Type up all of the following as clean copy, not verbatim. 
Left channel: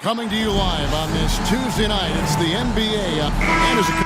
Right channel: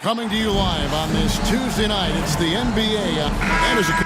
Coming to you live on this Tuesday night, it's the NBA. And as a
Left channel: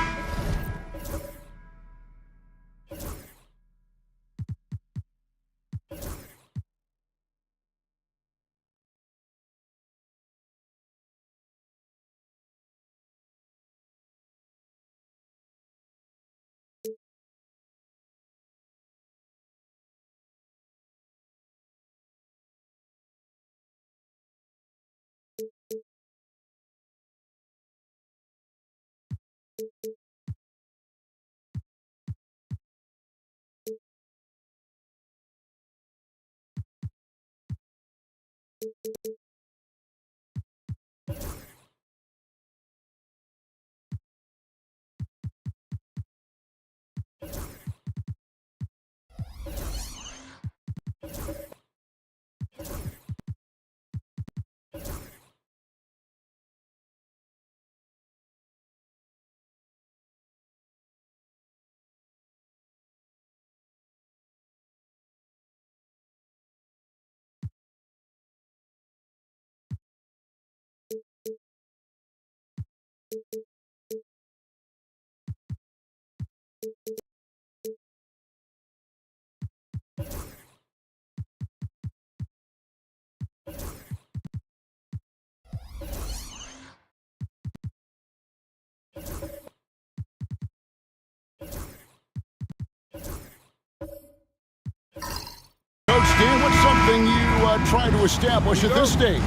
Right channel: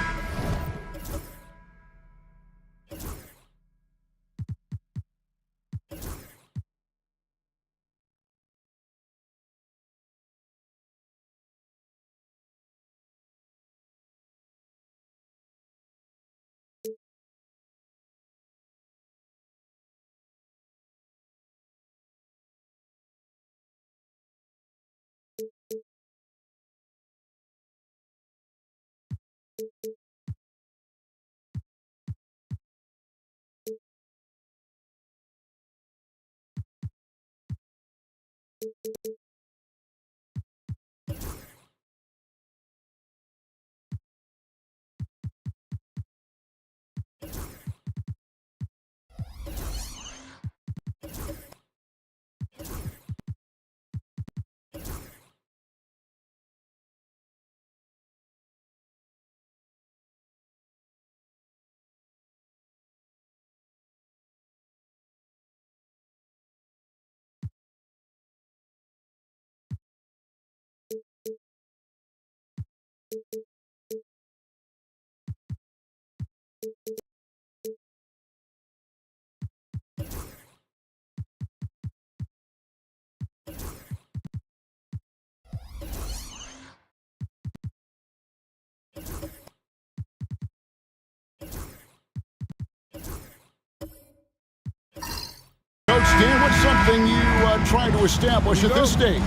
Coach Dan, what's something you try to establish at this stage?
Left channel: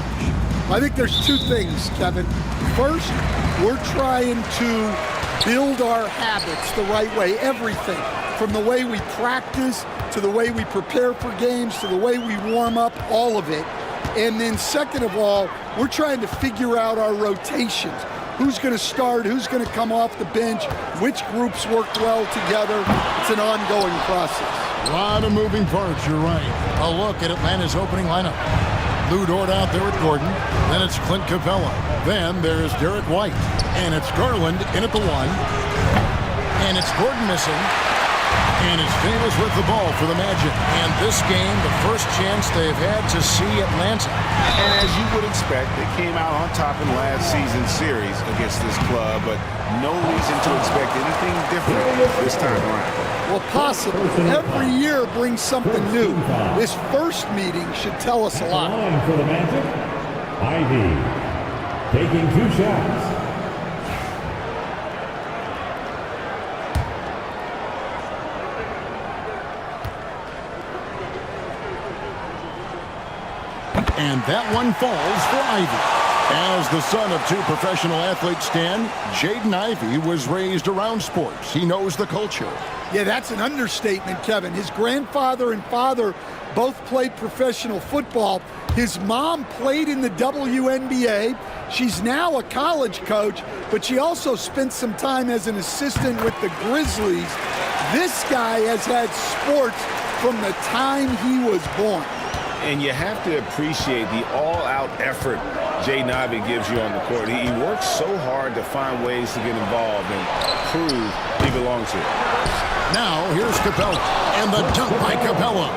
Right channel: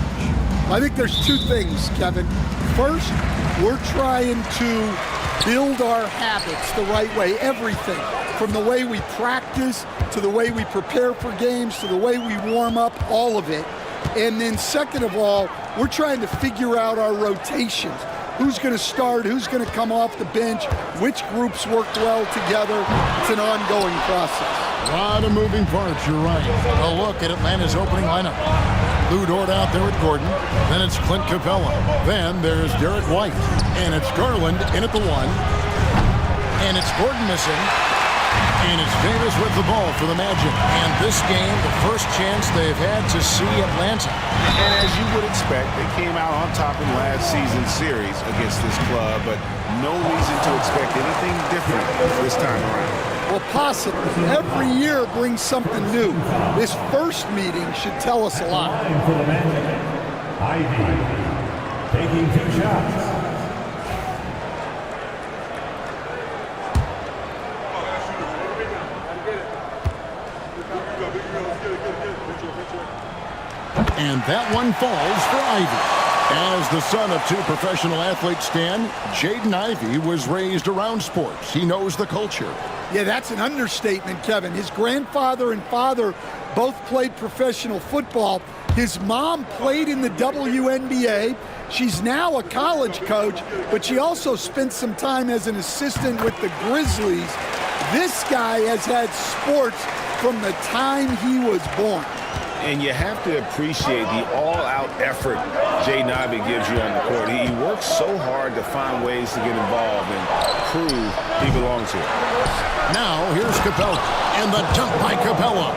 I think there's two things, Kevin. First, we're trying to build our habits the right way, everything, from the way we practice to the way we prepare for games to the way we warm up, all of it. And then second of all, we're trying to figure out our rotations. Who's going to start, who's going to come off the bench, which groups work well together. It's an ongoing process. A lot of moving parts, you're right. A look at Atlanta's opening lineup. Lou Dort out there at Gordon. Then it's Clint Capella. Then there's Derek White. And it's Garland in at the 1. And it's Gordon missing. And it's Davis with the ball for the Magic. And this game, the first chance they've had to see Atlanta. And as you would expect, they came out on top in last season's series against this club, but no reason to expect anything different this time around. Well, possibly. Every year brings something new. This first meeting should tell us a lot. For the Magic, Ivy taking 2 shots. And that one falls for Ivy. As the son of 2 professional athletes, Stan, Jaden Ivey was raised around sports. He knows the culture. Yeah, that's an understatement, Kevin. His grandfather and father both played professional football. His mom played in the WNBA. She's now a college coach, but she also spent some time as an assistant with the Grizzlies. This guy has had sports from the time he was born. And you have to appreciate the all-out effort Jaden Ivey gives you on the court. He works so hard to find ways to get involved and prove he belongs here. Now here's Capella, and the dunk by Capella.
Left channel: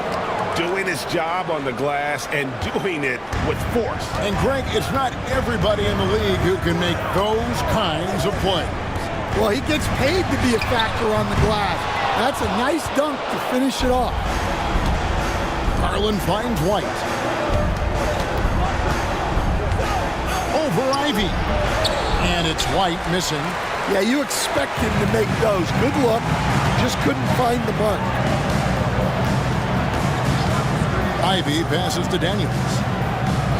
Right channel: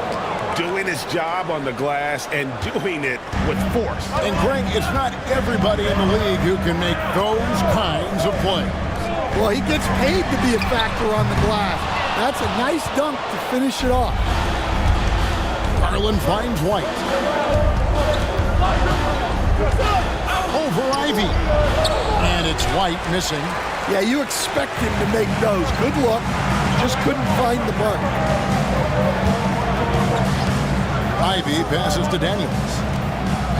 Doing his job on the glass and doing it with force. And Greg, it's not everybody in the league who can make those kinds of plays. Well, he gets paid to be a factor on the glass. That's a nice dunk to finish it off. Garland finds White. Over Ivy. And it's White missing. Yeah, you expect him to make those. Good look. Just couldn't find the mark. Ivy passes to Daniels.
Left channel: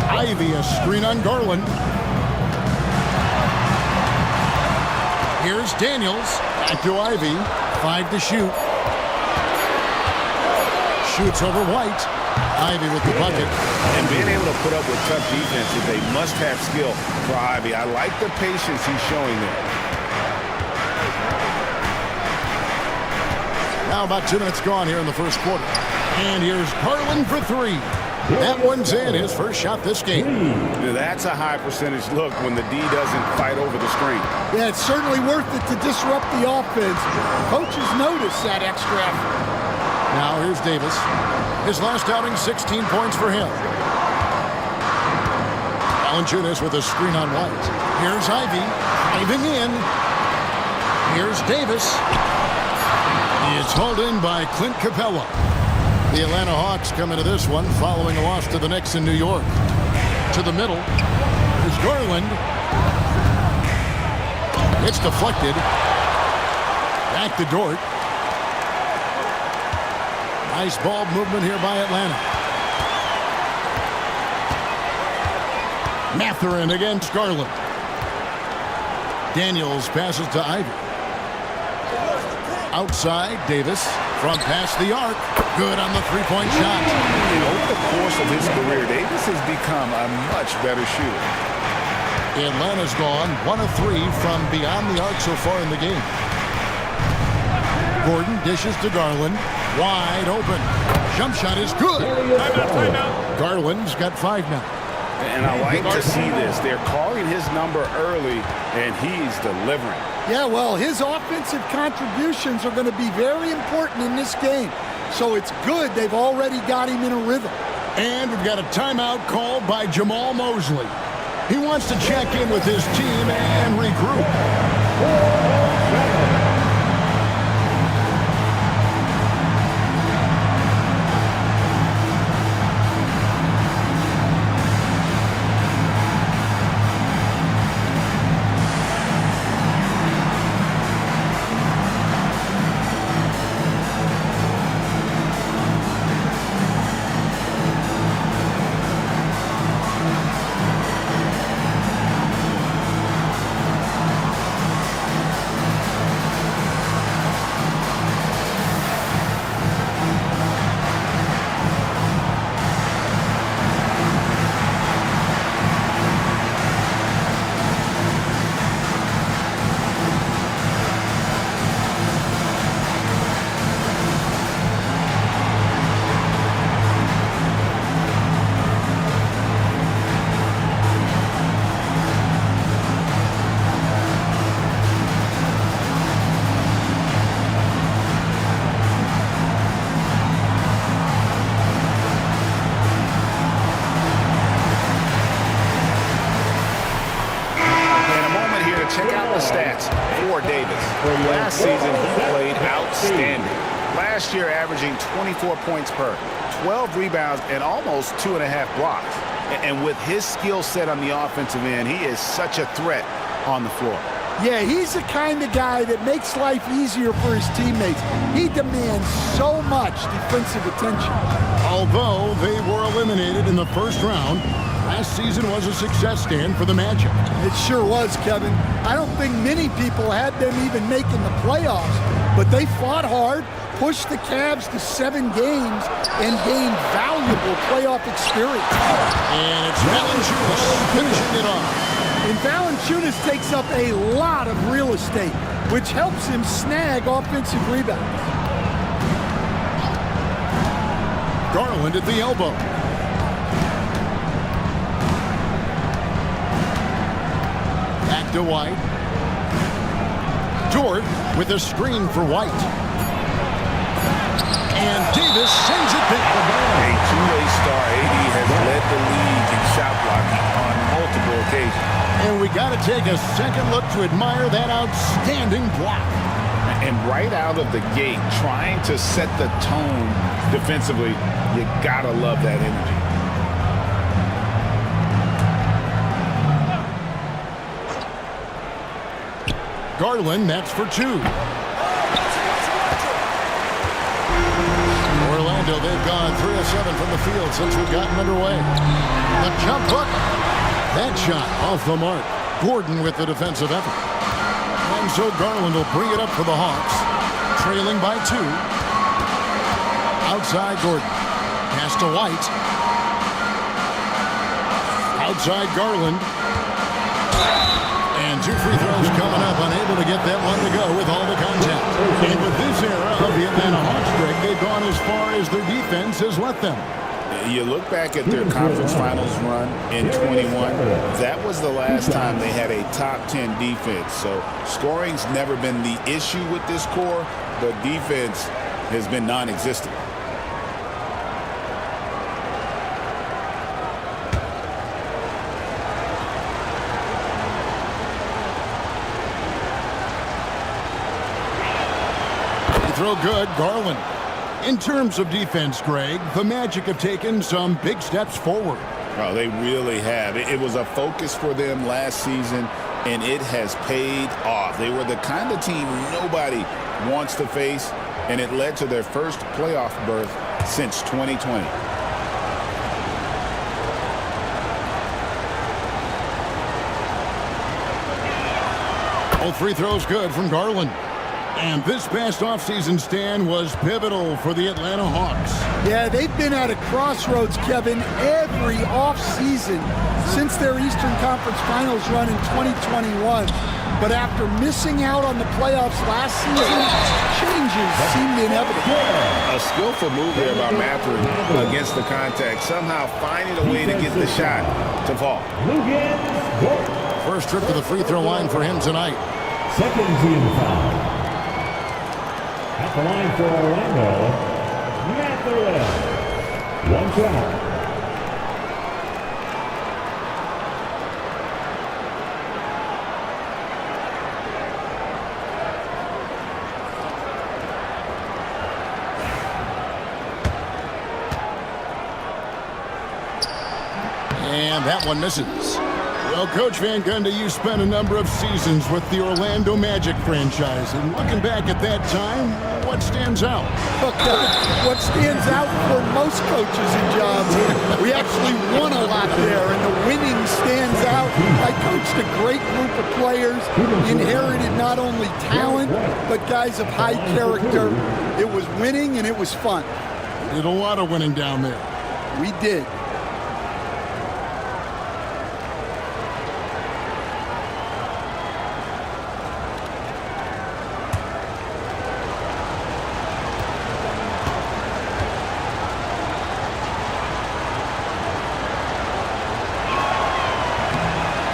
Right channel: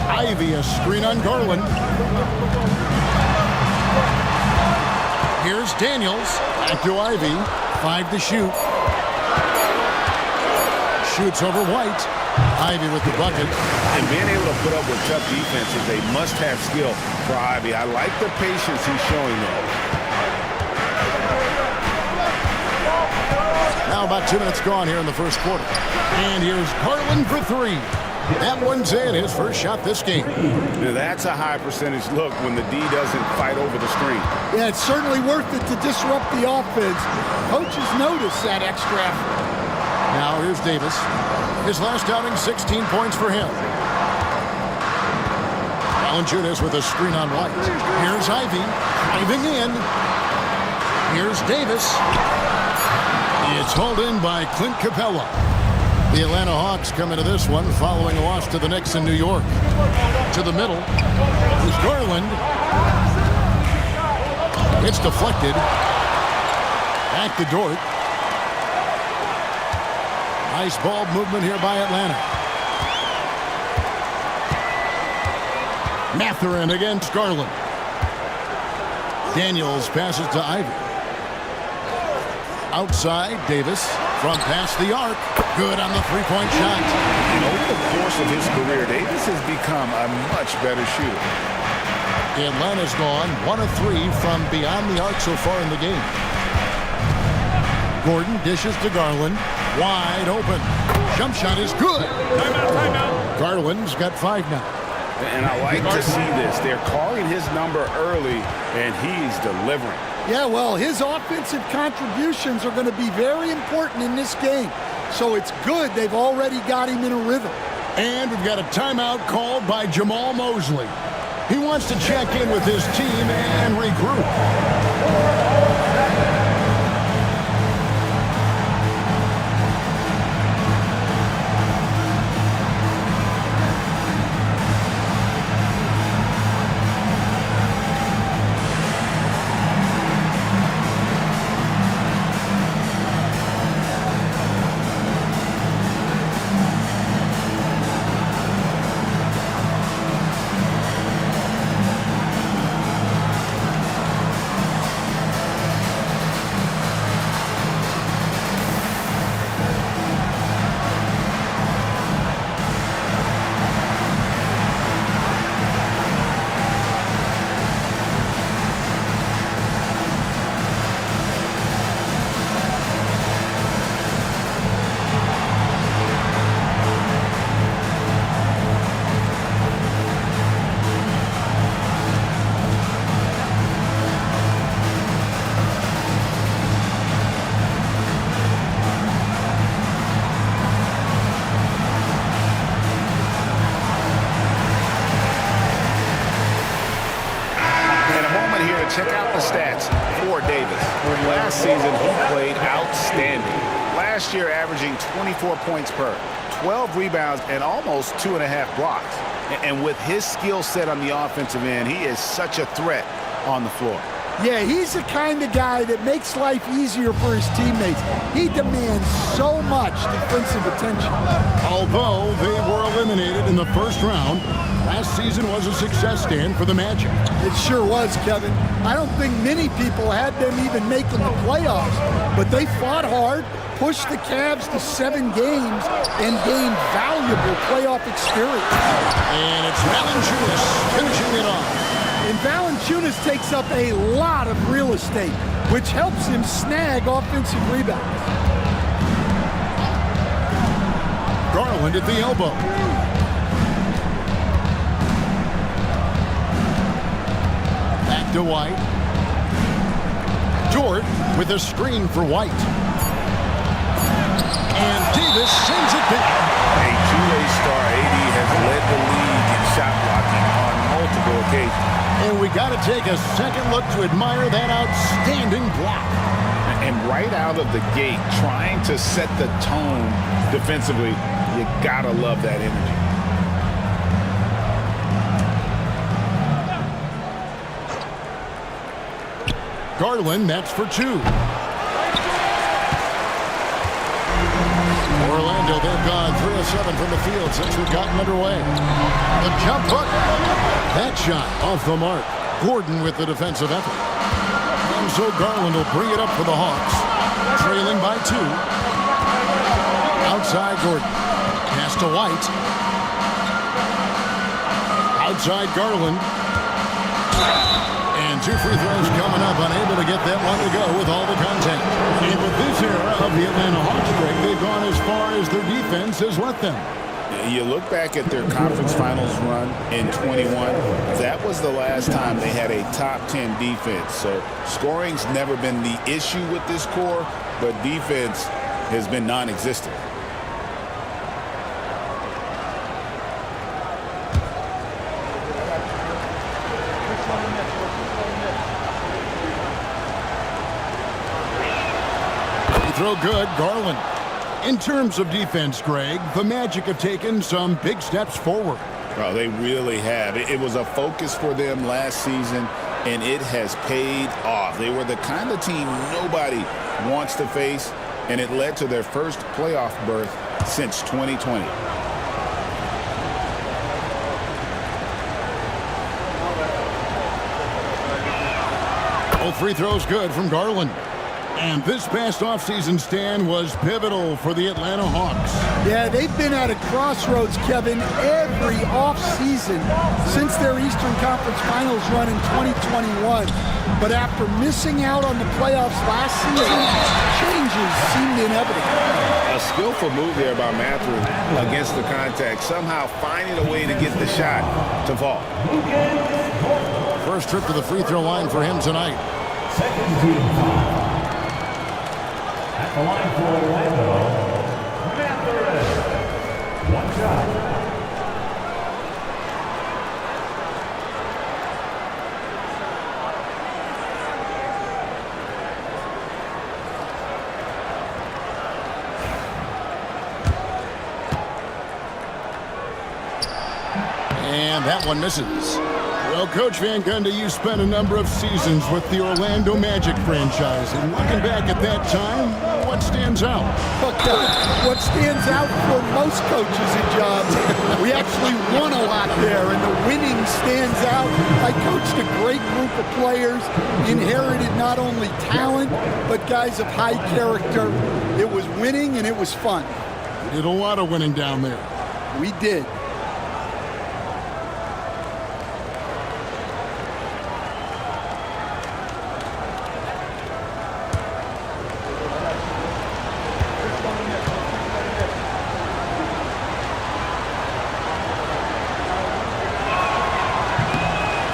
Ivy a screen on Garland. Here's Daniels. Back to Ivy. 5 to shoot. Shoots over White. Ivy with the bucket. And being able to put up with tough defense is a must-have skill for Ivy. I like the patience he's showing there. Now about 2 minutes gone here in the first quarter. And here's Garland for 3. That one's in, his first shot this game. Now, that's a high percentage look when the D doesn't fight over the screen. Yeah, it's certainly worth it to disrupt the offense. Coaches notice that extra effort. Now here's Davis. His last outing, 16 points for him. Valanciunas with a screen on White. Here's Ivy driving in. Here's Davis. It's hauled in by Clint Capella. The Atlanta Hawks come into this one following a loss to the Knicks in New York. To the middle. Here's Garland. It's deflected. Back to Dort. Nice ball movement here by Atlanta. Mathurin against Garland. Daniels passes to Ivy. Outside, Davis from past the arc. Good on the three-point shot. And over the course of his career, Davis has become a much better shooter. Atlanta's gone 1 of 3 from beyond the arc so far in the game. Gordon dishes to Garland. Wide open. Jump shot is good. Timeout. Garland's got 5 now. And I like to see this. They're calling his number early, and he's delivering. Yeah, well, his offensive contributions are going to be very important in this game. So it's good they've already got him in a rhythm. And we've got a timeout called by Jamal Mosley. He wants to check in with his team and regroup. Check out the stats for Davis. Last season, he played outstanding. Last year, averaging 24 points per, 12 rebounds, and almost 2.5 blocks. And with his skill set on the offensive end, he is such a threat on the floor. Yeah, he's the kind of guy that makes life easier for his teammates. He demands so much defensive attention. Although they were eliminated in the first round, last season was a success stand for the Magic. It sure was, Kevin. I don't think many people had them even making the playoffs, but they fought hard, pushed the Cavs to 7 games, and gained valuable playoff experience. And it's Valanciunas finishing it off. And Valanciunas takes up a lot of real estate, which helps him snag offensive rebounds. Garland at the elbow. Back to White. Dort with a screen for White. And Davis sends it back. A two-way star, AD has led the league in shot blocking on multiple occasions. And we got to take a second look to admire that outstanding block. And right out of the gate, trying to set the tone defensively, you got to love that energy. Garland, that's for 2. Orlando, they've gone 3 of 7 from the field since we've gotten underway. The jump hook. That shot off the mark. Gordon with the defensive effort. And so Garland will bring it up for the Hawks. Trailing by 2. Outside Gordon. Pass to White. Outside Garland. And 2 free throws coming up. Unable to get that one to go with all the contact. And with this era of the Atlanta Hawks, Greg, they've gone as far as their defense has let them. You look back at their conference finals run in 21, that was the last time they had a top 10 defense. So scoring's never been the issue with this core, but defense has been non-existent. Free throw good, Garland. In terms of defense, Greg, the Magic have taken some big steps forward. Oh, they really have. It was a focus for them last season, and it has paid off. They were the kind of team nobody wants to face, and it led to their first playoff berth since 2020. Both free throws good from Garland. And this past offseason stand was pivotal for the Atlanta Hawks. Yeah, they've been at a crossroads, Kevin, every offseason since their Eastern Conference Finals run in 2021. But after missing out on the playoffs last season, changes seemed inevitable. A skillful move there by Mathurin against the contact, somehow finding a way to get the shot to fall. First trip to the free throw line for him tonight. Second team foul. At the line for Orlando, Mathurin. One shot. And that one misses. Well, Coach Van Gundy, you spent a number of seasons with the Orlando Magic franchise. And looking back at that time, what stands out? Look, what stands out for most coaches in jobs, we actually won a lot there, and the winning stands out. I coached a great group of players, inherited not only talent, but guys of high character. It was winning, and it was fun. You did a lot of winning down there. We did.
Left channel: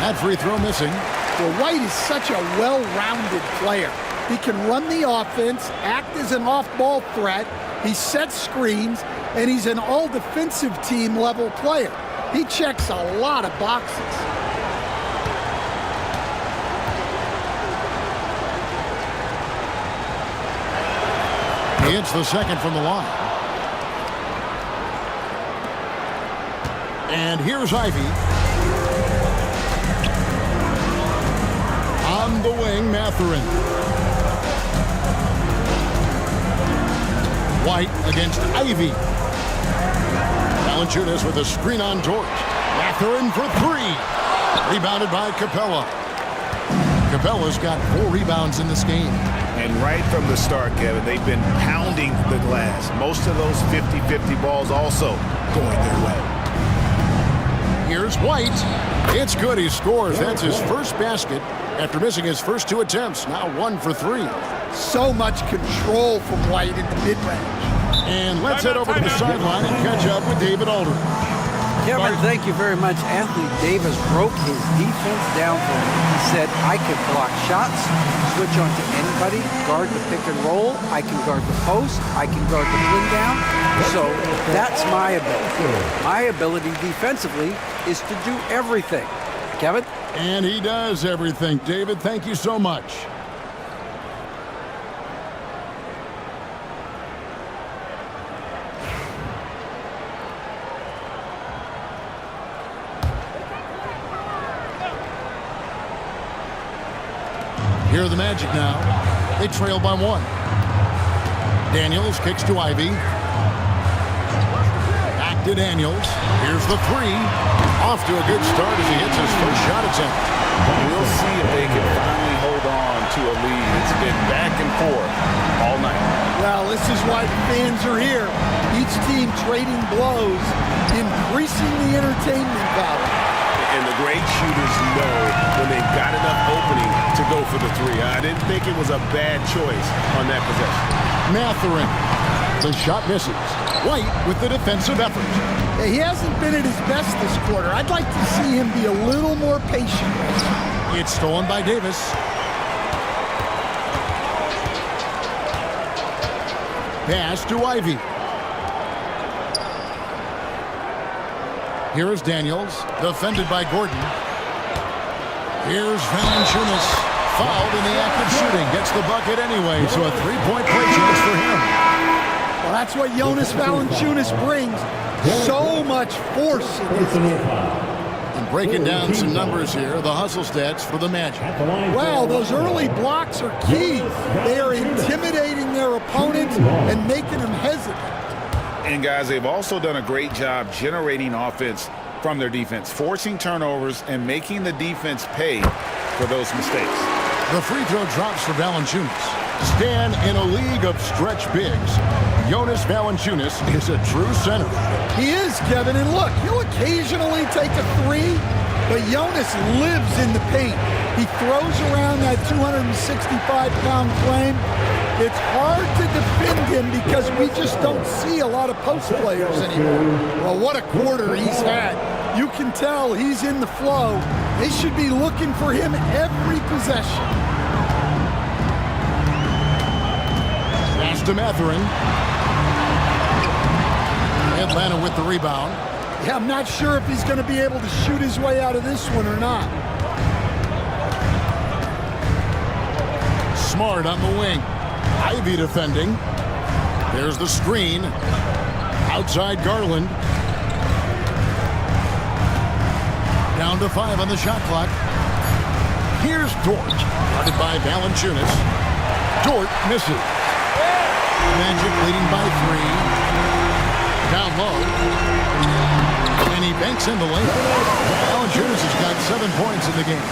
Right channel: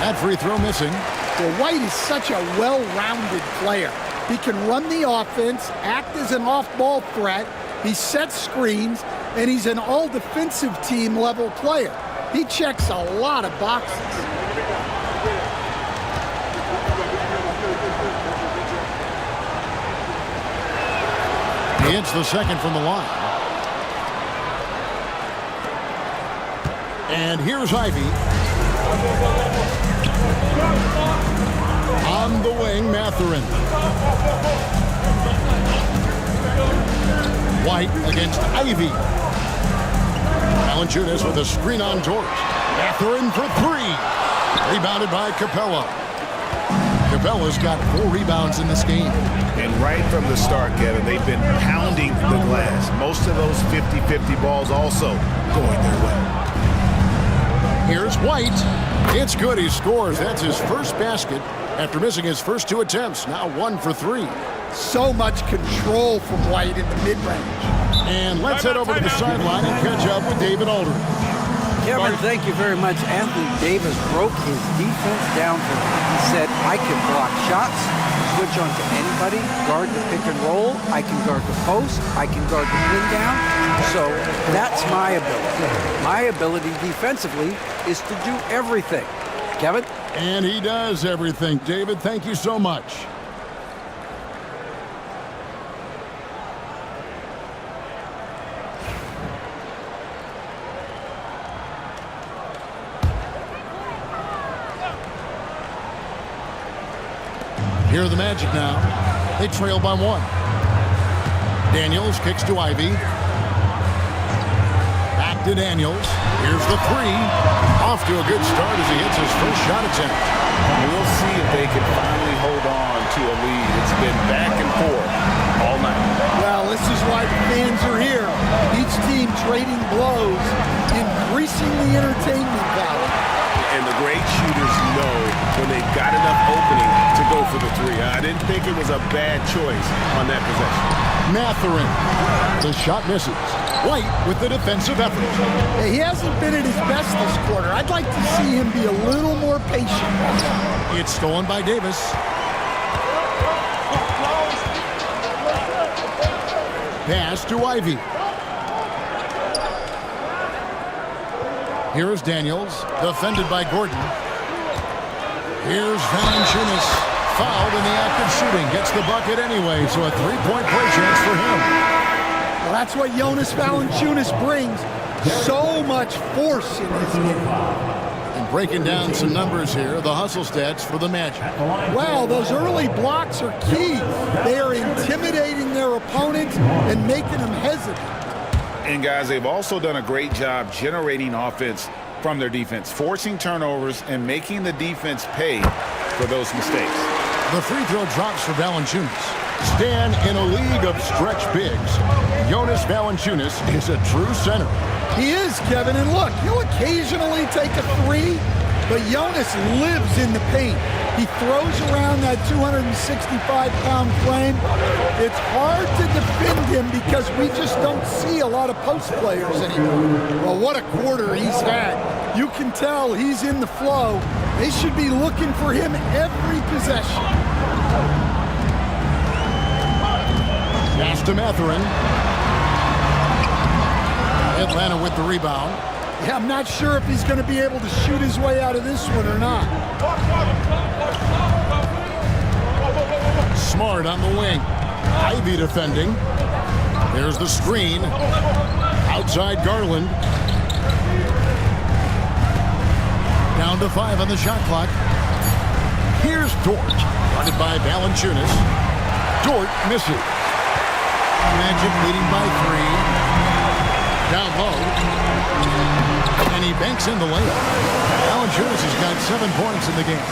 That free throw missing. Well, White is such a well-rounded player. He can run the offense, act as an off-ball threat, he sets screens, and he's an all-defensive team level player. He checks a lot of boxes. He hits the second from the line. And here's Ivy. On the wing, Mathurin. White against Ivy. Valanciunas with a screen on George. Mathurin for 3. Rebounded by Capella. Capella's got 4 rebounds in this game. And right from the start, Kevin, they've been pounding the glass. Most of those 50-50 balls also going their way. Here's White. It's good. He scores. That's his first basket after missing his first 2 attempts. Now 1 for 3. So much control from White in the mid-range. And let's head over to the sideline and catch up with David Aldridge. Kevin, thank you very much. Anthony Davis broke his defense down for me. He said, I can block shots, switch on to anybody, guard the pick and roll, I can guard the post, I can guard the pin down. So that's my ability. My ability defensively is to do everything. Kevin? And he does everything. David, thank you so much. Here are the Magic now. They trail by 1. Daniels kicks to Ivy. Back to Daniels. Here's the 3. Off to a good start as he hits his first shot attempt. We'll see if they can finally hold hold on to a lead. It's been back and forth all night. Well, this is why the fans are here. Each team trading blows, increasing the entertainment value. And the great shooters know when they've got enough opening to go for the three. I didn't think it was a bad choice on that possession. Mathurin. The shot misses. White with the defensive effort. Yeah, he hasn't been at his best this quarter. I'd like to see him be a little more patient right now. It's stolen by Davis. Pass to Ivey. Here's Daniels, defended by Gordon. Here's Valanciunas, fouled in the act of shooting. Gets the bucket anyway, so a three-point play chance for him. Well, that's what Jonas Valanciunas brings. So much force in his game. And breaking down some numbers here, the hustle stats for the Magic. Wow, those early blocks are key. They are intimidating their opponent and making them hesitant. And guys, they've also done a great job generating offense from their defense, forcing turnovers and making the defense pay for those mistakes. The free throw drops for Valanciunas. Stan, in a league of stretch bigs, Jonas Valanciunas is a true center. He is, Kevin, and look, he'll occasionally take a three, but Jonas lives in the paint. He throws around that 265-pound frame. It's hard to defend him because we just don't see a lot of post players anymore. Well, what a quarter he's had. You can tell he's in the flow. They should be looking for him every possession. Pass to Mathurin. Atlanta with the rebound. Yeah, I'm not sure if he's going to be able to shoot his way out of this one or not. Smart on the wing. Ivey defending. There's the screen. Outside Garland. Down to 5 on the shot clock. Here's Dort. Guarded by Valanciunas. Dort misses. Magic leading by 3. Down low. And he banks in the layup. Valanciunas has got 7 points in the game.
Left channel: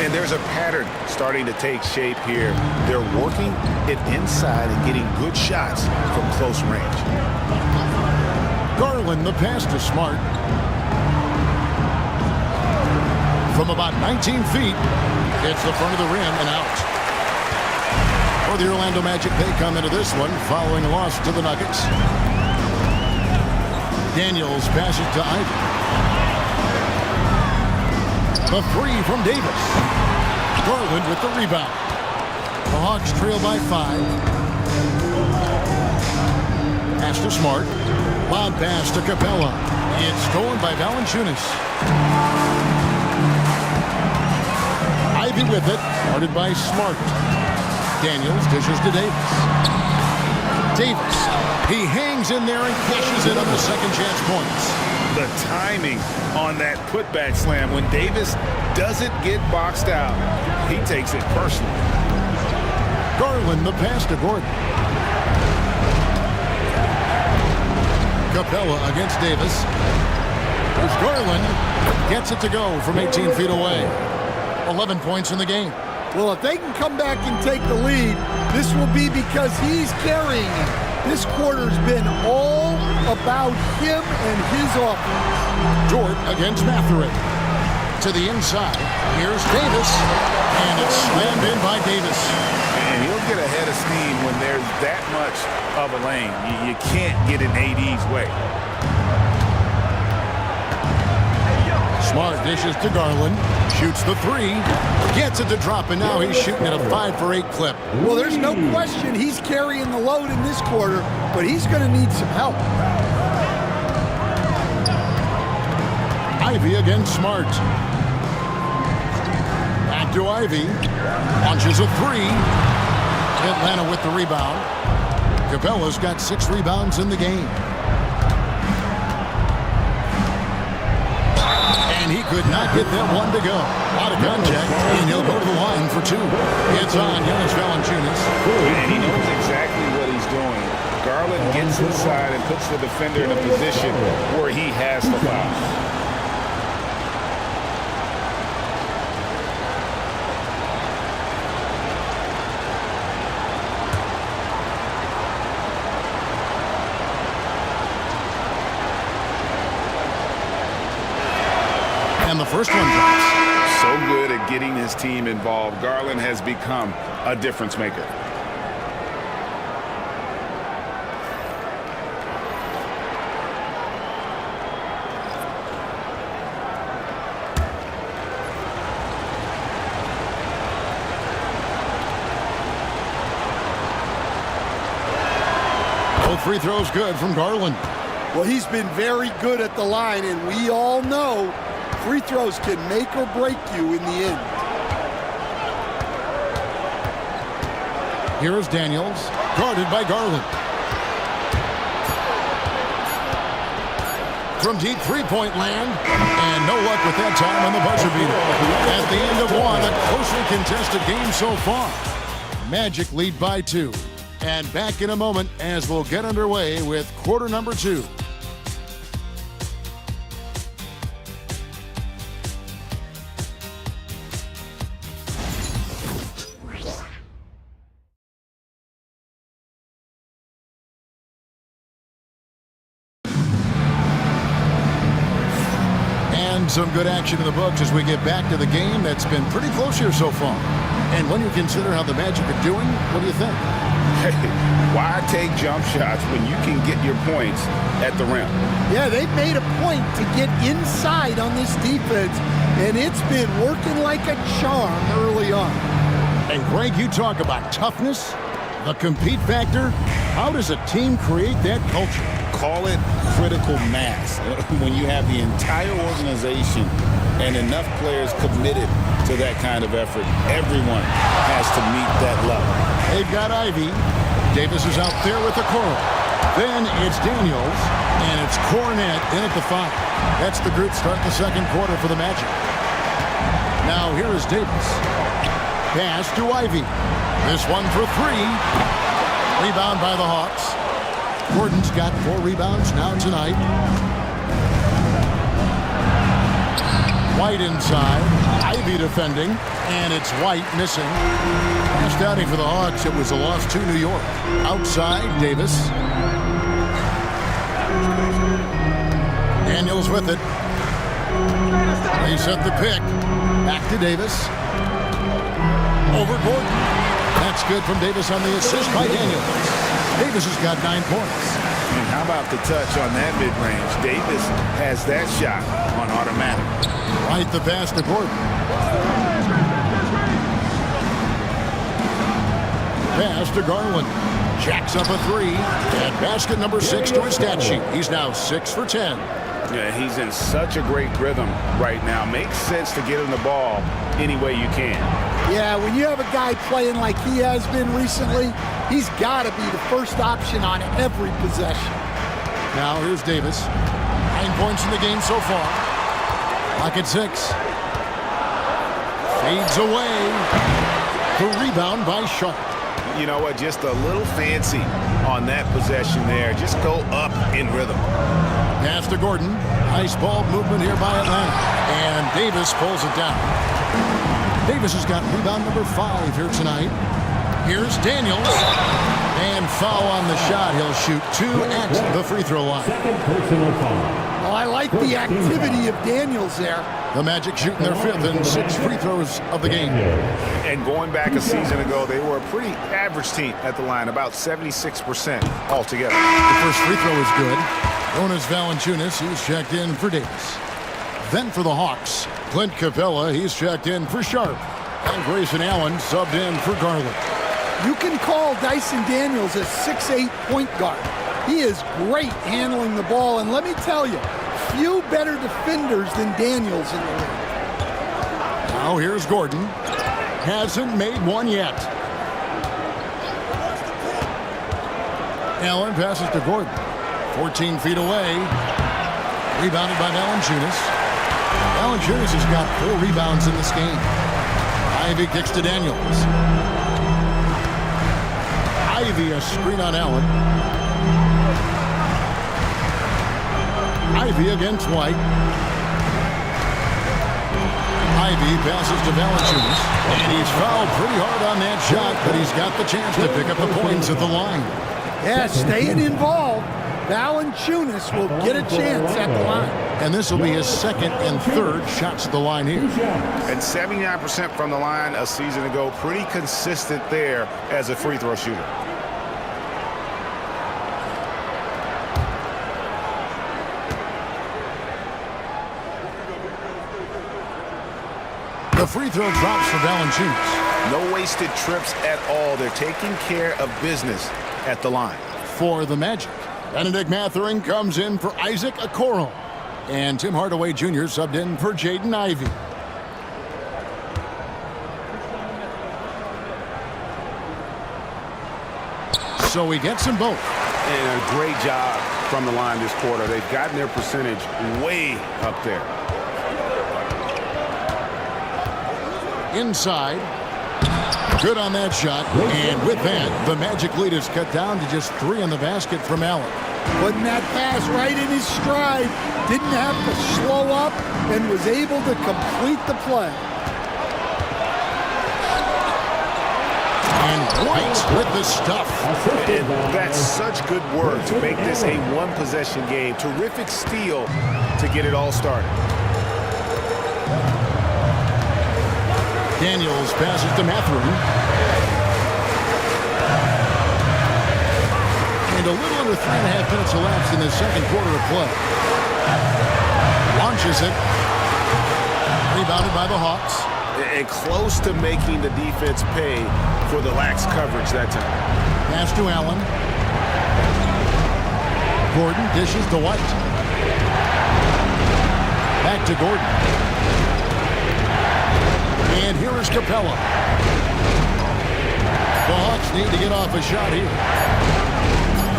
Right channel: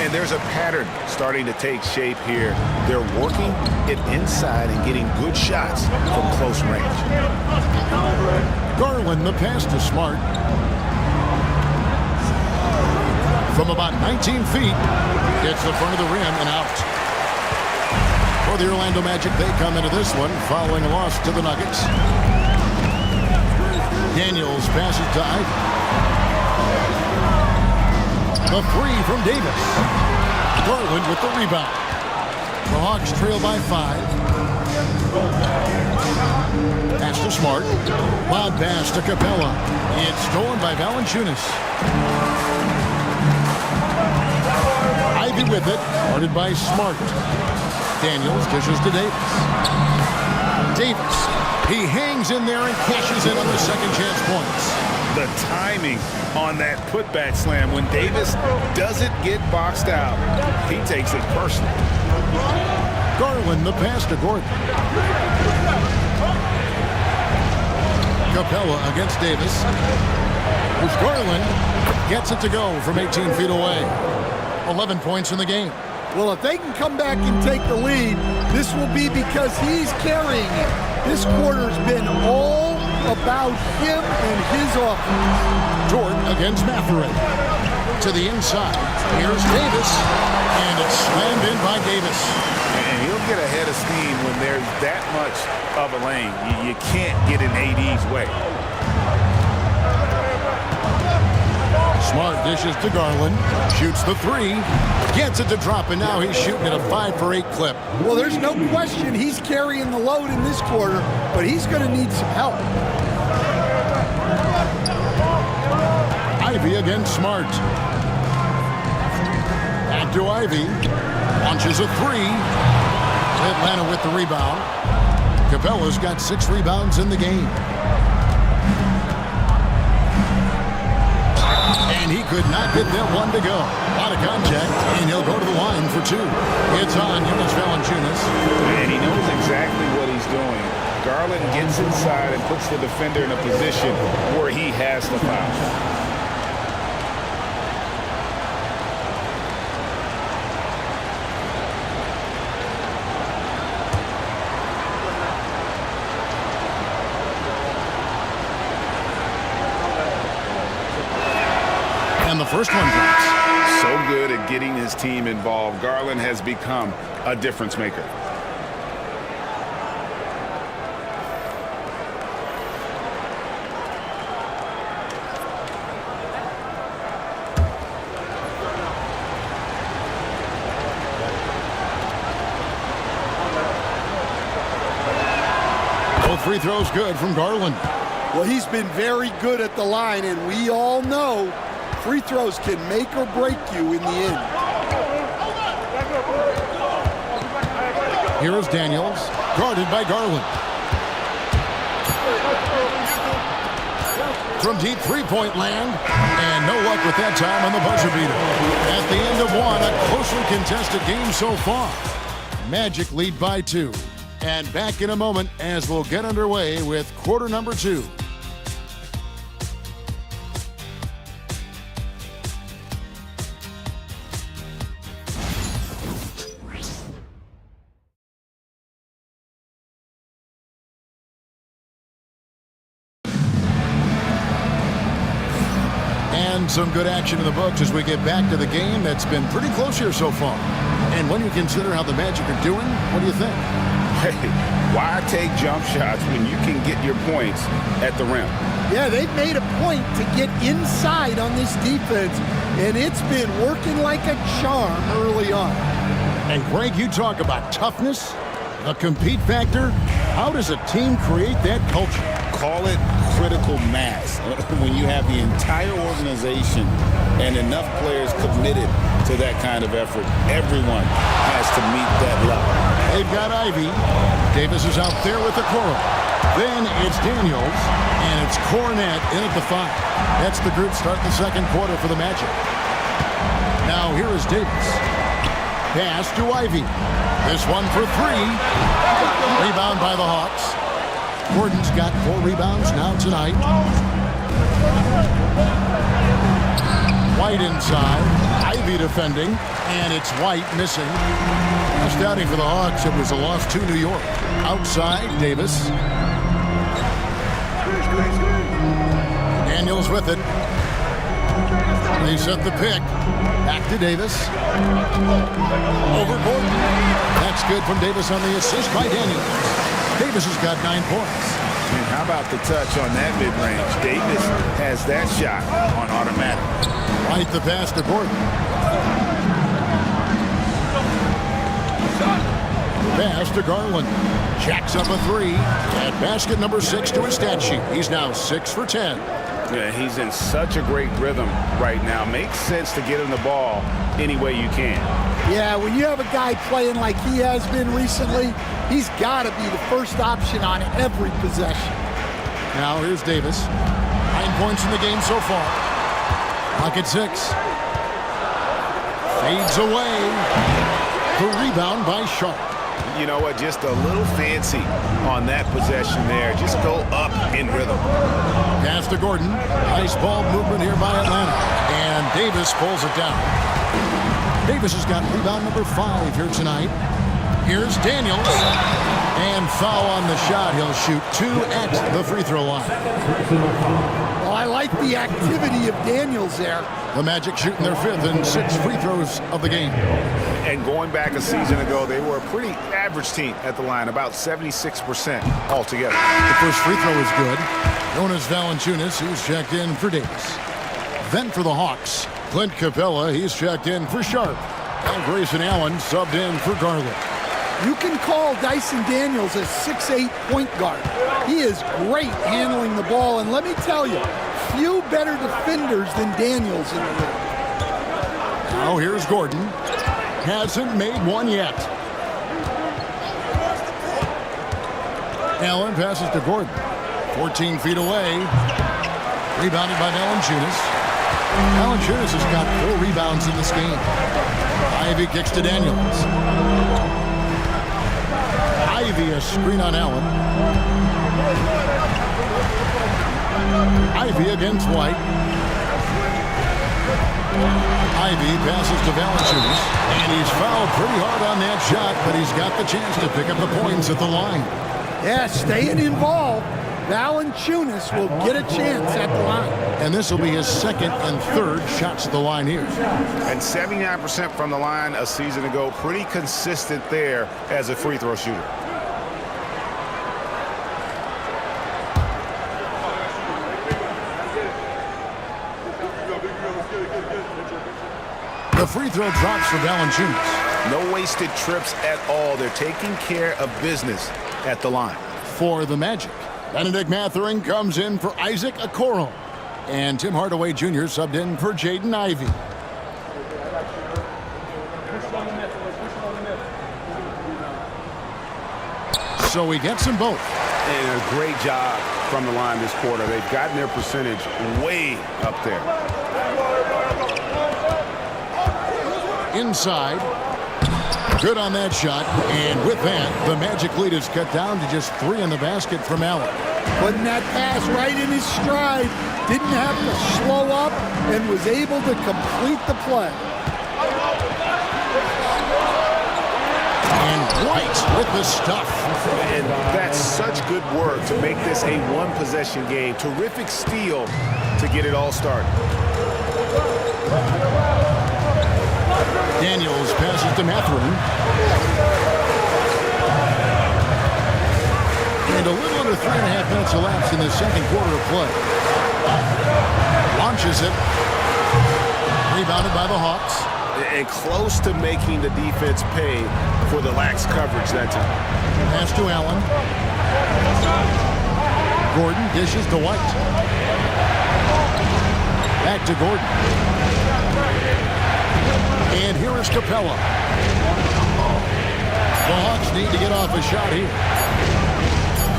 And there's a pattern starting to take shape here. They're working it inside and getting good shots from close range. Garland, the pass to Smart. From about 19 feet, hits the front of the rim and out. For the Orlando Magic, they come into this one following a loss to the Nuggets. Daniels passes to Ivey. The three from Davis. Garland with the rebound. The Hawks trail by 5. Pass to Smart. Loud pass to Capella. It's stolen by Valanciunas. Ivey with it. Guarded by Smart. Daniels dishes to Davis. Davis. He hangs in there and cashes in on the second chance points. The timing on that putback slam. When Davis doesn't get boxed out, he takes it personally. Garland, the pass to Gordon. Capella against Davis. There's Garland. Gets it to go from 18 feet away. 11 points in the game. Well, if they can come back and take the lead, this will be because he's carrying it. This quarter's been all about him and his offense. Dort against Mathurin. To the inside. Here's Davis. And it's slammed in by Davis. And he'll get ahead of steam when there's that much of a lane. You can't get in AD's way. Smart dishes to Garland. Shoots the 3. Gets it to drop, and now he's shooting at a 5-for-8 clip. Well, there's no question he's carrying the load in this quarter, but he's going to need some help. Ivey against Smart. Back to Ivey. Launches a 3. Atlanta with the rebound. Capella's got 6 rebounds in the game. And he could not get that one to go. A lot of contact, and he'll go to the line for 2. It's on Jonas Valanciunas. And he knows exactly what he's doing. Garland gets inside and puts the defender in a position where he has to foul. the first one drops. So good at getting his team involved. Garland has become a difference maker. Both free throws good from Garland. Well, he's been very good at the line, and we all know free throws can make or break you in the end. Here is Daniels, guarded by Garland. From deep three-point land, and no luck with that time on the buzzer beater. At the end of one, a closely contested game so far. Magic lead by 2. And back in a moment as we'll get underway with quarter number 2. And some good action in the books as we get back to the game that's been pretty close here so far. And when you consider how the Magic are doing, what do you think? Hey, why take jump shots when you can get your points at the rim? Yeah, they've made a point to get inside on this defense, and it's been working like a charm early on. And Greg, you talk about toughness, the compete factor. How does a team create that culture? Call it critical mass. When you have the entire organization and enough players committed to that kind of effort, everyone has to meet that level. They've got Ivy. Davis is out there with the Coral. Then it's Daniels, and it's Cornette in at the 5. That's the group start the second quarter for the Magic. Now here is Davis. Pass to Ivy. This one for 3. Rebound by the Hawks. Gordon's got 4 rebounds now tonight. White inside. Ivy defending. And it's White missing. Last outing for the Hawks, it was a loss to New York. Outside, Davis. Daniels with it. They set the pick. Back to Davis. Over Gordon. That's good from Davis on the assist by Daniels. Davis has got 9 points. And how about the touch on that mid-range? Davis has that shot on automatic. White the pass to Gordon. Pass to Garland. Jacks up a 3. And basket number 6 to his stat sheet. He's now 6 for 10. Yeah, he's in such a great rhythm right now. Makes sense to get him the ball any way you can. Yeah, when you have a guy playing like he has been recently, he's got to be the first option on every possession. Now here's Davis. 9 points in the game so far. Clock at 6. Fades away. The rebound by Sharp. You know what? Just a little fancy on that possession there. Just go up in rhythm. Pass to Gordon. Nice ball movement here by Atlanta. And Davis pulls it down. Davis has got rebound number 5 here tonight. Here's Daniels. And foul on the shot. He'll shoot 2 at the free throw line. Well, I like the activity of Daniels there. The Magic shooting their 5th and 6th free throws of the game. And going back a season ago, they were a pretty average team at the line, about 76% altogether. The first free throw is good. Jonas Valanciunas, he's checked in for Davis. Then for the Hawks, Clint Capella, he's checked in for Sharp. And Grayson Allen subbed in for Garland. You can call Dyson Daniels a 6'8" point guard. He is great handling the ball, and let me tell you, few better defenders than Daniels in the league. Now here's Gordon. Hasn't made one yet. Allen passes to Gordon. 14 feet away. Rebounded by Valanciunas. Valanciunas has got 4 rebounds in this game. Ivy kicks to Daniels. Ivy a screen on Allen. Ivy against White. Ivy passes to Valanciunas. And he's fouled pretty hard on that shot, but he's got the chance to pick up the points at the line. Yeah, staying involved. Valanciunas will get a chance at the line. And this will be his second and third shots at the line here. And 79% from the line a season ago. Pretty consistent there as a free throw shooter. The free throw drops for Valanciunas. No wasted trips at all. They're taking care of business at the line. For the Magic, Benedict Mathurin comes in for Isaac Okoro. And Tim Hardaway Jr. subbed in for Jaden Ivey. So he gets them both. And a great job from the line this quarter. They've gotten their percentage way up there. Inside. Good on that shot. And with that, the Magic lead is cut down to just 3 on the basket from Allen. Putting that pass right in his stride. Didn't have to slow up and was able to complete the play. And White with the stuff. And that's such good work to make this a one-possession game. Terrific steal to get it all started. Daniels passes to Mathurin. And a little under 3.5 minutes elapsed in the second quarter of play. Launches it. Rebounded by the Hawks. And close to making the defense pay for the lax coverage that time. Pass to Allen. Gordon dishes to White. Back to Gordon. And here is Capella. The Hawks need to get off a shot here.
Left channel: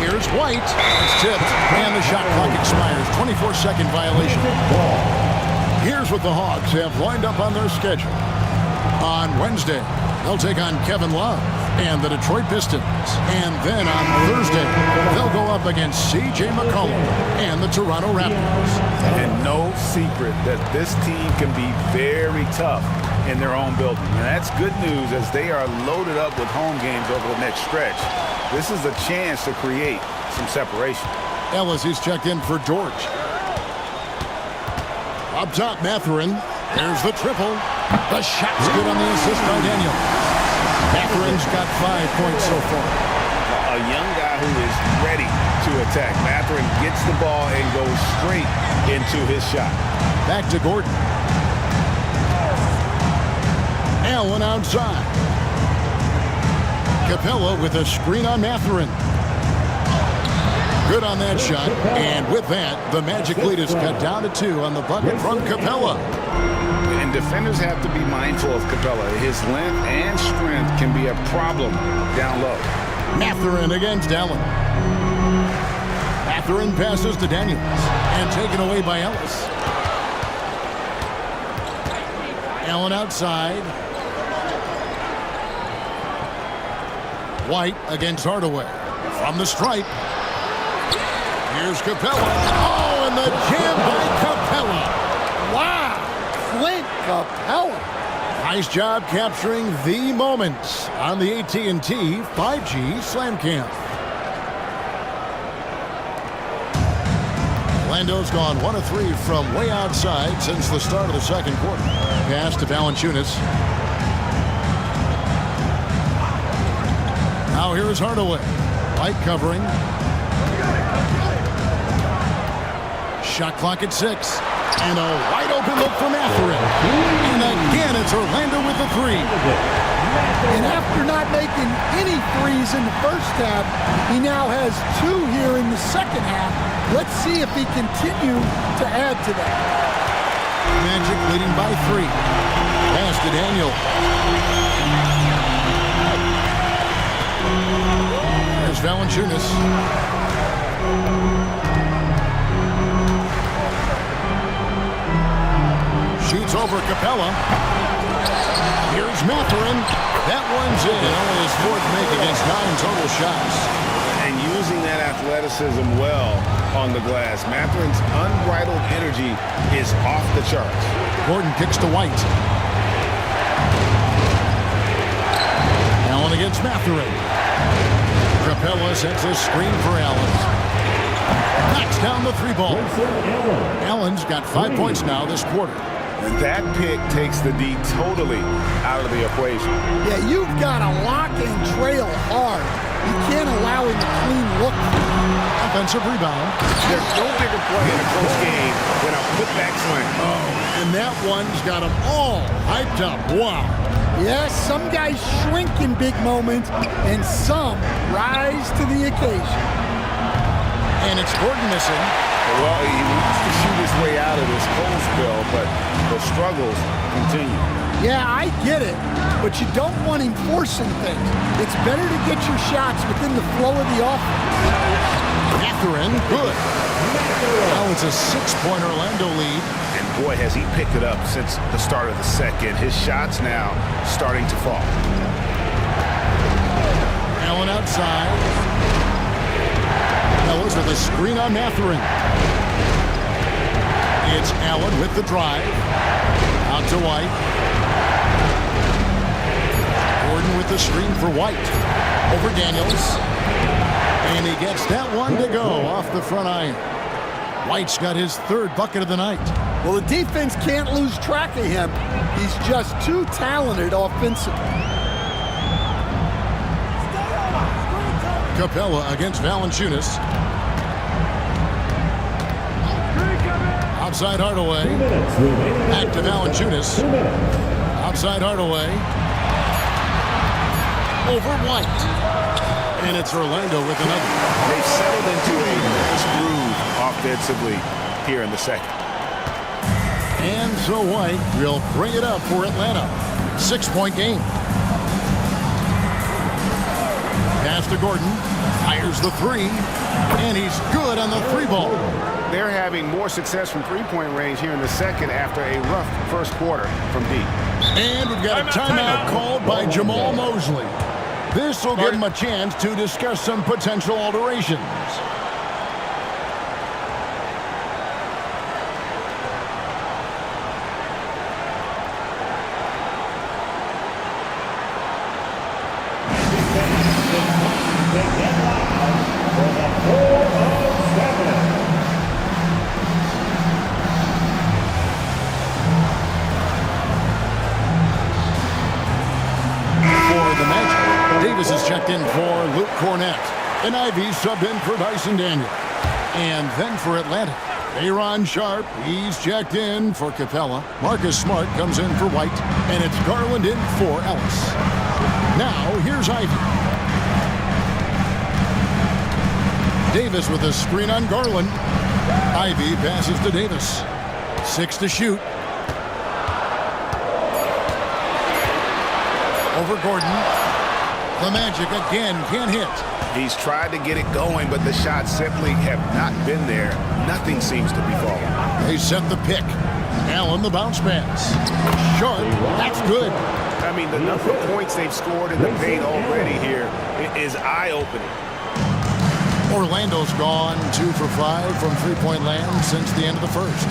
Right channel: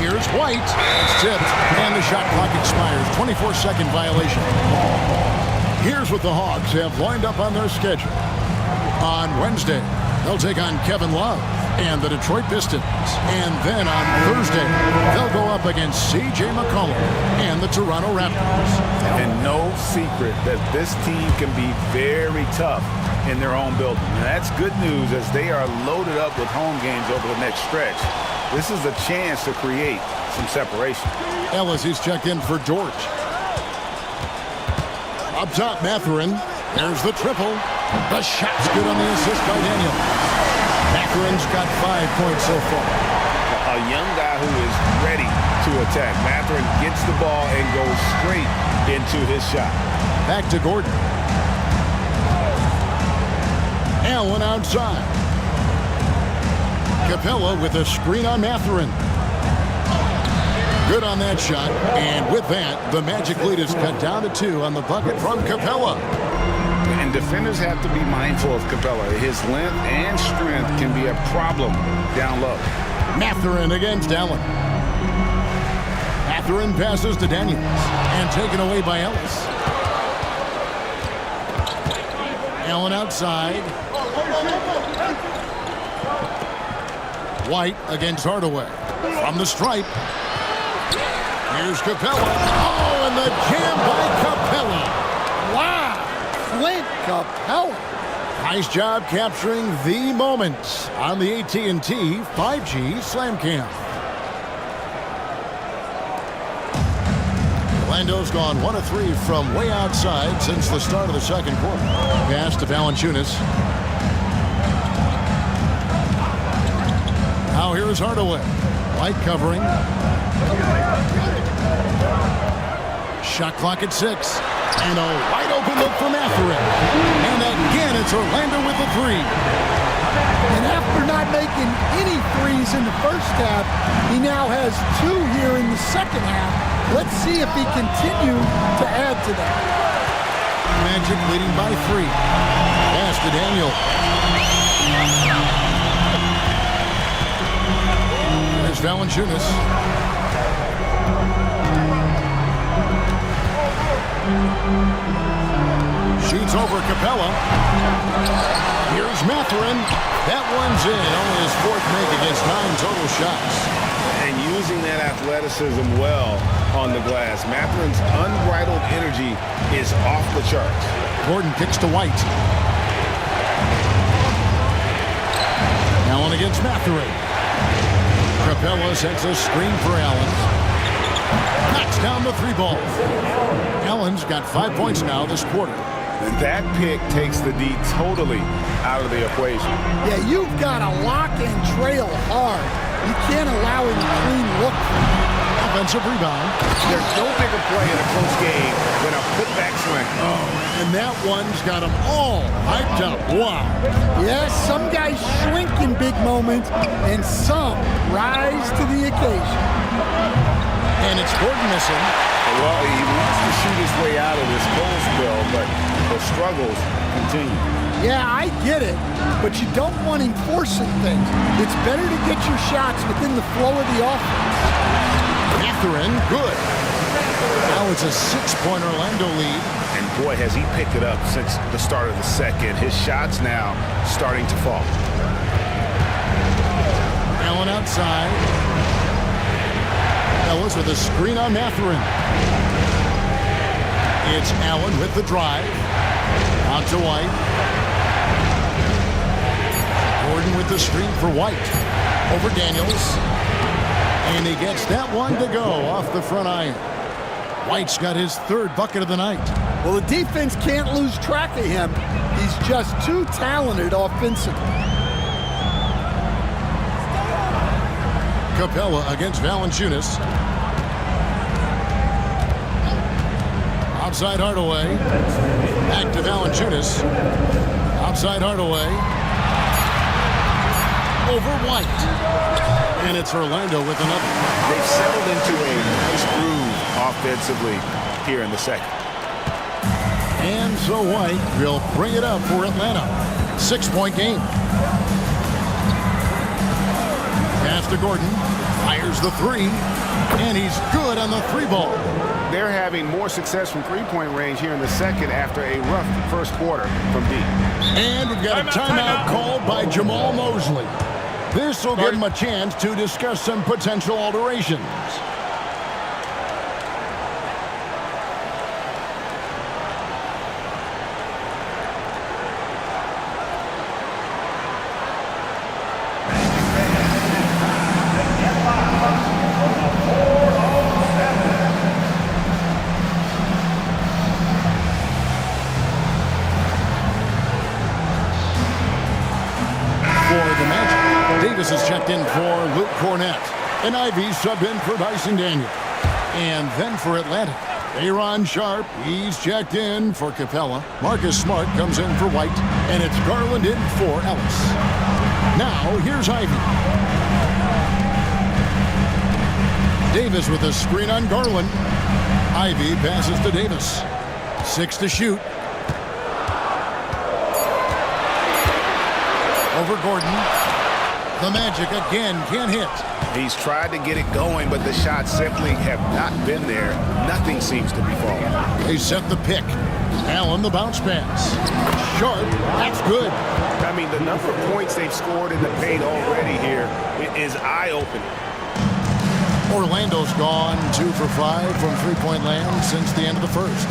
Here's White. That's tipped. And the shot clock expires. 24-second violation. Here's what the Hawks have lined up on their schedule. On Wednesday, they'll take on Kevin Love and the Detroit Pistons. And then on Thursday, they'll go up against C.J. McCollum and the Toronto Raptors. And no secret that this team can be very tough in their own building. And that's good news as they are loaded up with home games over the next stretch. This is a chance to create some separation. Ellis is checked in for George. Up top, Mathurin. There's the triple. The shot's good on the assist by Daniel. Mathurin's got 5 points so far. A young guy who is ready to attack. Mathurin gets the ball and goes straight into his shot. Back to Gordon. Allen outside. Capella with a screen on Mathurin. Good on that shot. And with that, the Magic lead is cut down to 2 on the bucket from Capella. And defenders have to be mindful of Capella. His length and strength can be a problem down low. Mathurin against Allen. Mathurin passes to Daniels. And taken away by Ellis. Allen outside. White against Hardaway. From the stripe. Here's Capella. Oh, and the jam by Capella. Wow, Clint Capella. Nice job capturing the moments on the AT&T 5G Slam Cam. Orlando's gone 1 of 3 from way outside since the start of the second quarter. Pass to Valanciunas. Now here is Hardaway. White covering. Shot clock at 6. And a wide open look for Mathurin. And again, it's Orlando with the 3. And after not making any threes in the first half, he now has 2 here in the second half. Let's see if he continue to add to that. Magic leading by 3. Pass to Daniel. There's Valanciunas. Shoots over Capella. Here's Mathurin. That one's in. Only his 4th make against 9 total shots. And using that athleticism well on the glass. Mathurin's unbridled energy is off the charts. Gordon kicks to White. Allen against Mathurin. Capella sets a screen for Allen. Knocks down the three ball. Allen's got 5 points now this quarter. And that pick takes the D totally out of the equation. Yeah, you've got to lock and trail hard. You can't allow him a clean look. Offensive rebound. There's no bigger play in a close game than a putback slam. Oh, and that one's got them all hyped up. Wow. Yes, some guys shrink in big moments, and some rise to the occasion. And it's Gordon missing. Well, he wants to shoot his way out of this cold spell, but the struggles continue. Yeah, I get it, but you don't want him forcing things. It's better to get your shots within the flow of the offense. Mathurin, good. Now it's a 6-point Orlando lead. And boy, has he picked it up since the start of the second. His shots now starting to fall. Allen outside. Ellis with a screen on Mathurin. It's Allen with the drive. Out to White. Gordon with the screen for White. Over Daniels. And he gets that one to go off the front iron. White's got his 3rd bucket of the night. Well, the defense can't lose track of him. He's just too talented offensively. Capella against Valanciunas. Outside Hardaway. Back to Valanciunas. Outside Hardaway. Over White. And it's Orlando with another. They've settled into a nice groove offensively here in the second. And so White will bring it up for Atlanta. 6-point game. Pass to Gordon. Fires the 3. And he's good on the 3 ball. They're having more success from three-point range here in the second after a rough first quarter from deep. And we've got a timeout called by Jamal Mosley. This will give him a chance to discuss some potential alterations. For the Magic, Davis is checked in for Luke Cornett. And Ivy subbed in for Dyson Daniel. And then for Atlanta, Aaron Sharp, he's checked in for Capella. Marcus Smart comes in for White. And it's Garland in for Ellis. Now, here's Ivy. Davis with a screen on Garland. Ivy passes to Davis. 6 to shoot. Over Gordon. The Magic again can't hit. He's tried to get it going, but the shots simply have not been there. Nothing seems to be falling. They set the pick. Allen the bounce pass. Sharp, that's good. I mean, the number of points they've scored in the paint already here is eye-opening. Orlando's gone 2 for 5 from three-point land since the end of the first.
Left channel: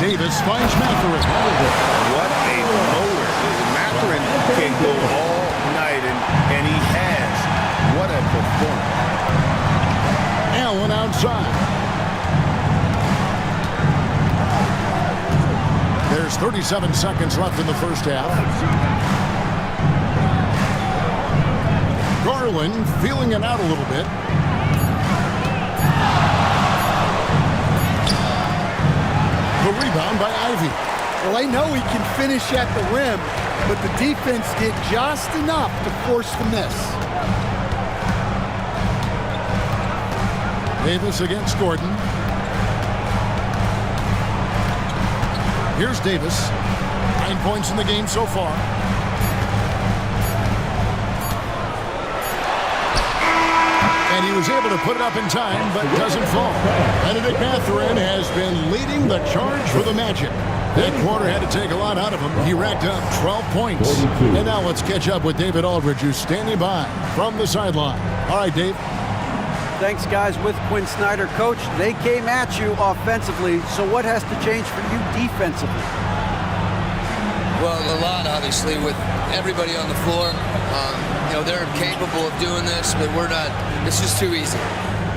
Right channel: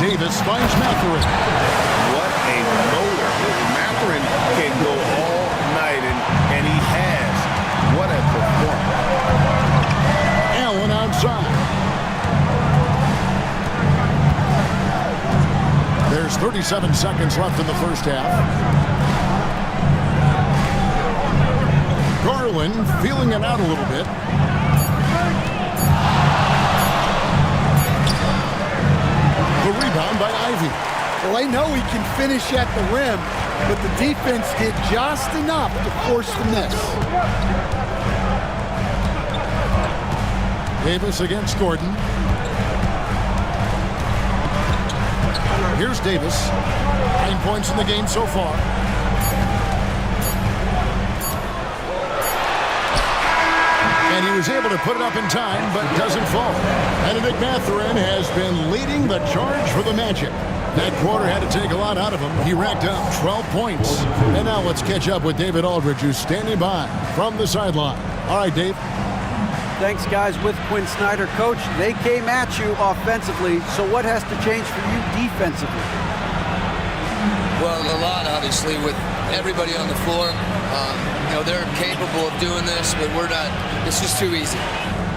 Davis finds Mathurin. What a motor. Mathurin can go all night, and he has. What a performance. Allen outside. There's 37 seconds left in the first half. Garland feeling it out a little bit. The rebound by Ivy. Well, they know he can finish at the rim, but the defense did just enough to force the miss. Davis against Gordon. Here's Davis. 9 points in the game so far. And he was able to put it up in time, but doesn't fall. Benedict Mathurin has been leading the charge for the Magic. That quarter had to take a lot out of him. He racked up 12 points. And now let's catch up with David Aldridge, who's standing by from the sideline. All right, Dave. Thanks, guys. With Quinn Snyder, Coach, they came at you offensively. So what has to change for you defensively? Well, a lot, obviously, with everybody on the floor. They're capable of doing this, but we're not. It's just too easy.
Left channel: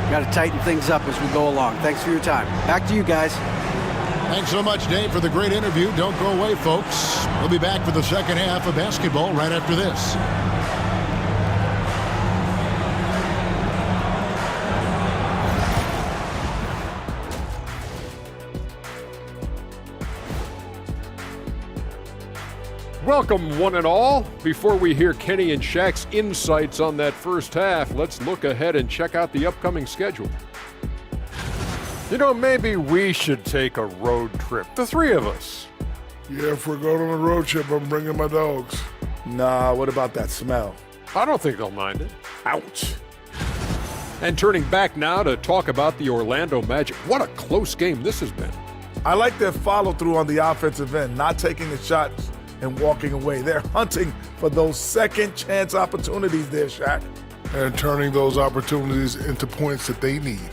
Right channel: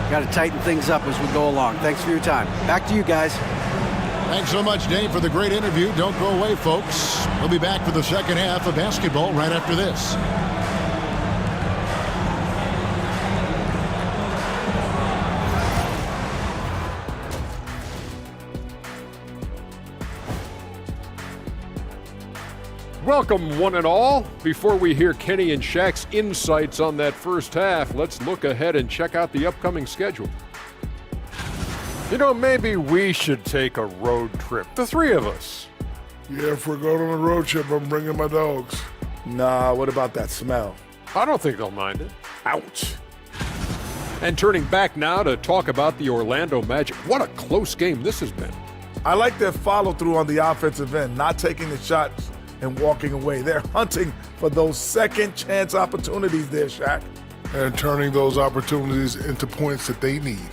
Got to tighten things up as we go along. Thanks for your time. Back to you guys. Thanks so much, Dave, for the great interview. Don't go away, folks. We'll be back for the second half of basketball right after this. Welcome, one and all. Before we hear Kenny and Shaq's insights on that first half, let's look ahead and check out the upcoming schedule. You know, maybe we should take a road trip, the three of us. Yeah, if we're going on a road trip, I'm bringing my dogs. Nah, what about that smell? I don't think they'll mind it. Ouch. And turning back now to talk about the Orlando Magic. What a close game this has been. I like their follow-through on the offensive end, not taking the shots and walking away. They're hunting for those second chance opportunities there, Shaq. And turning those opportunities into points that they need.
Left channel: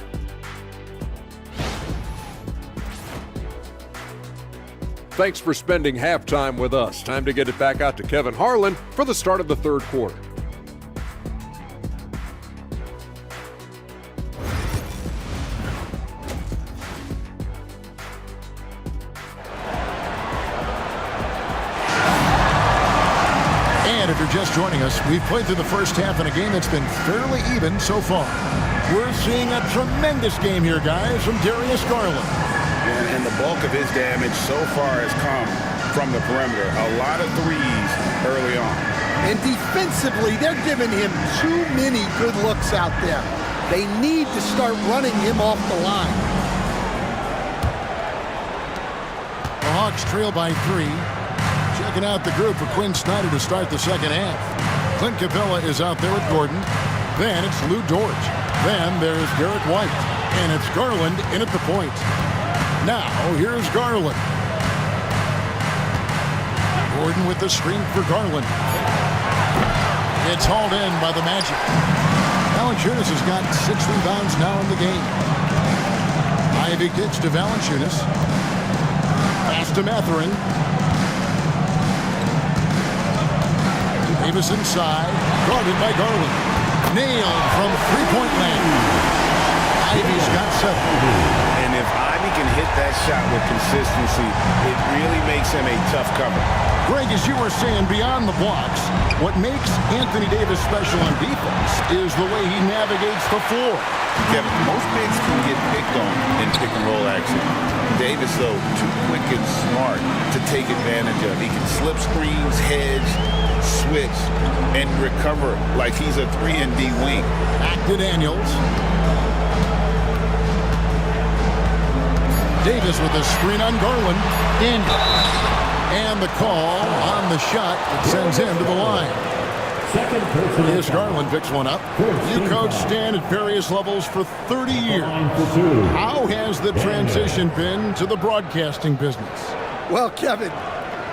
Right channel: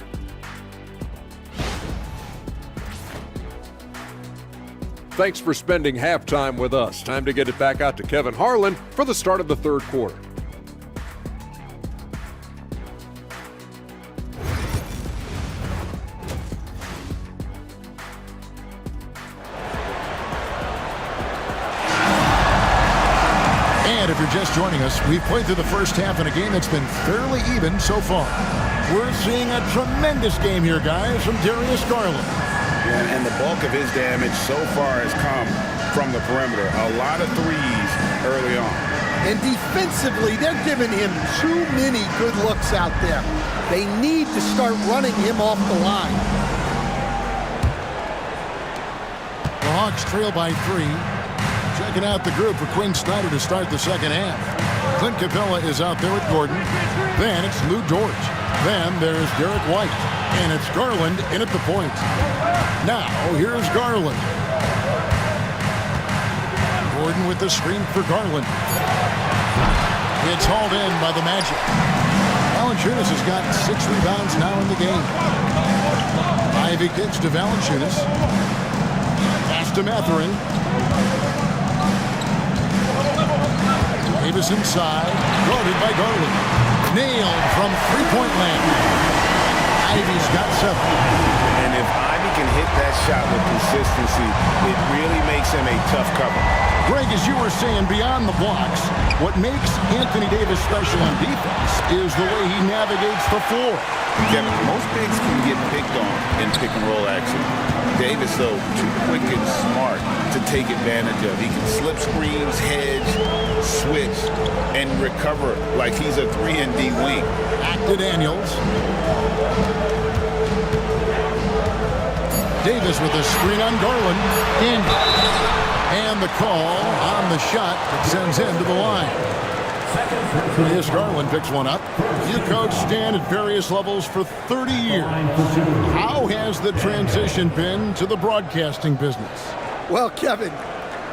Thanks for spending halftime with us. Time to get it back out to Kevin Harlan for the start of the third quarter. And if you're just joining us, we've played through the first half in a game that's been fairly even so far. We're seeing a tremendous game here, guys, from Darius Garland. And the bulk of his damage so far has come from the perimeter. A lot of threes early on. And defensively, they're giving him too many good looks out there. They need to start running him off the line. The Hawks trail by 3. Checking out the group for Quinn Snyder to start the second half. Clint Capella is out there with Gordon. Then it's Lou Dort. Then there's Derek White. And it's Garland in at the point. Now, here's Garland. Gordon with the screen for Garland. It's hauled in by the Magic. Valanciunas has got 6 rebounds now in the game. Ivy kicks to Valanciunas. Pass to Mathurin. Davis inside. Guarded by Garland. Nailed from three-point land. Ivy's got 7. And if Ivy can hit that shot with consistency, it really makes him a tough cover. Greg, as you were saying, beyond the blocks, what makes Anthony Davis special on defense is the way he navigates the floor. Kevin, most bigs can get picked on in pick-and-roll action. Davis, though, too quick and smart to take advantage of. He can slip screens, hedge, switch, and recover like he's a 3-and-D wing. Back to Daniels. Davis with a screen on Garland. And the call on the shot that sends him to the line. Darius Garland picks one up. You coached Stan at various levels for 30 years. How has the transition been to the broadcasting business? Well, Kevin,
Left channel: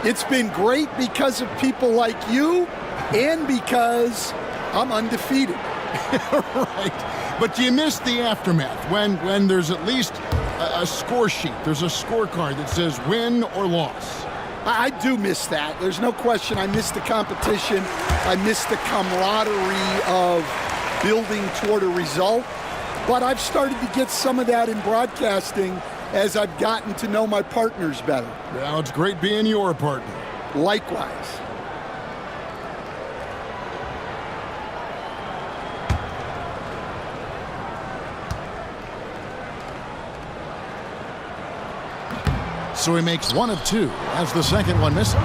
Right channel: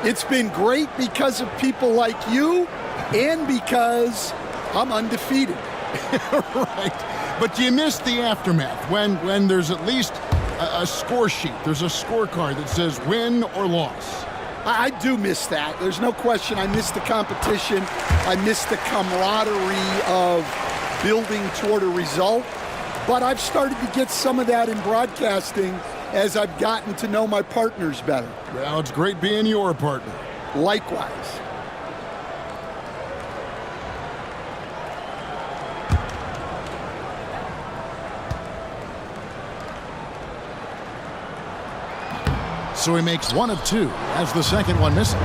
it's been great because of people like you and because I'm undefeated. Right. But you miss the aftermath when there's at least a score sheet. There's a scorecard that says win or loss. I do miss that. There's no question. I miss the competition. I miss the camaraderie of building toward a result. But I've started to get some of that in broadcasting as I've gotten to know my partners better. Well, it's great being your partner. Likewise. So he makes 1 of 2 as the second one misses.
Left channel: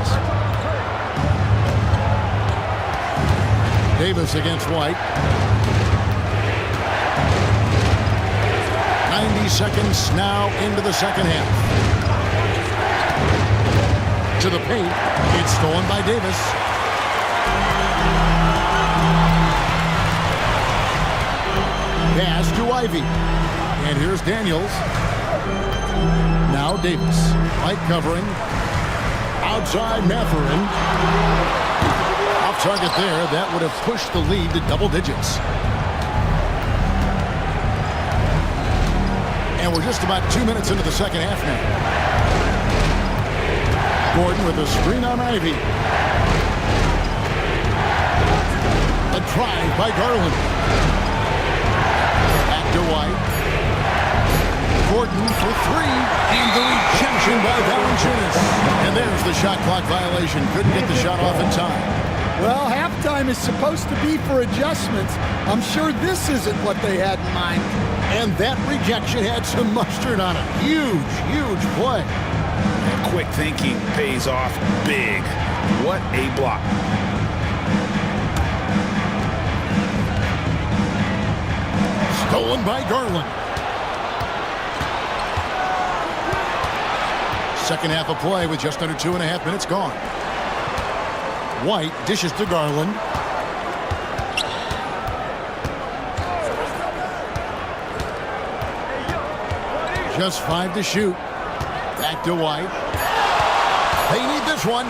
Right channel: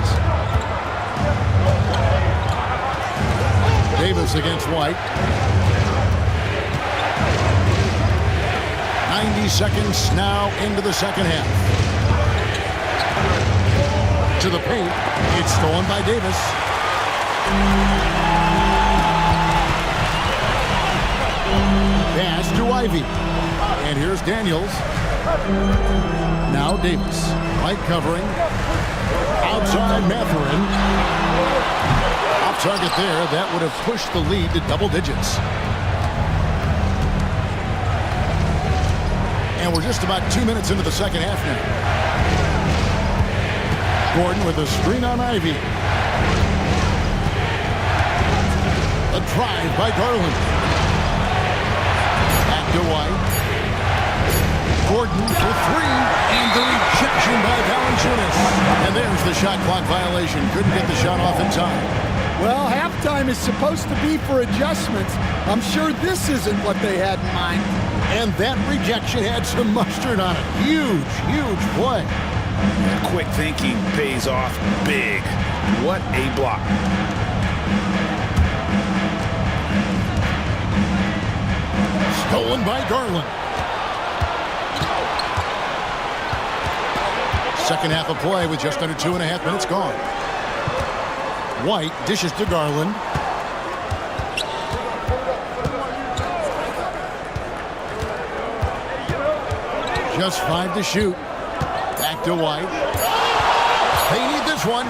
Davis against White. 90 seconds now into the second half. To the paint. It's stolen by Davis. Pass to Ivy. And here's Daniels. Now Davis. White covering. Outside Mathurin. Off target there. That would have pushed the lead to double digits. And we're just about 2 minutes into the second half now. Gordon with a screen on Ivy. A drive by Garland. Back Back to White. Gordon for three, and the rejection by Valanciunas. And there's the shot clock violation. Couldn't get the shot off in time. Well, halftime is supposed to be for adjustments. I'm sure this isn't what they had in mind. And that rejection had some mustard on it. Huge, huge play. And quick thinking pays off big. What a block. Stolen by Garland. Second half of play with just under 2.5 minutes gone. White dishes to Garland. Just 5 to shoot. Back to White. They need this one.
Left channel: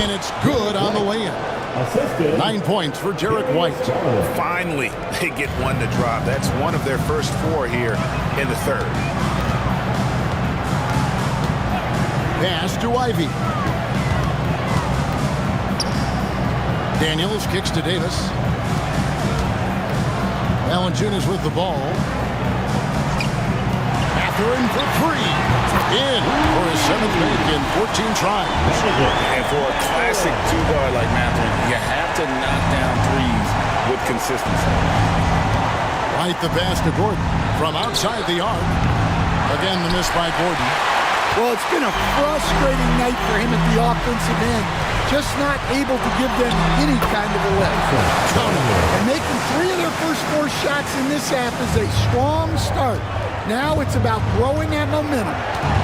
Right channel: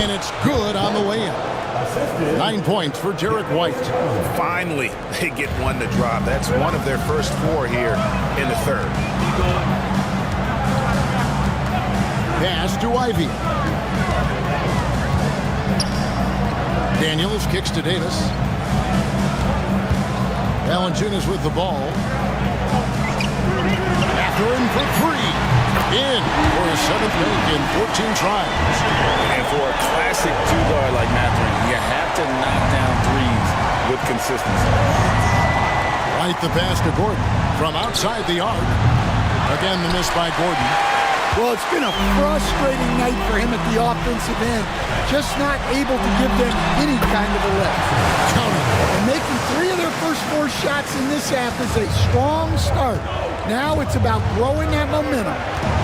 And it's good on the way in. 9 points for Derek White. Finally, they get one to drop. That's one of their first 4 here in the third. Pass to Ivy. Daniels kicks to Davis. Valanciunas with the ball. Mathurin for 3. In for his 7th make in 14 tries. And for a classic two-guard like Mathurin, you have to knock down threes with consistency. Right the pass to Gordon from outside the arc. Again, the miss by Gordon. Well, it's been a frustrating night for him at the offensive end. Just not able to give them any kind of a lift. And making 3 of their first 4 shots in this half is a strong start. Now it's about growing that momentum.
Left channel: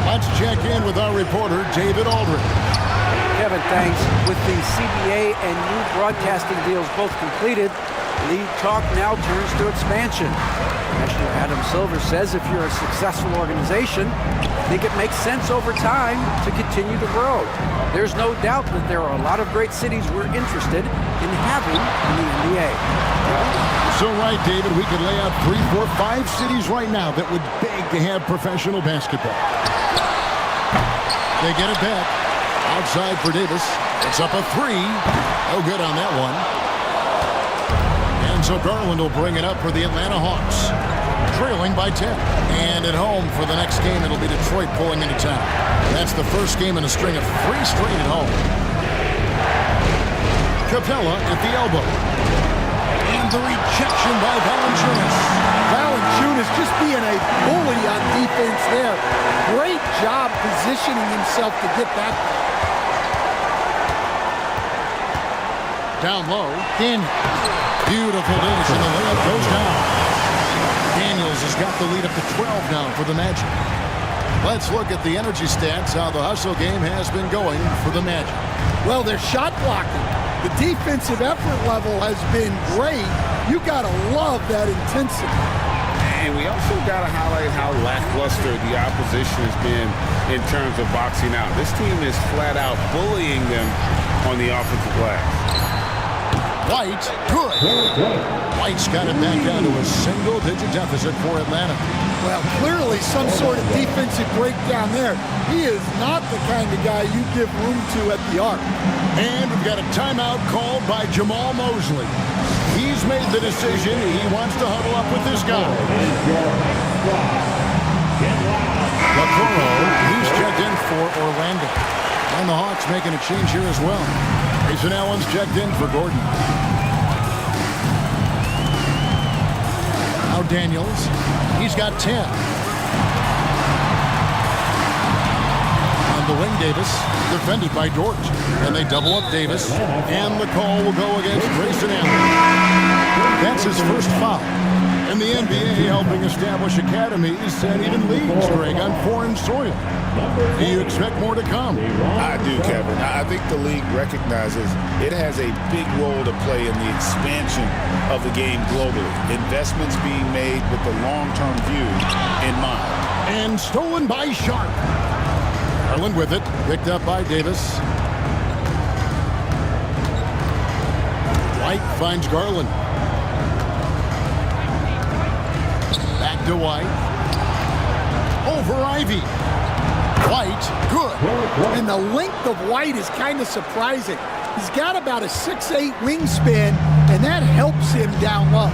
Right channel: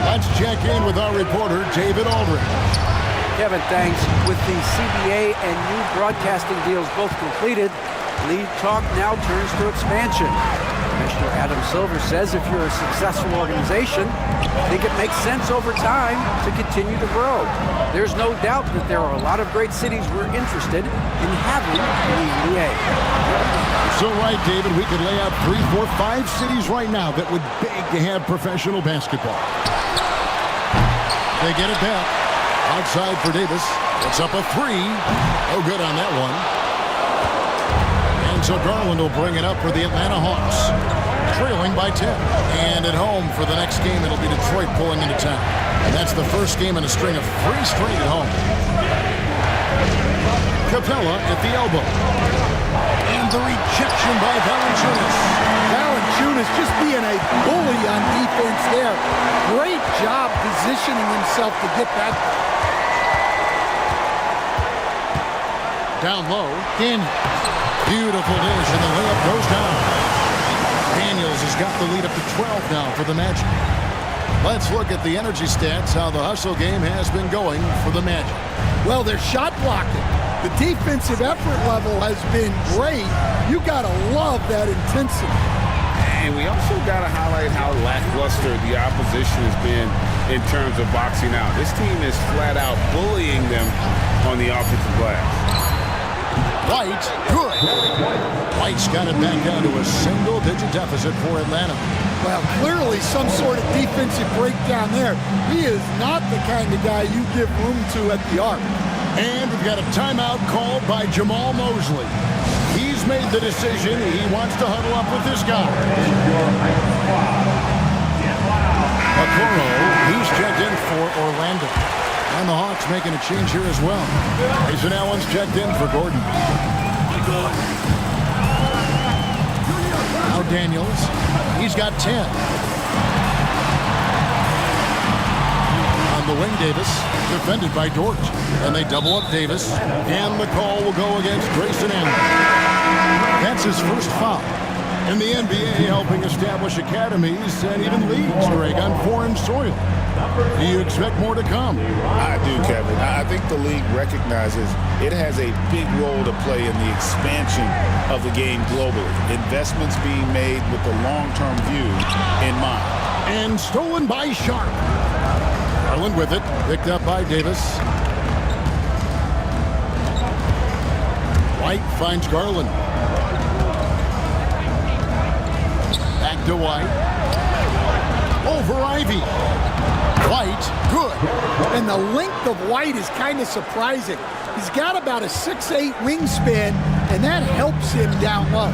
Let's check in with our reporter, David Aldridge. Kevin, thanks. With the CBA and new broadcasting deals both completed, league talk now turns to expansion. Commissioner Adam Silver says if you're a successful organization, I think it makes sense over time to continue to grow. There's no doubt that there are a lot of great cities we're interested in having in the NBA. So right, David, we could lay out 3, 4, 5 cities right now that would beg to have professional basketball. They get it back. Outside for Davis. It's up a 3. No good on that one. And so Garland will bring it up for the Atlanta Hawks. Trailing by 10. And at home for the next game, it'll be Detroit pulling into town. And that's the first game in a string of 3 straight at home. Capella at the elbow. And the rejection by Valanciunas. Valanciunas just being a bully on defense there. Great job positioning himself to get that ball. Down low, Daniels. Beautiful dish, and the layup goes down. Daniels has got the lead up to 12 now for the Magic. Let's look at the energy stats, how the hustle game has been going for the Magic. Well, they're shot blocking. The defensive effort level has been great. You gotta love that intensity. And we also got to highlight how lackluster the opposition has been in terms of boxing out. This team is flat out bullying them on the offensive glass. White, good. White's got it back down to a single-digit deficit for Atlanta. Well, clearly some sort of defensive breakdown there. He is not the kind of guy you give room to at the arc. And we've got a timeout called by Jamal Mosley. He's made the decision. He wants to huddle up with this guy. Okoro, he's checked in for Orlando. And the Hawks making a change here as well. Grayson Allen's checked in for Gordon. Now Daniels, he's got 10. On the wing, Davis, defended by Dort. And they double up Davis. And the call will go against Grayson Allen. That's his first foul. And the NBA helping establish academies and even leagues, Greg, on foreign soil. Do you expect more to come? I do, Kevin. I think the league recognizes it has a big role to play in the expansion of the game globally. Investments being made with the long-term view in mind. And stolen by Sharp. Garland with it, picked up by Davis. White finds Garland. Back to White. Over Ivy. White, good. And the length of White is kind of surprising. He's got about a 6'8" wingspan, and that helps him down low.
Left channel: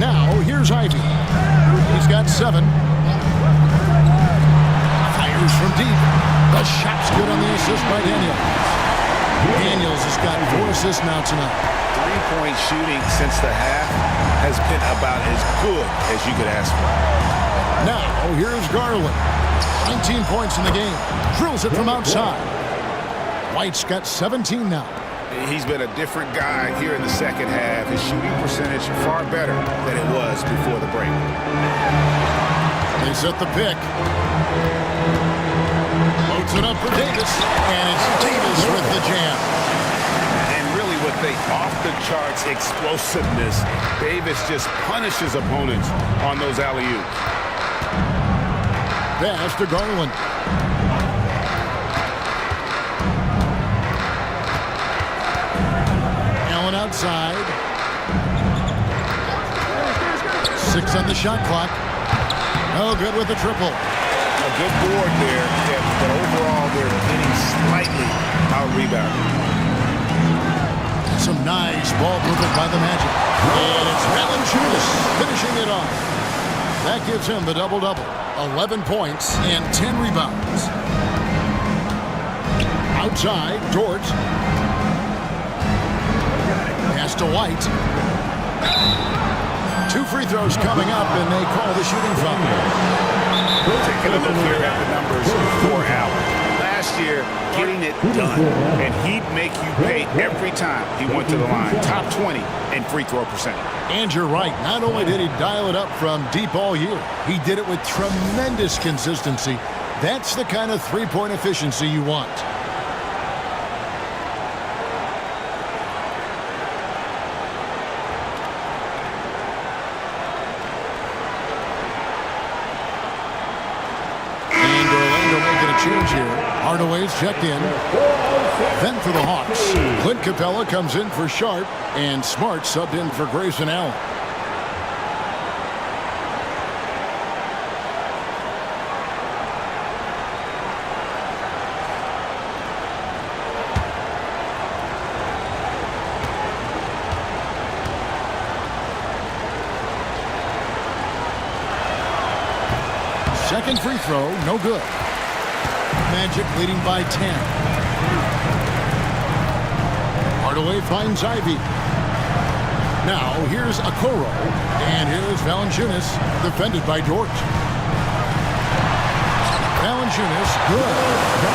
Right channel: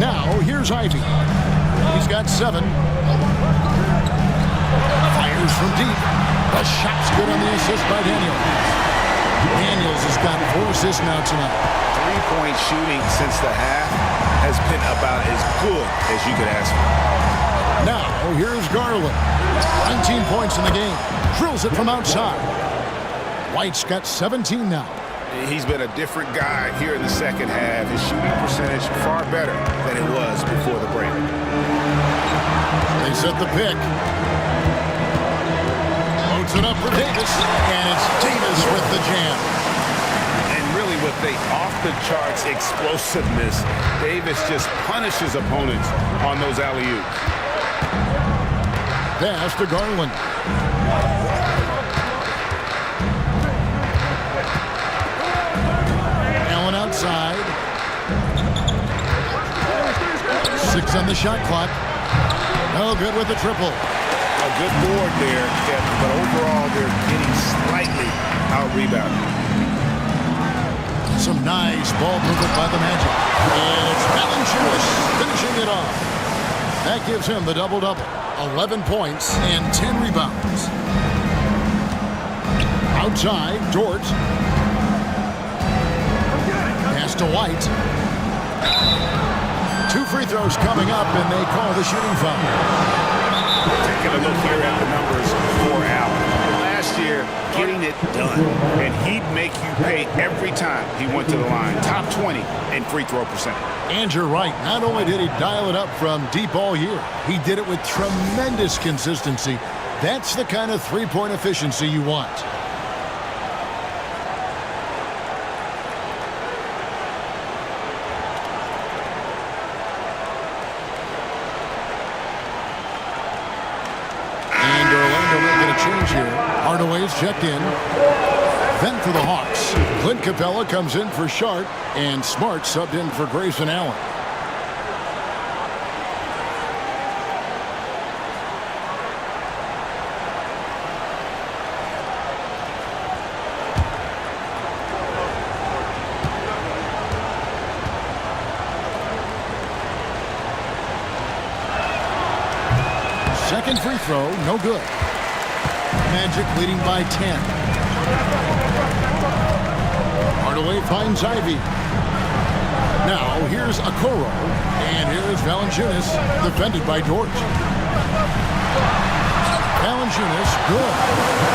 Now, here's Ivy. He's got 7. Fires from deep. The shot's good on the assist by Daniels. Daniels has got 4 assists now tonight. 3-point shooting since the half has been about as good as you could ask for. Now, here's Garland. 19 points in the game. Drills it from outside. White's got 17 now. He's been a different guy here in the second half. His shooting percentage far better than it was before the break. They set the pick. Loads it up for Davis, and it's Davis with the jam. And really with the off-the-charts explosiveness, Davis just punishes opponents on those alley-oops. Pass to Garland. Allen outside. 6 on the shot clock. No good with the triple. A good board there, Kevin, but overall they're getting slightly out-rebounded. Some nice ball movement by the Magic. And it's Valanciunas finishing it off. That gives him the double-double. 11 points and 10 rebounds. Outside, Dort. Pass to White. 2 free throws coming up, and they call the shooting foul. Taking a look here at the numbers for Allen. Last year, getting it done, and he'd make you pay every time he went to the line. Top 20 in free throw percentage. And you're right. Not only did he dial it up from deep all year, he did it with tremendous consistency. That's the kind of three-point efficiency you want. And Orlando making a change here. Hardaway's checked in. Then for the Hawks, Clint Capella comes in for Sharp, and Smart subbed in for Grayson Allen. Second free throw, no good. Magic leading by 10. Hardaway finds Ivy. Now here's Okoro, and here's Valanciunas, defended by Dort. Valanciunas, good.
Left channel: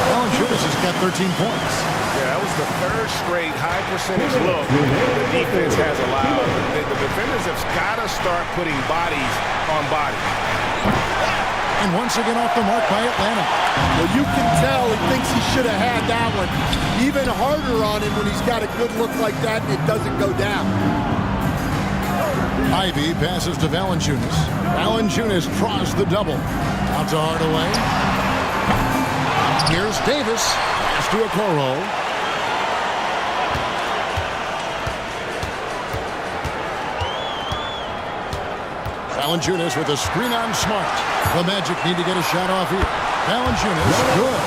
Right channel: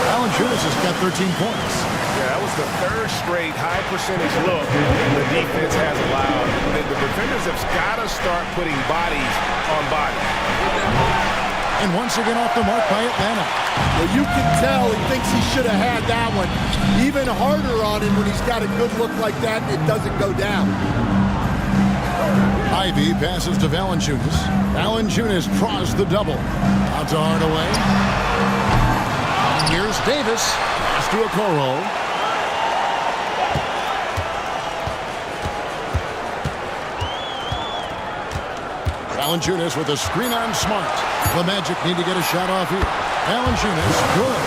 Valanciunas has got 13 points. Yeah, that was the 3rd straight high percentage look the defense has allowed. The defenders have got to start putting bodies on bodies. And once again off the mark by Atlanta. Well, you can tell he thinks he should have had that one. Even harder on him when he's got a good look like that and it doesn't go down. Ivy passes to Valanciunas. Valanciunas draws the double. Out to Hardaway. Here's Davis. Pass to Okoro. Valanciunas with a screen on Smart. The Magic need to get a shot off here. Valanciunas, good.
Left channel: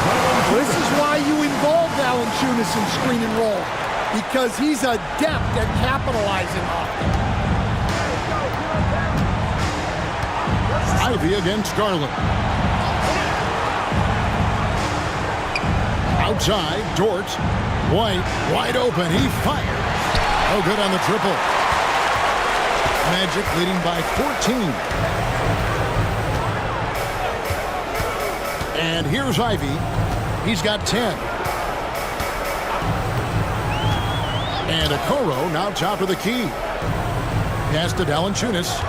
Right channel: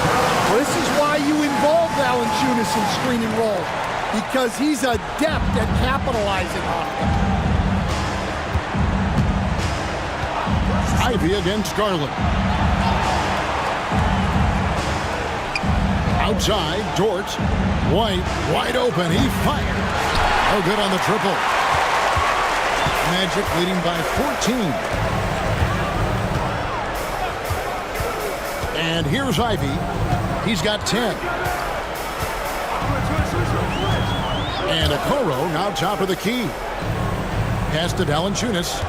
Well, this is why you involve Valanciunas in screen and roll, because he's adept at capitalizing off them. Ivy against Garland. Outside, Dort. White, wide open. He fires. Oh, good on the triple. Magic leading by 14. And here's Ivy. He's got 10. And Okoro now top of the key. Pass to Valanciunas.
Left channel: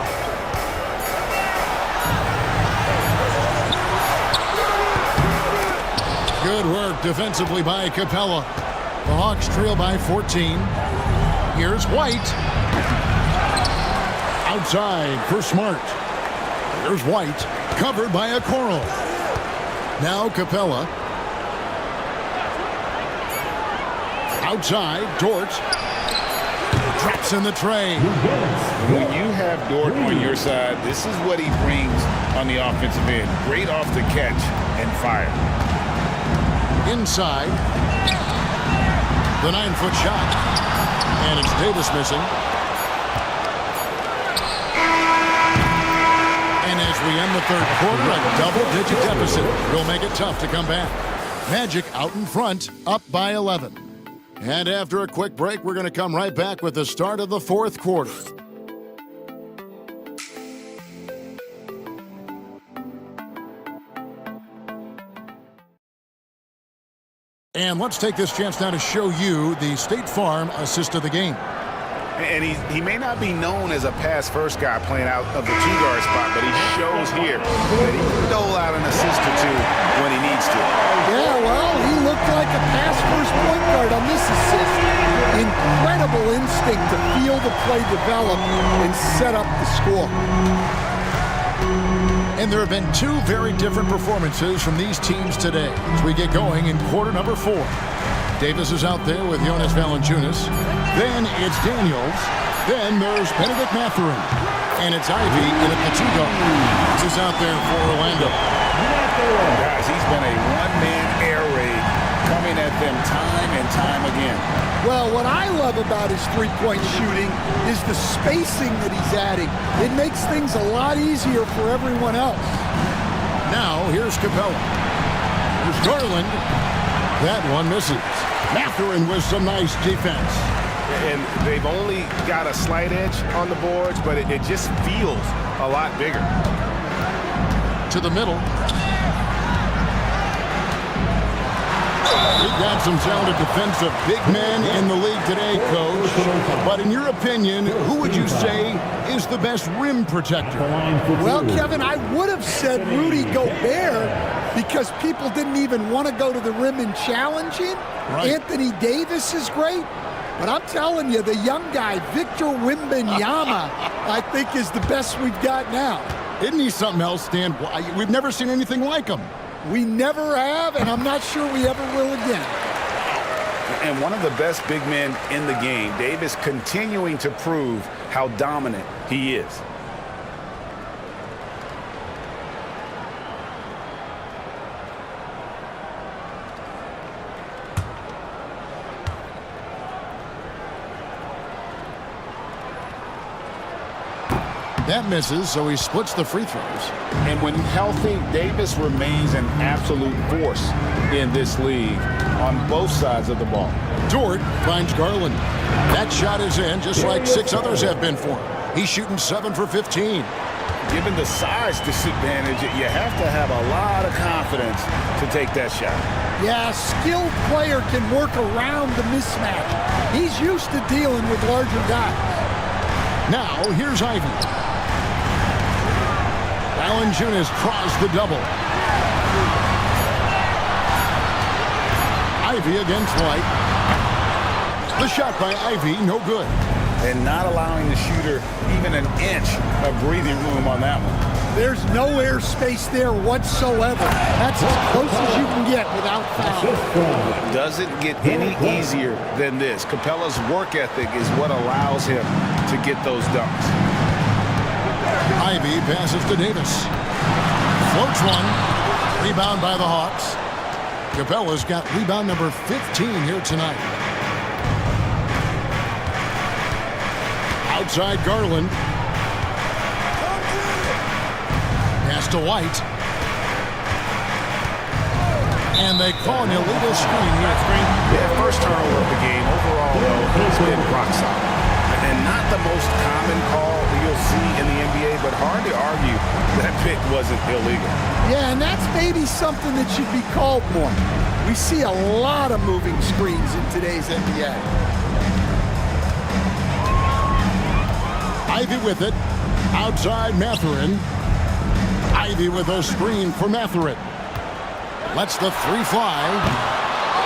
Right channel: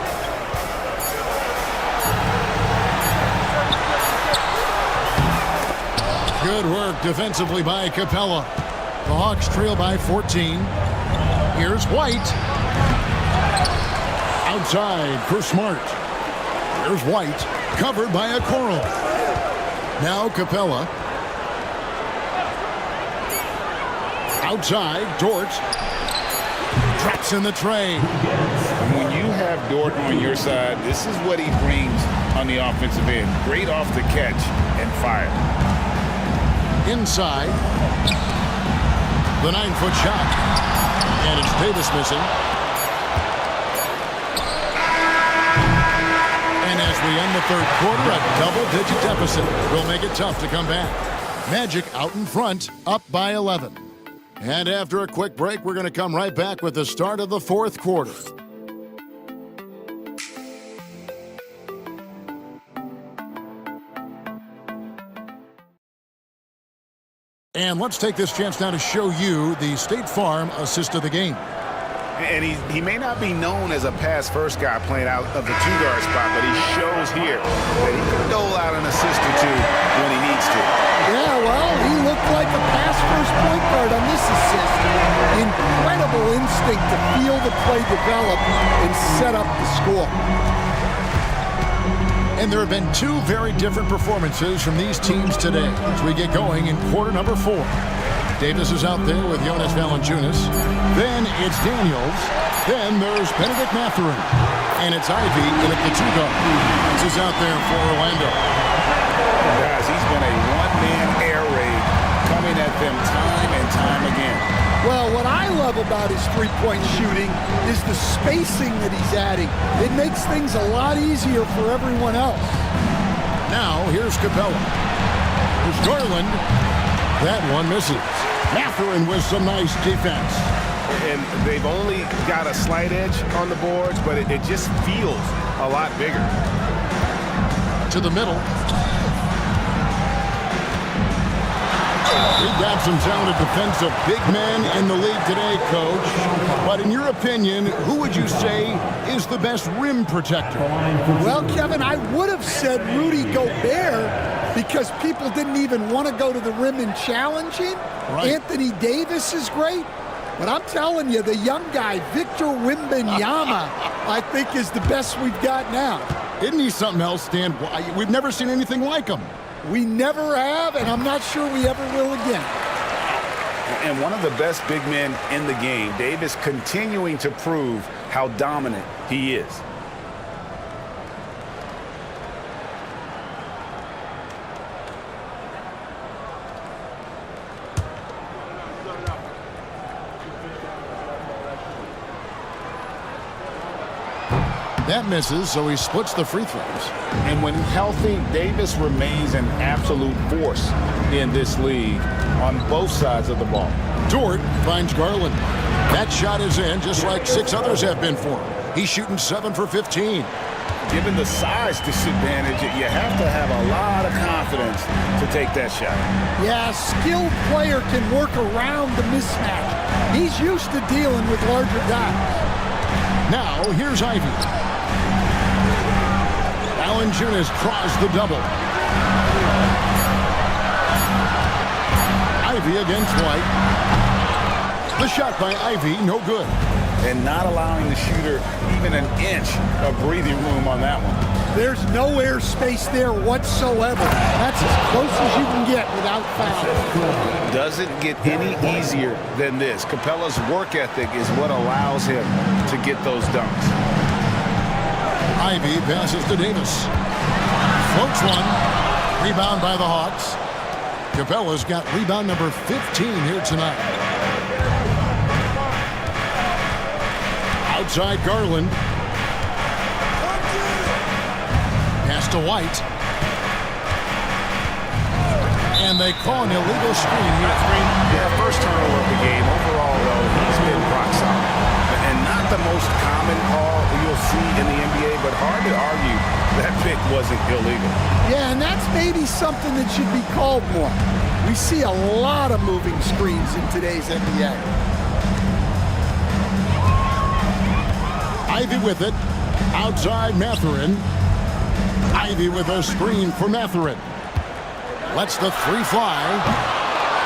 Good work defensively by Capella. The Hawks trail by 14. Here's White. Outside for Smart. Here's White, covered by Okoro. Now Capella. Outside, Dort. Traps in the tray. And when you have Dort on your side, this is what he brings on the offensive end. Great off the catch and fire. Inside. The 9-foot shot. And it's Davis missing. And as we end the third quarter, a double-digit deficit will make it tough to come back. Magic out in front, up by 11. And after a quick break, we're going to come right back with the start of the fourth quarter. And let's take this chance now to show you the State Farm assist of the game. And he may not be known as a pass-first guy playing out of the two-guard spot, but he shows here that he can dole out an assist or two when he needs to. Yeah, well, he looked like a pass-first point guard on this assist. Incredible instinct to feel the play develop and set up the score. And there have been two very different performances from these teams today as we get going in quarter number 4. Davis is out there with Jonas Valanciunas. Then it's Daniels. Then there's Benedict Mathurin. And it's Ivey in at the 2 guard. This is out there for Orlando. Guys, he's been a one-man air raid coming at them time and time again. Well, what I love about his three-point shooting is the spacing that he's adding. It makes things a lot easier for everyone else. Now, here's Capella. Here's Garland. That one misses. Mathurin with some nice defense. And they've only got a slight edge on the boards, but it just feels a lot bigger. To the middle. We've got some talented defensive big men in the league today, Coach. But in your opinion, who would you say is the best rim protector? Well, Kevin, I would have said Rudy Gobert because people didn't even want to go to the rim and challenge him. Right. Anthony Davis is great. But I'm telling you, the young guy, Victor Wembanyama, I think is the best we've got now. Isn't he something else, Stan? We've never seen anything like him. We never have, and I'm not sure we ever will again. And one of the best big men in the game, Davis continuing to prove how dominant he is. That misses, so he splits the free throws. And when healthy, Davis remains an absolute force in this league on both sides of the ball. Dort finds Garland. That shot is in, just like 6 others have been for him. He's shooting 7 for 15. Given the size disadvantage, you have to have a lot of confidence to take that shot. Yeah, a skilled player can work around the mismatch. He's used to dealing with larger guys. Now, here's Ivey. Valanciunas crossed the double. Ivey against White. The shot by Ivey, no good. And not allowing the shooter even an inch of breathing room on that one. There's no air space there whatsoever. That's as close as you can get without foul. Doesn't get any easier than this. Capella's work ethic is what allows him to get those dunks. Ivey passes to Davis. Floats one. Rebound by the Hawks. Capella's got rebound number 15 here tonight. Outside Garland. Pass to White. And they call an illegal screen here. Yeah, first turnover of the game. Overall, though, he's been rock solid. And not the most common call you'll see in the NBA, but hard to argue that pick wasn't illegal. Yeah, and that's maybe something that should be called more. We see a lot of moving screens in today's NBA. Ivey with it. Outside Mathurin. Ivey with a screen for Mathurin. Lets the 3 fly.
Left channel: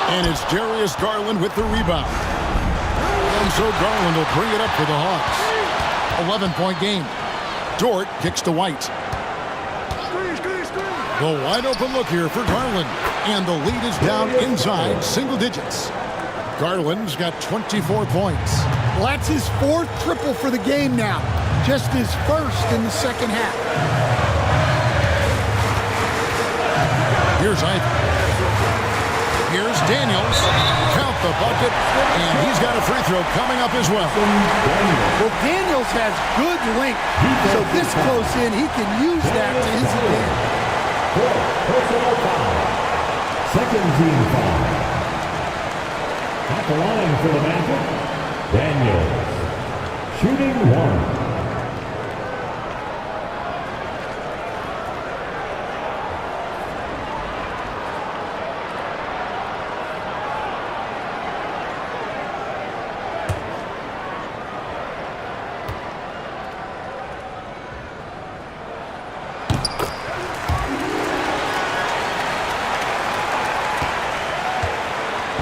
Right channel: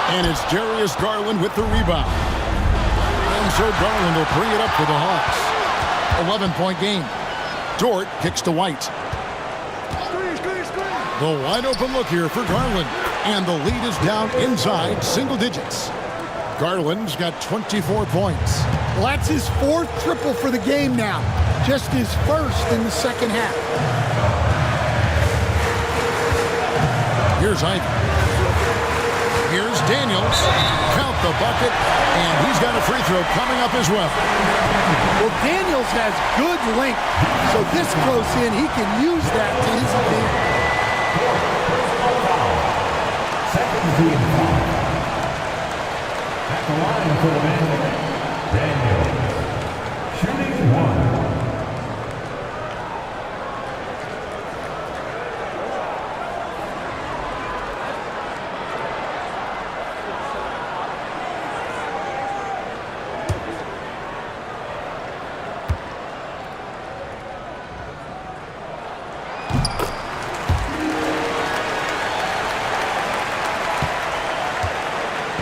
And it's Darius Garland with the rebound. And so Garland will bring it up for the Hawks. 11-point game. Dort kicks to White. The wide open look here for Garland. And the lead is down inside single digits. Garland's got 24 points. Well, that's his 4th triple for the game now. Just his first in the second half. Here's Ivey. Here's Daniels. Count the bucket, and he's got a free throw coming up as well. Well, Daniels has good length, so this close in, he can use that to his advantage. Personal foul. Second team foul. At the line for the Magic, Daniels. Shooting one.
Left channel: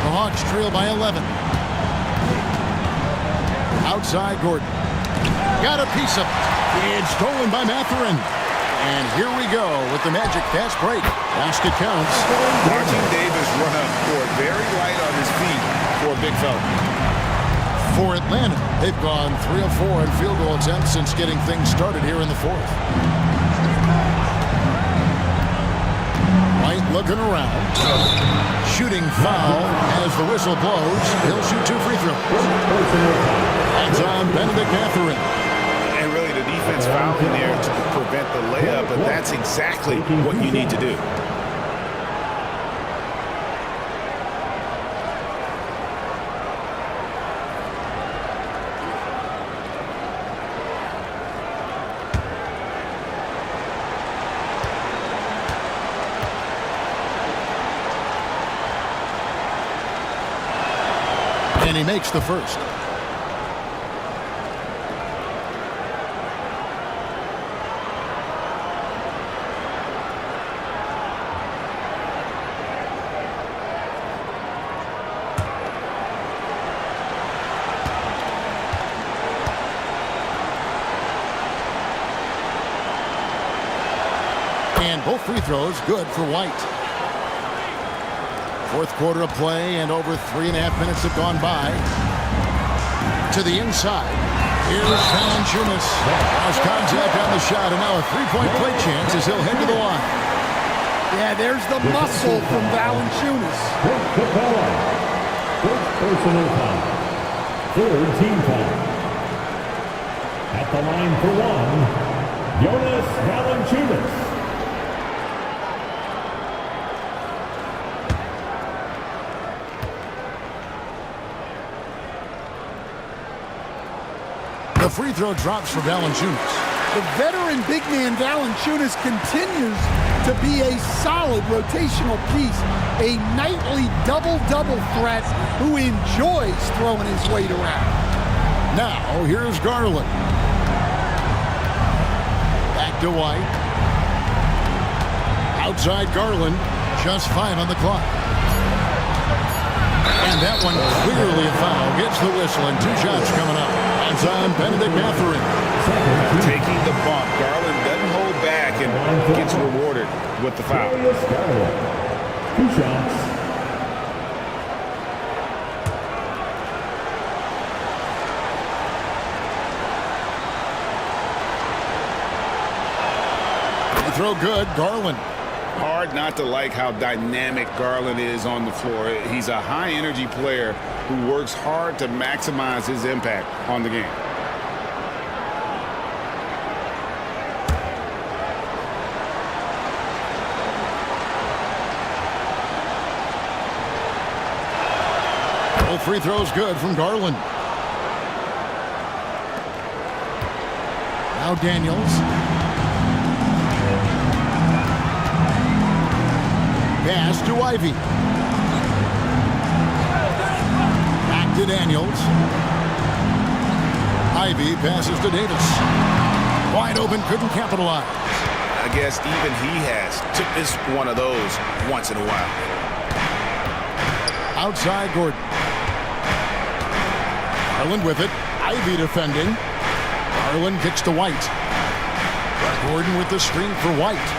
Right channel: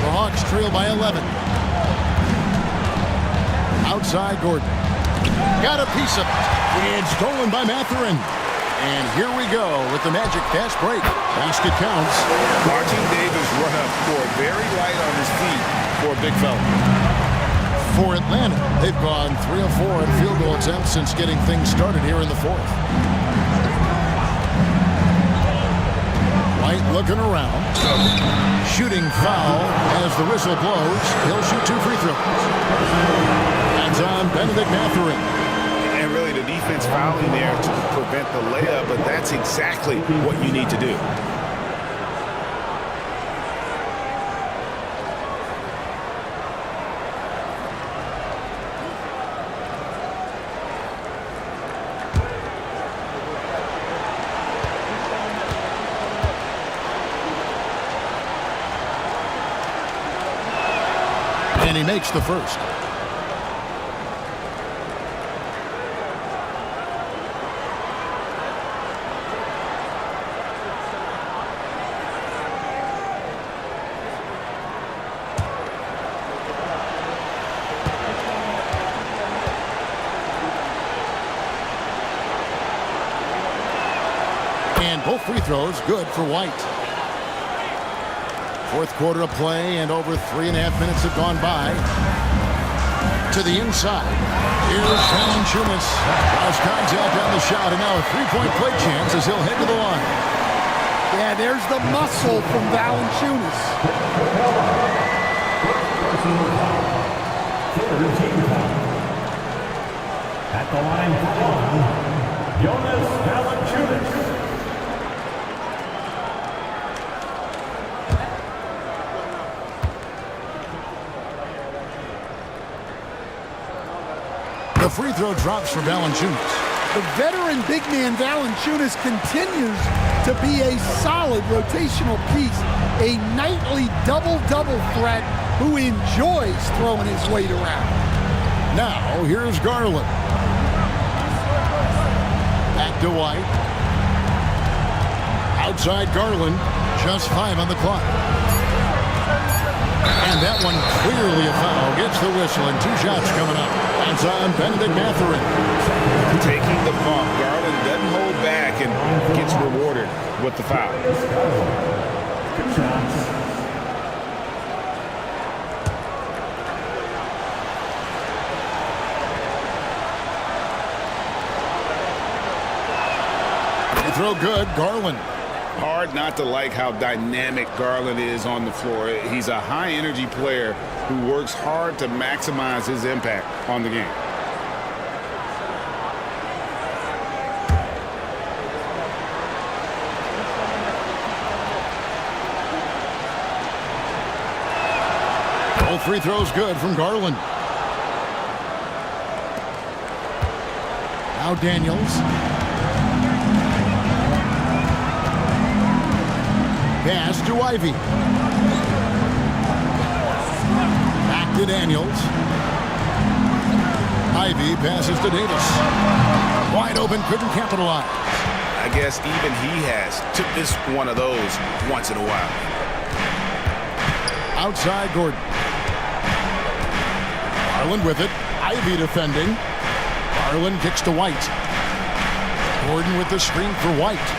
The Hawks trail by 11. Outside Gordon. Got a piece of it. It's stolen by Mathurin. And here we go with the Magic fast break. Basket counts. Watching Davis run up court, very light on his feet for a big fella. For Atlanta, they've gone 3 of 4 in field goal attempts since getting things started here in the fourth. White looking around. Shooting foul as the whistle blows. He'll shoot 2 free throws. That's on Benedict Mathurin. And really the defense fouling there to prevent the layup, but that's exactly what you need to do. And he makes the first. And both free throws good for White. Fourth quarter of play, and over 3.5 minutes have gone by. To the inside. Here's Valanciunas. Draws contact on the shot, and now a three-point play chance as he'll head to the line. Yeah, there's the muscle from Valanciunas. First personal foul. Third team foul. At the line for one, Jonas Valanciunas. The free throw drops for Valanciunas. The veteran big man Valanciunas continues to be a solid rotational piece, a nightly double-double threat who enjoys throwing his weight around. Now, here's Garland. Back to White. Outside Garland, just 5 on the clock. And that one clearly a foul. Gets the whistle, and 2 shots coming up. That's on Benedict Mathurin. Taking the bump, Garland doesn't hold back and gets rewarded with the foul. 2 shots. Free throw good, Garland. Hard not to like how dynamic Garland is on the floor. He's a high-energy player who works hard to maximize his impact on the game. Both free throws good from Garland. Now Daniels. Pass to Ivy. Back to Daniels. Ivy passes to Davis. Wide open, couldn't capitalize. I guess even he has to miss one of those once in a while. Outside Gordon. Garland with it. Ivy defending. Garland kicks to White. Gordon with the screen for White.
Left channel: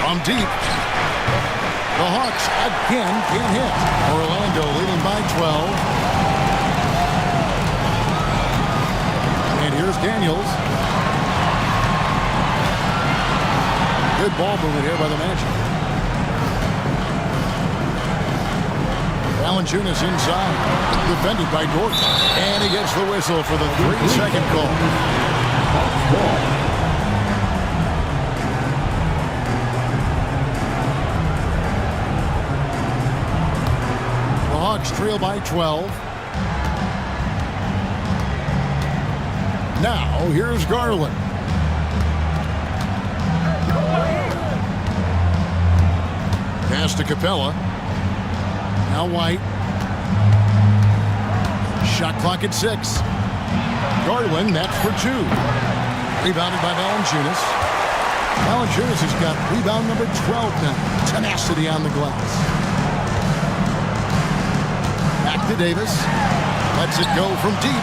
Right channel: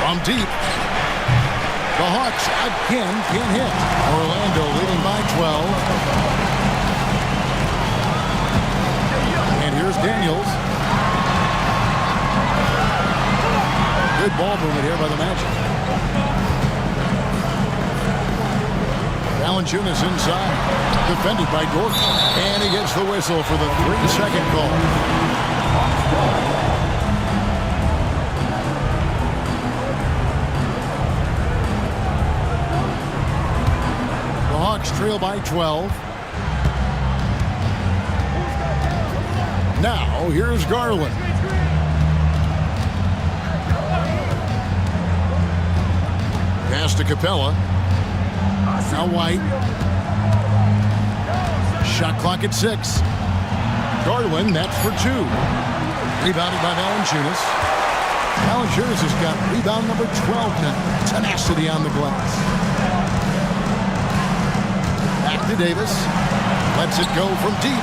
From deep. The Hawks again can't hit. Orlando leading by 12. And here's Daniels. Good ball movement here by the Magic. Valanciunas inside. Defended by Dort. And he gets the whistle for the 3-second call. The Hawks trail by 12. Now, here's Garland. Pass to Capella. Now White. Shot clock at 6. Garland, that's for 2. Rebounded by Valanciunas. Valanciunas has got rebound number 12 now. Tenacity on the glass. Back to Davis. Lets it go from deep.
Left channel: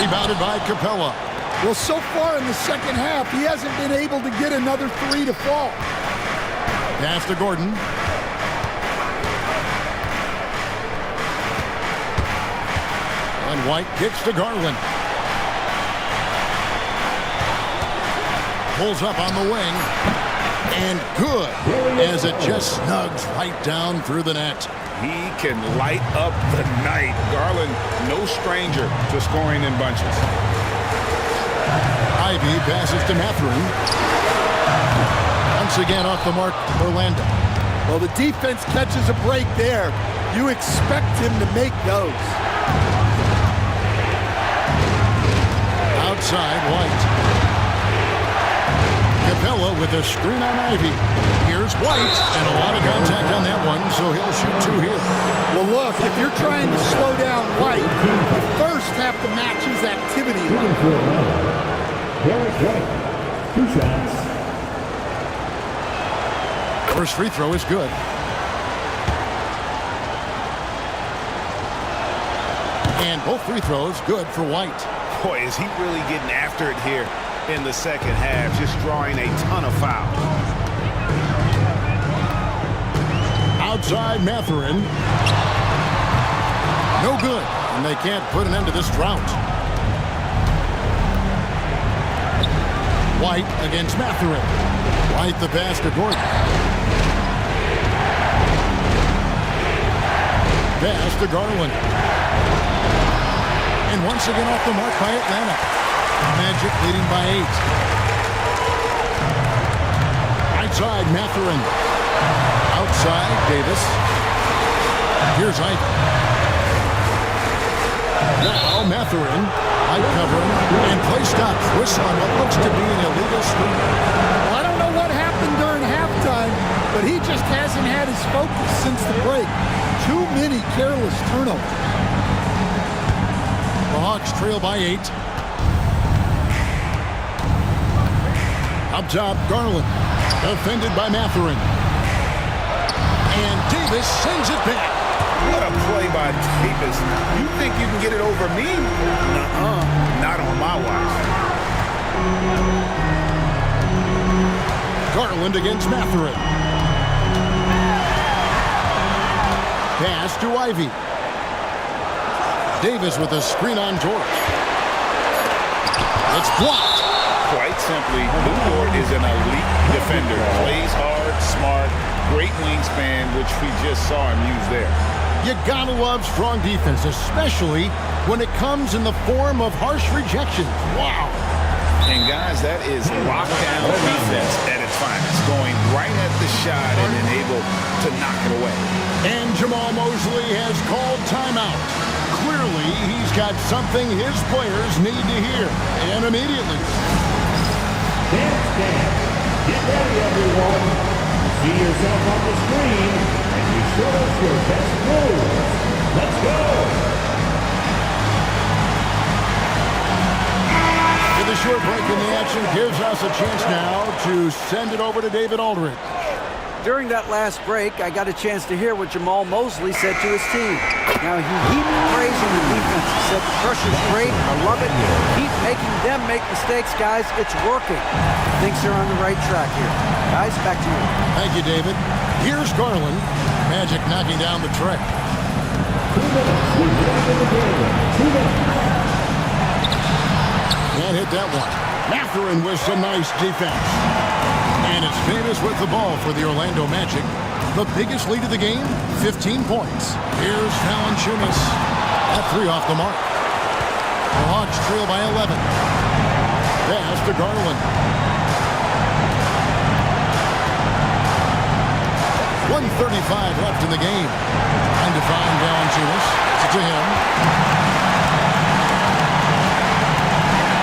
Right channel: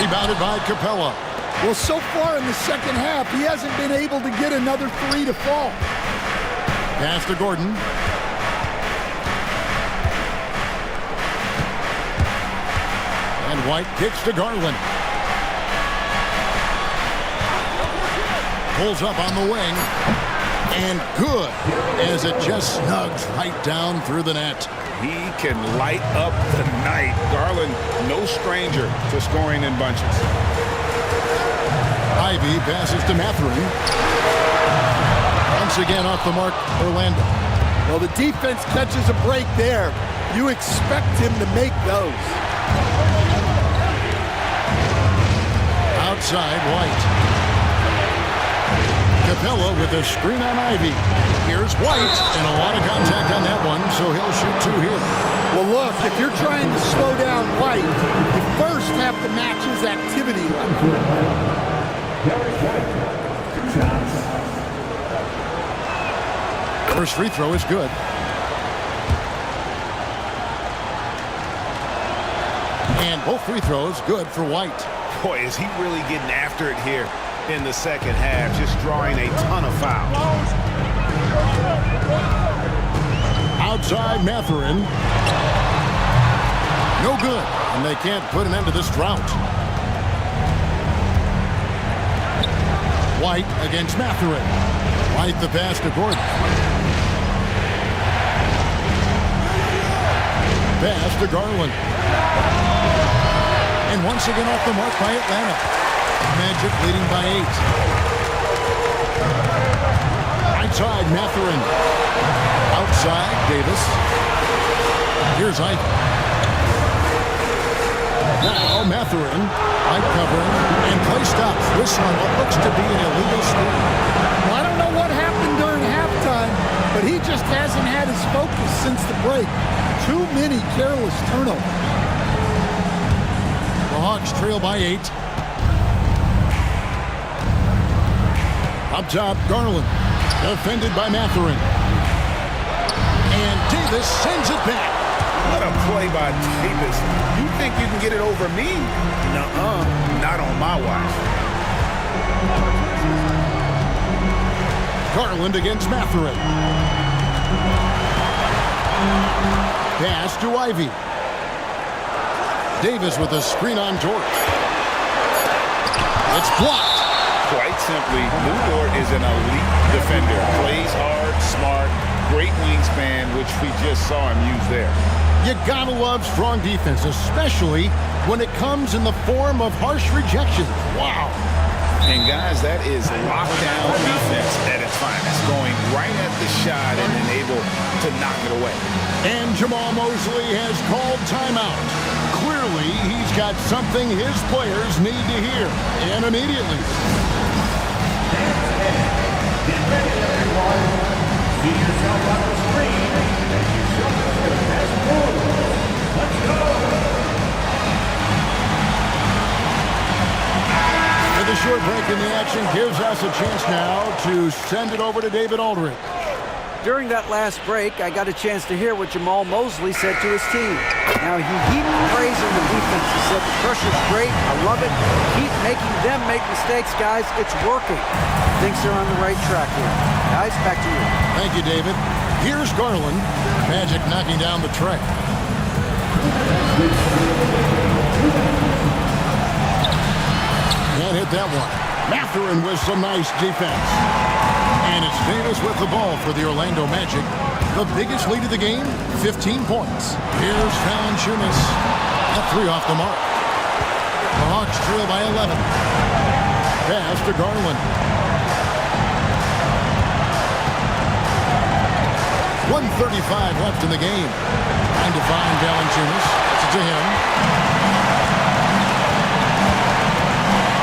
Rebounded by Capella. Well, so far in the second half, he hasn't been able to get another 3 to fall. Pass to Gordon. And White kicks to Garland. Pulls up on the wing. And good, as it just snugs right down through the net. He can light up the night. Garland, no stranger to scoring in bunches. Ivy passes to Mathurin. Once again off the mark, Orlando. Well, the defense catches a break there. You expect him to make those. Outside, White. Capella with a screen on Ivy. Here's White, and a lot of contact on that one, so he'll shoot 2 here. Well, look, if you're trying to slow down White, you first have to match his activity level. Derek White, 2 shots. First free throw is good. And both free throws good for White. Boy, is he really getting after it here in the second half, just drawing a ton of fouls. Outside Mathurin. No good, and they can't put an end to this drought. White against Mathurin. White the pass to Gordon. Pass to Garland. And once again off the mark by Atlanta. Magic leading by 8. Outside Mathurin. Outside Davis. Here's Ivy. Now Mathurin. White covering. And play stops. Whistle on what looks to be an illegal screen. Well, I don't know what happened during halftime, but he just hasn't had his focus since the break. Too many careless turnovers. The Hawks trail by 8. Up top, Garland. Defended by Mathurin. And Davis sends it back. What a play by Davis. You think you can get it over me? Nuh-uh. Not on my watch. Garland against Mathurin. Pass to Ivy. Davis with a screen on Dort. It's blocked. Quite simply, Lou Dort is an elite defender. Plays hard, smart, great wingspan, which we just saw him use there. You gotta love strong defense, especially when it comes in the form of harsh rejections. Wow. And guys, that is lockdown defense at its finest. Going right at the shot and then able to knock it away. And Jamal Mosley has called timeout. Clearly, he's got something his players need to hear, and immediately. Dance steady. Get ready, everyone. See yourself on the screen as you show us your best moves. Let's go. With a short break in the action gives us a chance now to send it over to David Aldridge. During that last break, I got a chance to hear what Jamal Mosley said to his team. Now, he heaped praise on the defense. He said, the pressure's great. I love it. Keep making them make mistakes, guys. It's working. Thinks they're on the right track here. Guys, back to you. Thank you, David. Here's Garland. Magic knocking down the tray. Can't hit that one. Mathurin with some nice defense. And it's Davis with the ball for the Orlando Magic. The biggest lead of the game, 15 points. Here's Valanciunas at 3 off the mark. The Hawks trail by 11. Pass to Garland. 1:35 left in the game. Trying to find Valanciunas. Gets it to him.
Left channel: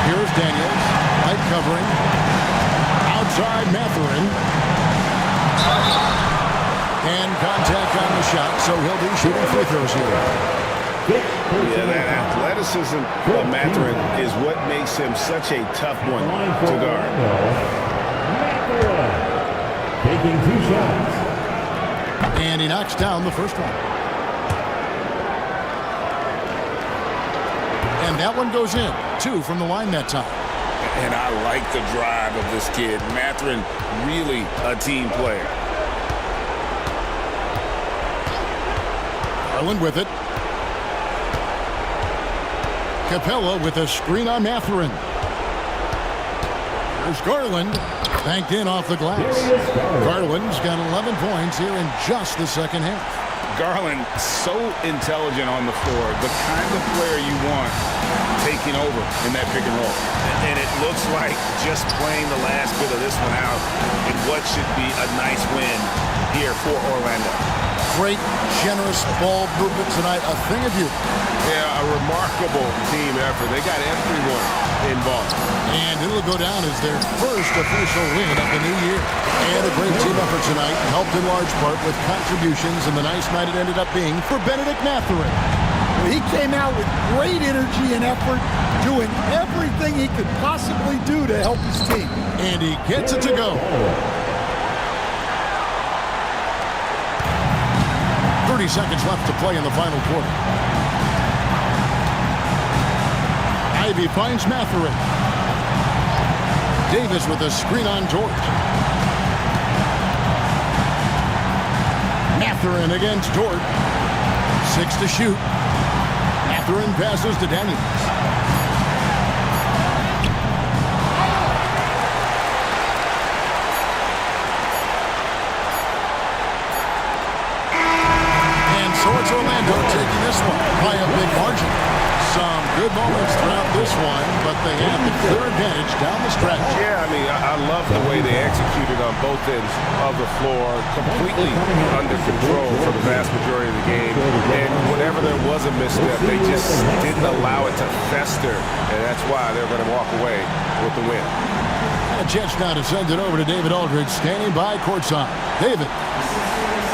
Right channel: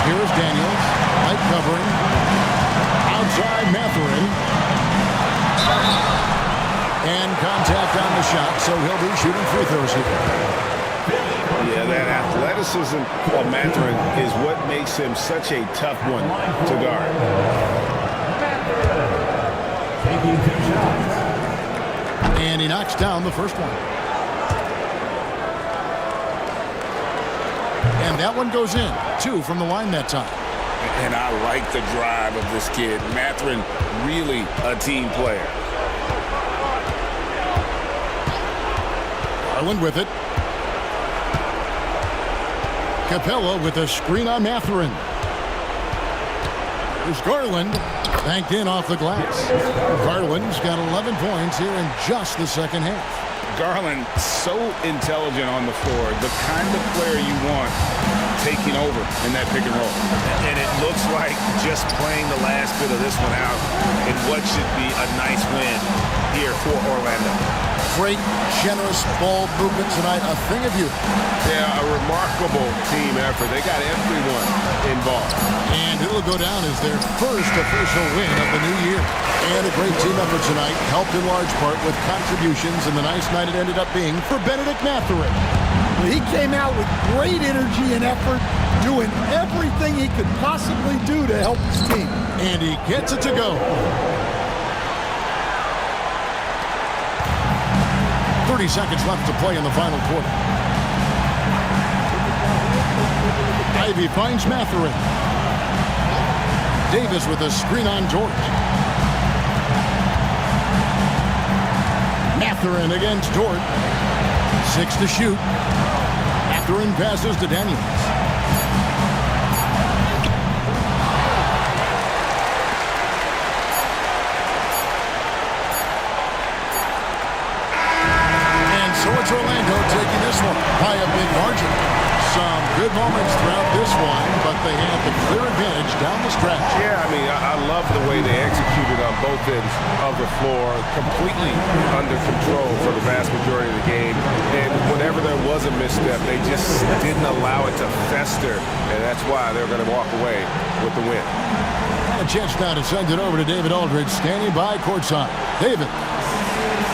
Here's Daniels. Light covering. Outside Mathurin. And contact on the shot, so he'll be shooting free throws here. Yeah, that athleticism of Mathurin is what makes him such a tough one to guard. Mathurin taking 2 shots. And he knocks down the first one. And that one goes in. 2 from the line that time. And I like the drive of this kid. Mathurin, really a team player. Garland with it. Capella with a screen on Mathurin. Here's Garland. Banked in off the glass. Garland's got 11 points here in just the second half. Garland, so intelligent on the floor. The kind of player you want taking over in that pick and roll. And it looks like just playing the last bit of this one out in what should be a nice win here for Orlando. Great, generous ball movement tonight. A thing of beauty. Yeah, a remarkable team effort. They got everyone involved. And it'll go down as their first official win of the new year. And a great team effort tonight, helped in large part with contributions, and the nice night it ended up being for Bennedict Mathurin. Well, he came out with great energy and effort, doing everything he could possibly do to help his team. And he gets it to go. 30 seconds left to play in the final quarter. Ivy finds Mathurin. Davis with a screen on George. Mathurin against Dort. 6 to shoot. Mathurin passes to Daniels. And so it's Orlando taking this one by a big margin. Some good moments throughout this one, but they have the clear advantage down the stretch. Yeah, I mean, I love the way they executed on both ends of the floor, completely under control for the vast majority of the game. And whenever there was a misstep, they just didn't allow it to fester, and that's why they're going to walk away with the win. And a chance now to send it over to David Aldridge, standing by courtside. David.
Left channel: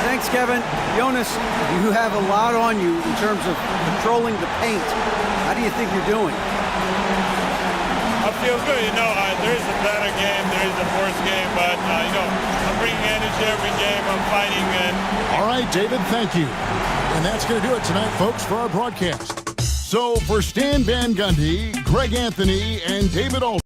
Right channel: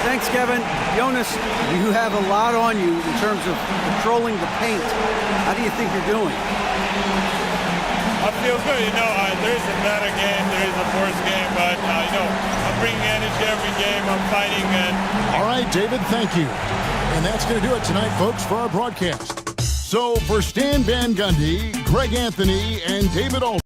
Thanks, Kevin. Jonas, you have a lot on you in terms of patrolling the paint. How do you think you're doing? I feel good. There is a better game, there is a worse game, but, I'm bringing energy every game. I'm fighting. All right, David, thank you. And that's going to do it tonight, folks, for our broadcast. So for Stan Van Gundy, Greg Anthony, and David Aldridge.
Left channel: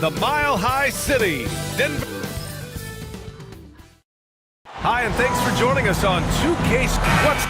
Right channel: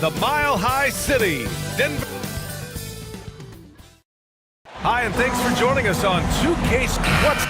The Mile High City, Denver. Hi, and thanks for joining us on 2K. What's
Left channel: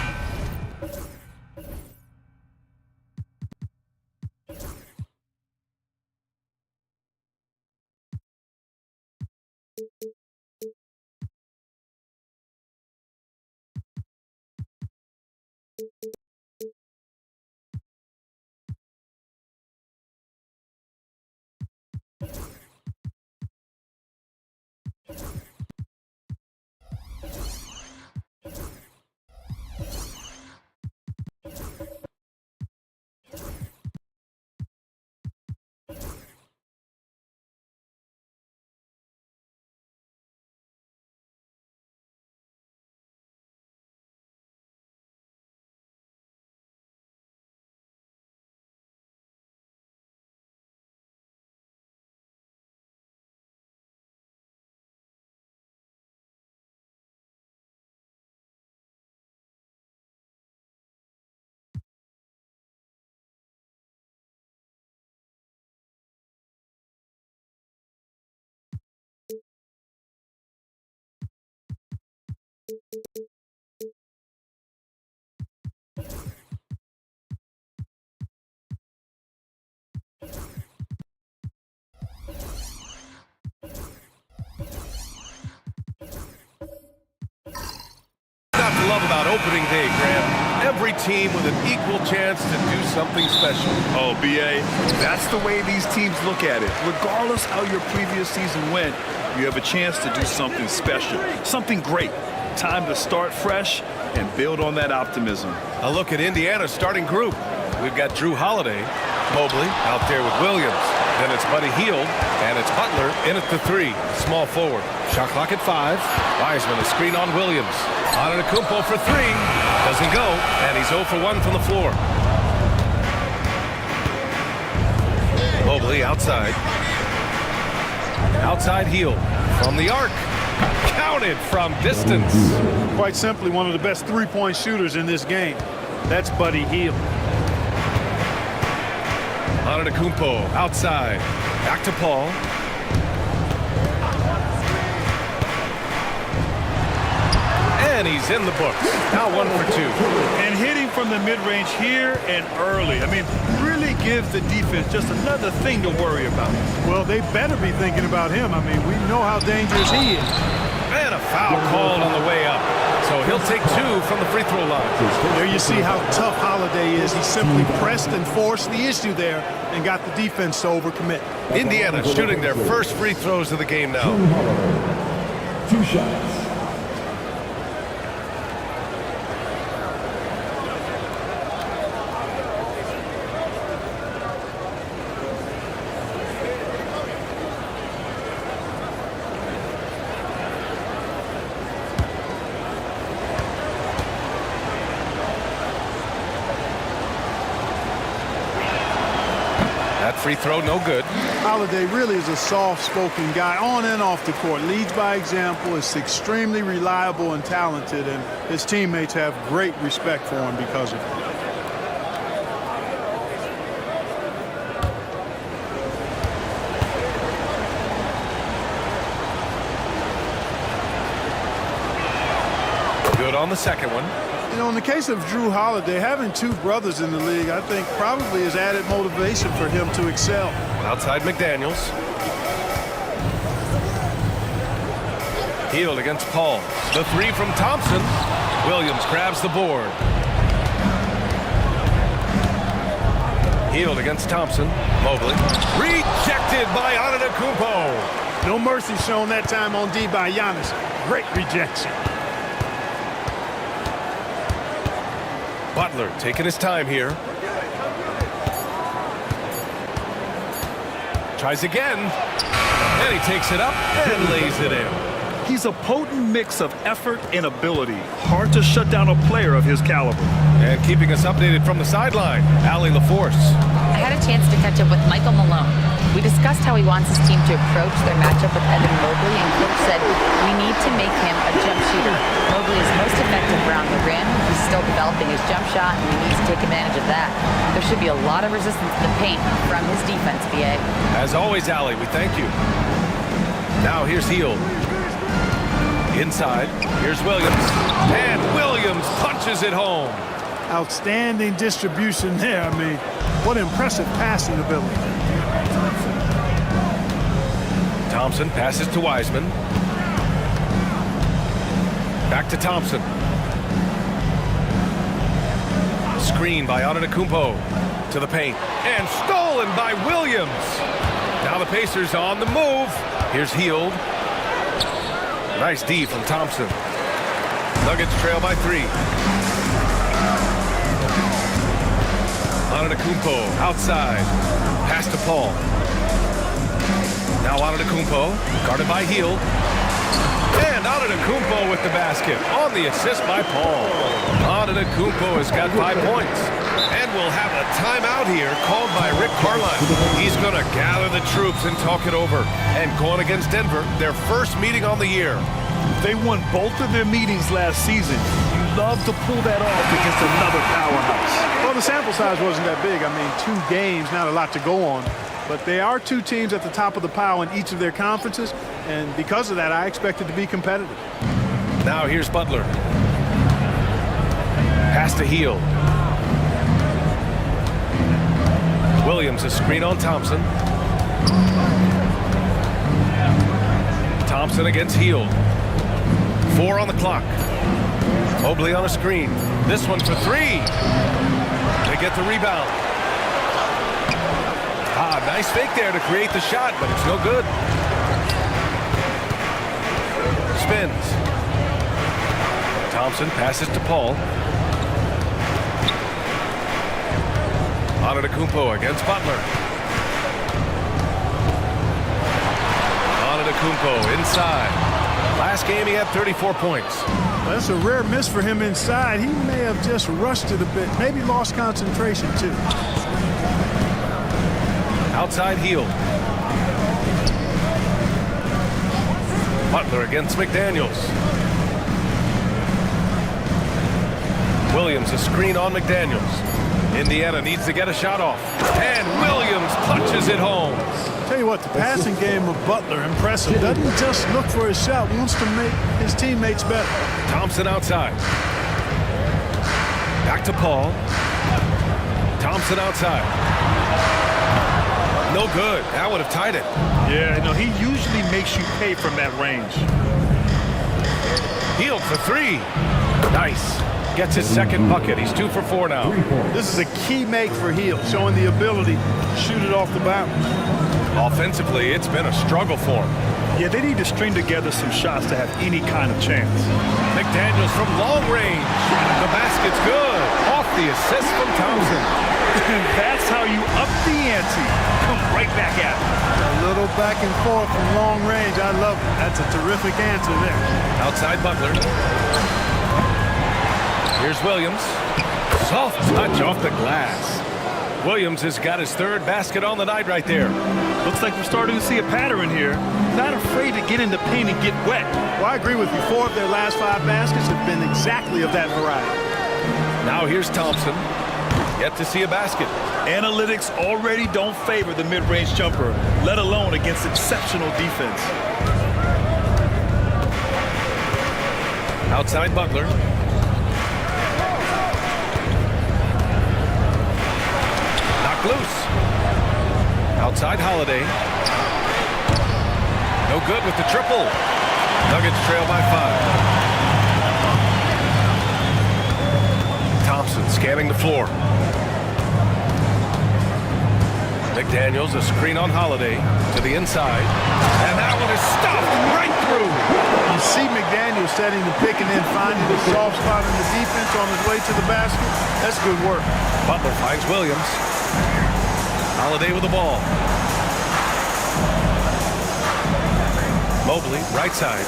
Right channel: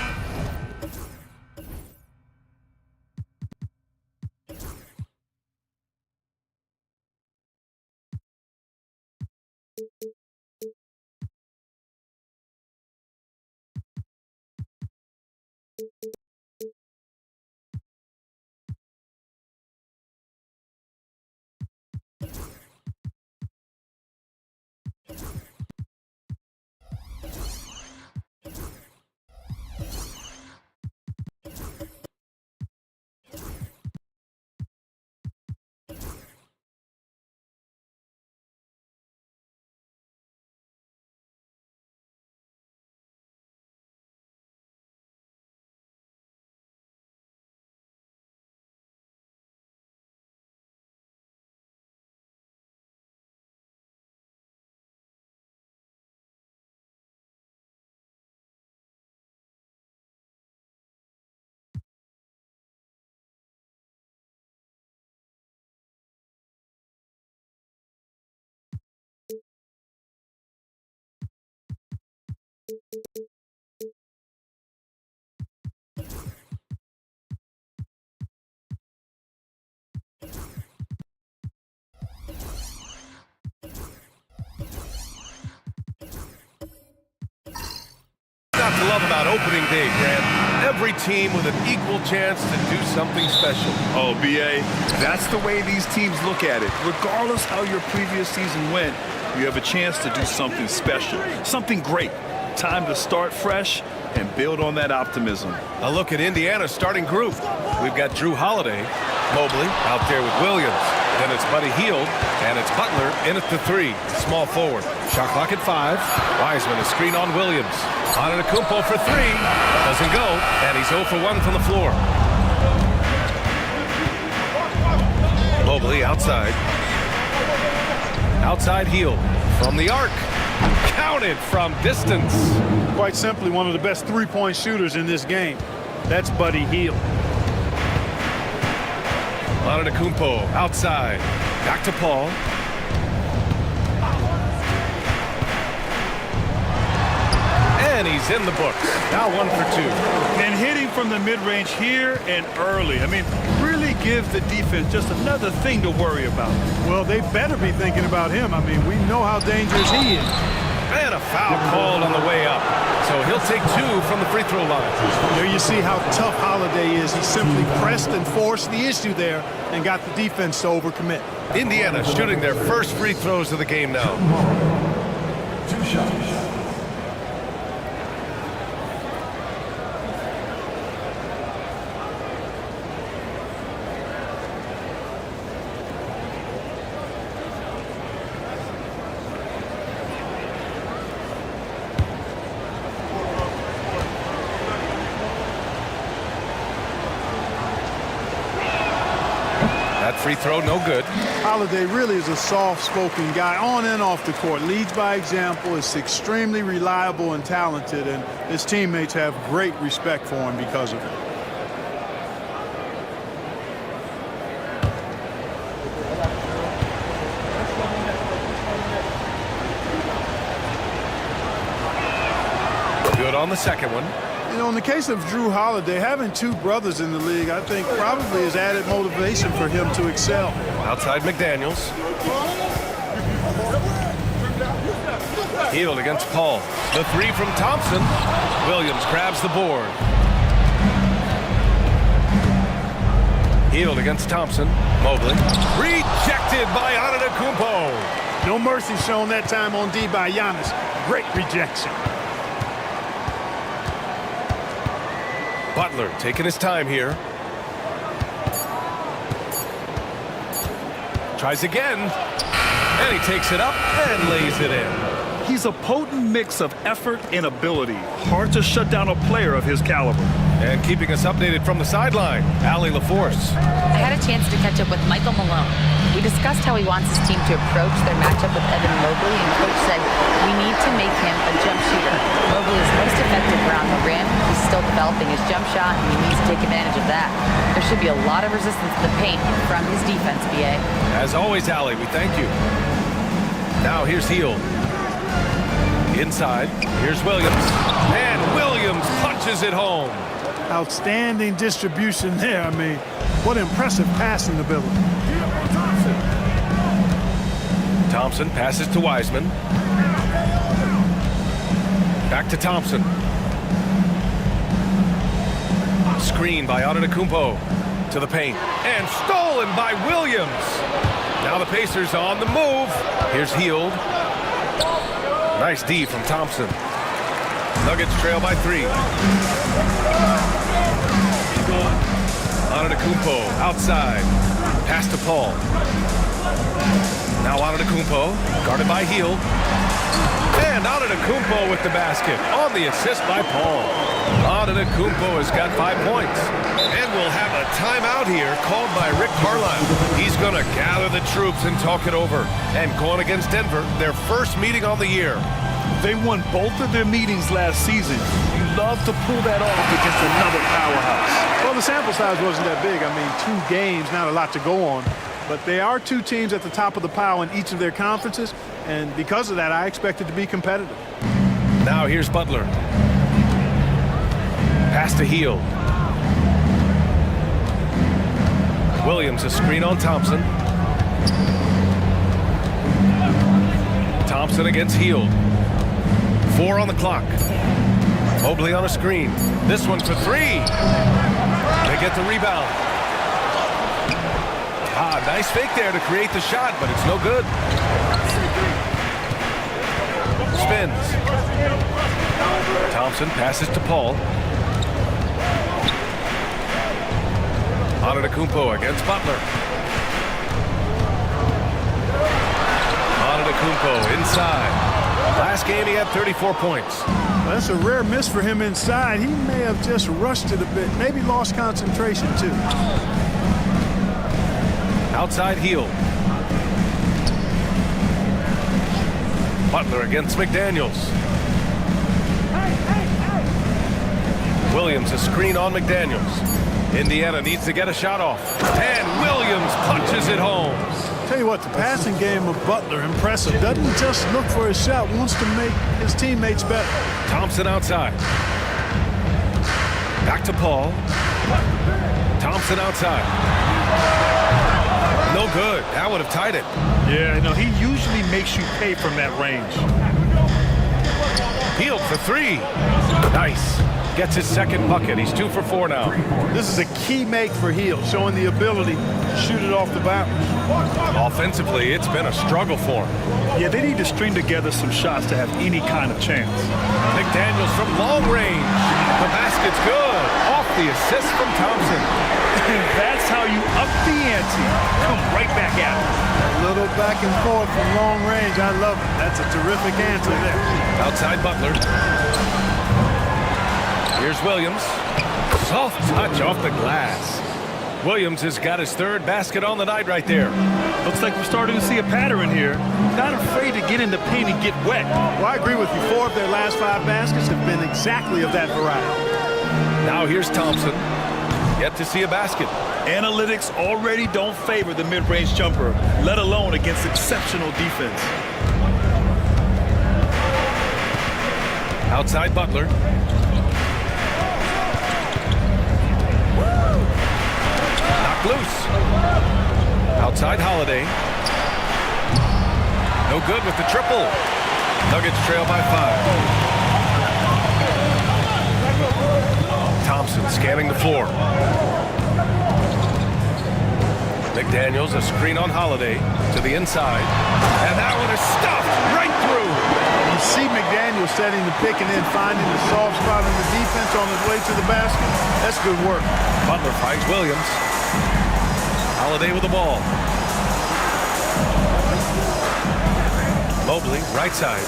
not to love about opening day, Grant? Every team with an equal chance to do something special. Oh, B.A., that's the way these teams look at it. Regardless how your previous season went, you have a chance to do something special, something great. Time to start fresh and build on that optimism. A look at Indiana's starting group. We've got Drew Holiday, Mobley out there with Williams, Then it's Buddy Hield, and it's Butler in at the 3. Small forward. Shot clock at 5. Wiseman, a screen on Williams. Antetokounmpo for 3. Doesn't go, and he's 0 for 1 from the floor. Mobley outside. Outside Hield from the arc. Counted from distance. Quite simply, one of the best three-point shooters in this game. That's Buddy Hield. Antetokounmpo outside. Back to Paul. And he's in the books. Now 1 for 2. And hitting from the mid-range here and early. I mean, really gives the defense just another thing to worry about. Well, they better be thinking about him. I mean, we know how dangerous he is. And a foul called on the way up. So he'll take 2 from the free throw line. There you see how tough Holiday is. He simply pressed and forced the issue there and got the defense to overcommit. Indiana shooting their first free throws of the game now. 2 shots. That free throw, no good. Holiday really is a soft-spoken guy on and off the court. Leads by example, is extremely reliable and talented, and his teammates have great respect for him because of it. Good on the second one. You know, in the case of Drew Holiday, having 2 brothers in the league, I think probably is added motivation for him to excel. Outside McDaniels. Hield against Paul. The 3 from Thompson. Williams grabs the board. Hield against Thompson. Mobley. Rejected by Antetokounmpo. No mercy shown that time on D by Giannis. Great rejection. Butler taking his time here. Tries again. And he takes it up and lays it in. He's a potent mix of effort and ability. Hard to shut down a player of his caliber. And keeping us updated from the sideline, Allie LaForce. I had a chance to catch up with Michael Malone. We discussed how he wants his team to approach their matchup with Evan Mobley, and Coach said, we need to make him a jump shooter. Mobley is most effective around the rim. He's still developing his jump shot, and we need to take advantage of that. There should be a lot of resistance in the paint from his defense, BA. As always, Allie, we thank you. Now here's Hield. Inside, here's Williams. And Williams punches it home. Outstanding distribution there. I mean, what impressive passing ability. Thompson passes to Wiseman. Back to Thompson. Screen by Antetokounmpo to the paint. And stolen by Williams. Now the Pacers on the move. Here's Hield. Nice D from Thompson. Nuggets trail by 3. Antetokounmpo outside. Pass to Paul. Now Antetokounmpo, guarded by Hield. And Antetokounmpo with the basket on the assist by Paul. Antetokounmpo has got 5 points. And we'll have a timeout here called by Rick Carlisle. He's going to gather the troops and talk it over. And going against Denver, their first meeting on the year. They won both of their meetings last season. You love to pull that off against another powerhouse. Well, the sample size wasn't that big. I mean, 2 games, not a lot to go on. But they are 2 teams at the top of the pile in each of their conferences. And because of that, I expect it to be competitive. Now here's Butler. Pass to Hield. Williams, a screen on Thompson. Thompson against Hield. 4 on the clock. Mobley on a screen. This one for 3. They get the rebound. Nice fake there to create the shot, but it's no good. Spins. Thompson passes to Paul. Antetokounmpo against Butler. Antetokounmpo inside. Last game he had 34 points. Well, that's a rare miss for him inside. He may have just rushed it a bit, maybe lost concentration too. Outside Hield. Butler against McDaniels. Williams a screen on McDaniels. Indiana needs to get a shot off. And Williams punches it home. Tell you what, the passing game of Butler, impressive. Doesn't just look for his shot, wants to make his teammates better. Thompson outside. Back to Paul. Thompson outside. No good. That would have tied it. Yeah, no, he usually makes you pay from that range. Hield for three. Nice. Gets his second bucket. He's 2 for 4 now. This is a key make for Hield, showing the ability to shoot it off the bounce. Offensively, it's been a struggle for him. Yeah, they need to string together some shots to have any kind of chance. McDaniels from long range. The basket's good. Off the assist from Thompson. That's how you up the ante. Come right back at him. A little back and forth from long range. I love it. That's a terrific answer there. Outside Butler. Here's Williams. Soft touch off the glass. Williams has got his third basket on the night right there. Looks like we're starting to see a pattern here. Not afraid to get in the paint and get wet. Well, I agree with you. 4 of their last 5 baskets have been exactly of that variety. Now here's Thompson. Yet to see a basket. Analytics already don't favor the mid-range jumper, let alone against exceptional defense. Outside Butler. Knocked loose. Outside Holiday. No good with the triple. Nuggets trail by 5. Thompson scanning the floor. McDaniels a screen on Holiday to the inside. And that one is stuffed right through. You see McDaniels setting the pick and then finding a soft spot in the defense on his way to the basket. That's good work. Butler finds Williams. Holiday with the ball. Mobley, right side.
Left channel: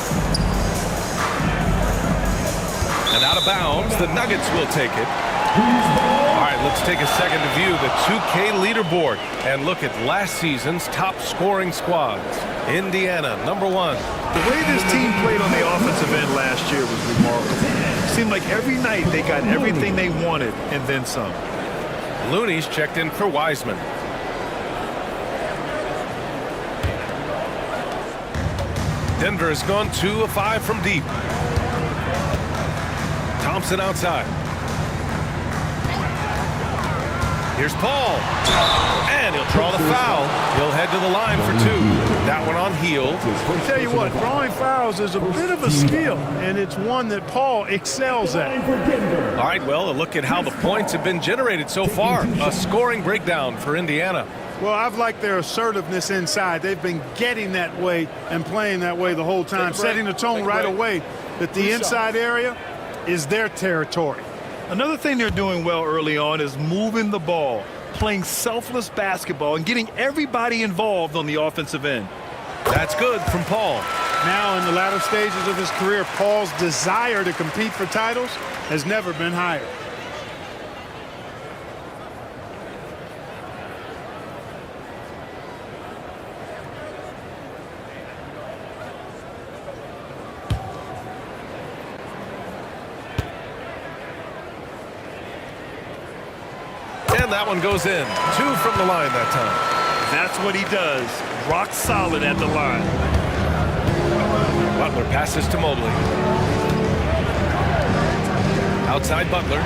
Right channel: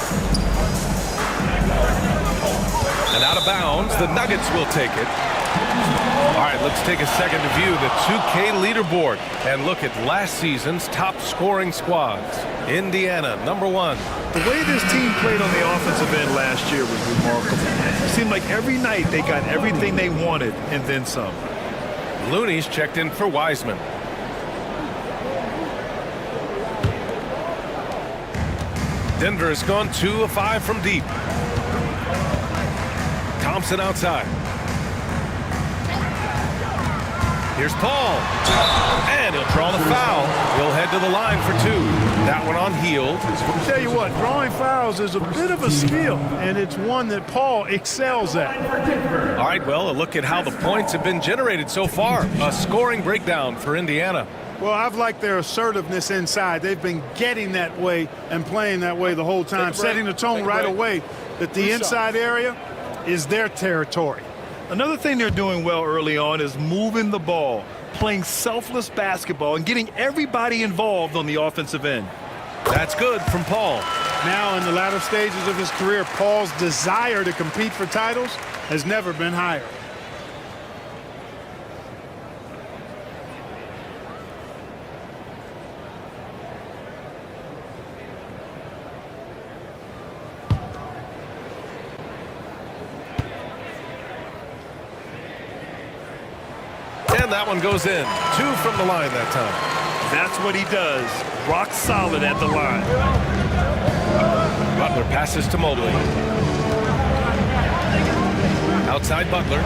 And out of bounds, the Nuggets will take it. All right, let's take a second to view the 2K leaderboard and look at last season's top scoring squads. Indiana, number 1. The way this team played on the offensive end last year was remarkable. It seemed like every night they got everything they wanted and then some. Looney's checked in for Wiseman. Denver has gone 2 of 5 from deep. Thompson outside. Here's Paul. And he'll draw the foul. He'll head to the line for 2. That one on Hield. I'll tell you what, drawing fouls is a bit of a skill, and it's one that Paul excels at. All right, well, a look at how the points have been generated so far. A scoring breakdown for Indiana. Well, I've liked their assertiveness inside. They've been getting that way and playing that way the whole time, setting the tone right away that the inside area is their territory. Another thing they're doing well early on is moving the ball, playing selfless basketball, and getting everybody involved on the offensive end. That's good from Paul. Now in the latter stages of his career, Paul's desire to compete for titles has never been higher. And that one goes in. 2 from the line that time. That's what he does. Rock solid at the line. Butler passes to Mobley. Outside Butler.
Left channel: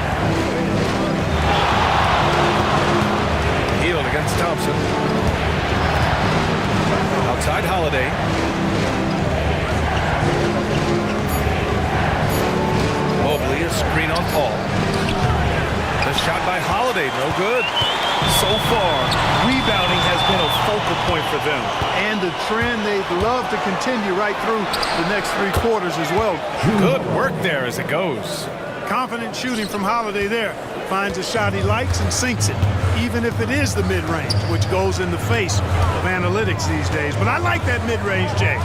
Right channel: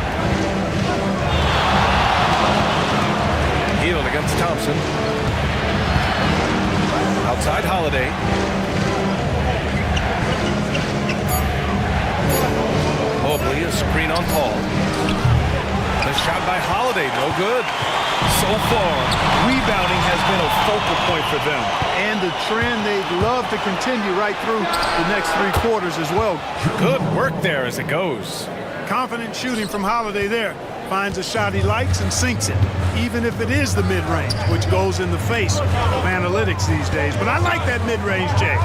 Hield against Thompson. Outside Holiday. Mobley, a screen on Paul. The shot by Holiday, no good. So far, rebounding has been a focal point for them. And a trend they'd love to continue right through the next 3 quarters as well. Good work there as it goes. Confident shooting from Holiday there. Finds a shot he likes and sinks it, even if it is the mid-range, which goes in the face of analytics these days. But I like that mid-range, Jay.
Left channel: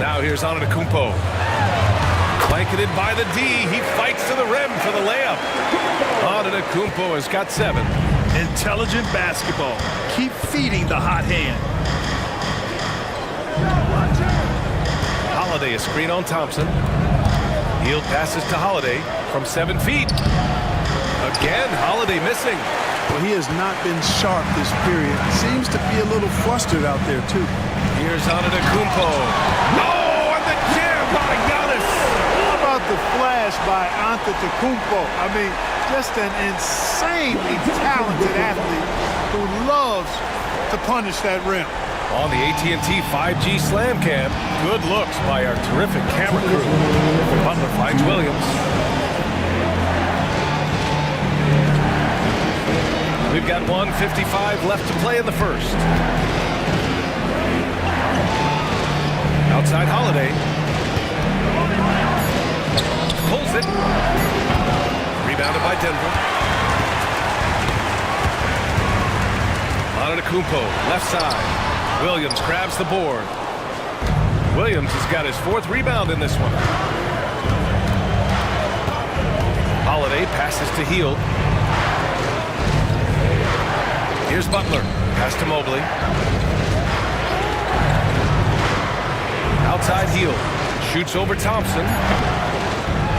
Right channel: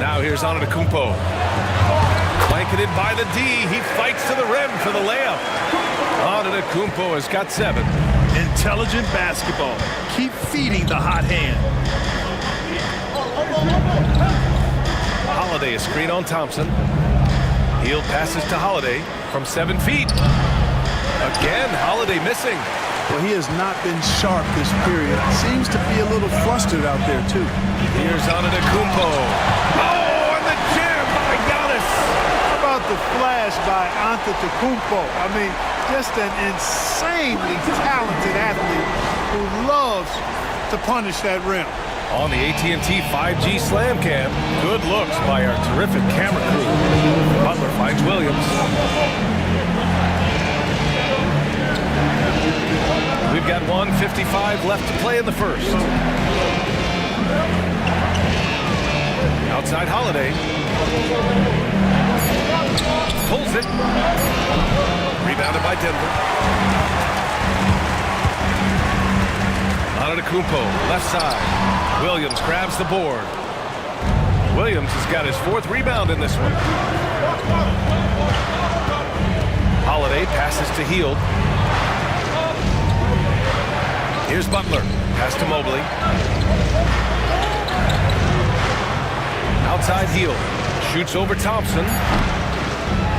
Now here's Antetokounmpo. Blanketed by the D. He fights to the rim for the layup. Antetokounmpo has got 7. Intelligent basketball. Keep feeding the hot hand. Holiday, a screen on Thompson. Hield passes to Holiday from 7 feet. Again, Holiday missing. Well, he has not been sharp this period. Seems to be a little flustered out there, too. Here's Antetokounmpo. Oh, and the jam by Giannis. How about the flash by Antetokounmpo? I mean, just an insanely talented athlete who loves to punish that rim. On the AT&T 5G Slam Cam, good looks by our terrific camera crew. Butler finds Williams. We've got 1:55 left to play in the first. Outside Holiday. Pulls it. Rebounded by Denver. Antetokounmpo, left side. Williams grabs the board. Williams has got his 4th rebound in this one. Holiday passes to Hield. Here's Butler. Pass to Mobley. Outside Hield. Shoots over Thompson.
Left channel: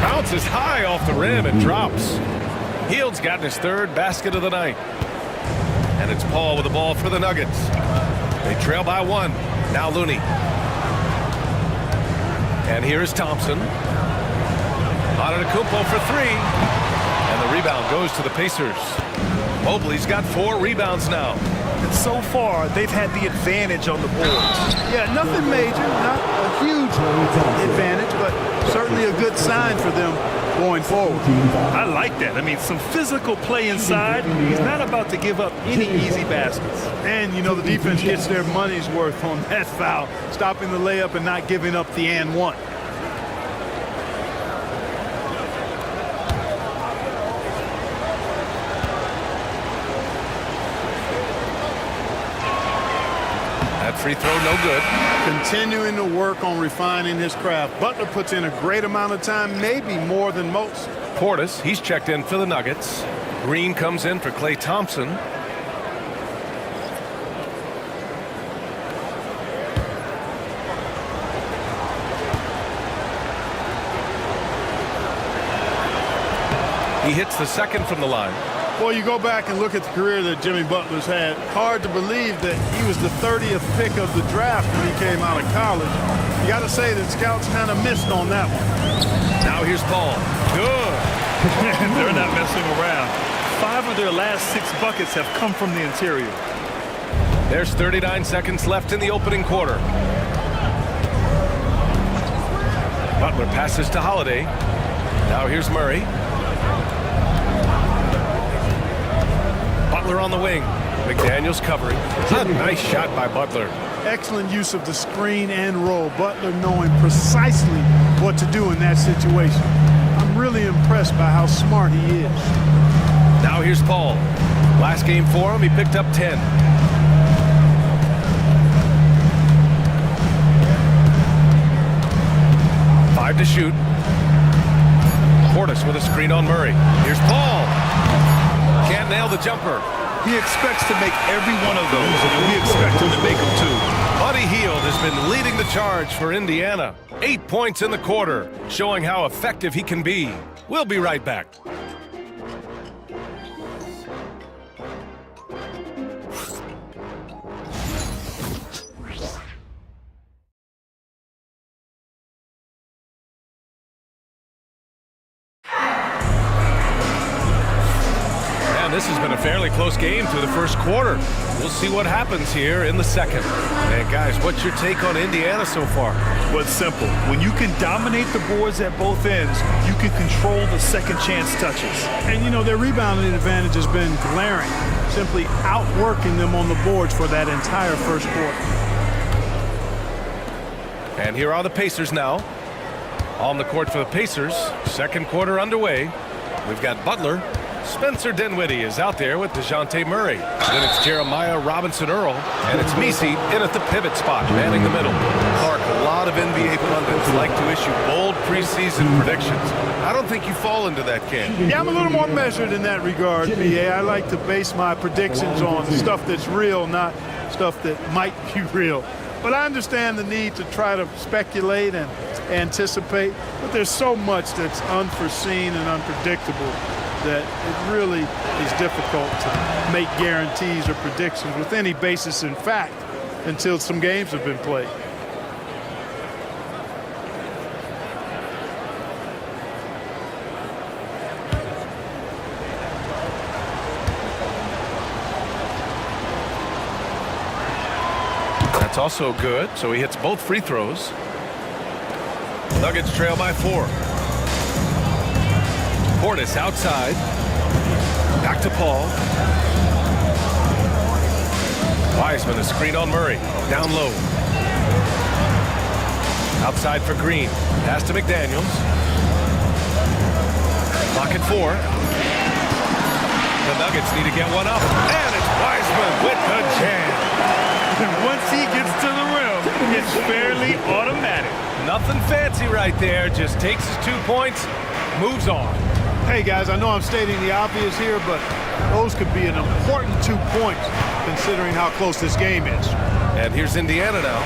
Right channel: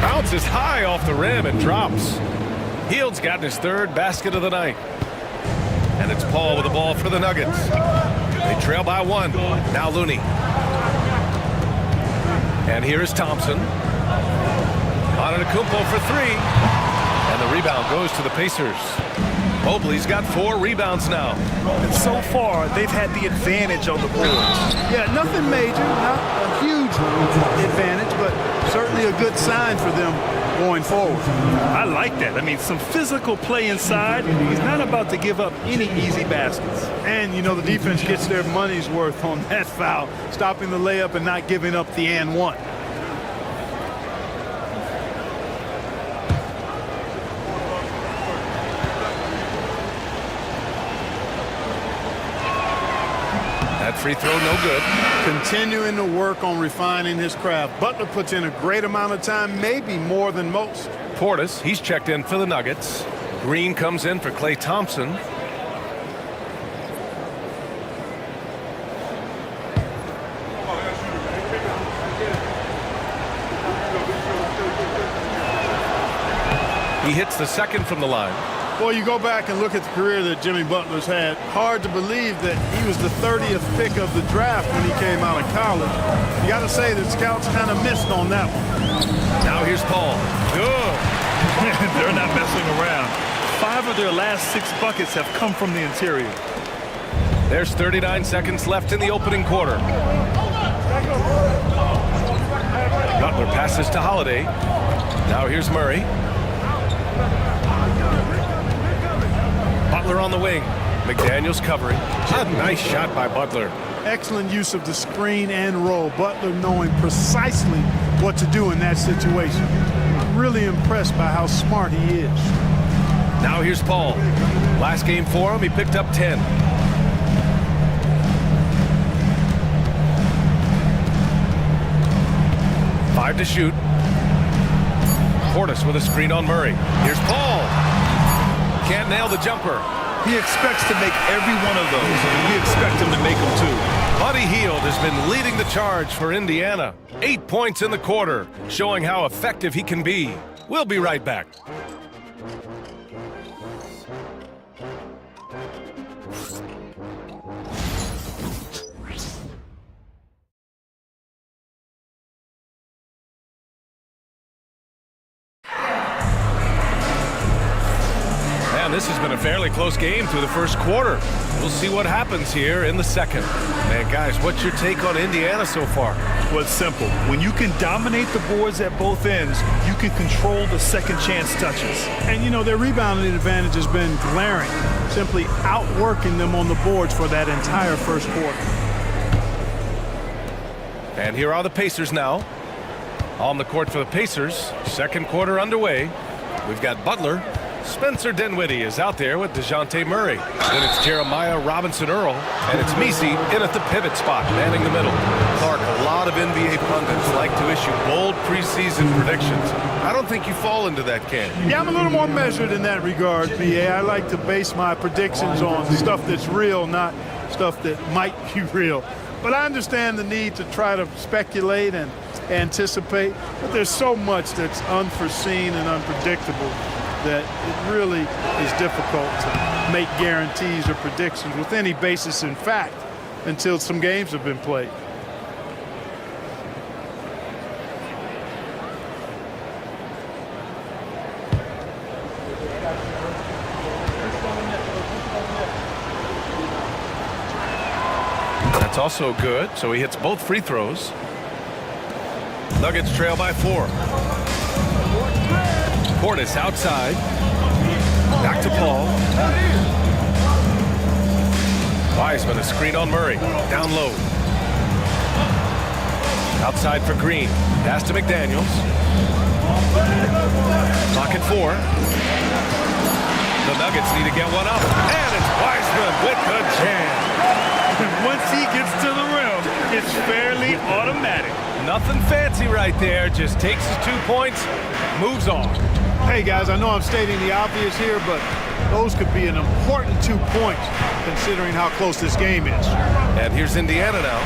Bounces high off the rim and drops. Hield's gotten his 3rd basket of the night. And it's Paul with the ball for the Nuggets. They trail by 1. Now Looney. And here's Thompson. Antetokounmpo for 3. And the rebound goes to the Pacers. Mobley's got 4 rebounds now. And so far, they've had the advantage on the boards. Yeah, nothing major, not a huge advantage, but certainly a good sign for them going forward. I like that. I mean, some physical play inside. He's not about to give up any easy baskets. And, you know, the defense gets their money's worth on that foul, stopping the layup and not giving up the and one. That free throw no good. Continuing to work on refining his craft. Butler puts in a great amount of time, maybe more than most. Portis, he's checked in for the Nuggets. Green comes in for Klay Thompson. He hits the 2nd from the line. Well, you go back and look at the career that Jimmy Butler's had. Hard to believe that he was the 30th pick of the draft when he came out of college. You got to say that scouts kind of missed on that one. Now here's Paul. Good. They're not messing around. 5 of their last 6 buckets have come from the interior. There's 39 seconds left in the opening quarter. Butler passes to Holiday. Now here's Murray. Butler on the wing. McDaniels covering. A nice shot by Butler. Excellent use of the screen and roll. Butler knowing precisely what to do in that situation. I'm really impressed by how smart he is. Now here's Paul. Last game for him, he picked up 10. Five to shoot. Portis with a screen on Murray. Here's Paul. Can't nail the jumper. He expects to make every one of those, and we expect him to make them too. Buddy Hield has been leading the charge for Indiana. 8 points in the quarter, showing how effective he can be. We'll be right back. This has been a fairly close game through the first quarter. We'll see what happens here in the second. And guys, what's your take on Indiana so far? Well, it's simple. When you can dominate the boards at both ends, you can control the second chance touches. And, you know, their rebounding advantage has been glaring, simply outworking them on the boards for that entire first quarter. And here are the Pacers now. On the court for the Pacers. Second quarter underway. We've got Butler. Spencer Dinwiddie is out there with DeJounte Murray. Then it's Jeremiah Robinson-Earl. And it's Messi in at the pivot spot, manning the middle. Clark lot of NBA pundits like to issue bold preseason predictions. I don't think you fall into that camp. Yeah, I'm a little more measured in that regard, BA. I like to base my predictions on stuff that's real, not stuff that might be real. But I understand the need to try to speculate and anticipate, but there's so much that's unforeseen and unpredictable that it really is difficult to make guarantees or predictions with any basis in fact until some games have been played. That's also good, so he hits both free throws. Nuggets trail by 4. Portis outside. Back to Paul. Wiseman, a screen on Murray. Down low. Outside for Green. Pass to McDaniels. Clock at 4. The Nuggets need to get one up. And it's Wiseman with the jam. Once he gets to the rim, it's fairly automatic. Nothing fancy right there. Just takes his 2 points, moves on. Hey, guys, I know I'm stating the obvious here, but those could be an important 2 points considering how close this game is. And here's Indiana now.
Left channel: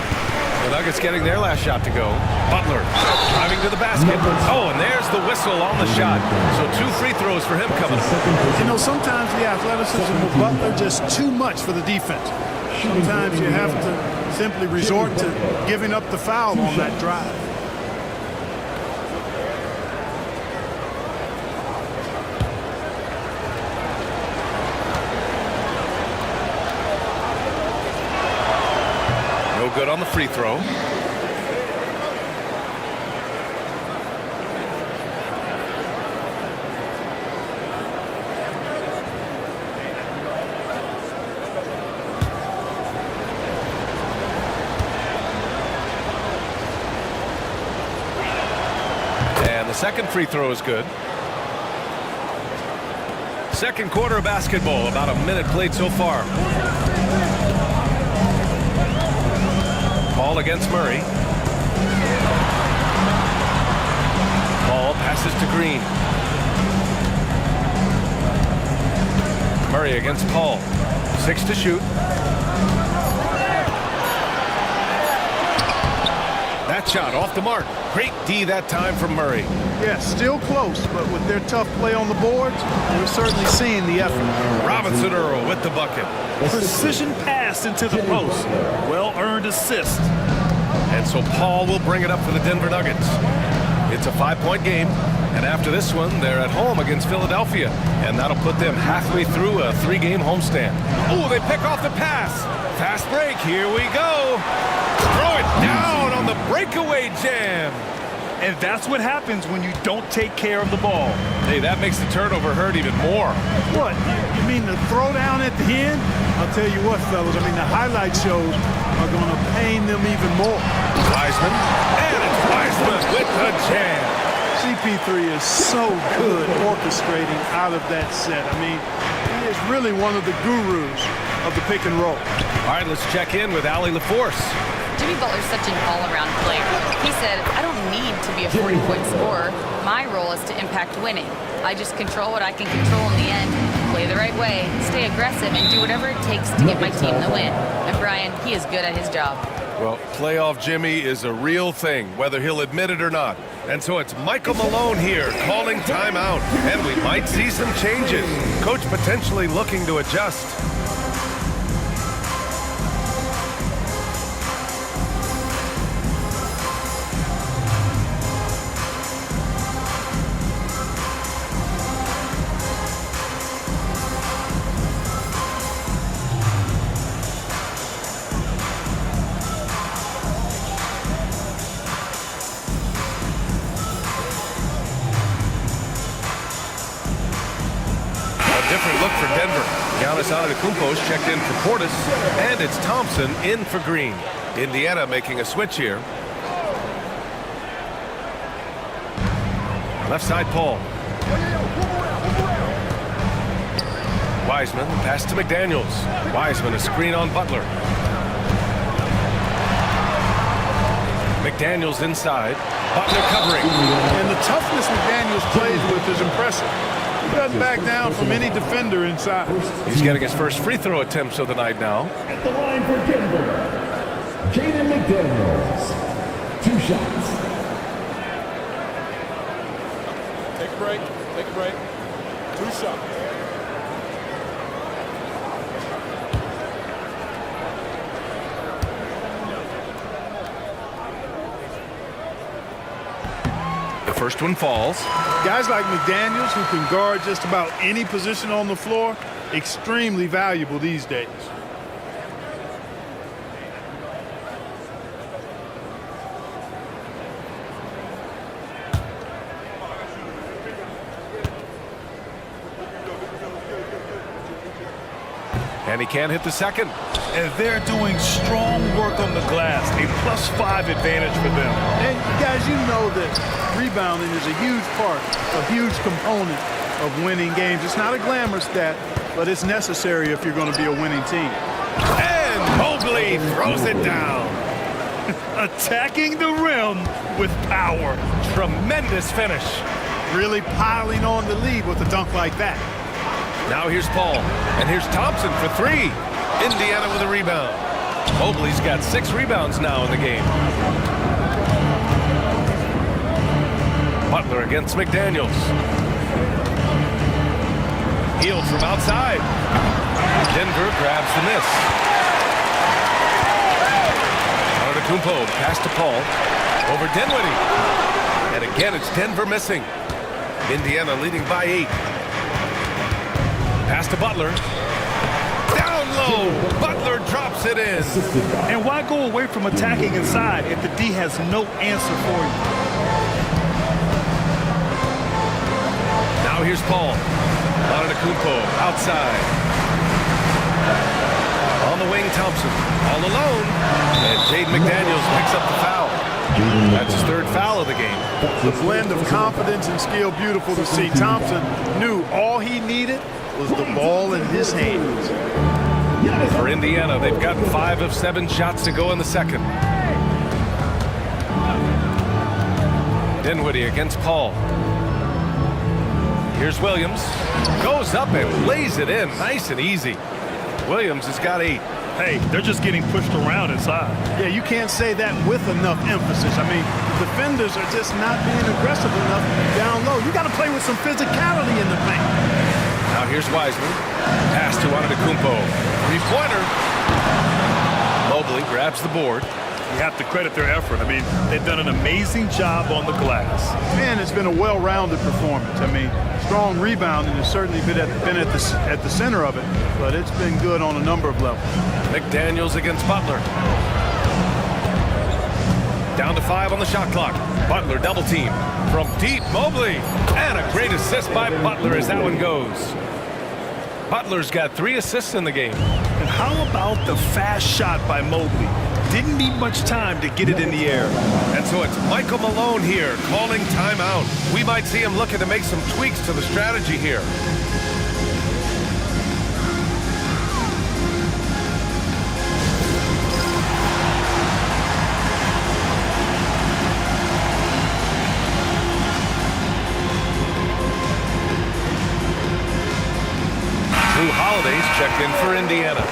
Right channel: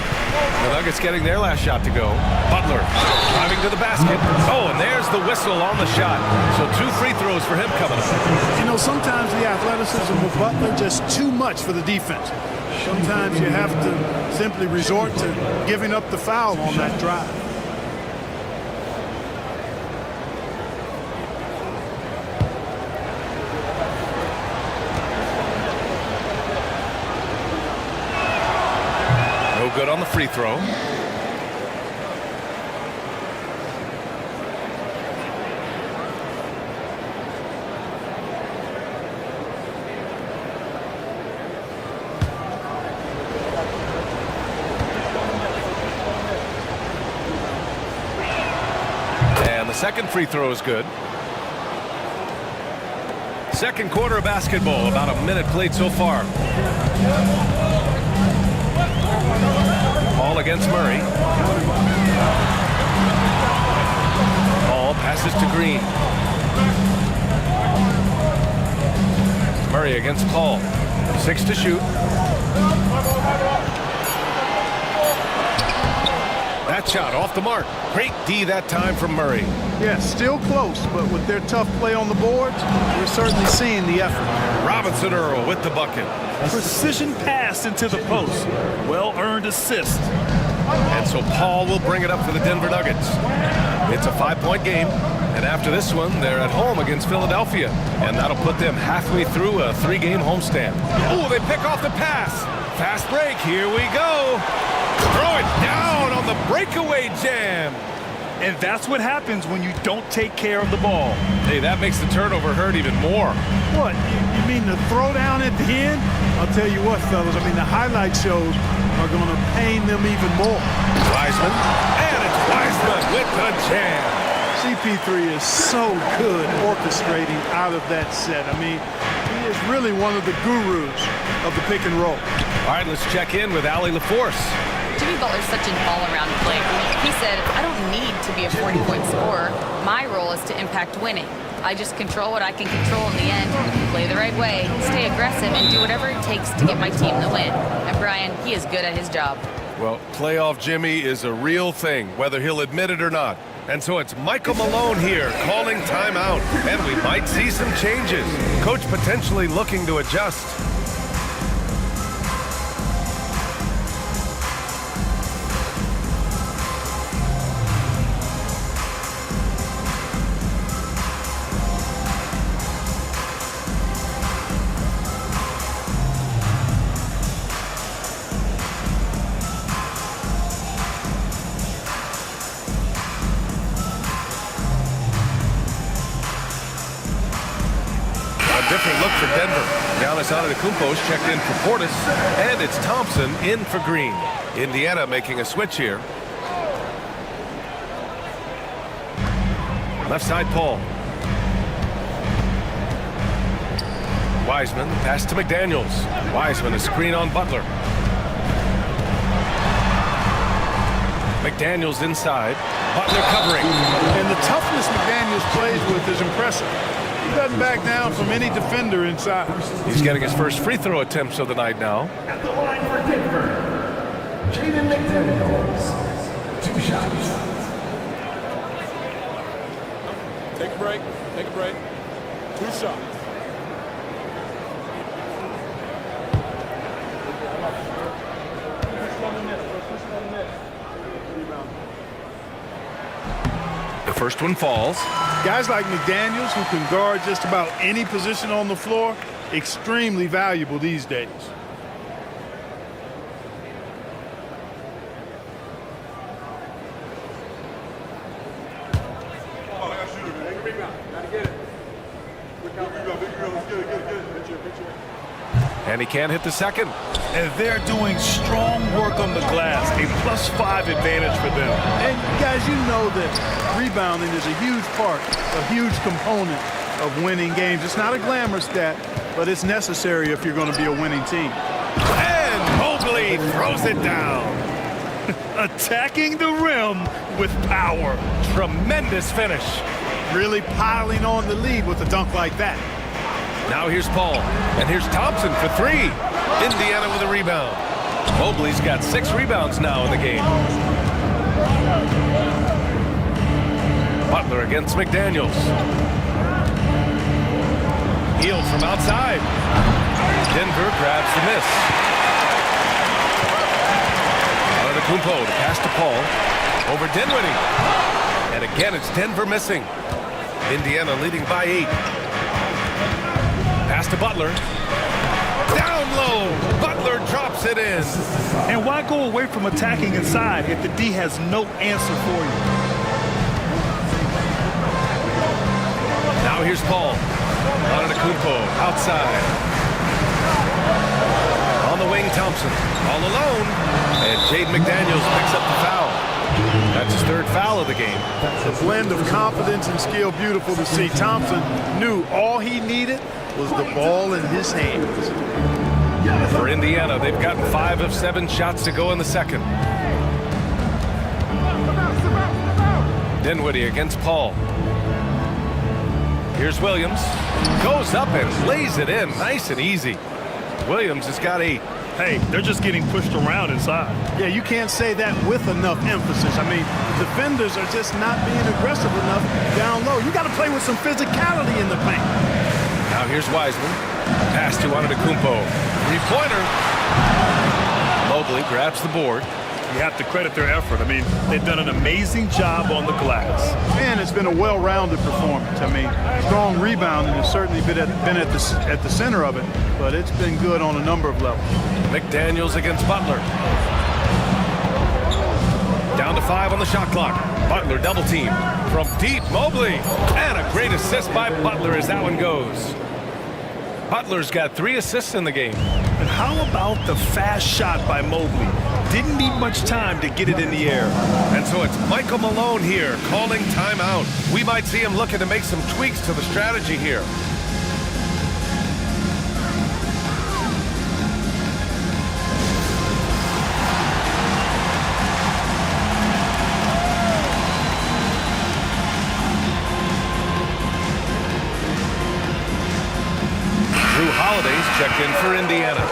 The Nuggets getting their last shot to go. Butler driving to the basket. Oh, and there's the whistle on the shot. So 2 free throws for him coming up. You know, sometimes the athleticism of Butler just too much for the defense. Sometimes you have to simply resort to giving up the foul on that drive. No good on the free throw. And the second free throw is good. Second quarter of basketball, about a minute played so far. Paul against Murray. Paul passes to Green. Murray against Paul. 6 to shoot. That shot off the mark. Great D that time from Murray. Yeah, still close, but with their tough play on the boards, we're certainly seeing the effort. Robinson Earl with the bucket. Precision pass into the post. Well-earned assist. And so Paul will bring it up for the Denver Nuggets. It's a 5-point game. And after this one, they're at home against Philadelphia. And that'll put them halfway through a 3-game homestand. Oh, they pick off the pass. Fast break. Here we go. Throw it down on the breakaway jam. And that's what happens when you don't take care of the ball. Hey, that makes the turnover hurt even more. What, you mean the throwdown at the end? I'll tell you what, fellas, I mean, the highlight shows are going to pain them even more. Wiseman, and it's Wiseman with the jam. CP3 is so good orchestrating out of that set. I mean, he is really one of the gurus of the pick and roll. All right, let's check in with Allie LaForce. Jimmy Butler's such an all-around player. He said, I don't need to be a 40-point scorer. My role is to impact winning. I just control what I can control in the end, play the right way, stay aggressive, and do whatever it takes to get my team the win. And Brian, he is good at his job. Well, playoff Jimmy is a real thing, whether he'll admit it or not. And so it's Michael Malone here calling timeout. And we might see some changes. Coach potentially looking to adjust. Different look for Denver. Giannis Antetokounmpo's checked in for Portis, and it's Thompson in for Green. Indiana making a switch here. Left side, Paul. Wiseman, pass to McDaniels. Wiseman, a screen on Butler. McDaniels inside. Butler covering. And the toughness McDaniels plays with is impressive. He doesn't back down from any defender inside. He's getting his first free throw attempts of the night now. At the line for Denver, Jaden McDaniels. 2 shots. Take a break. Take a break. 2 shots. The first one falls. Guys like McDaniels, who can guard just about any position on the floor, extremely valuable these days. And he can't hit the second. And they're doing strong work on the glass. A +5 advantage for them. And guys, you know that rebounding is a huge part, a huge component of winning games. It's not a glamour stat, but it's necessary if you're going to be a winning team. And Mobley throws it down. Attacking the rim with power. Tremendous finish. Really piling on the lead with a dunk like that. Now here's Paul. And here's Thompson for 3. Indiana with a rebound. Mobley's got 6 rebounds now in the game. Butler against McDaniels. Healed from outside. Denver grabs the miss. Antetokounmpo, the pass to Paul. Over Dinwiddie. And again, it's Denver missing. Indiana leading by 8. Pass to Butler. Down low. Butler drops it in. And why go away from attacking inside if the D has no answer for you? Now here's Paul. Antetokounmpo outside. On the wing, Thompson. All alone. And Jaden McDaniels picks up the foul. That's his 3rd foul of the game. The blend of confidence and skill, beautiful to see. Thompson knew all he needed was the ball in his hands. For Indiana, they've gotten 5 of 7 shots to go in the second. Dinwiddie against Paul. Here's Williams. Goes up and lays it in. Nice and easy. Williams has got 8. Hey, they're just getting pushed around inside. Yeah, you can't say that with enough emphasis. I mean, the defenders are just not being aggressive enough down low. You got to play with some physicality in the paint. Now here's Wiseman. Pass to Antetokounmpo. 3-pointer. Mobley grabs the board. You have to credit their effort. I mean, they've done an amazing job on the glass. And it's been a well-rounded performance. I mean, strong rebounding has certainly been at the center of it, but it's been good on a number of levels. McDaniels against Butler. Down to 5 on the shot clock. Butler double team. From deep, Mobley. And a great assist by Butler as that one goes. Butler's got 3 assists in the game. And how about the fast shot by Mobley? Didn't need much time to get it in the air. And so it's Michael Malone here calling timeout. We might see him looking to make some tweaks to the strategy here. Drew Holiday's checked in for Indiana.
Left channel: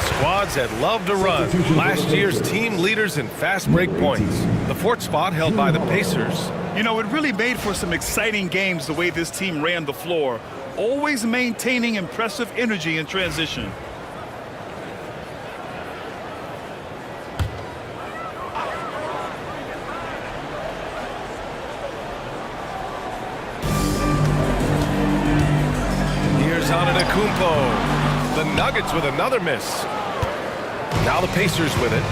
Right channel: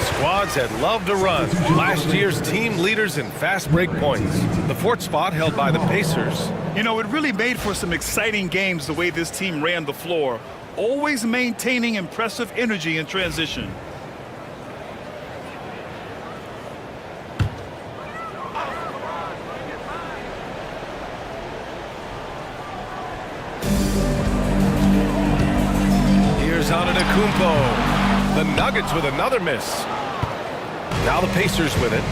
Squads that love to run. Last year's team leaders in fast break points. The 4th spot held by the Pacers. You know, it really made for some exciting games the way this team ran the floor, always maintaining impressive energy in transition. Here's Antetokounmpo. The Nuggets with another miss. Now the Pacers with it.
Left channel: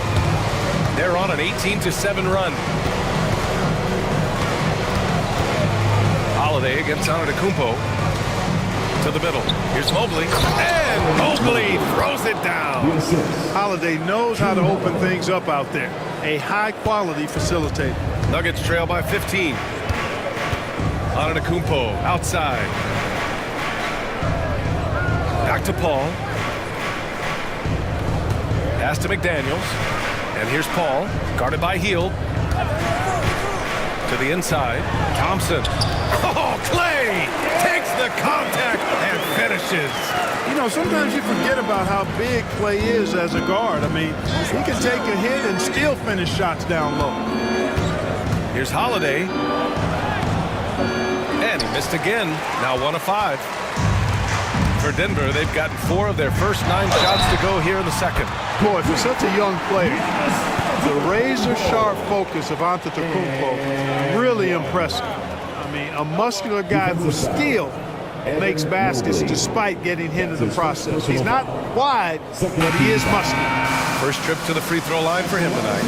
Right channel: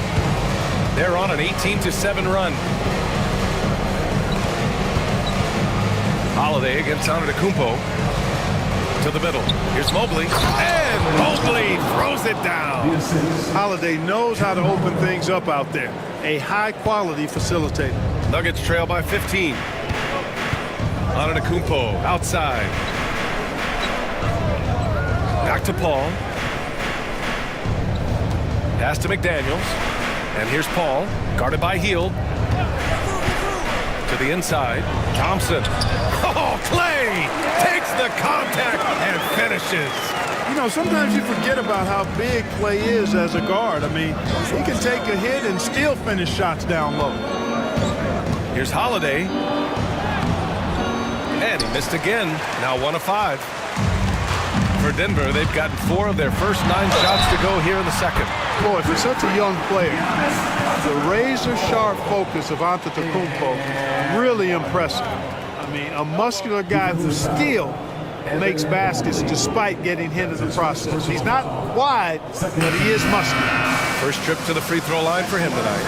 They're on an 18-7 run. Holiday against Antetokounmpo. To the middle. Here's Mobley. And Mobley throws it down. Holiday knows how to open things up out there. A high-quality facilitator. Nuggets trail by 15. Antetokounmpo outside. Back to Paul. Pass to McDaniels. And here's Paul. Guarded by Hield. To the inside. Thompson. Oh, Clay takes the contact and finishes. You know, sometimes you forget about how big Clay is as a guard. I mean, he can take a hit and still finish shots down low. Here's Holiday. And he missed again. Now 1 of 5. For Denver, they've gotten 4 of their first 9 shots to go here in the second. Boy, for such a young player, the razor-sharp focus of Antetokounmpo, really impressive. I mean, a muscular guy who still makes baskets despite getting hit in the process. He's not wide, but he is muscular. First trip to the free throw line for him tonight.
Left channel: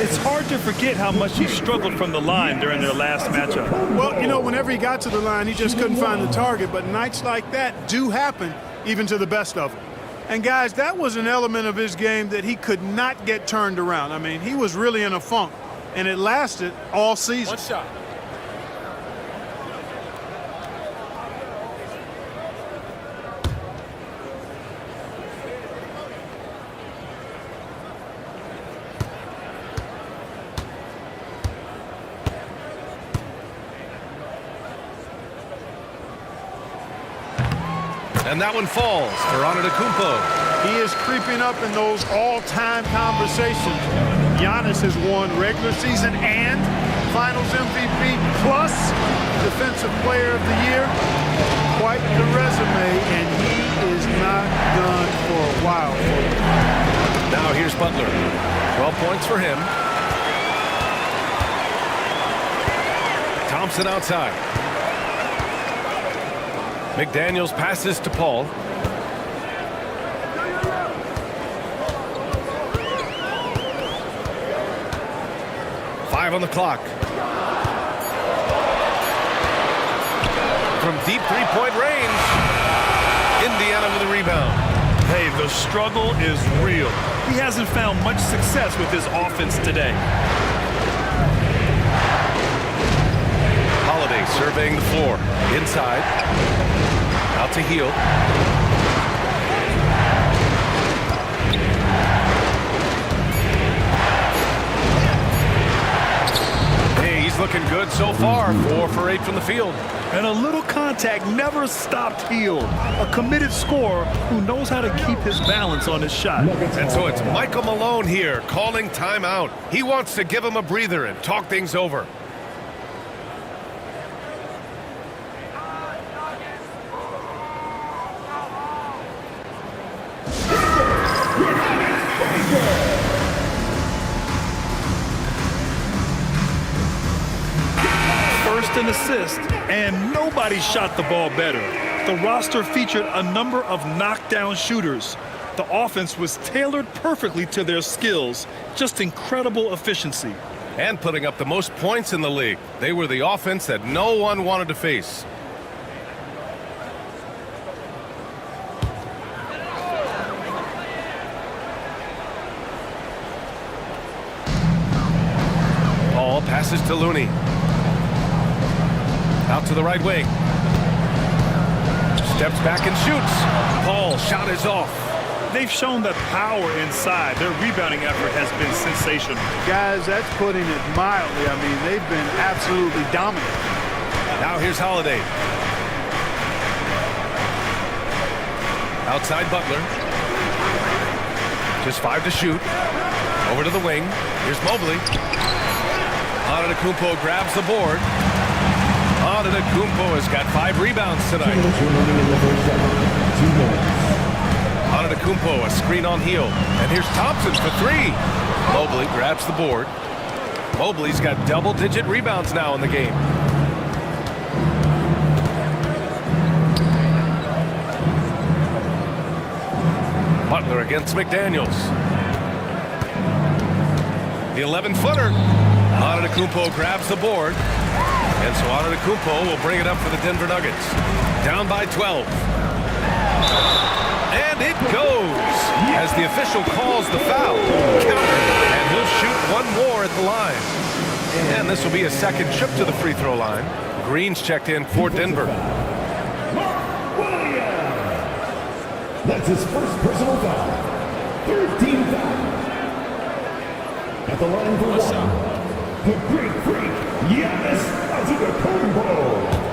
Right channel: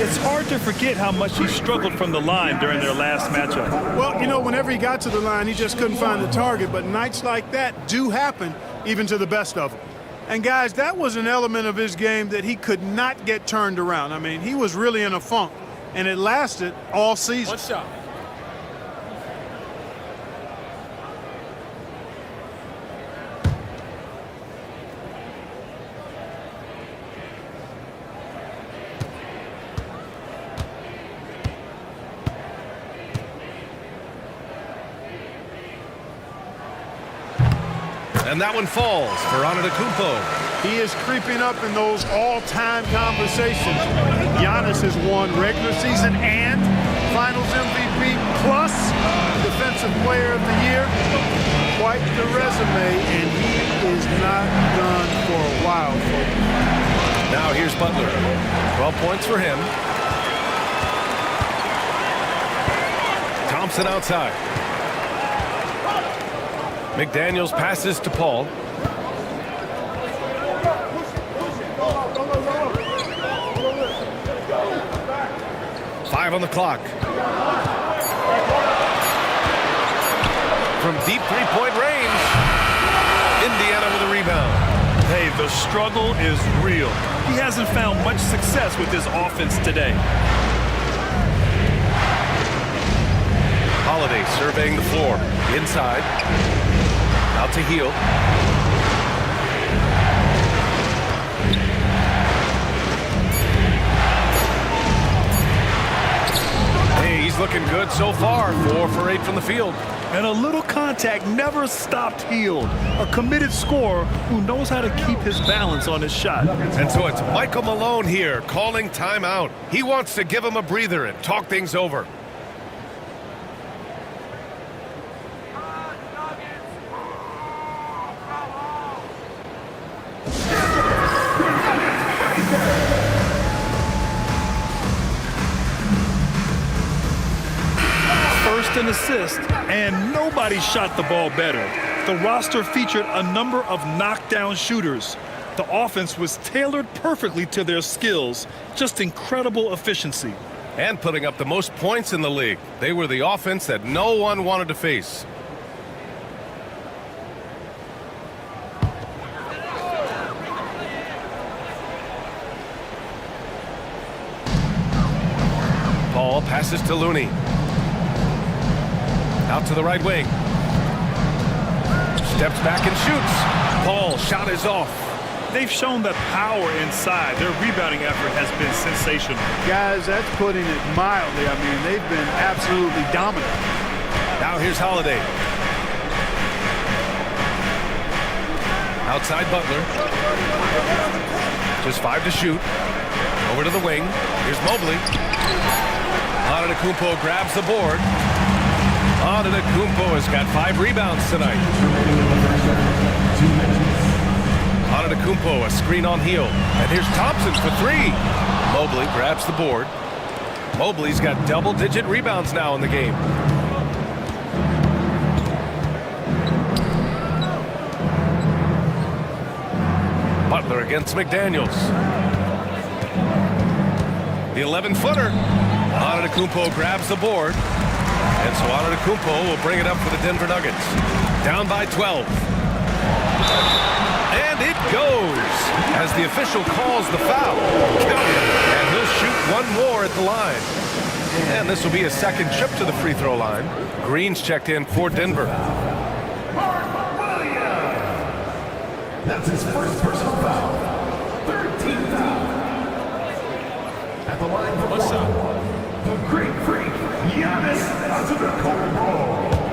It's hard to forget how much he struggled from the line during their last matchup. Well, you know, whenever he got to the line, he just couldn't find the target. But nights like that do happen even to the best of them. And, guys, that was an element of his game that he could not get turned around. I mean, he was really in a funk, and it lasted all season. One shot. And that one falls for Antetokounmpo. He is creeping up in those all-time conversations. Giannis has won regular season and Finals MVP plus Defensive Player of the Year. Quite the resume, and he is not done for a while, folks. Now here's Butler. 12 points for him. Thompson outside. McDaniels passes to Paul. Five on the clock. From deep three-point range, Indiana with a rebound. Hey, the struggle is real. He hasn't found much success with his offense today. Holiday surveying the floor. Inside. Out to Hield. Hey, he's looking good so far. 4 for 8 from the field. And a little contact never stopped Hield. A committed scorer who knows how to keep his balance on his shot. And so it's Michael Malone here calling timeout. He wants to give him a breather and talk things over. First and assist, and nobody shot the ball better. The roster featured a number of knockdown shooters. The offense was tailored perfectly to their skills. Just incredible efficiency. And putting up the most points in the league. They were the offense that no one wanted to face. Paul passes to Looney. Out to the right wing. Steps back and shoots. Paul, shot is off. They've shown that power inside. Their rebounding effort has been sensational. Guys, that's putting it mildly. I mean, they've been absolutely dominant. Now here's Holiday. Outside Butler. Just 5 to shoot. Over to the wing. Here's Mobley. Antetokounmpo grabs the board. Antetokounmpo has got 5 rebounds tonight. 2 minutes remaining in the first half. 2 minutes. Antetokounmpo, a screen on Hield. And here's Thompson for 3. Mobley grabs the board. Mobley's got double-digit rebounds now in the game. Butler against McDaniels. The 11-footer. Antetokounmpo grabs the board. And so Antetokounmpo will bring it up for the Denver Nuggets. Down by 12. And it goes as the official calls the foul. Counted. And he'll shoot 1 more at the line. And this will be a second trip to the free throw line. Green's checked in for Denver. That's his first personal foul. 13th foul. At the line for the Greek Freak, Giannis Antetokounmpo.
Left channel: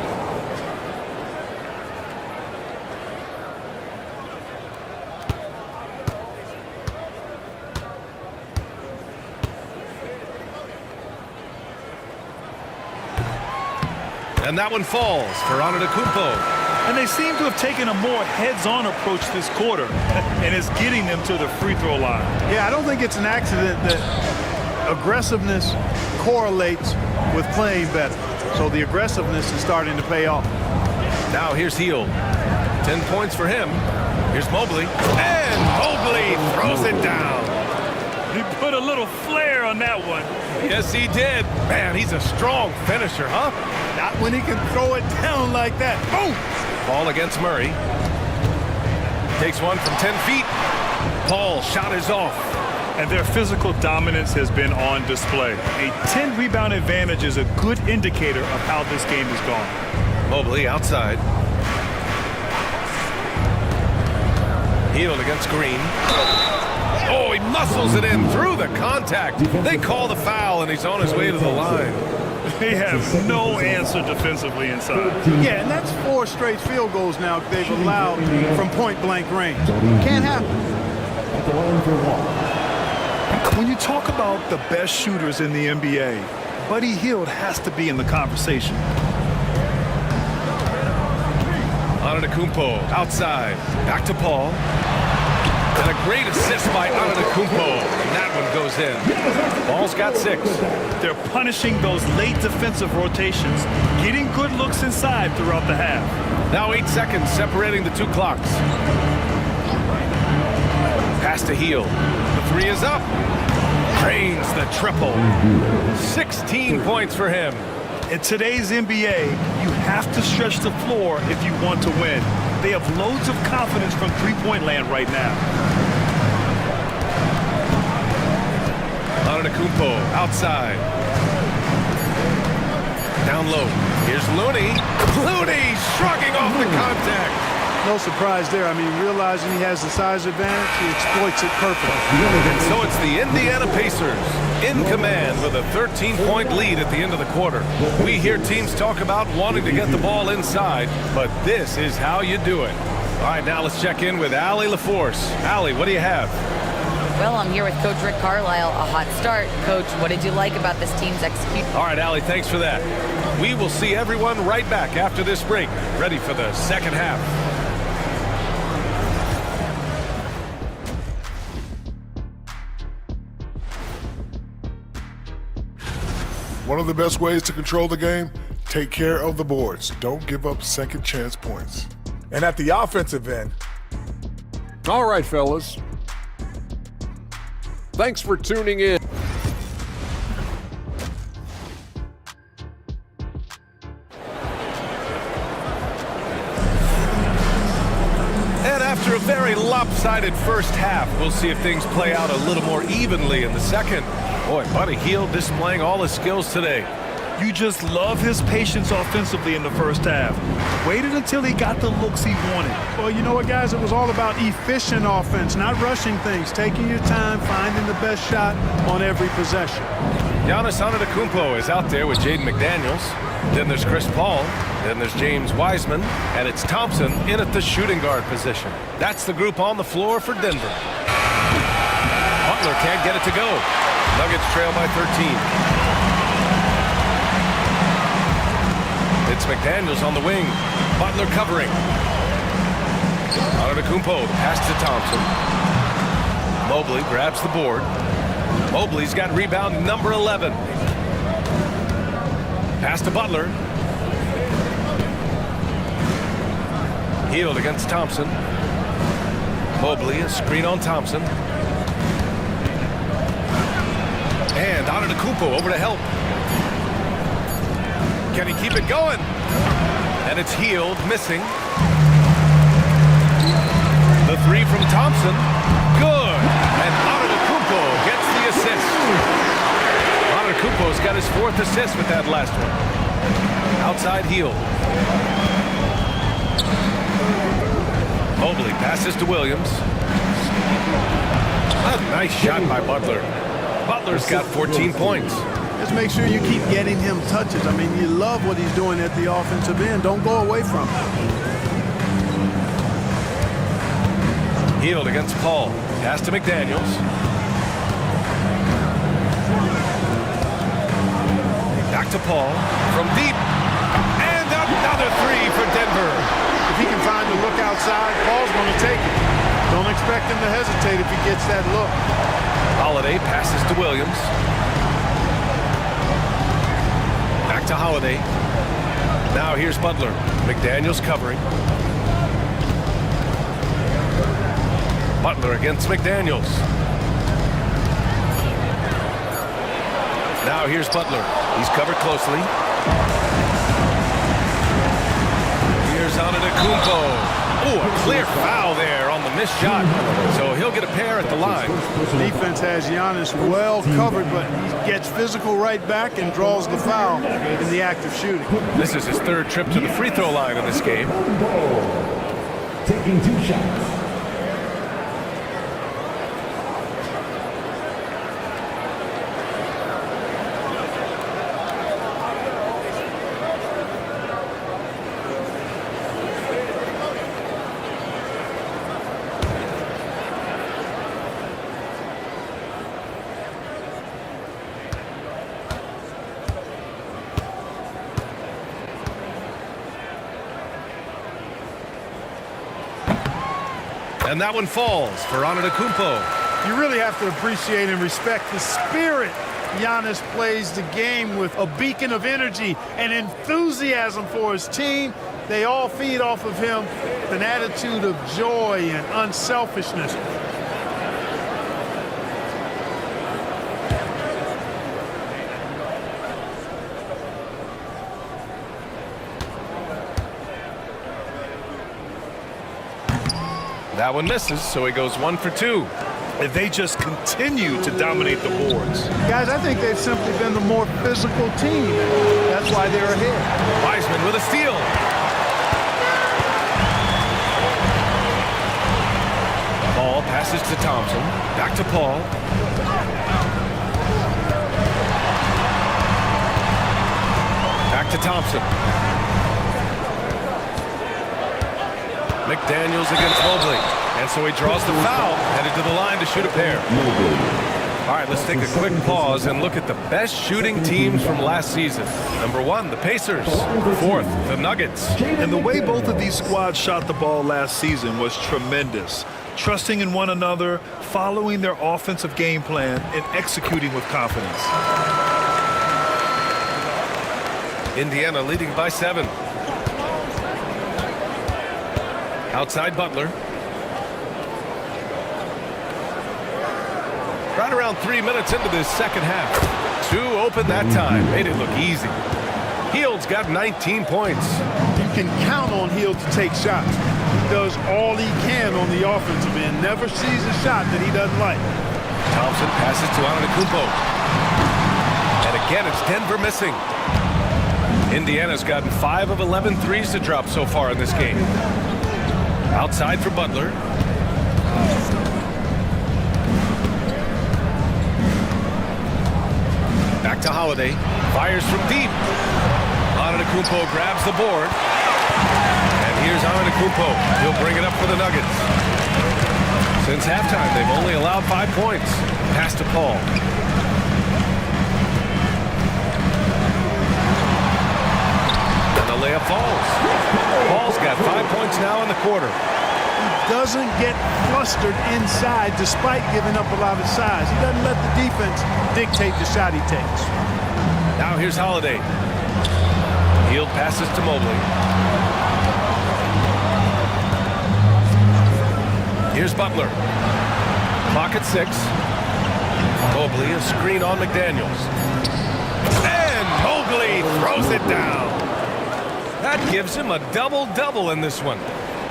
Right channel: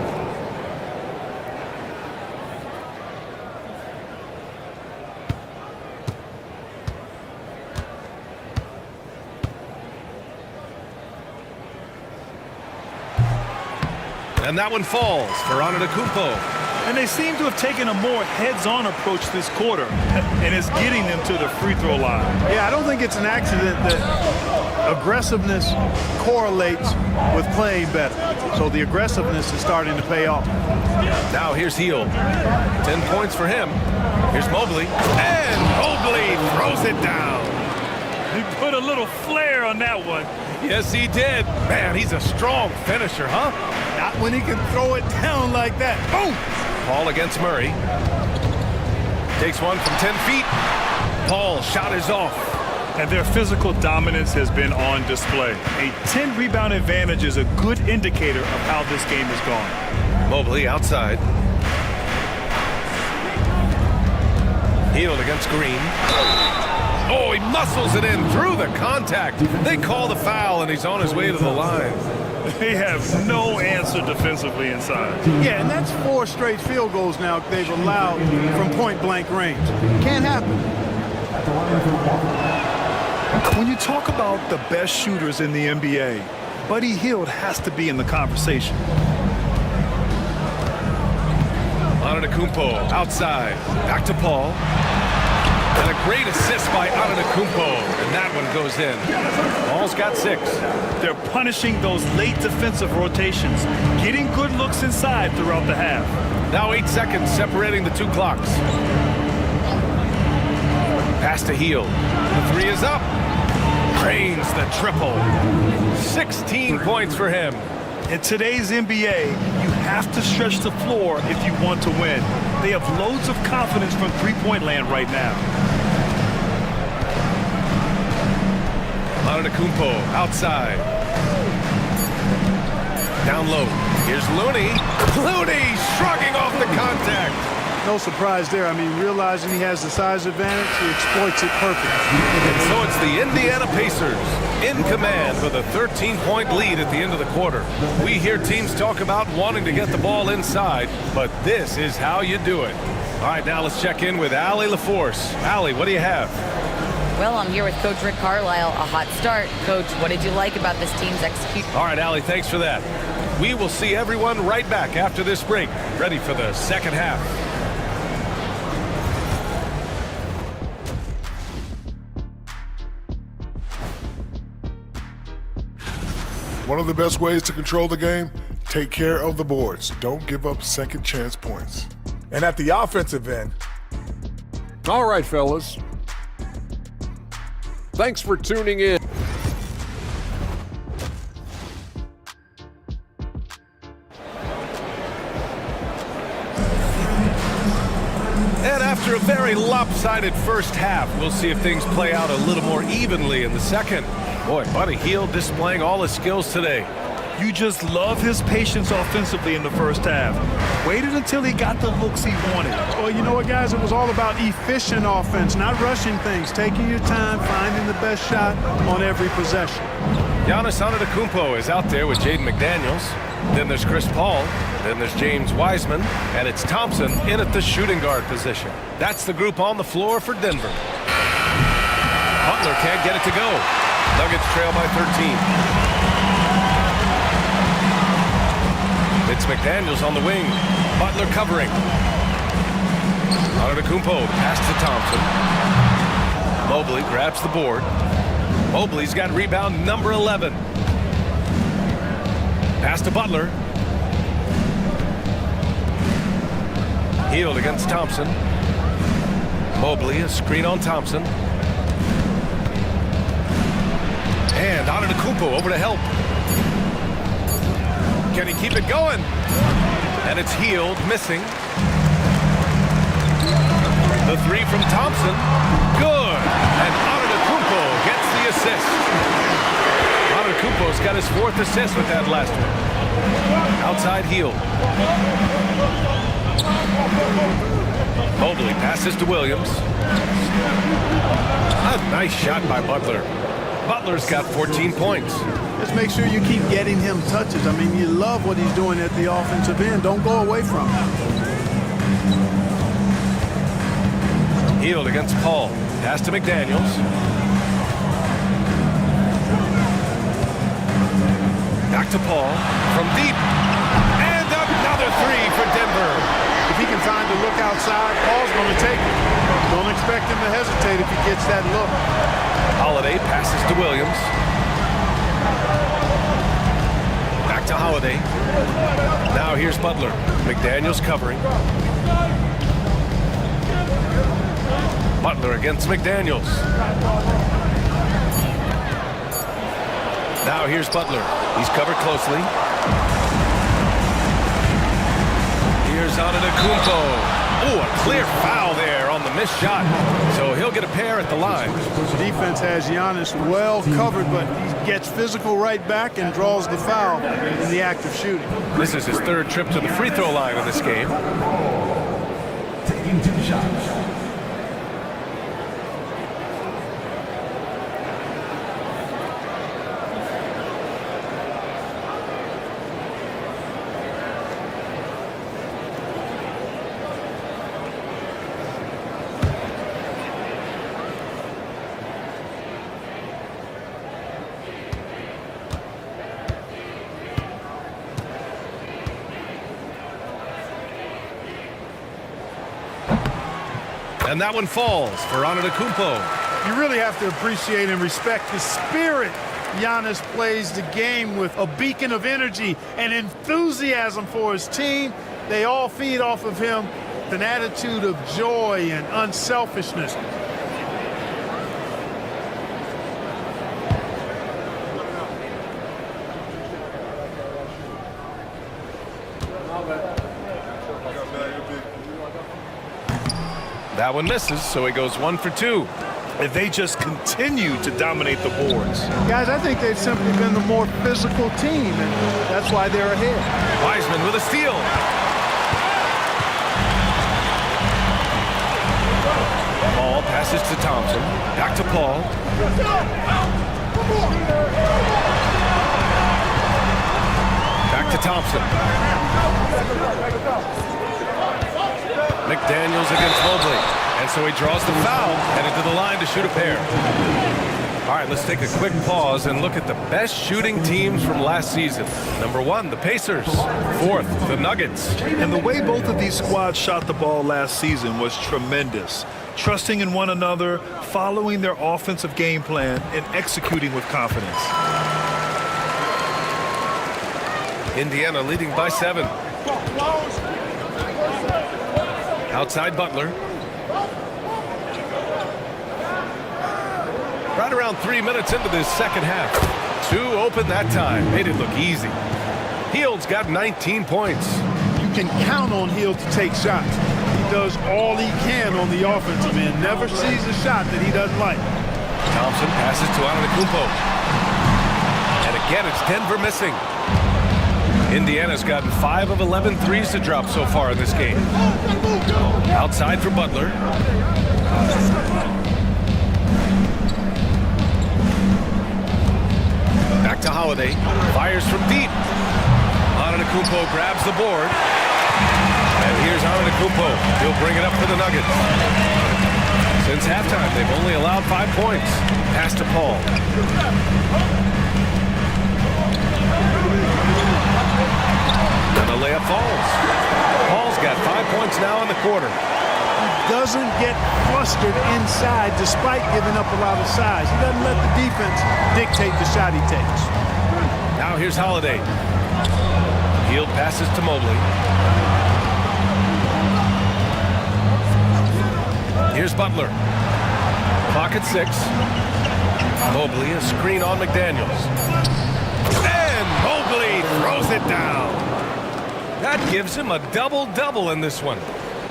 And that one falls for Antetokounmpo. And they seem to have taken a more heads-on approach this quarter, and it's getting them to the free throw line. Yeah, I don't think it's an accident that aggressiveness correlates with playing better. So the aggressiveness is starting to pay off. Now here's Hield. 10 points for him. Here's Mobley. And Mobley throws it down. He put a little flair on that one. Yes, he did. Man, he's a strong finisher, huh? Not when he can throw it down like that. Boom! Paul against Murray. Takes one from 10 feet. Paul's shot is off. And their physical dominance has been on display. A 10-rebound advantage is a good indicator of how this game has gone. Mobley outside. Hield against Green. Oh, he muscles it in through the contact. They call the foul, and he's on his way to the line. They have no answer defensively inside. Yeah, and that's 4 straight field goals now they've allowed from point-blank range. Can't happen. When you talk about the best shooters in the NBA, Buddy Hield has to be in the conversation. Antetokounmpo outside. Back to Paul. And a great assist by Antetokounmpo, and that one goes in. Paul's got 6. They're punishing those late defensive rotations, getting good looks inside throughout the half. Now 8 seconds separating the 2 clocks. Pass to Hield. The 3 is up. Drains the triple. 16 points for him. In today's NBA, you have to stretch the floor if you want to win. They have loads of confidence from three-point land right now. Antetokounmpo outside. Down low. Here's Looney. Looney shrugging off the contact. No surprise there. I mean, realizing he has the size advantage, he exploits it perfectly. And so it's the Indiana Pacers in command with a 13-point lead at the end of the quarter. We hear teams talk about wanting to get the ball inside, but this is how you do it. All right, now let's check in with Allie LaForce. Allie, what do you have? Well, I'm here with Coach Rick Carlisle. A hot start. Coach, what did you like about this team's execution? All right, Allie, thanks for that. We will see everyone right back after this break, ready for the second half. One of the best ways to control the game, take care of the boards. Don't give up second chance points. And at the offensive end. All right, fellas. Thanks for tuning in. And after a very lopsided first half, we'll see if things play out a little more evenly in the second. Boy, Buddy Hield displaying all his skills today. You just love his patience offensively in the first half. Waited until he got the looks he wanted. Well, you know what, guys? It was all about efficient offense, not rushing things, taking your time, finding the best shot on every possession. Giannis Antetokounmpo is out there with Jaden McDaniels. Then there's Chris Paul. Then there's James Wiseman. And it's Thompson in at the shooting guard position. That's the group on the floor for Denver. Butler can't get it to go. Nuggets trail by 13. It's McDaniels on the wing. Butler covering. Antetokounmpo, the pass to Thompson. Mobley grabs the board. Mobley's got rebound number 11. Pass to Butler. Hield against Thompson. Mobley, a screen on Thompson. And Antetokounmpo over to help. Can he keep it going? And it's Hield missing. The 3 from Thompson. Good. And Antetokounmpo gets the assist. Antetokounmpo's got his 4th assist with that last one. Outside Hield. Mobley passes to Williams. A nice shot by Butler. Butler's got 14 points. Just make sure you keep getting him touches. I mean, you love what he's doing at the offensive end. Don't go away from him. Hield against Paul. Pass to McDaniels. Back to Paul from deep. And another three for Denver. If he can find the look outside, Paul's going to take it. Don't expect him to hesitate if he gets that look. Holiday passes to Williams. Back to Holiday. Now here's Butler. McDaniels covering. Butler against McDaniels. Now here's Butler. He's covered closely. Here's Antetokounmpo. Oh, a clear foul there on the missed shot. So he'll get a pair at the line. Defense has Giannis well covered, but he gets physical right back and draws the foul in the act of shooting. This is his third trip to the free throw line in this game. Taking 2 shots. And that one falls for Antetokounmpo. You really have to appreciate and respect the spirit Giannis plays the game with. A beacon of energy and enthusiasm for his team. They all feed off of him. An attitude of joy and unselfishness. That one misses, so he goes 1 for 2. If they just continue to dominate the boards. Guys, I think they've simply been the more physical team, and that's why they're ahead. Wiseman with a steal. Ball passes to Thompson. Back to Paul. Back to Thompson. McDaniels against Mobley. And so he draws the foul, headed to the line to shoot a pair. All right, let's take a quick pause and look at the best shooting teams from last season. Number 1, the Pacers. 4th, the Nuggets. And the way both of these squads shot the ball last season was tremendous. Trusting in one another, following their offensive game plan, and executing with confidence. Indiana leading by 7. Outside Butler. Right around 3 minutes into this second half. 2 open that time. Made it look easy. Hield's got 19 points. You can count on Hield to take shots. He does all he can on the offensive end. Never sees a shot that he doesn't like. Thompson passes to Antetokounmpo. And again, it's Denver missing. Indiana's gotten 5 of 11 threes to drop so far in this game. Outside for Butler. Back to Holiday. Fires from deep. Antetokounmpo grabs the board. And here's Antetokounmpo. He'll bring it up for the Nuggets. Since halftime, they've only allowed 5 points. Pass to Paul. And the layup falls. Paul's got 5 points now in the quarter. He doesn't get flustered inside despite giving up a lot of size. He doesn't let the defense dictate the shot he takes. Now here's Holiday. Hield passes to Mobley. Here's Butler. Clock at 6. Mobley, a screen on McDaniels. And Mobley throws it down. That gives him a double-double in this one.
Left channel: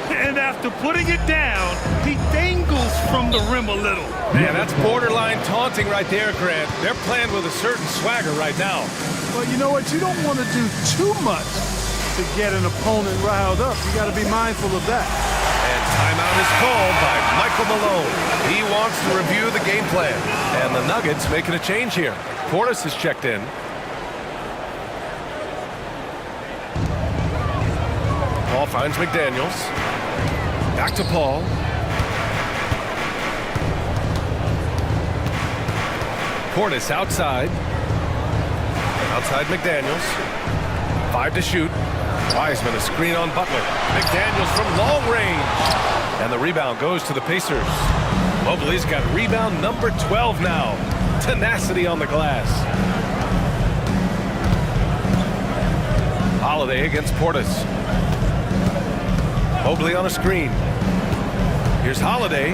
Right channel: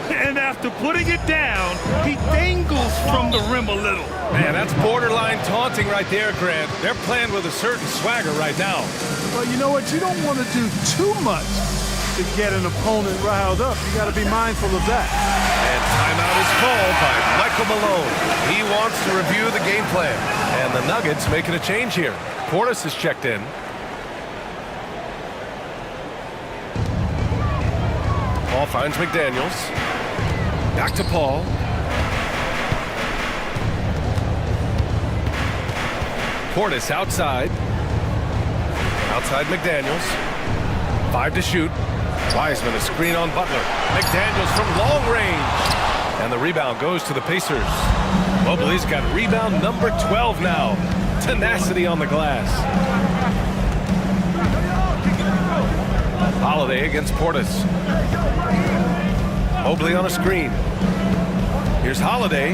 And after putting it down, he dangles from the rim a little. Man, that's borderline taunting right there, Grant. They're playing with a certain swagger right now. Well, you know what? You don't want to do too much to get an opponent riled up. You got to be mindful of that. And timeout is called by Michael Malone. He wants to review the game plan. And the Nuggets making a change here. Portis is checked in. Paul finds McDaniels. Back to Paul. Portis outside. Outside McDaniels. 5 to shoot. Wiseman a screen on Butler. McDaniels from long range. And the rebound goes to the Pacers. Mobley's got rebound number 12 now. Tenacity on the glass. Holiday against Portis. Mobley on a screen. Here's Holiday.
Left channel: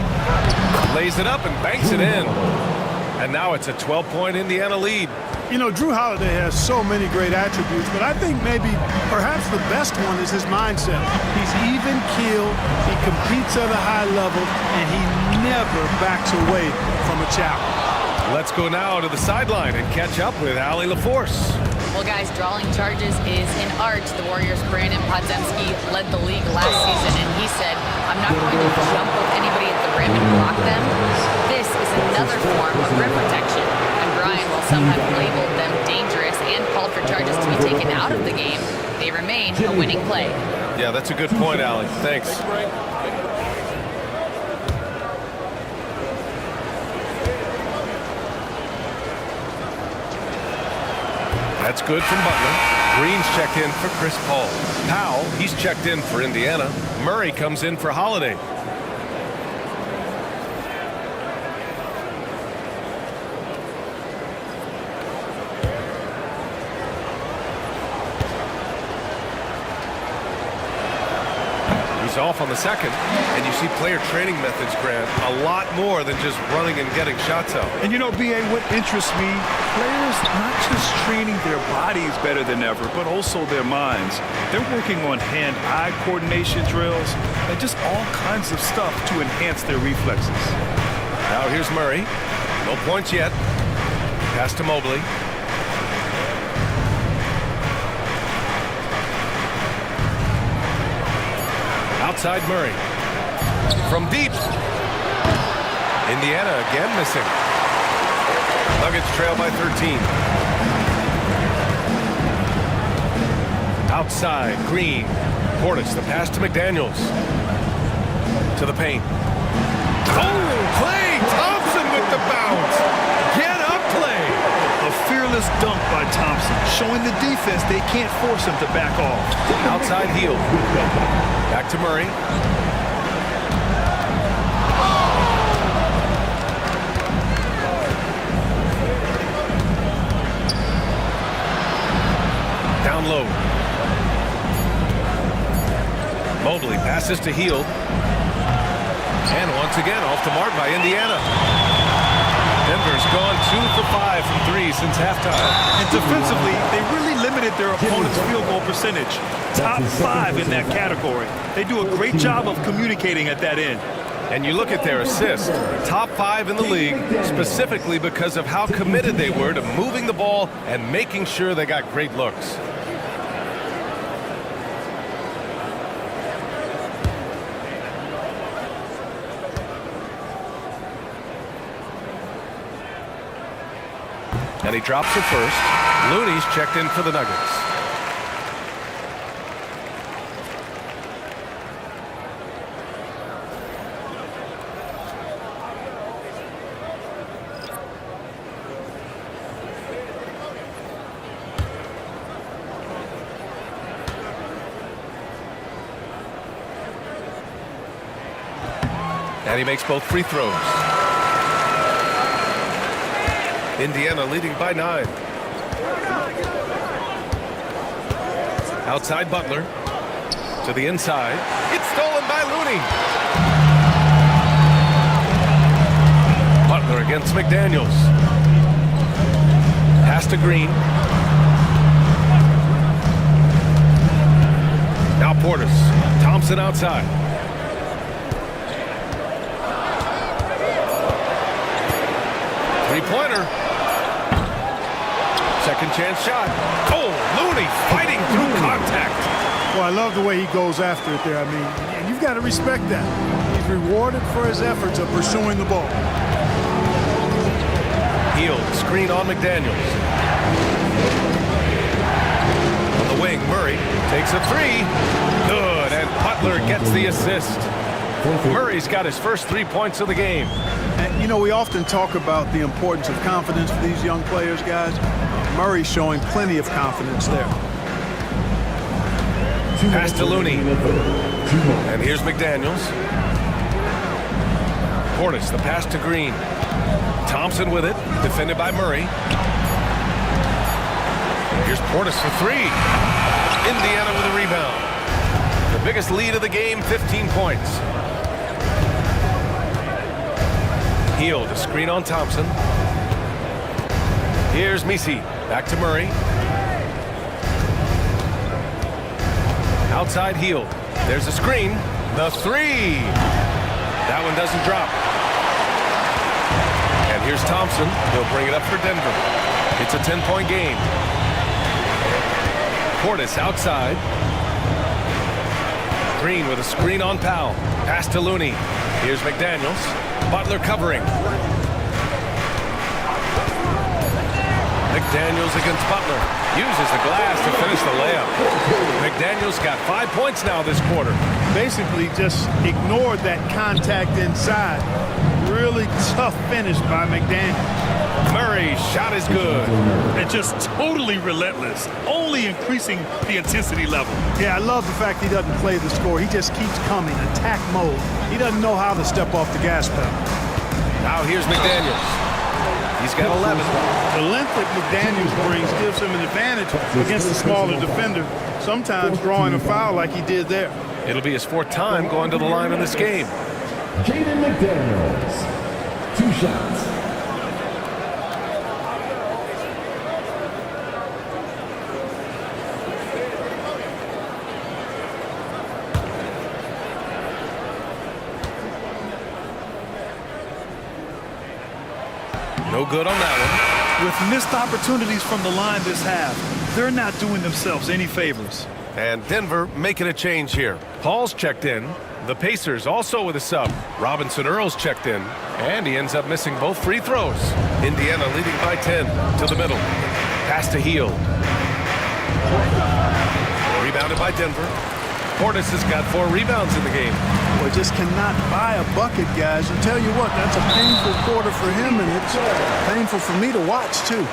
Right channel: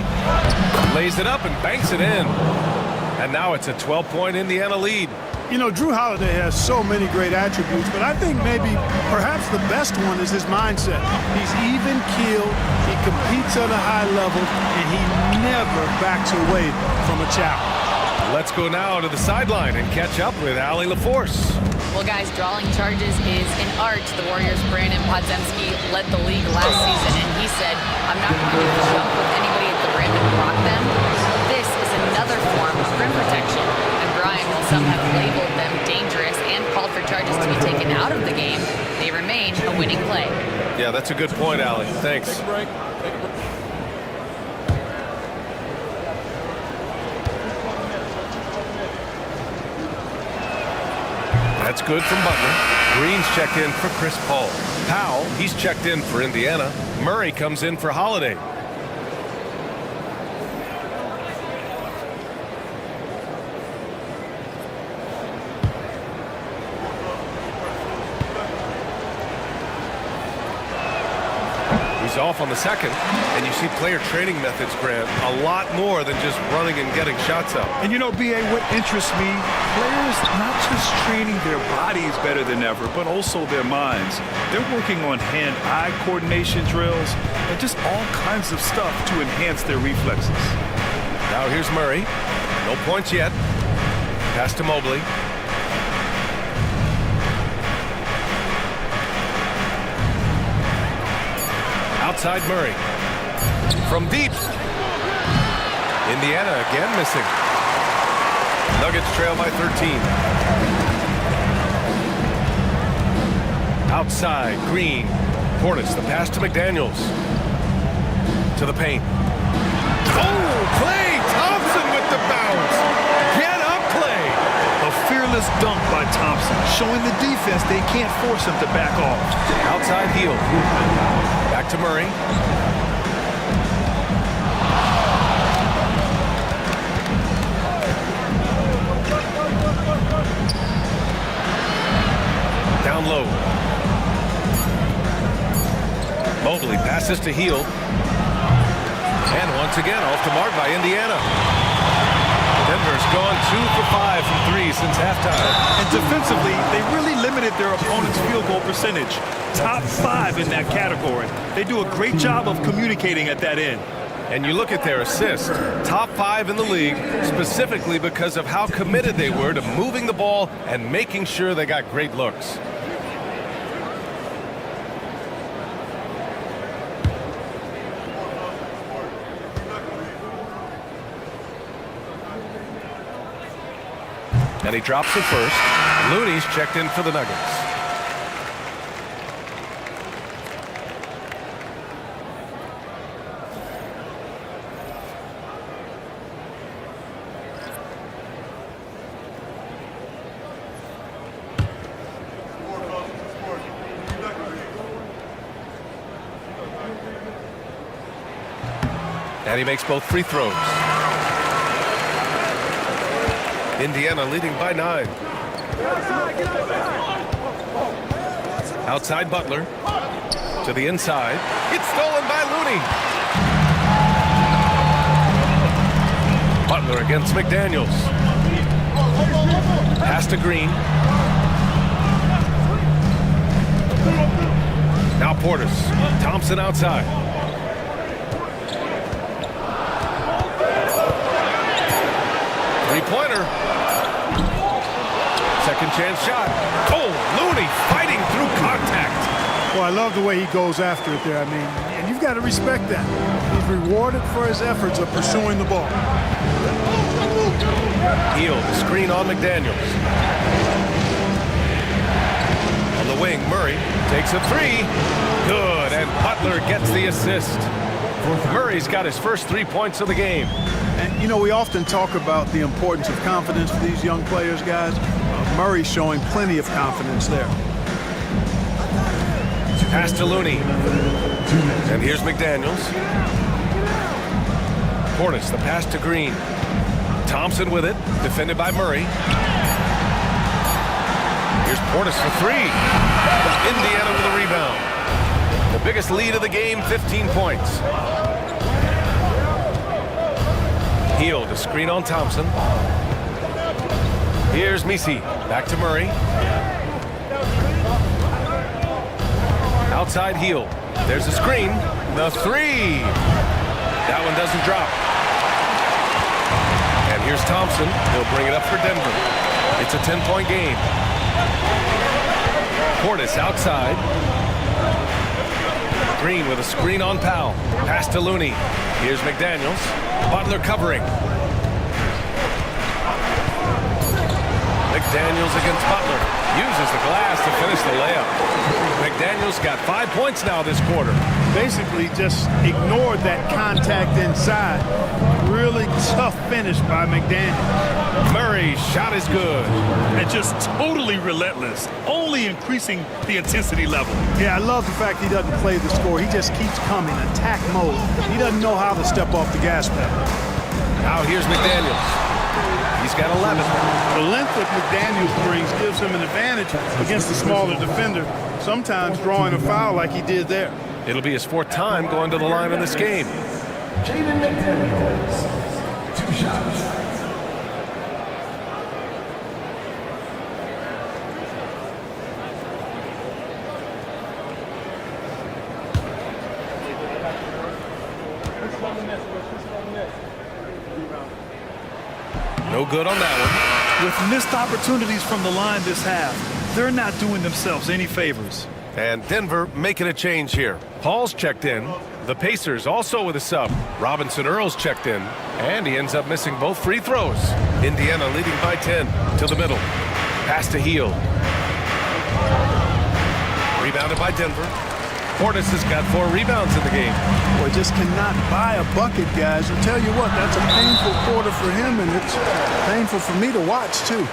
Lays it up and banks it in. And now it's a 12-point Indiana lead. You know, Drew Holiday has so many great attributes, but I think maybe perhaps the best one is his mindset. He's even-keeled, he competes at a high level, and he never backs away from a challenge. Let's go now to the sideline and catch up with Allie LaForce. Well, guys, drawing charges is an art. The Warriors' Brandon Podziemski led the league last season, and he said, I'm not going to jump with anybody at the rim and block them. This is another form of rim protection. And Brian, while some have labeled them dangerous and called for charges to be taken out of the game, they remain a winning play. Yeah, that's a good point, Allie. Thanks. Take a break. Take a break. That's good from Butler. Green's checked in for Chris Paul. Powell, he's checked in for Indiana. Murray comes in for Holiday. He's off on the second, and you see player training methods, Grant, a lot more than just running and getting shots up. And you know, B.A., what interests me, players not just training their bodies better than ever, but also their minds. They're working on hand-eye coordination drills and just all kinds of stuff to enhance their reflexes. Now here's Murray. No points yet. Pass to Mobley. Outside Murray. From deep. Indiana again missing. Nuggets trail by 13. Outside, Green. Portis, the pass to McDaniels. To the paint. Oh, Klay Thompson with the bounce. Get up, Klay. A fearless dunk by Thompson, showing the defense they can't force him to back off. Outside heel. Back to Murray. Down low. Mobley passes to Hield. And once again off the mark by Indiana. Denver's gone 2 for 5 from 3 since halftime. And defensively, they really limited their opponent's field goal percentage. Top 5 in that category. They do a great job of communicating at that end. And you look at their assists, top 5 in the league, specifically because of how committed they were to moving the ball and making sure they got great looks. And he drops it first. Looney's checked in for the Nuggets. And he makes both free throws. Indiana leading by 9. Outside Butler. To the inside. It's stolen by Looney. Butler against McDaniels. Pass to Green. Now Portis. Thompson outside. Three-pointer. Second chance shot. Oh, Looney fighting through contact. Well, I love the way he goes after it there. I mean, And you've got to respect that. He's rewarded for his efforts of pursuing the ball. Hield, screen on McDaniels. On the wing, Murray takes a three. Good, and Butler gets the assist. Murray's got his first 3 points of the game. And, you know, we often talk about the importance of confidence for these young players, guys. Murray's showing plenty of confidence there. Pass to Looney. And here's McDaniels. Portis, the pass to Green. Thompson with it, defended by Murray. Here's Portis for three. Indiana with a rebound. The biggest lead of the game, 15 points. Hield, a screen on Thompson. Here's Misi, back to Murray. Outside Hield. There's a screen. The three. That one doesn't drop. And here's Thompson. He'll bring it up for Denver. It's a 10-point game. Portis outside. Green with a screen on Powell. Pass to Looney. Here's McDaniels. Butler covering. McDaniels against Butler. Uses the glass to finish the layup. McDaniels got 5 points now this quarter. Basically just ignored that contact inside. Really tough finish by McDaniels. Murray's shot is good. And just totally relentless, only increasing the intensity level. Yeah, I love the fact he doesn't play the score. He just keeps coming, attack mode. He doesn't know how to step off the gas pedal. Now here's McDaniels. He's got 11. The length that McDaniels brings gives him an advantage against the smaller defender, sometimes drawing a foul like he did there. It'll be his fourth time going to the line in this game. Jaden McDaniels, 2 shots. No good on that one. With missed opportunities from the line this half, they're not doing themselves any favors. And Denver making a change here. Paul's checked in. The Pacers also with a sub. Robinson Earl's checked in. And he ends up missing both free throws. Indiana leading by 10 to the middle. Pass to Hield. Rebounded by Denver. Portis has got 4 rebounds in the game. Boy, just cannot buy a bucket, guys. I'll tell you what, that's a painful quarter for him, and it's painful for me to watch, too.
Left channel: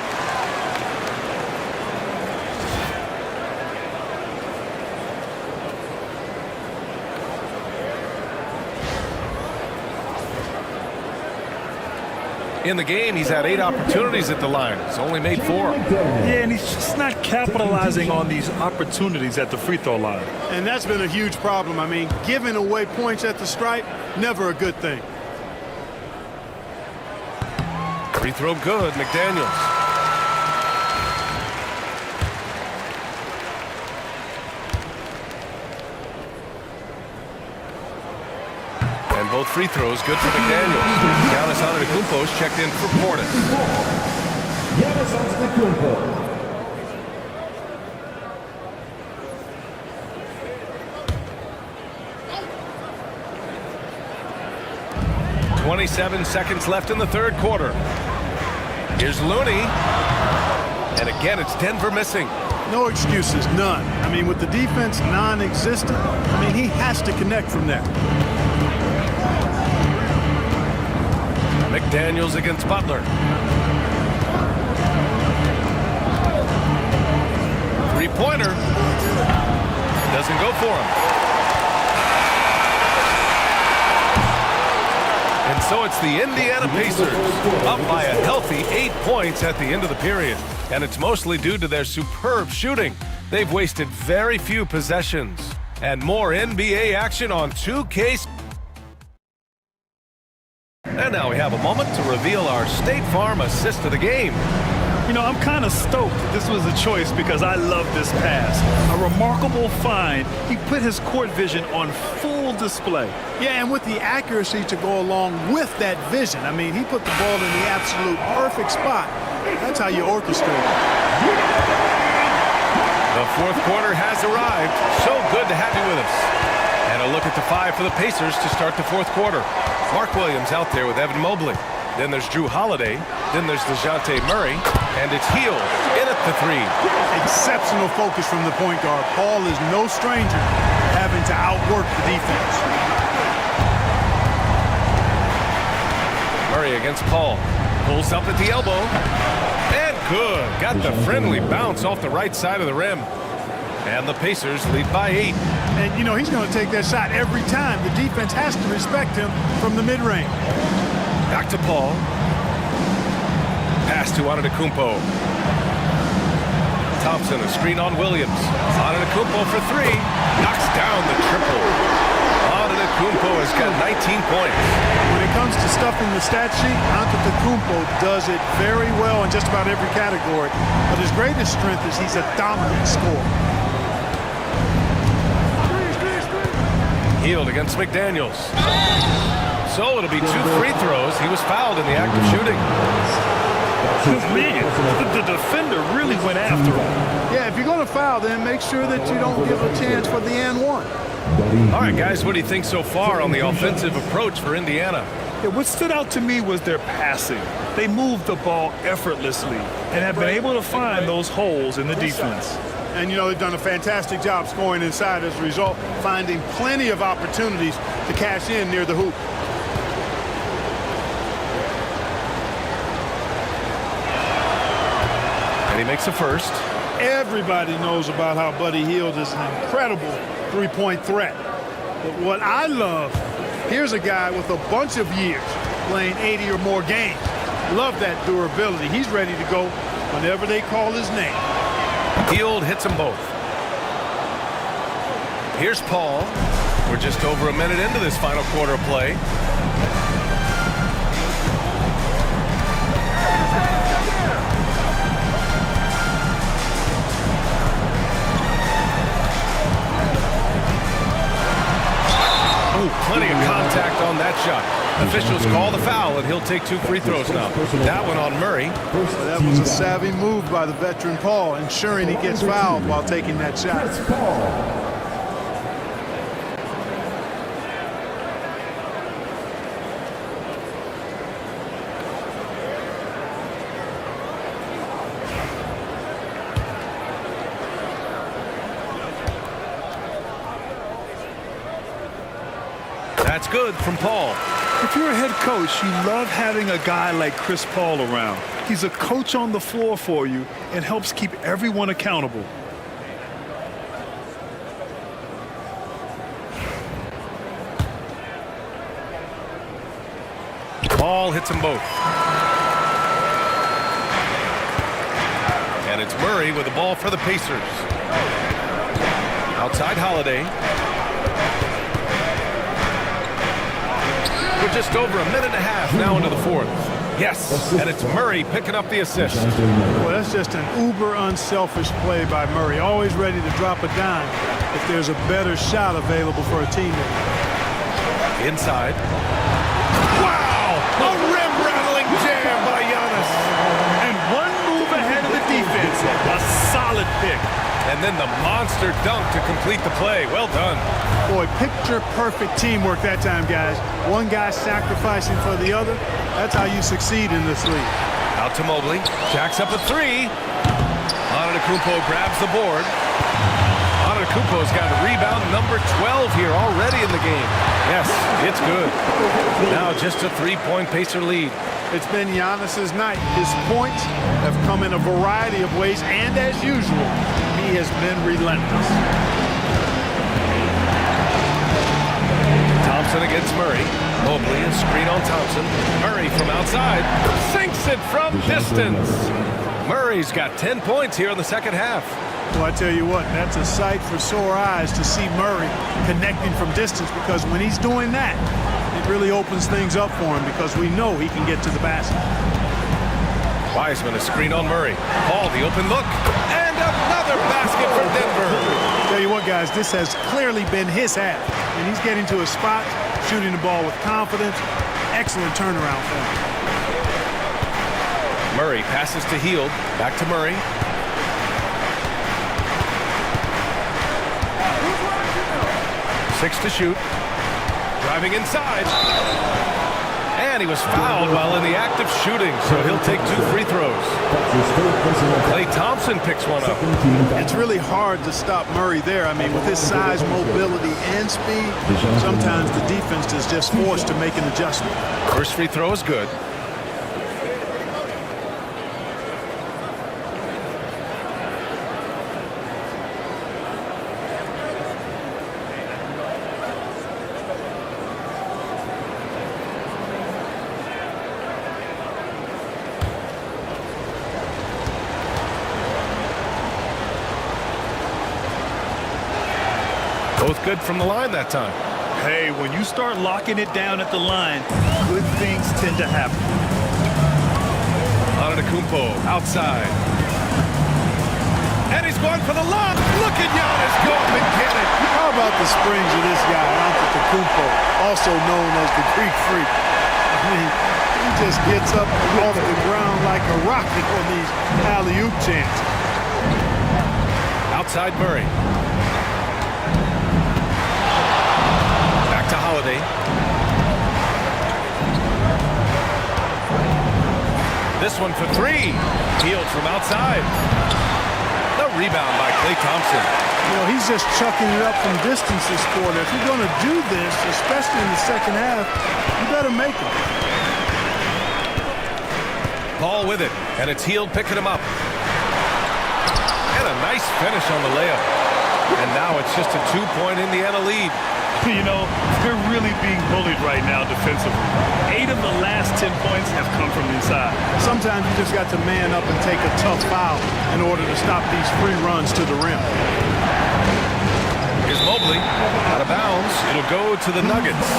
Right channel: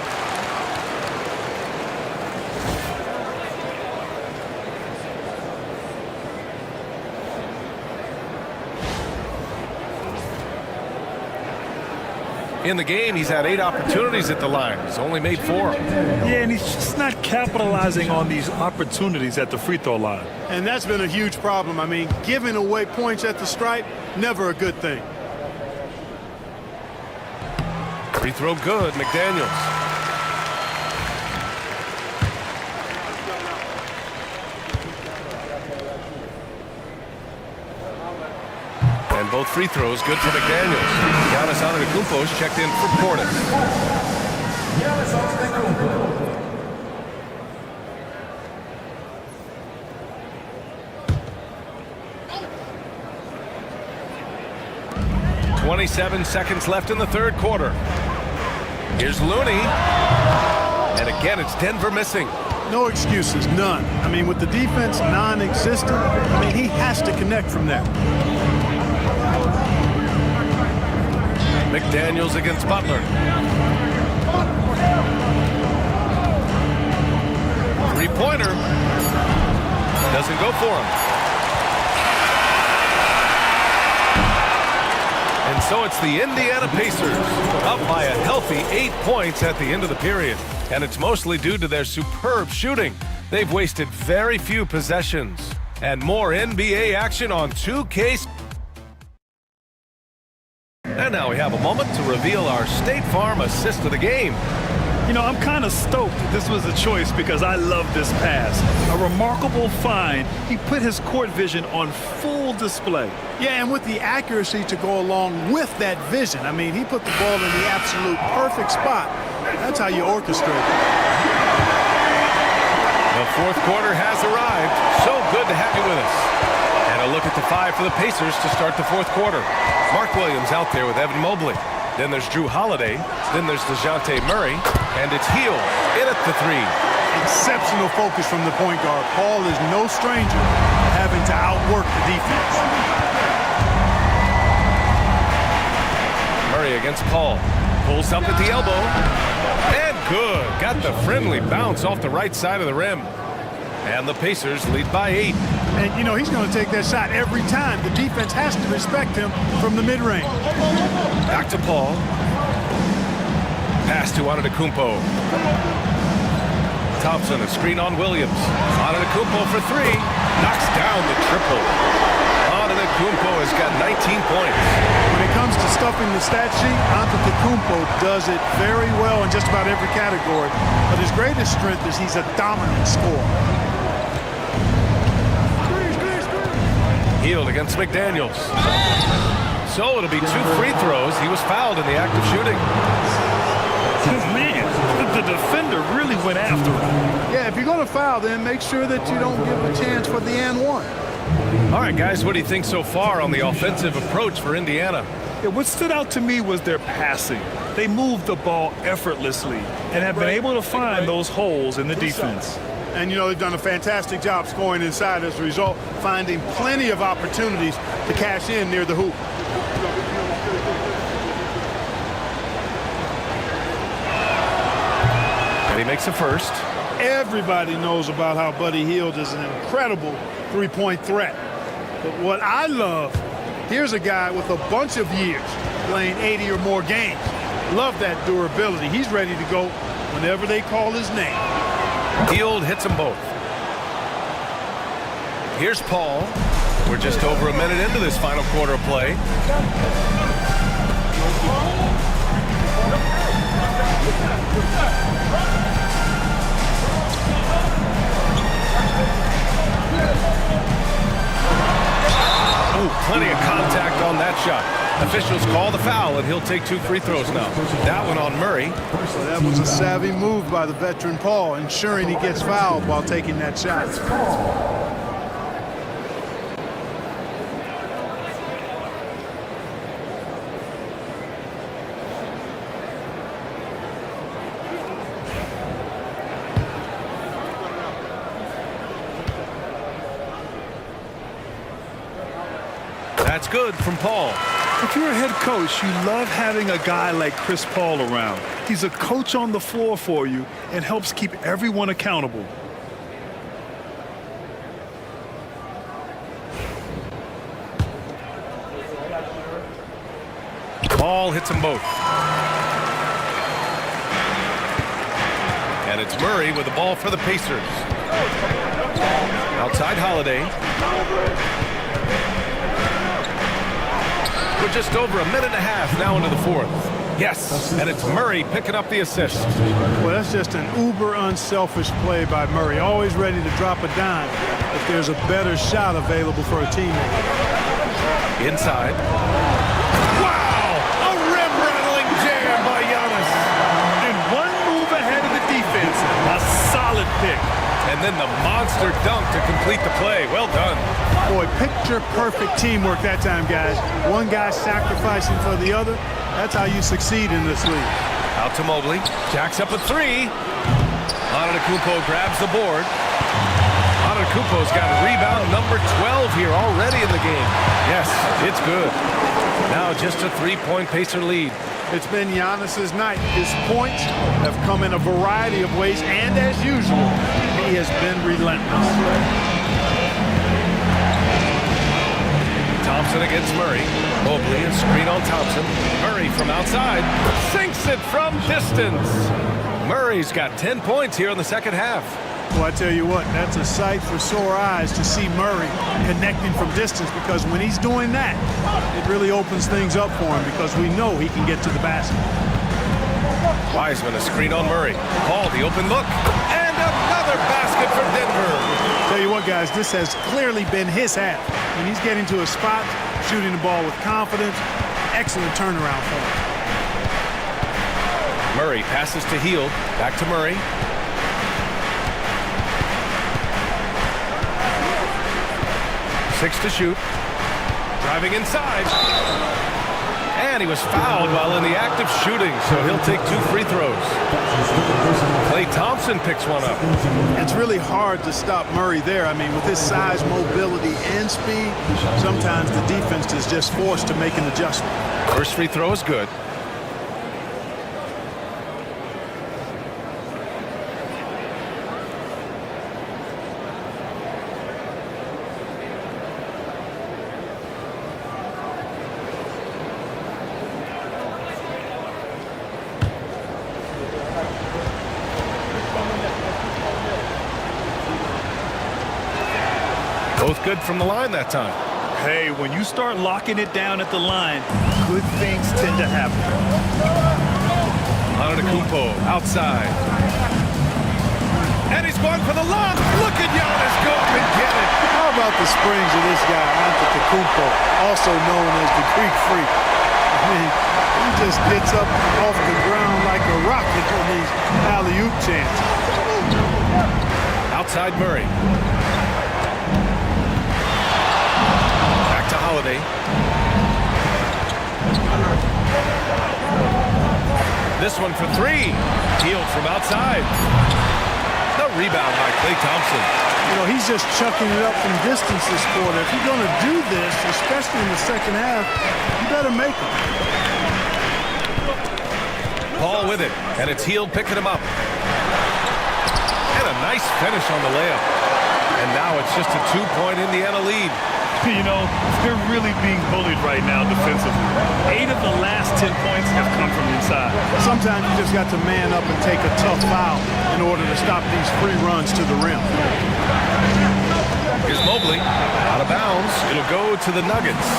In the game, he's had 8 opportunities at the line. He's only made 4. Yeah, and he's just not capitalizing on these opportunities at the free throw line. And that's been a huge problem. I mean, giving away points at the stripe, never a good thing. Free throw good, McDaniels. And both free throws good for McDaniels. Giannis Antetokounmpo is checked in for Portis. Giannis Antetokounmpo. 27 seconds left in the third quarter. Here's Looney. And again, it's Denver missing. No excuses, none. I mean, with the defense non-existent, I mean, he has to connect from there. McDaniels against Butler. Three-pointer. Doesn't go for him. And so it's the Indiana Pacers up by a healthy 8 points at the end of the period. And it's mostly due to their superb shooting. They've wasted very few possessions. And more NBA action on 2K. And now we have a moment to reveal our State Farm assist of the game. You know, I'm kind of stoked that this was a choice because I love this pass. A remarkable find. He put his court vision on full display. Yeah, and with the accuracy to go along with that vision. I mean, he put the ball in the absolute perfect spot. That's how you orchestrate it. The fourth quarter has arrived. So good to have you with us. And a look at the 5 for the Pacers to start the fourth quarter. Mark Williams out there with Evan Mobley. Then there's Drew Holiday. Then there's DeJounte Murray. And it's Hield in at the 3. Exceptional focus from the point guard. Paul is no stranger to having to outwork the defense. Murray against Paul. Pulls up at the elbow. And good. Got the friendly bounce off the right side of the rim. And the Pacers lead by 8. And, you know, he's going to take that shot every time. The defense has to respect him from the mid-range. Back to Paul. Pass to Antetokounmpo. Thompson, a screen on Williams. Antetokounmpo for 3. Knocks down the triple. Antetokounmpo has got 19 points. When it comes to stuffing the stat sheet, Antetokounmpo does it very well in just about every category. But his greatest strength is he's a dominant scorer. Hield against McDaniels. So it'll be 2 free throws. He was fouled in the act of shooting. Man, the defender really went after him. Yeah, if you're going to foul, then make sure that you don't give a chance for the and one. All right, guys, what do you think so far on the offensive approach for Indiana? Yeah, what stood out to me was their passing. They moved the ball effortlessly and have been able to find those holes in the defense. And, you know, they've done a fantastic job scoring inside as a result, finding plenty of opportunities to cash in near the hoop. And he makes a first. Everybody knows about how Buddy Hield is an incredible three-point threat. But what I love, here's a guy with a bunch of years playing 80 or more games. Love that durability. He's ready to go whenever they call his name. Hield hits them both. Here's Paul. We're just over a minute into this final quarter of play. Ooh, plenty of contact on that shot. Officials call the foul, and he'll take 2 free throws now. That one on Murray. Well, that was a savvy move by the veteran Paul, ensuring he gets fouled while taking that shot. That's good from Paul. If you're a head coach, you love having a guy like Chris Paul around. He's a coach on the floor for you and helps keep everyone accountable. Paul hits them both. And it's Murray with the ball for the Pacers. Outside Holiday. We're just over a minute and a half now into the fourth. Yes, and it's Murray picking up the assist. Well, that's just an uber unselfish play by Murray. Always ready to drop a dime if there's a better shot available for a teammate. Inside. Wow! A rim-rattling jam by Giannis. And one move ahead of the defense. A solid pick. And then the monster dunk to complete the play. Well done. Boy, picture-perfect teamwork that time, guys. One guy sacrificing for the other. That's how you succeed in this league. Out to Mobley. Jacks up a 3. Antetokounmpo grabs the board. Antetokounmpo's got rebound number 12 here already in the game. Yes, it's good. Now just a 3-point Pacer lead. It's been Giannis's night. His points have come in a variety of ways, and as usual, he has been relentless. Thompson against Murray. Mobley, a screen on Thompson. Murray from outside. Sinks it from distance. Murray's got 10 points here in the second half. Well, I tell you what, that's a sight for sore eyes to see Murray connecting from distance, because when he's doing that, it really opens things up for him, because we know he can get to the basket. Wiseman, a screen on Murray. Paul, the open look. And another basket for Denver. Tell you what, guys, this has clearly been his half. And he's getting to a spot, shooting the ball with confidence. Excellent turnaround for him. Murray passes to Hield. Back to Murray. 6 to shoot. Driving inside. And he was fouled while in the act of shooting, so he'll take 2 free throws. Klay Thompson picks one up. It's really hard to stop Murray there. I mean, with his size, mobility, and speed, sometimes the defense is just forced to make an adjustment. First free throw is good. Both good from the line that time. Hey, when you start locking it down at the line, good things tend to happen. Antetokounmpo outside. And he's going for the lob. Look at Giannis go up and get it. How about the springs of this guy, Antetokounmpo, also known as the Greek Freak? I mean, he just gets up off the ground like a rocket on these alley-oop chances. Outside Murray. Back to Holiday. This one for 3. Healed from outside. The rebound by Klay Thompson. You know, he's just chucking it up from distance this quarter. If you're going to do this, especially in the second half, you better make them. Paul with it, and it's Hield picking him up. And a nice finish on the layup. And now it's just a 2-point Indiana lead. You know, they're really being bullied right now defensively. 8 of the last 10 points have come from inside. Sometimes you just got to man up and take a tough foul in order to stop these free runs to the rim. Here's Mobley, out of bounds. It'll go to the Nuggets.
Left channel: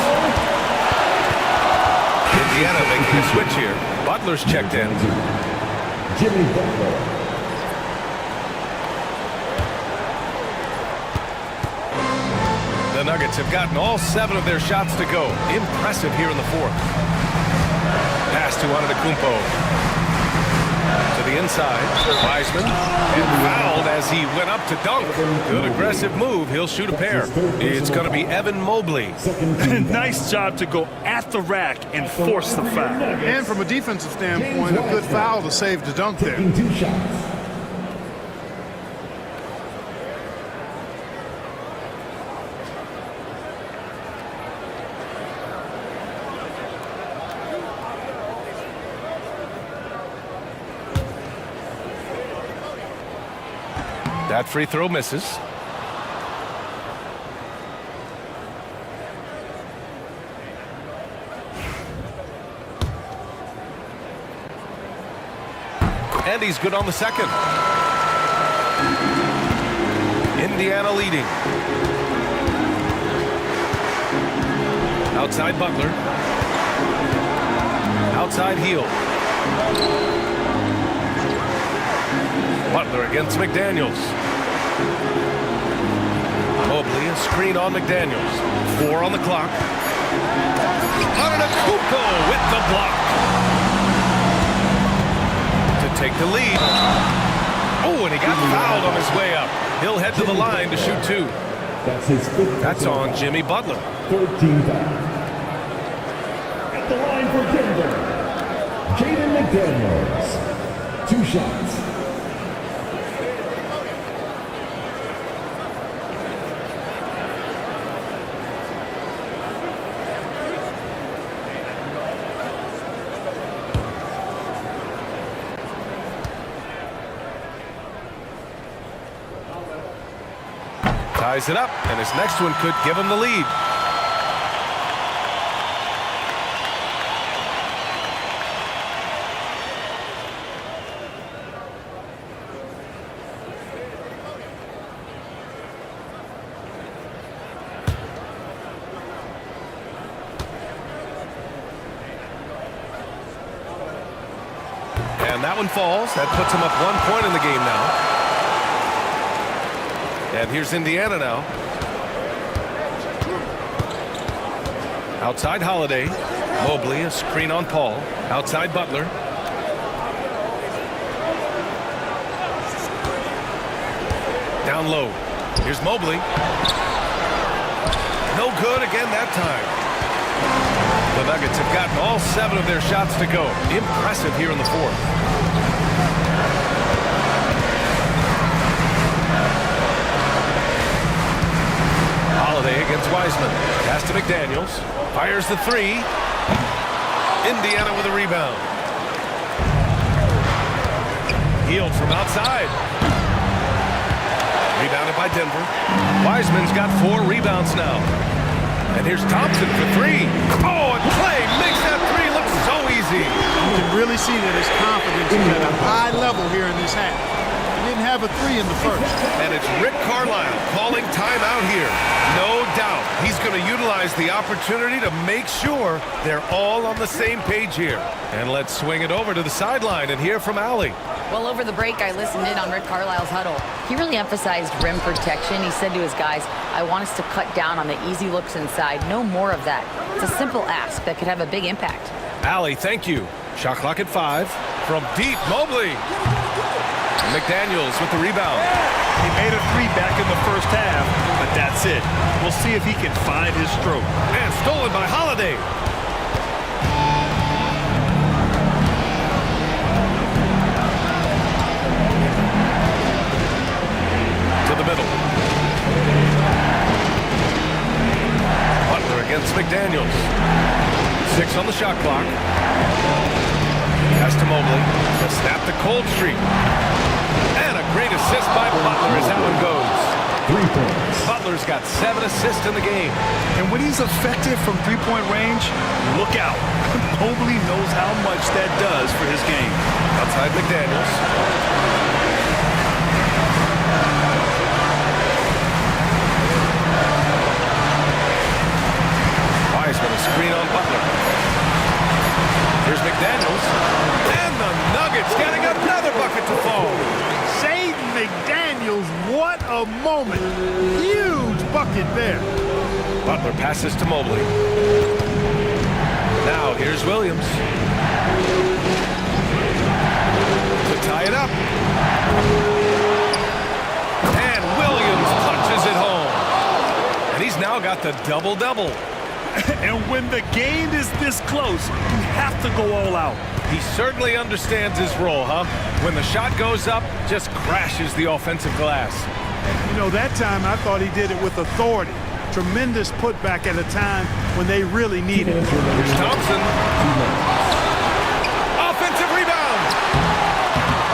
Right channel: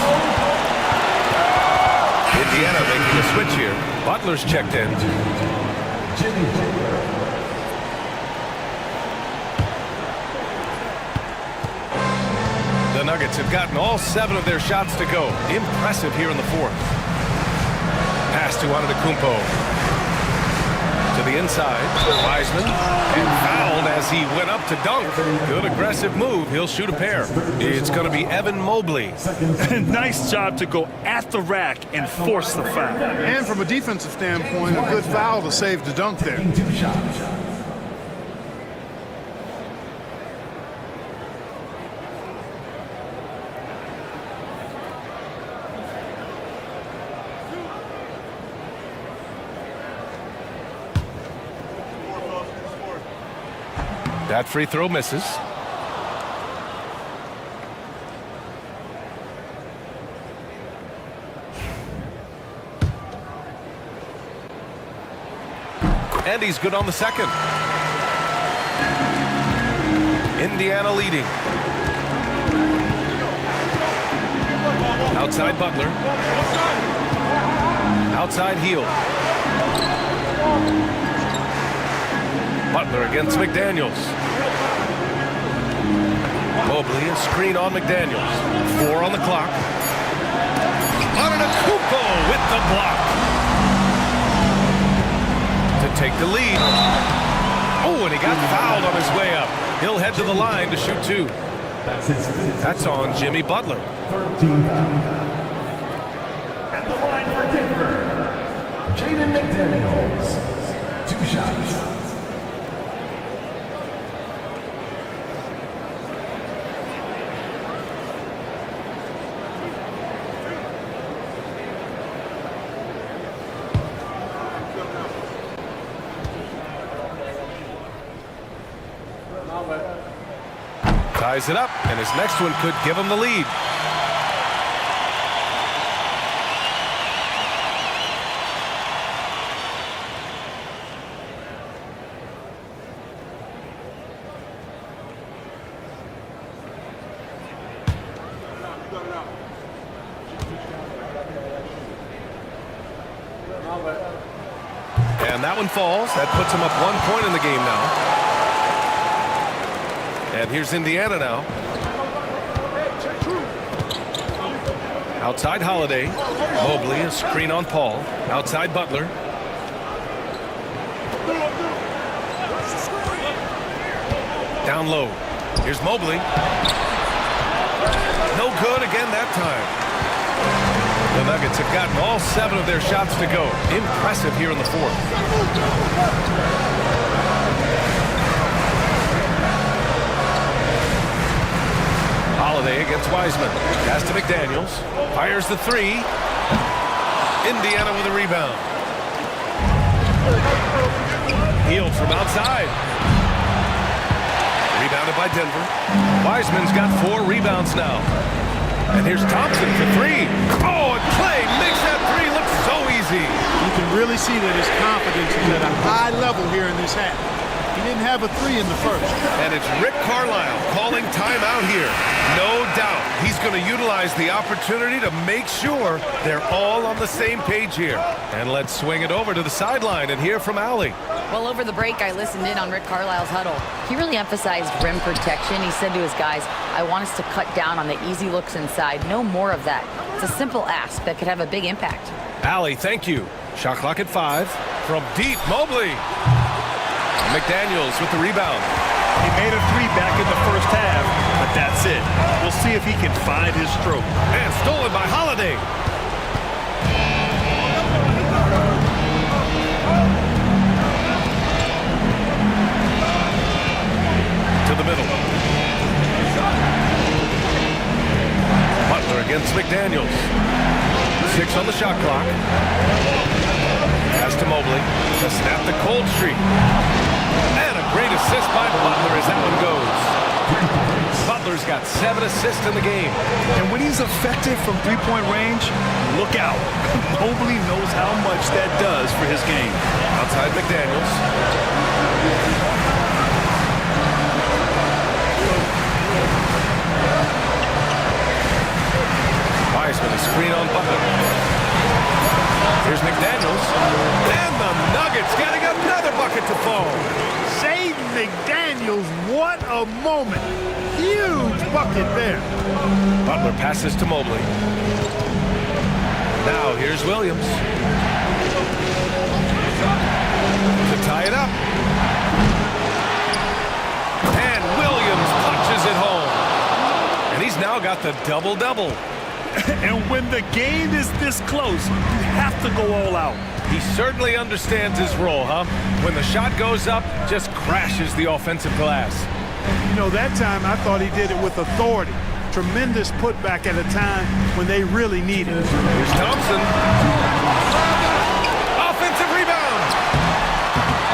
Indiana making a switch here. Butler's checked in. Jimmy Butler. The Nuggets have gotten all 7 of their shots to go. Impressive here in the 4th. Pass to Antetokounmpo. To the inside. Wiseman. And fouled as he went up to dunk. Good aggressive move. He'll shoot a pair. It's going to be Evan Mobley. Nice job to go at the rack and force the foul. And from a defensive standpoint, a good foul to save the dunk there. 2 shots. That free throw misses. And he's good on the second. Indiana leading. Outside Butler. Outside Hield. Butler against McDaniels. Mobley, a screen on McDaniels. 4 on the clock. Antetokounmpo with the block. To take the lead. Oh, and he got fouled on his way up. He'll head to the line to shoot 2. That's his 5th. That's on Jimmy Butler. 13 foul. At the line for Denver, Jaden McDaniels. 2 shots. Ties it up, and his next one could give him the lead. And that one falls. That puts him up 1 point in the game now. And here's Indiana now. Outside Holiday. Mobley, a screen on Paul. Outside Butler. Down low. Here's Mobley. No good again that time. The Nuggets have gotten all 7 of their shots to go. Impressive here in the fourth. Holiday against Wiseman. Pass to McDaniels. Fires the 3. Indiana with a rebound. Hield from outside. Rebounded by Denver. Wiseman's got 4 rebounds now. And here's Thompson for 3. Oh, and Clay makes that 3 look so easy. You can really see that his confidence is at a high level here in this half. He didn't have a 3 in the first. And it's Rick Carlisle calling timeout here. No doubt he's going to utilize the opportunity to make sure they're all on the same page here. And let's swing it over to the sideline and hear from Allie. Well, over the break, I listened in on Rick Carlisle's huddle. He really emphasized rim protection. He said to his guys, I want us to cut down on the easy looks inside. No more of that. It's a simple ask that could have a big impact. Allie, thank you. Shot clock at 5. From deep, Mobley. McDaniels with the rebound. He made a 3 back in the first half, but that's it. We'll see if he can find his stroke. And stolen by Holiday. To the middle. Butler against McDaniels. 6 on the shot clock. Pass to Mobley to snap the cold streak. And a great assist by Butler as that one goes. Butler's got 7 assists in the game. And when he's effective from three-point range, look out. Mobley knows how much that does for his game. Outside McDaniels. Wiseman, a screen on Butler. Here's McDaniels. And the Nuggets getting another bucket to fall. Jaden McDaniels, what a moment. Huge bucket there. Butler passes to Mobley. Now here's Williams. To tie it up. And Williams punches it home. And he's now got the double-double. And when the game is this close, you have to go all out. He certainly understands his role, huh? When the shot goes up, just crashes the offensive glass. You know, that time I thought he did it with authority. Tremendous putback at a time when they really need it. Here's Thompson. Offensive rebound.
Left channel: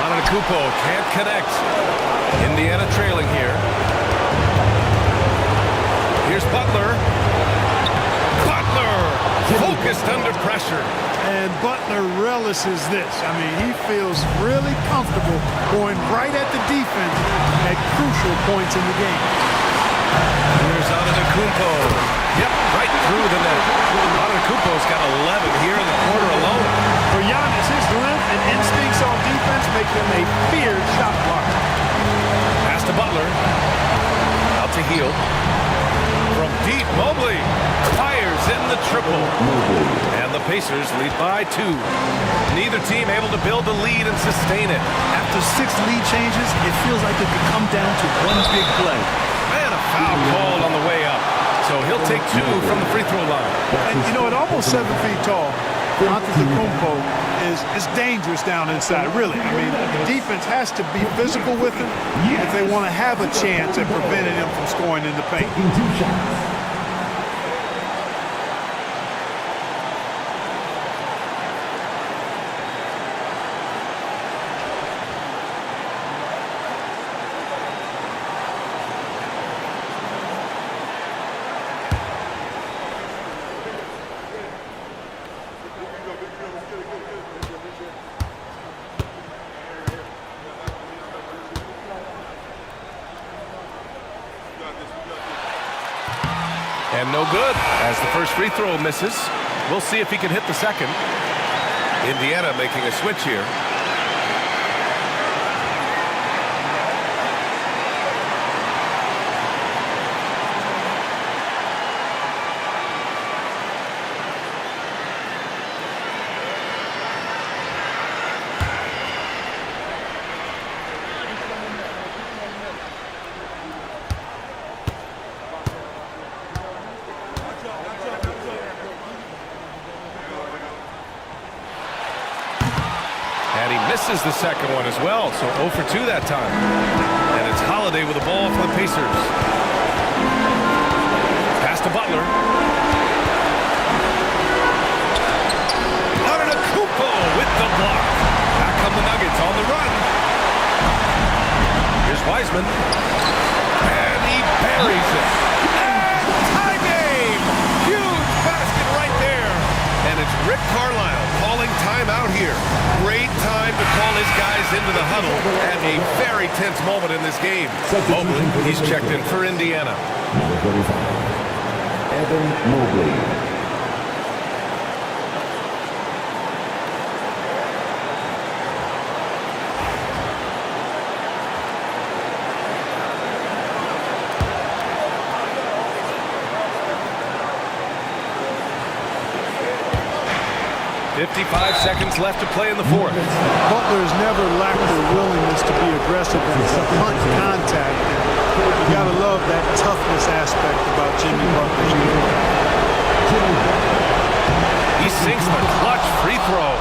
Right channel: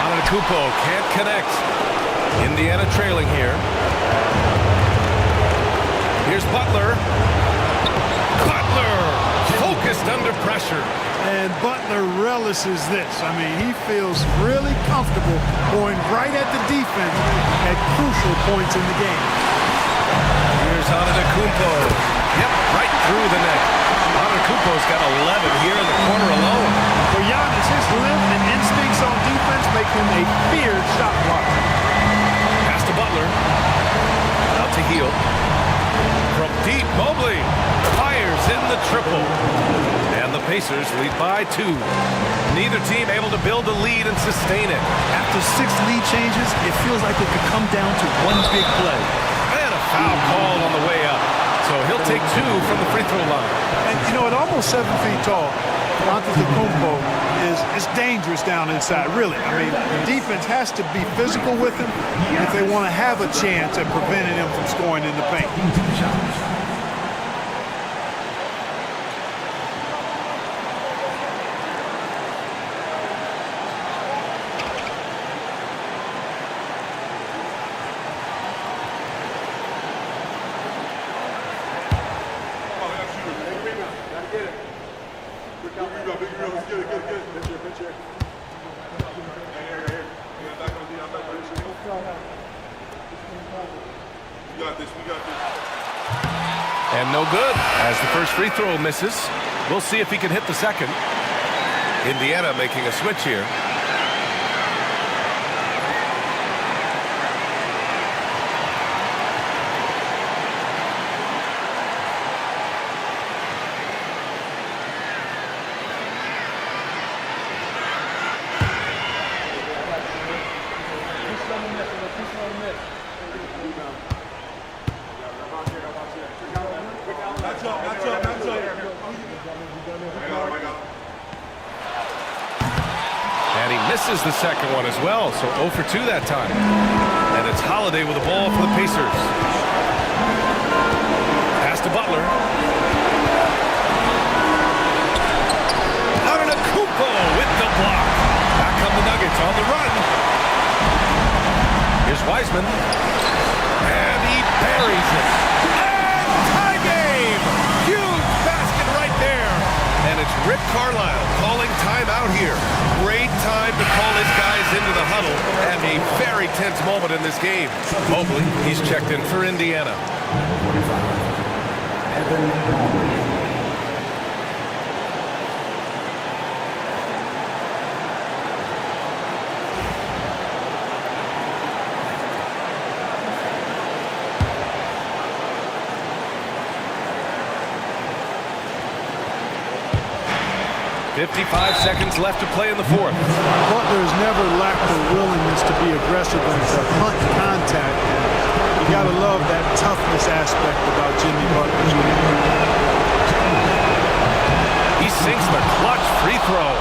Antetokounmpo can't connect. Indiana trailing here. Here's Butler. Butler focused under pressure. And Butler relishes this. I mean, he feels really comfortable going right at the defense at crucial points in the game. Here's Antetokounmpo. Yep, right through the net. Antetokounmpo's got 11 here in the quarter alone. For Giannis, his length and instincts on defense make him a feared shot blocker. Pass to Butler. Out to Hield. From deep, Mobley fires in the triple. And the Pacers lead by 2. Neither team able to build a lead and sustain it. After 6 lead changes, it feels like it could come down to one big play. And a foul called on the way up. So he'll take 2 from the free throw line. And, you know, at almost 7 feet tall, Antetokounmpo is dangerous down inside, really. I mean, the defense has to be physical with him if they want to have a chance at preventing him from scoring in the paint. And no good as the first free throw misses. We'll see if he can hit the second. Indiana making a switch here. And he misses the second one as well, so 0 for 2 that time. And it's Holiday with the ball for the Pacers. Pass to Butler. Antetokounmpo with the block. Back come the Nuggets on the run. Here's Wiseman. And he buries it. And tie game! Huge basket right there. And it's Rick Carlisle calling timeout here. Great time to call his guys into the huddle at a very tense moment in this game. Mobley, he's checked in for Indiana. Number 45, Evan Mobley. 55 seconds left to play in the fourth. Butler has never lacked the willingness to be aggressive and to hunt contact. And you got to love that toughness aspect about Jimmy Butler's game. He sinks the clutch free throw.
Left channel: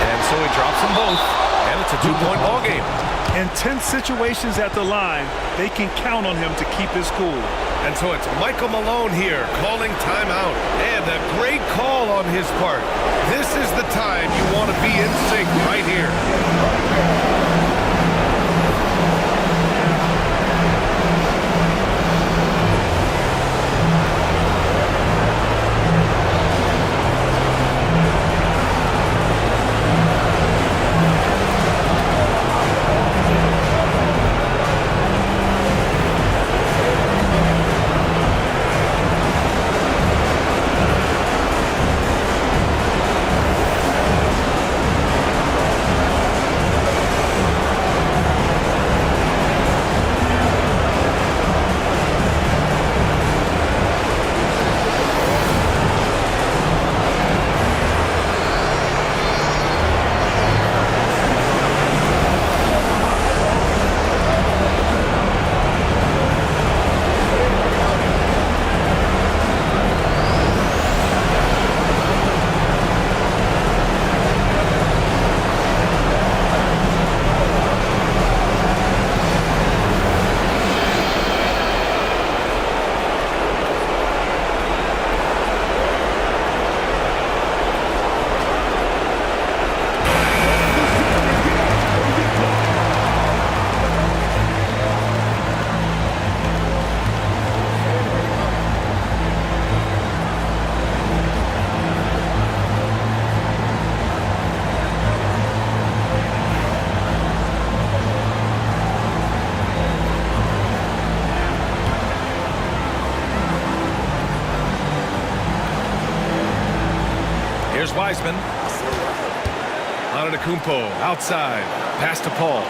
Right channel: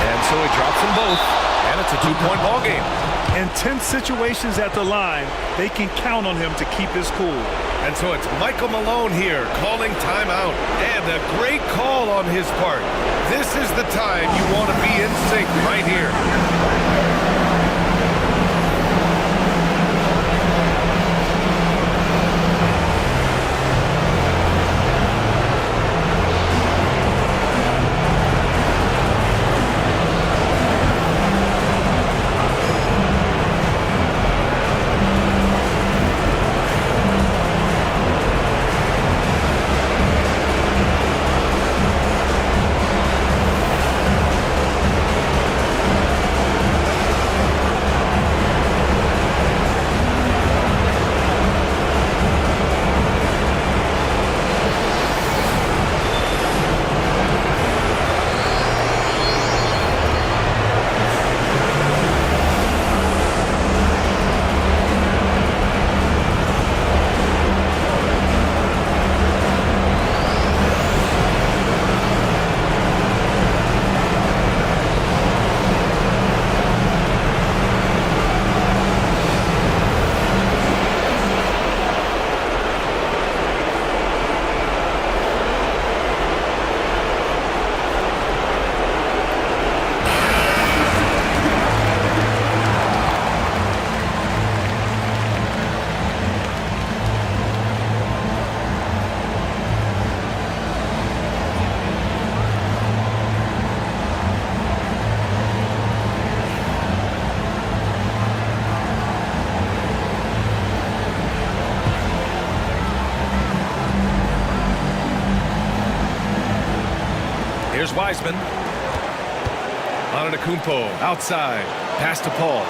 And so he drops them both, and it's a two-point ball game. In tense situations at the line, they can count on him to keep his cool. And so it's Michael Malone here calling timeout. And a great call on his part. This is the time you want to be in sync right here. Here's Wiseman. Antetokounmpo outside. Pass to Paul.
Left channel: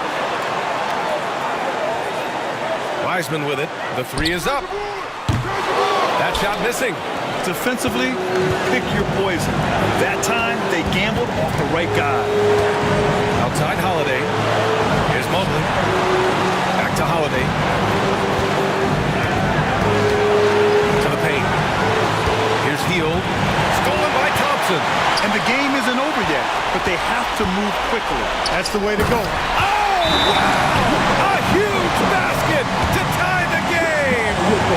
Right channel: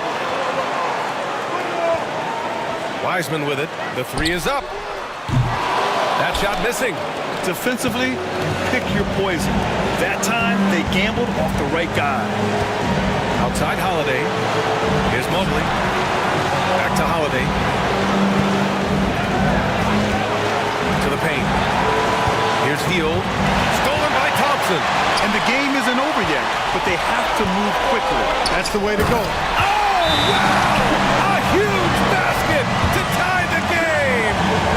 Wiseman with it. The three is up. That shot missing. Defensively, you pick your poison. That time, they gambled off the right guy. Outside Holiday. Here's Mobley. Back to Holiday. To the paint. Here's Hield. Stolen by Thompson. And the game isn't over yet, but they have to move quickly. That's the way to go. Oh, wow! A huge basket to tie the game!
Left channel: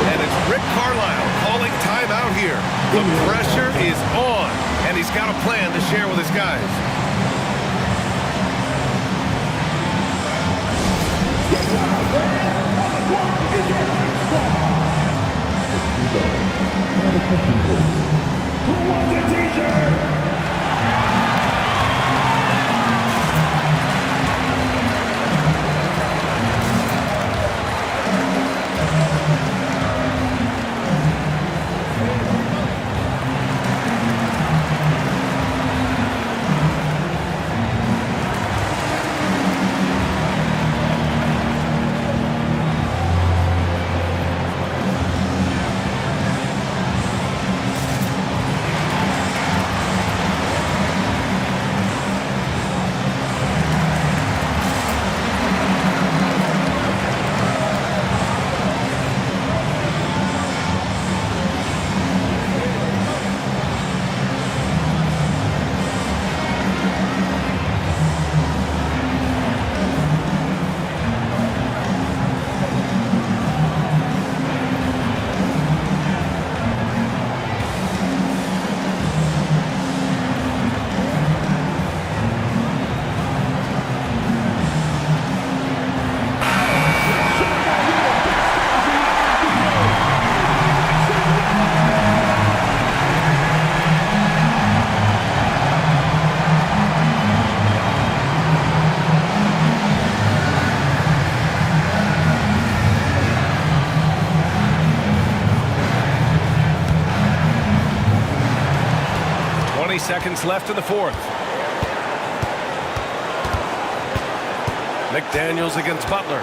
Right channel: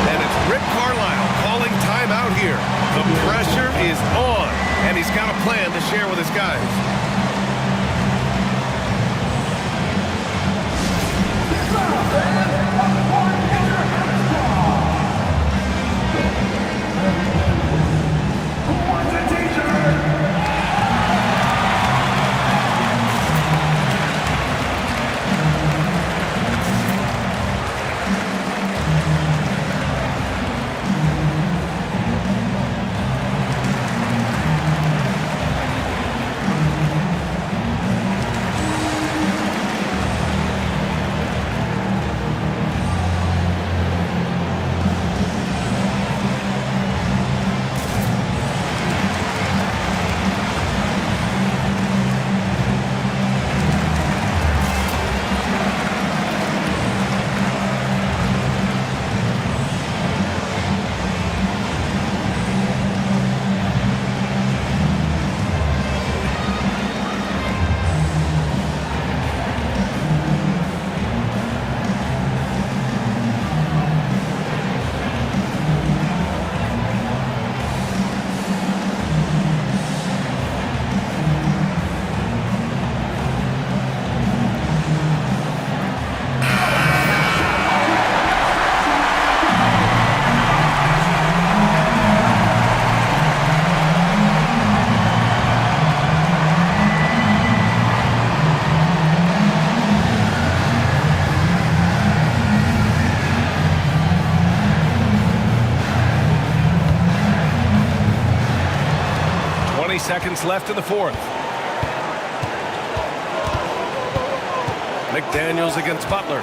And it's Rick Carlisle calling timeout here. The pressure is on, and he's got a plan to share with his guys. Who wants a t-shirt? 20 seconds left in the fourth. McDaniels against Butler.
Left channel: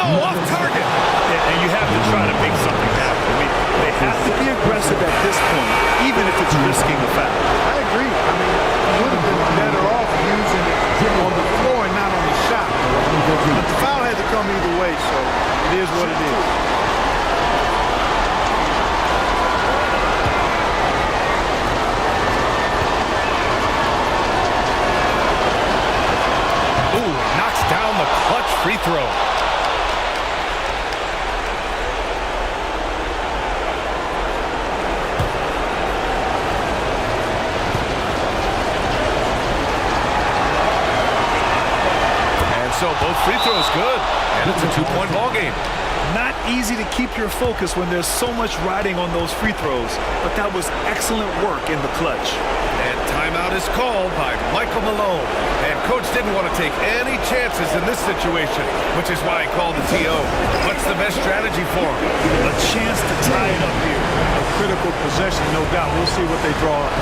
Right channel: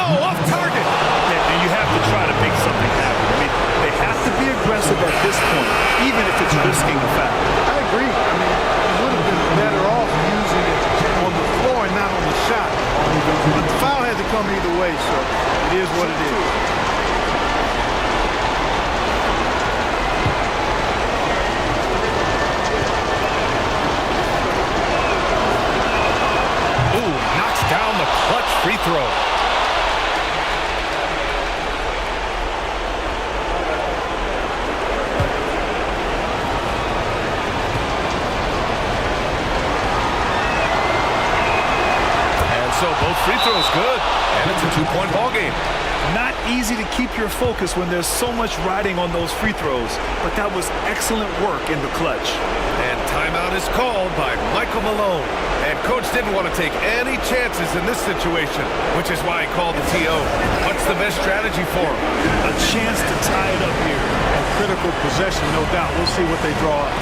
Oh, off target. And you have to try to make something happen. I mean, they have to be aggressive at this point, even if it's risking a foul. I agree. I mean, you would have been better off using it on the floor and not on the shot. But the foul had to come either way, so it is what it is. Ooh, he knocks down the clutch free throw. So both free throws good, and it's a 2-point ball game. Not easy to keep your focus when there's so much riding on those free throws, but that was excellent work in the clutch. And timeout is called by Michael Malone. And coach didn't want to take any chances in this situation, which is why he called the TO. What's the best strategy for him? A chance to tie it up here. A critical possession, no doubt. We'll see what they draw up.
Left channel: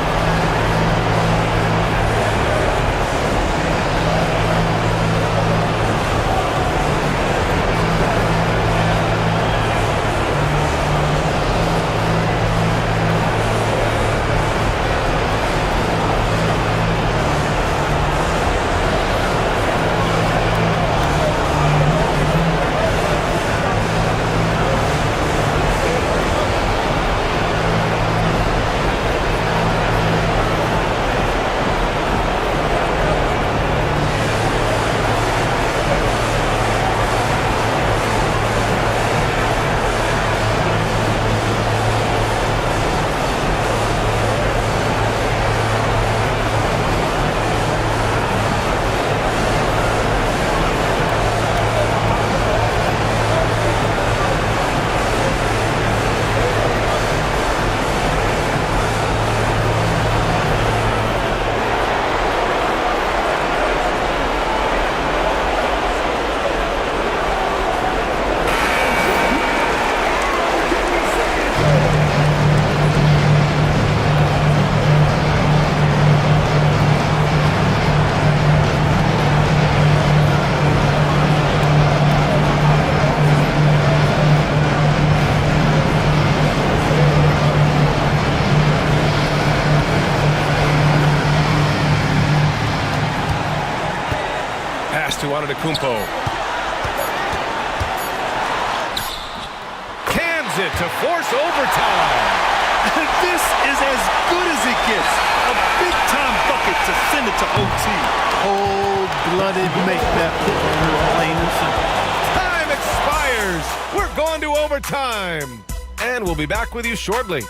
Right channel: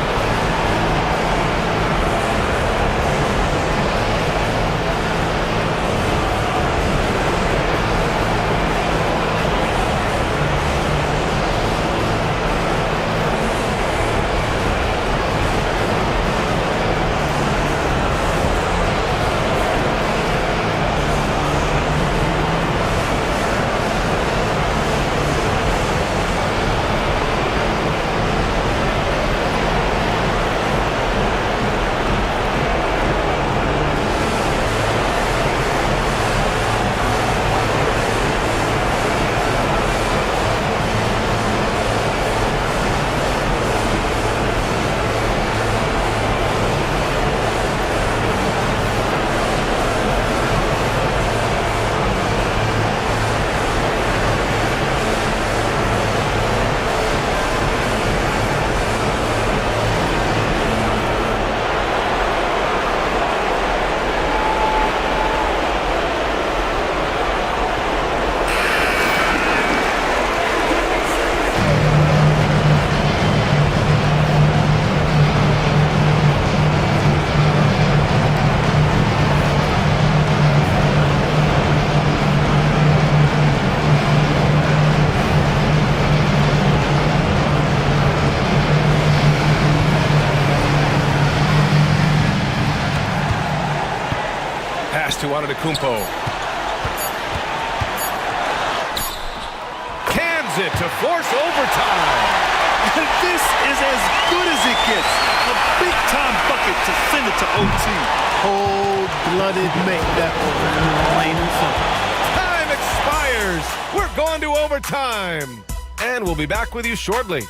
To Antetokounmpo. Cans it to force overtime. This is as good as it gets. A big-time bucket to send it to OT. Cold-blooded make that plain and simple. Time expires. We're going to overtime. And we'll be back with you shortly.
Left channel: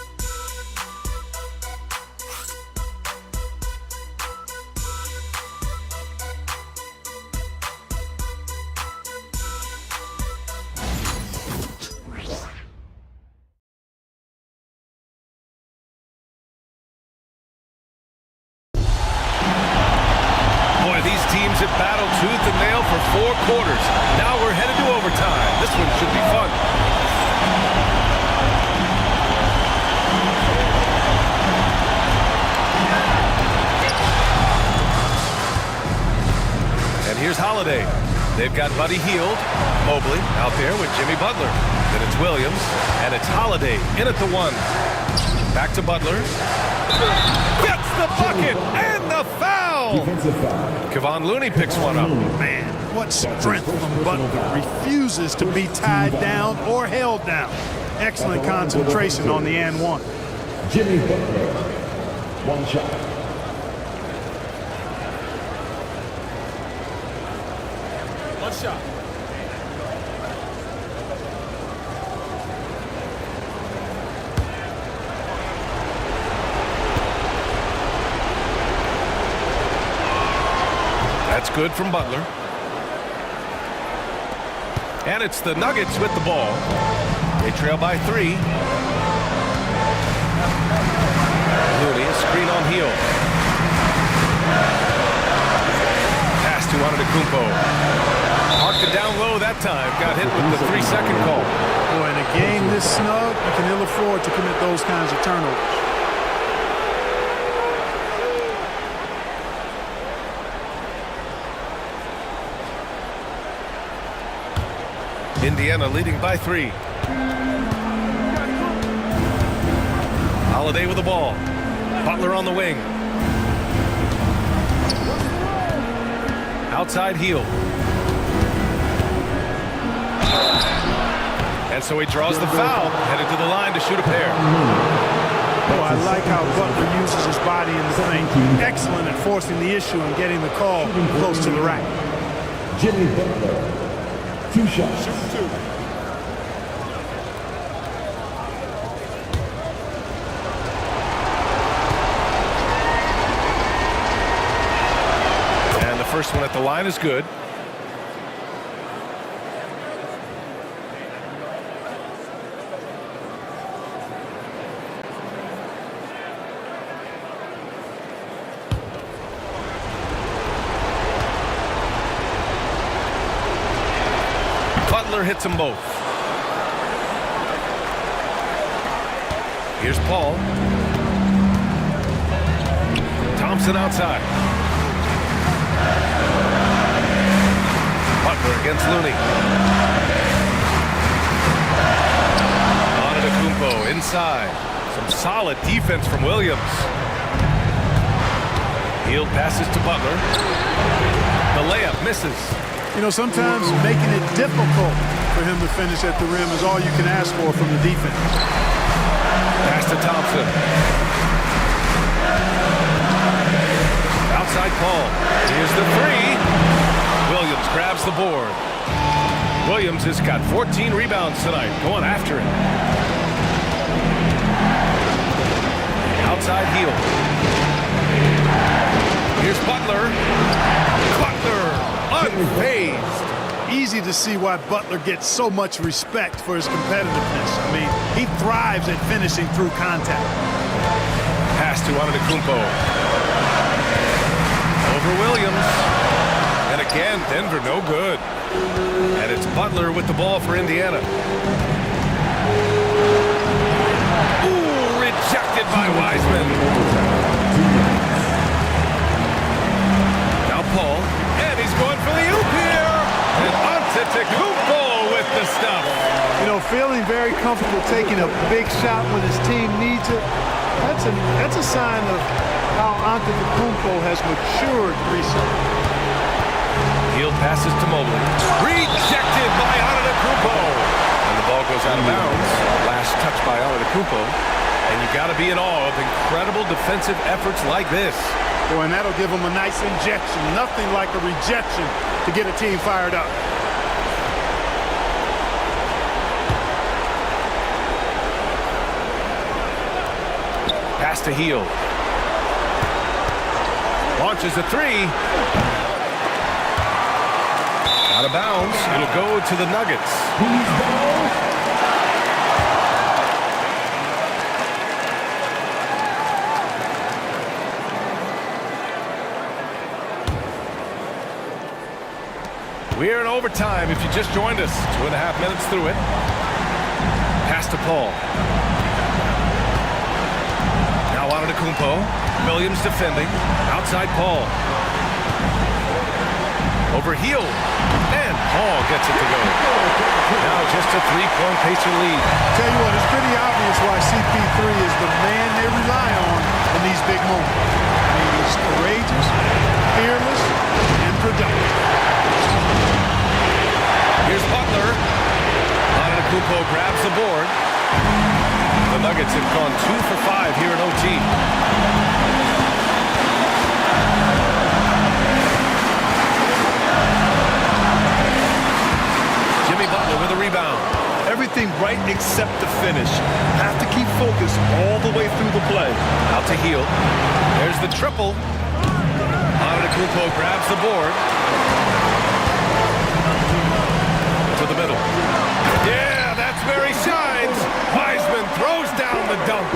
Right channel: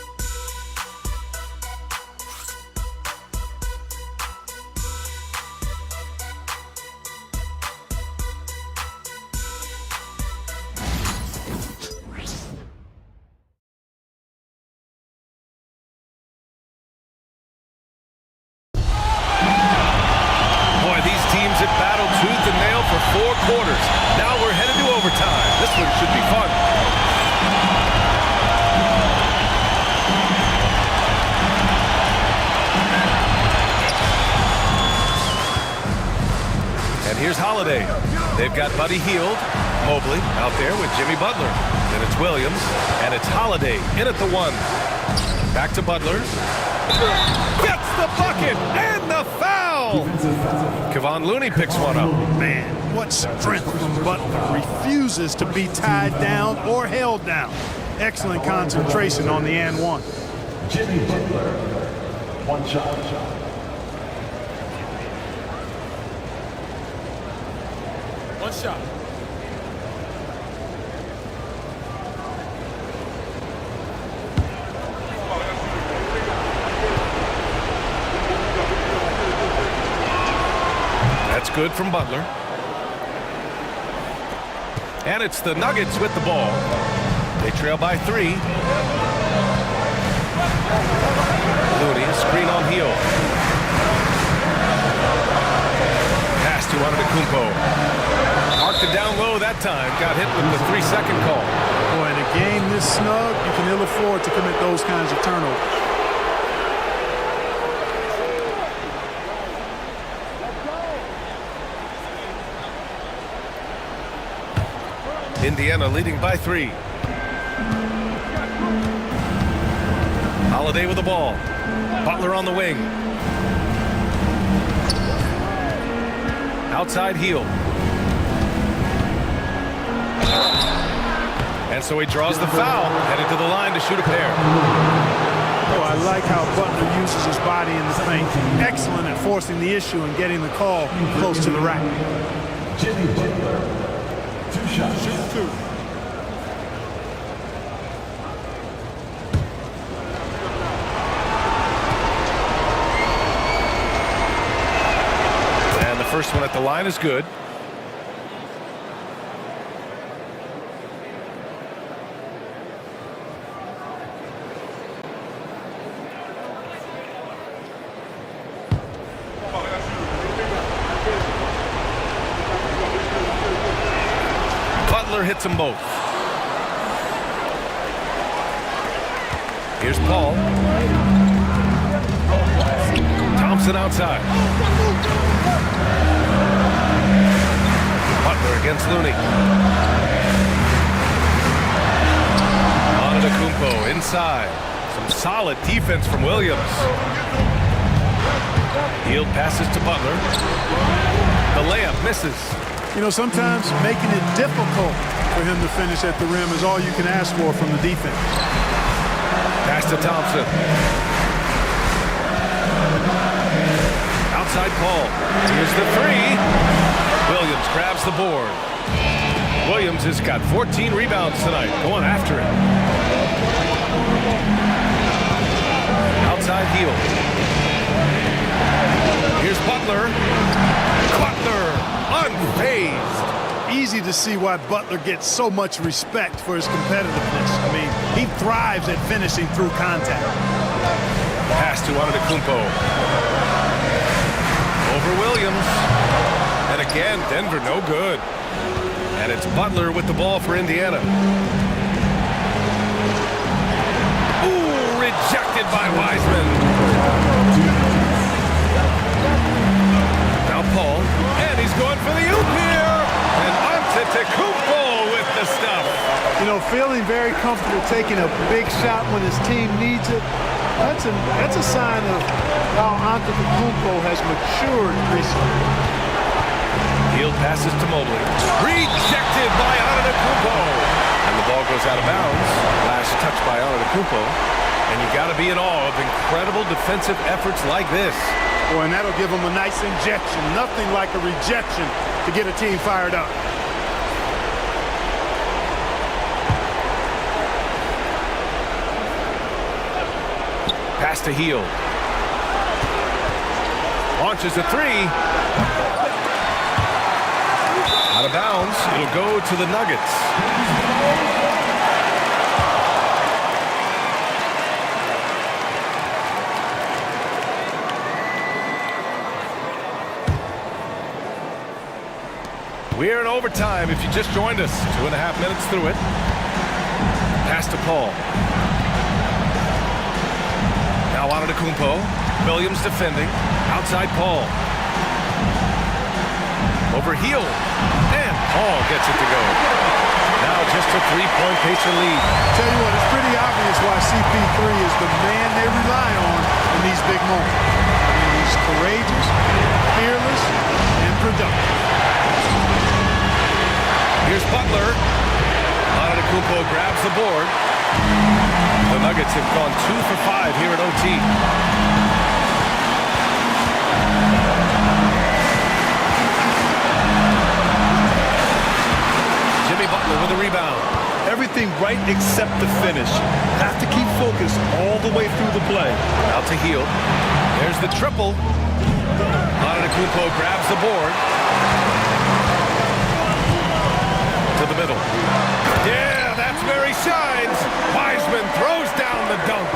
These teams have battled tooth and nail for 4 quarters. Now we're headed to overtime. This one should be fun. And here's Holiday. They've got Buddy Hield, Mobley out there with Jimmy Butler. Then it's Williams, and it's Holiday in at the 1. Back to Butler. Gets the bucket and the foul. Kevon Looney picks one up. Man, what strength from Butler. Refuses to be tied down or held down. Excellent concentration on the and 1. Jimmy Butler, 1 shot. One shot. That's good from Butler. And it's the Nuggets with the ball. They trail by 3. Looney, a screen on Hield. Pass to Antetokounmpo. Marked it down low that time. Got hit with the 3-second call. Boy, in a game this snug, you can ill afford to commit those kinds of turnovers. Indiana leading by 3. Holiday with the ball. Butler on the wing. Outside heel. And so he draws the foul, headed to the line to shoot a pair. Oh, I like how Butler uses his body in the paint. Excellent at forcing the issue and getting the call close to the rack. Jimmy Butler, 2 shots. Shoot 2. And the first one at the line is good. Butler hits them both. Here's Paul. Thompson outside. Butler against Looney. Antetokounmpo inside. Some solid defense from Williams. Hield passes to Butler. The layup misses. You know, sometimes making it difficult for him to finish at the rim is all you can ask for from the defense. Pass to Thompson. Outside Paul. Here's the 3. Williams grabs the board. Williams has got 14 rebounds tonight, going after it. Outside heel. Here's Butler. Butler unfazed. Easy to see why Butler gets so much respect for his competitiveness. I mean, he thrives at finishing through contact. Pass to Antetokounmpo. Over Williams. And again, Denver no good. And it's Butler with the ball for Indiana. Ooh, rejected by Wiseman. Now Paul, and he's going for the oop here. And Antetokounmpo with the stuff. You know, feeling very comfortable taking a big shot when his team needs it. That's a sign of how Antetokounmpo has matured recently. Hield passes to Mobley. Rejected by Antetokounmpo. And the ball goes out of bounds. Last touch by Antetokounmpo. And you got to be in awe of incredible defensive efforts like this. Boy, and that'll give him a nice injection. Nothing like a rejection to get a team fired up. Pass to Hield. Launches a 3. Out of bounds. It'll go to the Nuggets. We're in overtime if you just joined us. 2.5 minutes through it. Pass to Paul. Now Antetokounmpo. Williams defending. Outside Paul. Over Hield. And Paul gets it to go. Now just a 3-point Pacer lead. Tell you what, it's pretty obvious why CP3 is the man they rely on in these big moments. I mean, he's courageous, fearless, and productive. Here's Butler. Antetokounmpo grabs the board. The Nuggets have gone 2 for 5 here at OT. Jimmy Butler with a rebound. Everything right except the finish. Have to keep focused all the way through the play. Out to Hield. There's the triple. Antetokounmpo grabs the board. To the middle. Yeah, that's where he shines. Wiseman throws down the dunk.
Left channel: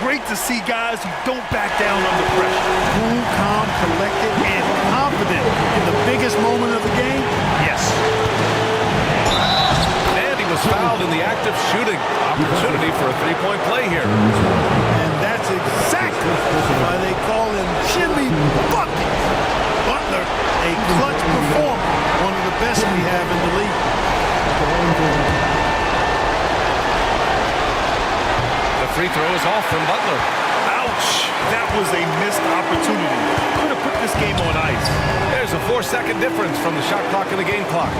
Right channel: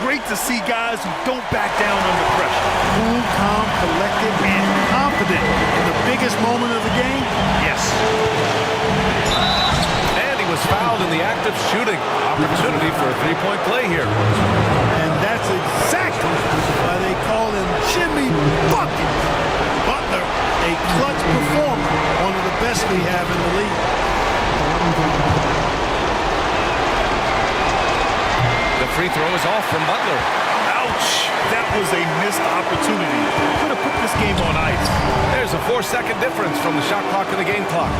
Great to see guys who don't back down under pressure. Cool, calm, collected, and confident in the biggest moment of the game. Yes. And he was fouled in the act of shooting. Opportunity for a three-point play here. And that's exactly why they call him Jimmy Buckets. Butler, a clutch performer, one of the best we have in the league. The free throw is off from Butler. Ouch! That was a missed opportunity. Could have put this game on ice. There's a 4-second difference from the shot clock and the game clock.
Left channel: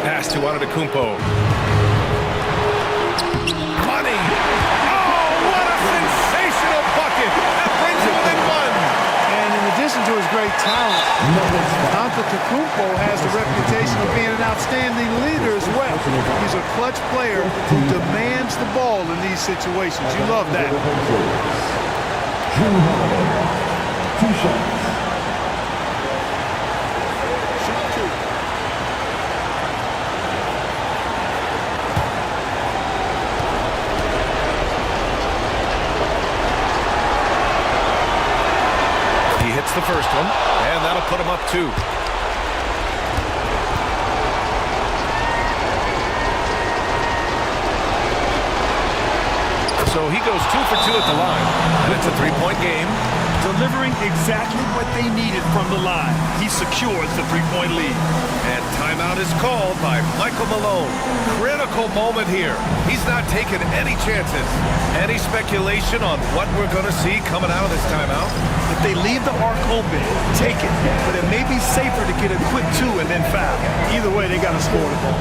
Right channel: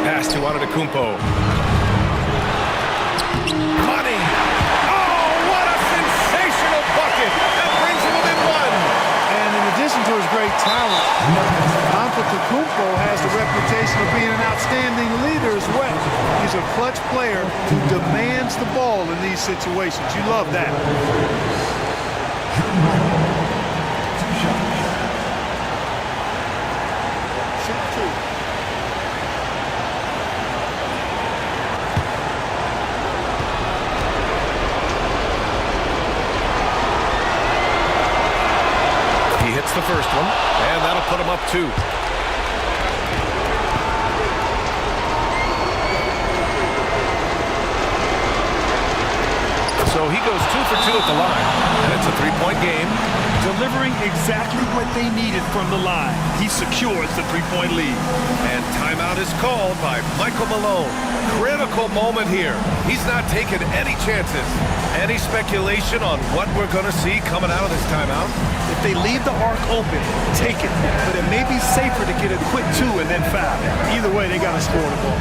Pass to Antetokounmpo. Money! Oh, what a sensational bucket! That brings him within one. And in addition to his great talent, Antetokounmpo has the reputation of being an outstanding leader as well. He's a clutch player who demands the ball in these situations. You love that. Two shots. Shoot two. He hits the first one, and that'll put him up 2. So he goes 2 for 2 at the line, and it's a 3-point game. Delivering exactly what they needed from the line. He secures the 3-point lead. And timeout is called by Michael Malone. Critical moment here. He's not taking any chances. Any speculation on what we're going to see coming out of this timeout? If they leave the arc open, take it. But it may be safer to get a quick 2 and then foul. Either way, they got to score the ball.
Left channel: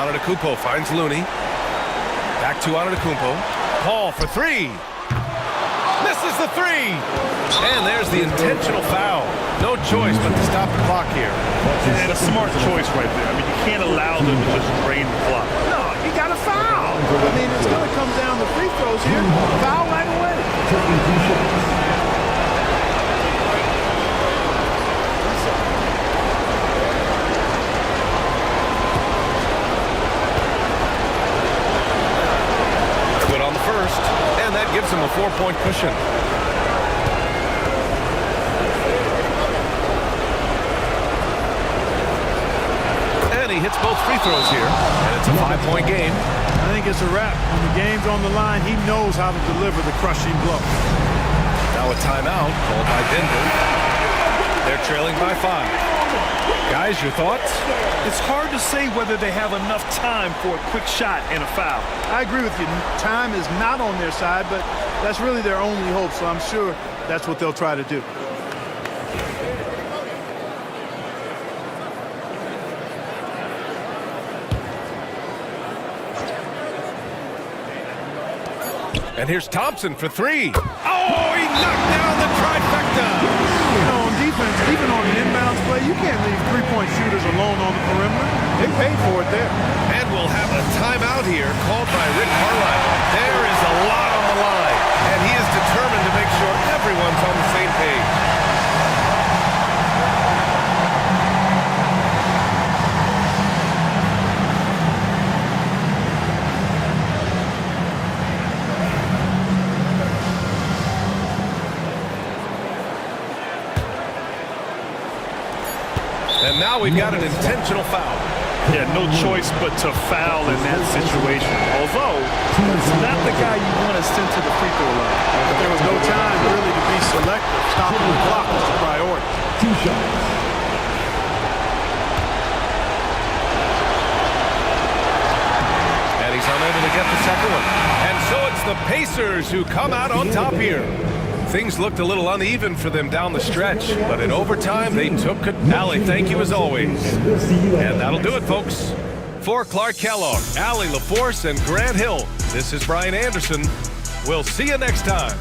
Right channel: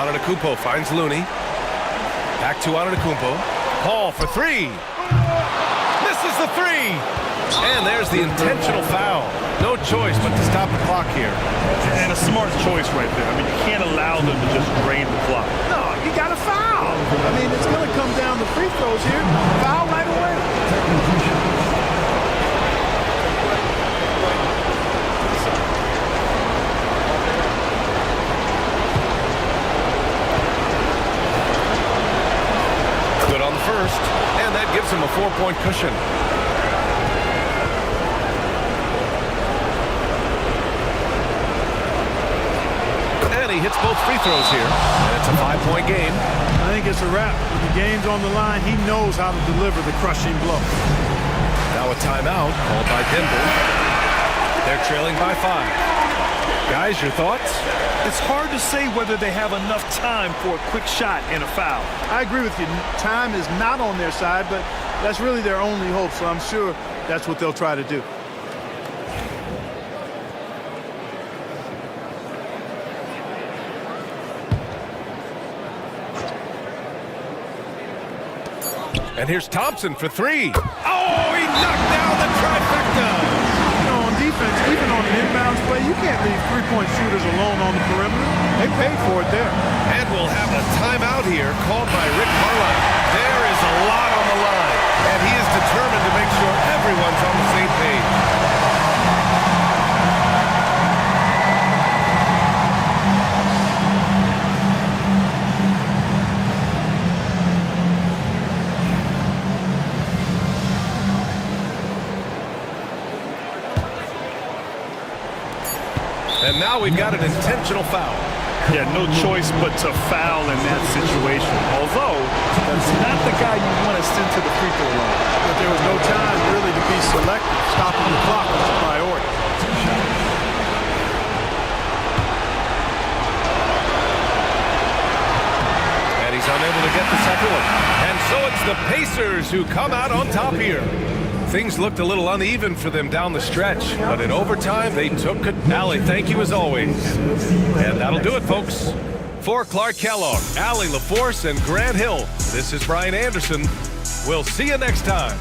Antetokounmpo finds Looney. Back to Antetokounmpo. Paul for 3. Misses the 3. And there's the intentional foul. No choice but to stop the clock here. And a smart choice right there. I mean, you can't allow them to just drain the clock. No, you got to foul. I mean, it's going to come down to free throws here. Foul right away. Good on the first, and that gives him a 4-point cushion. And he hits both free throws here, and it's a 5-point game. I think it's a wrap. When the game's on the line, he knows how to deliver the crushing blow. Now a timeout called by Denver. They're trailing by 5. Guys, your thoughts? It's hard to say whether they have enough time for a quick shot and a foul. I agree with you. Time is not on their side, but that's really their only hope, so I'm sure that's what they'll try to do. And here's Thompson for 3. Oh, he knocked down the trifecta. You know, on defense, even on an inbounds play, you can't leave three-point shooters alone on the perimeter. They paid for it there. And we'll have a timeout here called by Rick Carlisle. There is a lot on the line, and he is determined to make sure everyone's on the same page. And now we've got an intentional foul. Yeah, no choice but to foul in that situation. Although, that's not the guy you want to send to the free throw line. But there was no time really to be selective. Stopping the clock was the priority. 2 shots. And he's unable to get the second one. And so it's the Pacers who come out on top here. Things looked a little uneven for them down the stretch, but in overtime, they took it. Allie, thank you as always. And that'll do it, folks. For Clark Kellogg, Allie LaForce, and Grant Hill, this is Brian Anderson. We'll see you next time.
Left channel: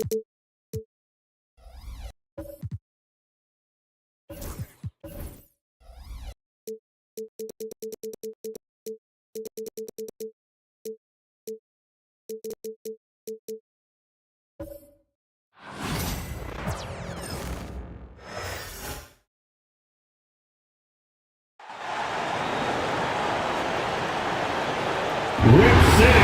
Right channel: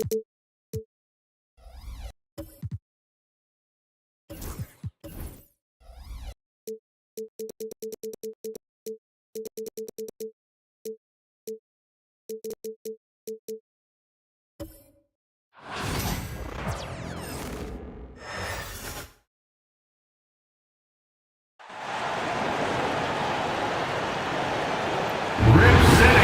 Rip City.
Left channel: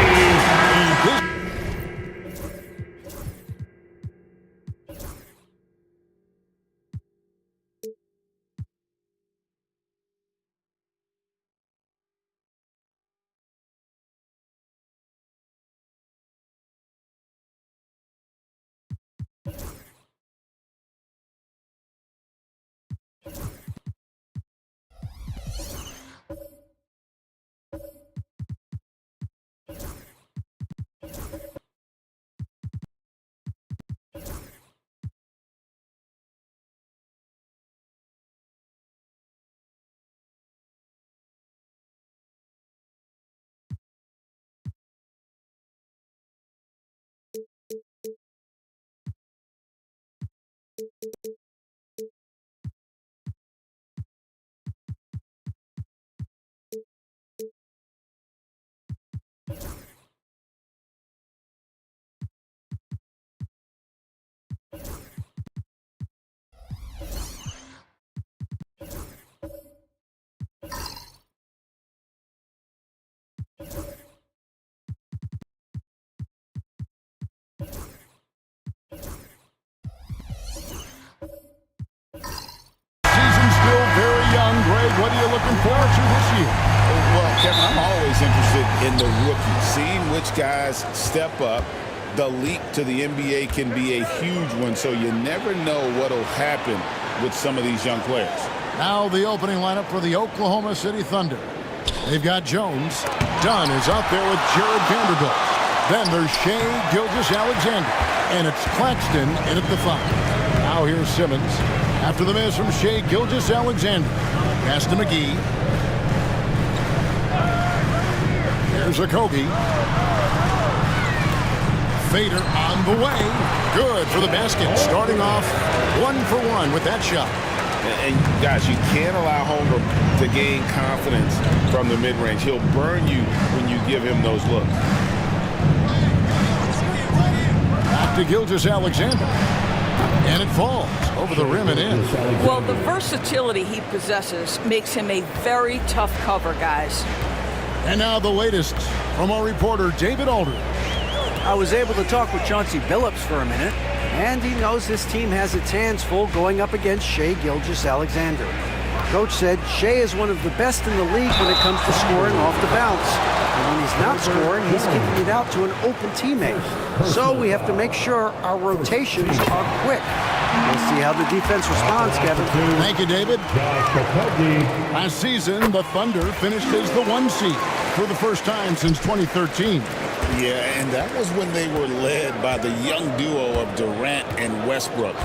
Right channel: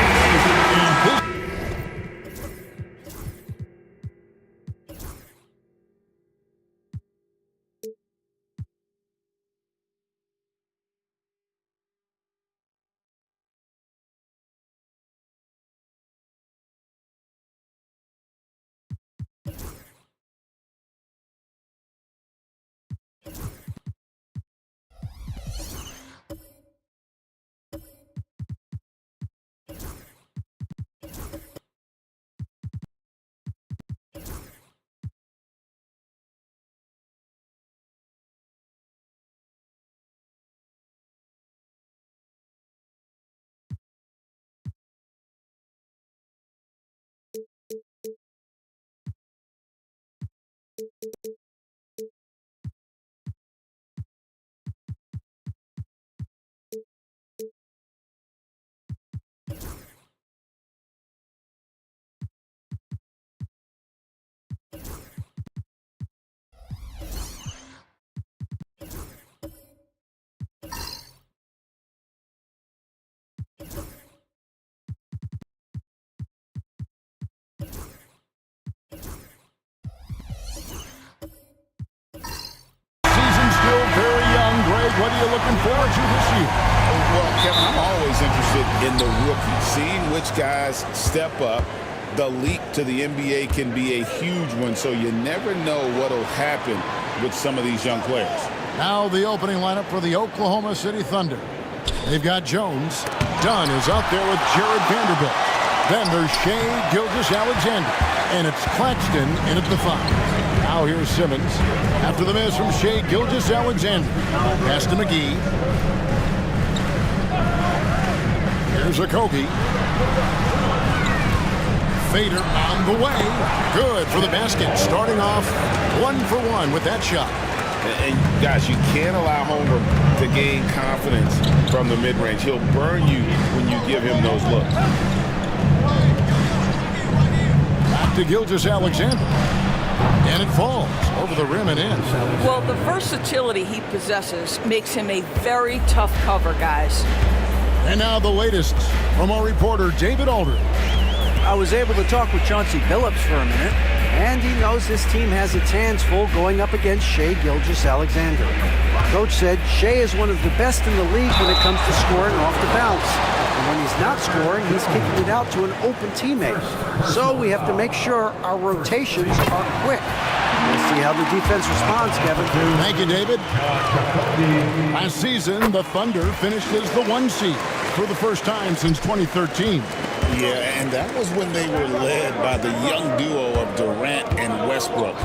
Still very young. Greg, what are you looking forward to this year? Well, Kevin, I'm always interested in the rookies, seeing which guys step up. The leap to the NBA can be a huge one, so you never know what will happen with some of these young players. Now the opening lineup for the Oklahoma City Thunder. They've got Jones. Dunn is out there with Jared Vanderbilt. Then there's Shai Gilgeous-Alexander. And it's Claxton in at the 5. Now here's Simmons. After the miss from Shai Gilgeous-Alexander. Pass to McGee. Here's Okogie. Fader on the way. Good for the basket. Starting off 1-for-1 with that shot. And guys, you can't allow Holmgren to gain confidence from the mid-range. He'll burn you when you give him those looks. Back to Gilgeous-Alexander. And it falls over the rim and in. Well, the versatility he possesses makes him a very tough cover, guys. And now the latest from our reporter, David Aldridge. I was able to talk with Chauncey Billups for a minute, and he knows this team has its hands full going up against Shai Gilgeous-Alexander. Coach said Shai is one of the best in the league when it comes to scoring off the bounce. And when he's not scoring, he's kicking it out to an open teammate. So we have to make sure our rotations are quick. We'll see how the defense responds, Kevin. Thank you, David. Last season, the Thunder finished as the 1 seed for the first time since 2013. Yeah, and that was when they were led by the young duo of Durant and Westbrook.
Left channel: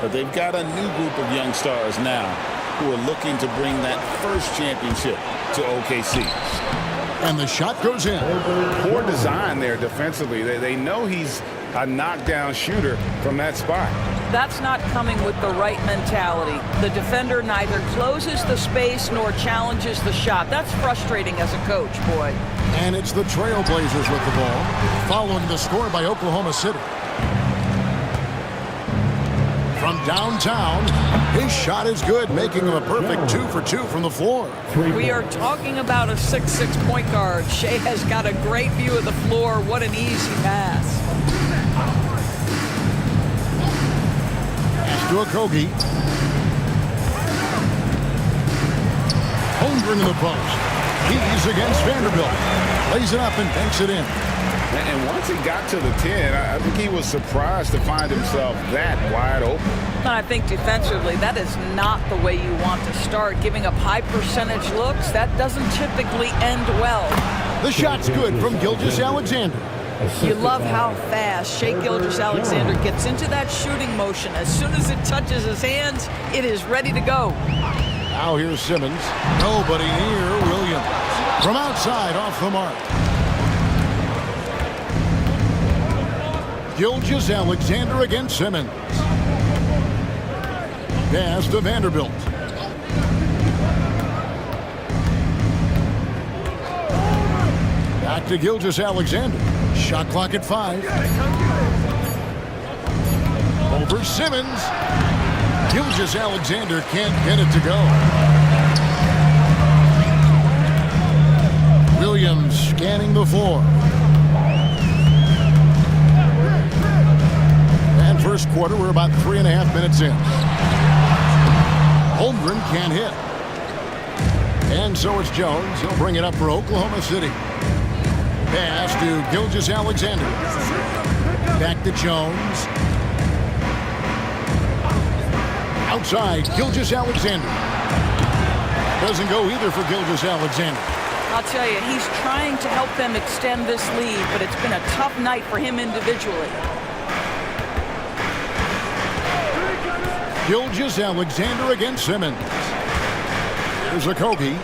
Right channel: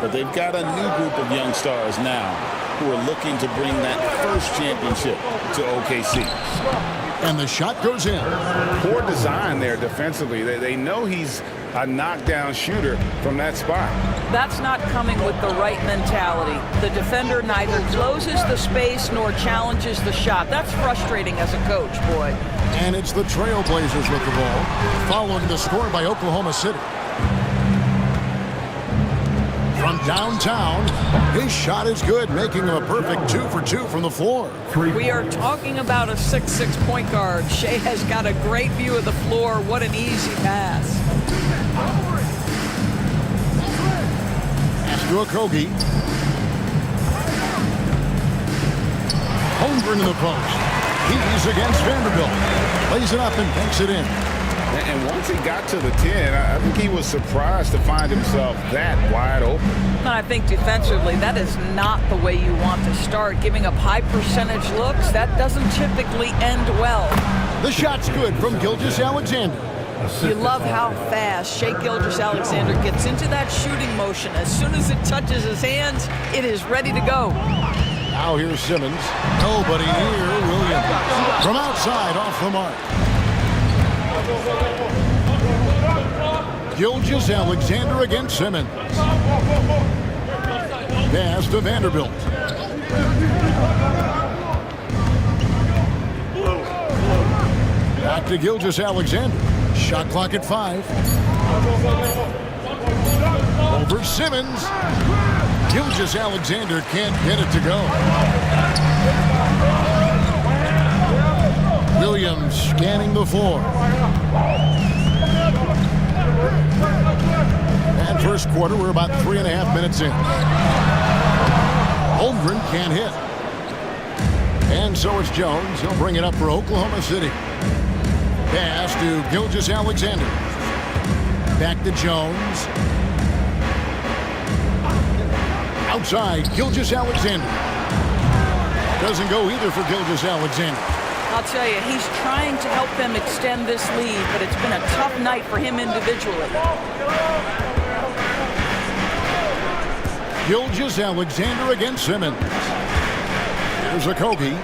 But they've got a new group of young stars now who are looking to bring that first championship to OKC. And the shot goes in. Poor design there defensively. They know he's a knockdown shooter from that spot. That's not coming with the right mentality. The defender neither closes the space nor challenges the shot. That's frustrating as a coach, boy. And it's the Trailblazers with the ball, following the score by Oklahoma City. From downtown, his shot is good, making him a perfect 2 for 2 from the floor. We are talking about a 6'6" point guard. Shai has got a great view of the floor. What an easy pass. Pass to Okogie. Holmgren in the post. He's against Vanderbilt. Lays it up and banks it in. And once he got to the 10, I think he was surprised to find himself that wide open. And I think defensively, that is not the way you want to start. Giving up high percentage looks, that doesn't typically end well. The shot's good from Gilgeous-Alexander. You love how fast Shai Gilgeous-Alexander gets into that shooting motion. As soon as it touches his hands, it is ready to go. Now here's Simmons. Nobody near Williams. From outside, off the mark. Gilgeous-Alexander against Simmons. Pass to Vanderbilt. Back to Gilgeous-Alexander. Shot clock at 5. Over Simmons. Gilgeous-Alexander can't get it to go. Williams scanning the floor. And first quarter, we're about 3.5 minutes in. Holmgren can't hit. And so it's Jones. He'll bring it up for Oklahoma City. Pass to Gilgeous-Alexander. Back to Jones. Outside, Gilgeous-Alexander. Doesn't go either for Gilgeous-Alexander. I'll tell you, he's trying to help them extend this lead, but it's been a tough night for him individually. Gilgeous-Alexander against Simmons. Here's Okogie.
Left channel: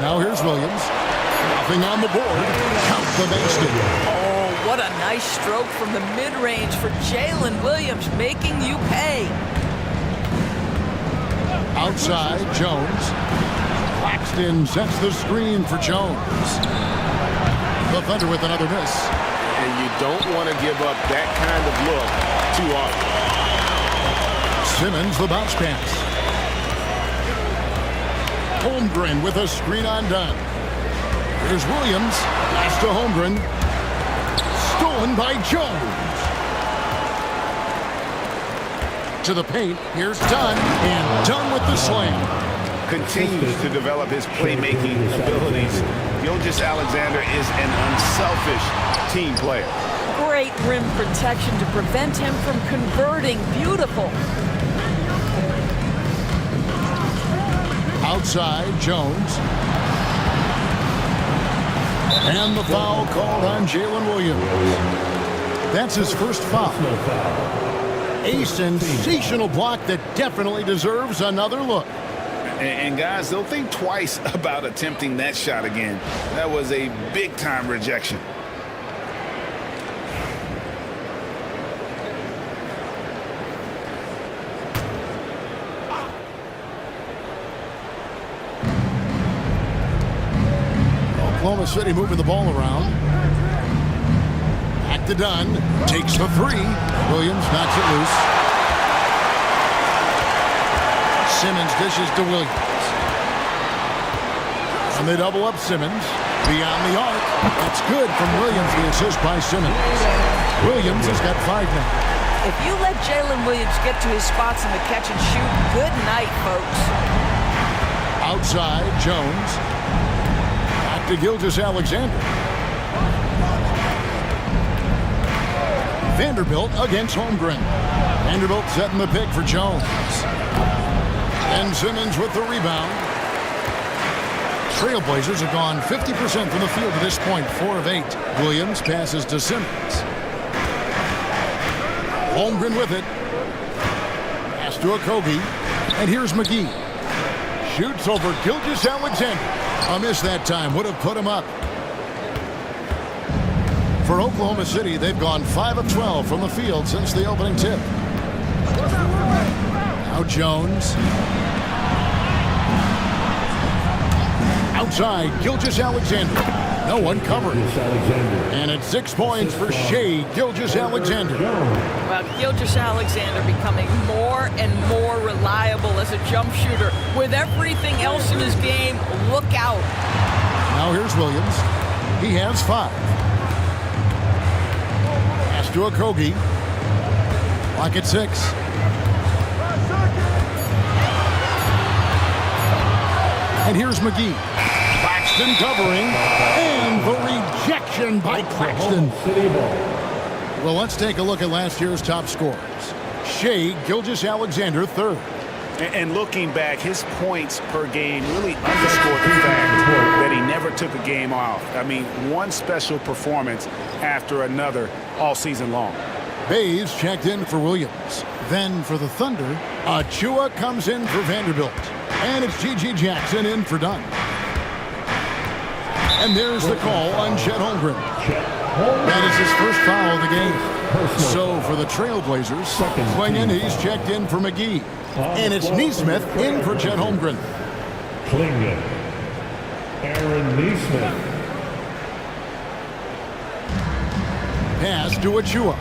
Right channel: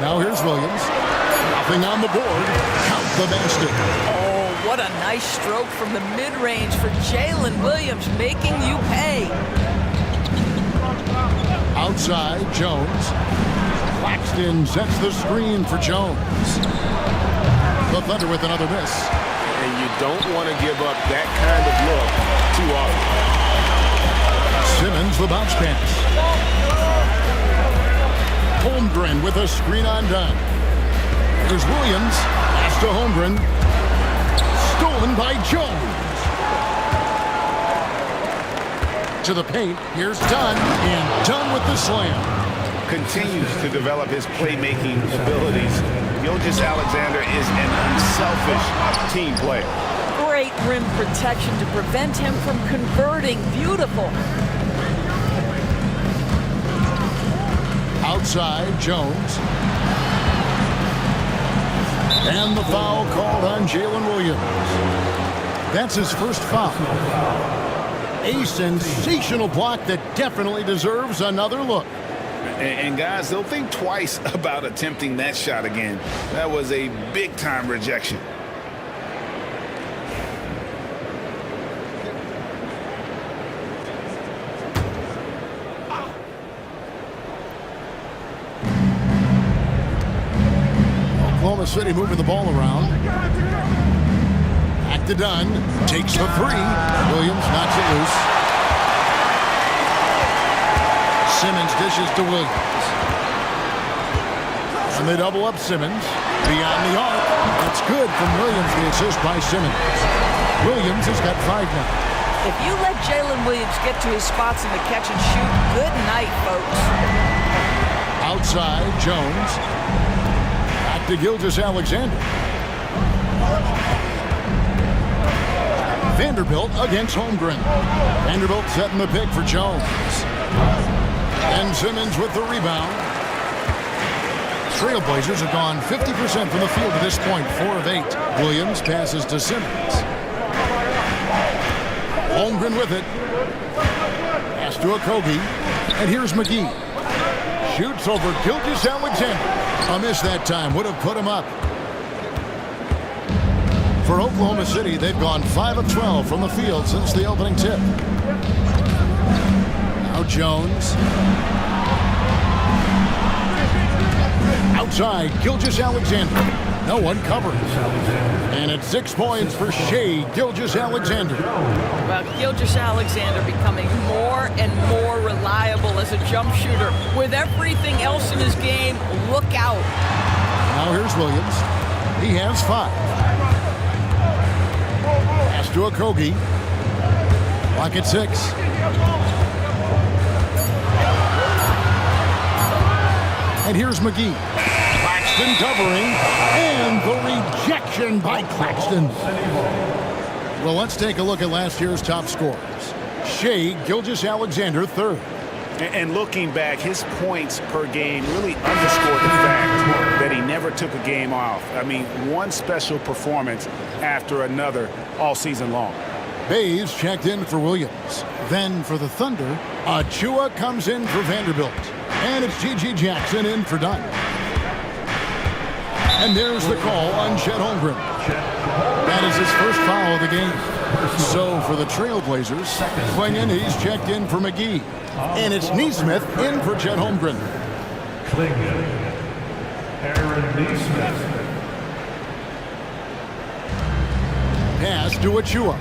Now here's Williams. Nothing on the board. Count the basket. Oh, what a nice stroke from the mid-range for Jalen Williams, making you pay. Outside, Jones. Claxton sets the screen for Jones. The Thunder with another miss. And you don't want to give up that kind of look too often. Simmons, the bounce pass. Holmgren with a screen on Dunn. Here's Williams. Pass to Holmgren. Stolen by Jones. To the paint. Here's Dunn. And Dunn with the slam. Continues to develop his playmaking abilities. Gilgeous-Alexander is an unselfish team player. Great rim protection to prevent him from converting. Beautiful. Outside, Jones. And the foul called on Jalen Williams. That's his first foul. A sensational block that definitely deserves another look. And guys, they'll think twice about attempting that shot again. That was a big-time rejection. Oklahoma City moving the ball around. Back to Dunn. Takes the 3. Williams knocks it loose. Simmons dishes to Williams. And they double up Simmons. Beyond the arc. That's good from Williams, the assist by Simmons. Williams has got 5 now. If you let Jalen Williams get to his spots in the catch and shoot, good night, folks. Outside, Jones. Back to Gilgeous-Alexander. Vanderbilt against Holmgren. Vanderbilt setting the pick for Jones. And Simmons with the rebound. Trailblazers have gone 50% from the field to this point, 4 of 8. Williams passes to Simmons. Holmgren with it. Pass to Okogie. And here's McGee. Shoots over Gilgeous-Alexander. A miss that time. Would have put him up. For Oklahoma City, they've gone 5 of 12 from the field since the opening tip. Now Jones. Outside, Gilgeous-Alexander. No one covering. And it's 6 points for Shai Gilgeous-Alexander. Well, Gilgeous-Alexander becoming more and more reliable as a jump shooter. With everything else in his game, look out. Now here's Williams. He has 5. Pass to Okogie. Clock at 6. And here's McGee. Claxton covering. And the rejection by Claxton. Well, let's take a look at last year's top scorers. Shai Gilgeous-Alexander, 3rd. And looking back, his points per game really underscored the fact that he never took a game off. I mean, one special performance after another all season long. Bays checked in for Williams. Then for the Thunder, Achua comes in for Vanderbilt. And it's G.G. Jackson in for Dunn. And there's the call on Chet Holmgren. That is his first foul of the game. So for the Trailblazers, Clingan, he's checked in for McGee. And it's Neesmith in for Chet Holmgren. Clingan. Aaron Neesmith. Pass to Achua.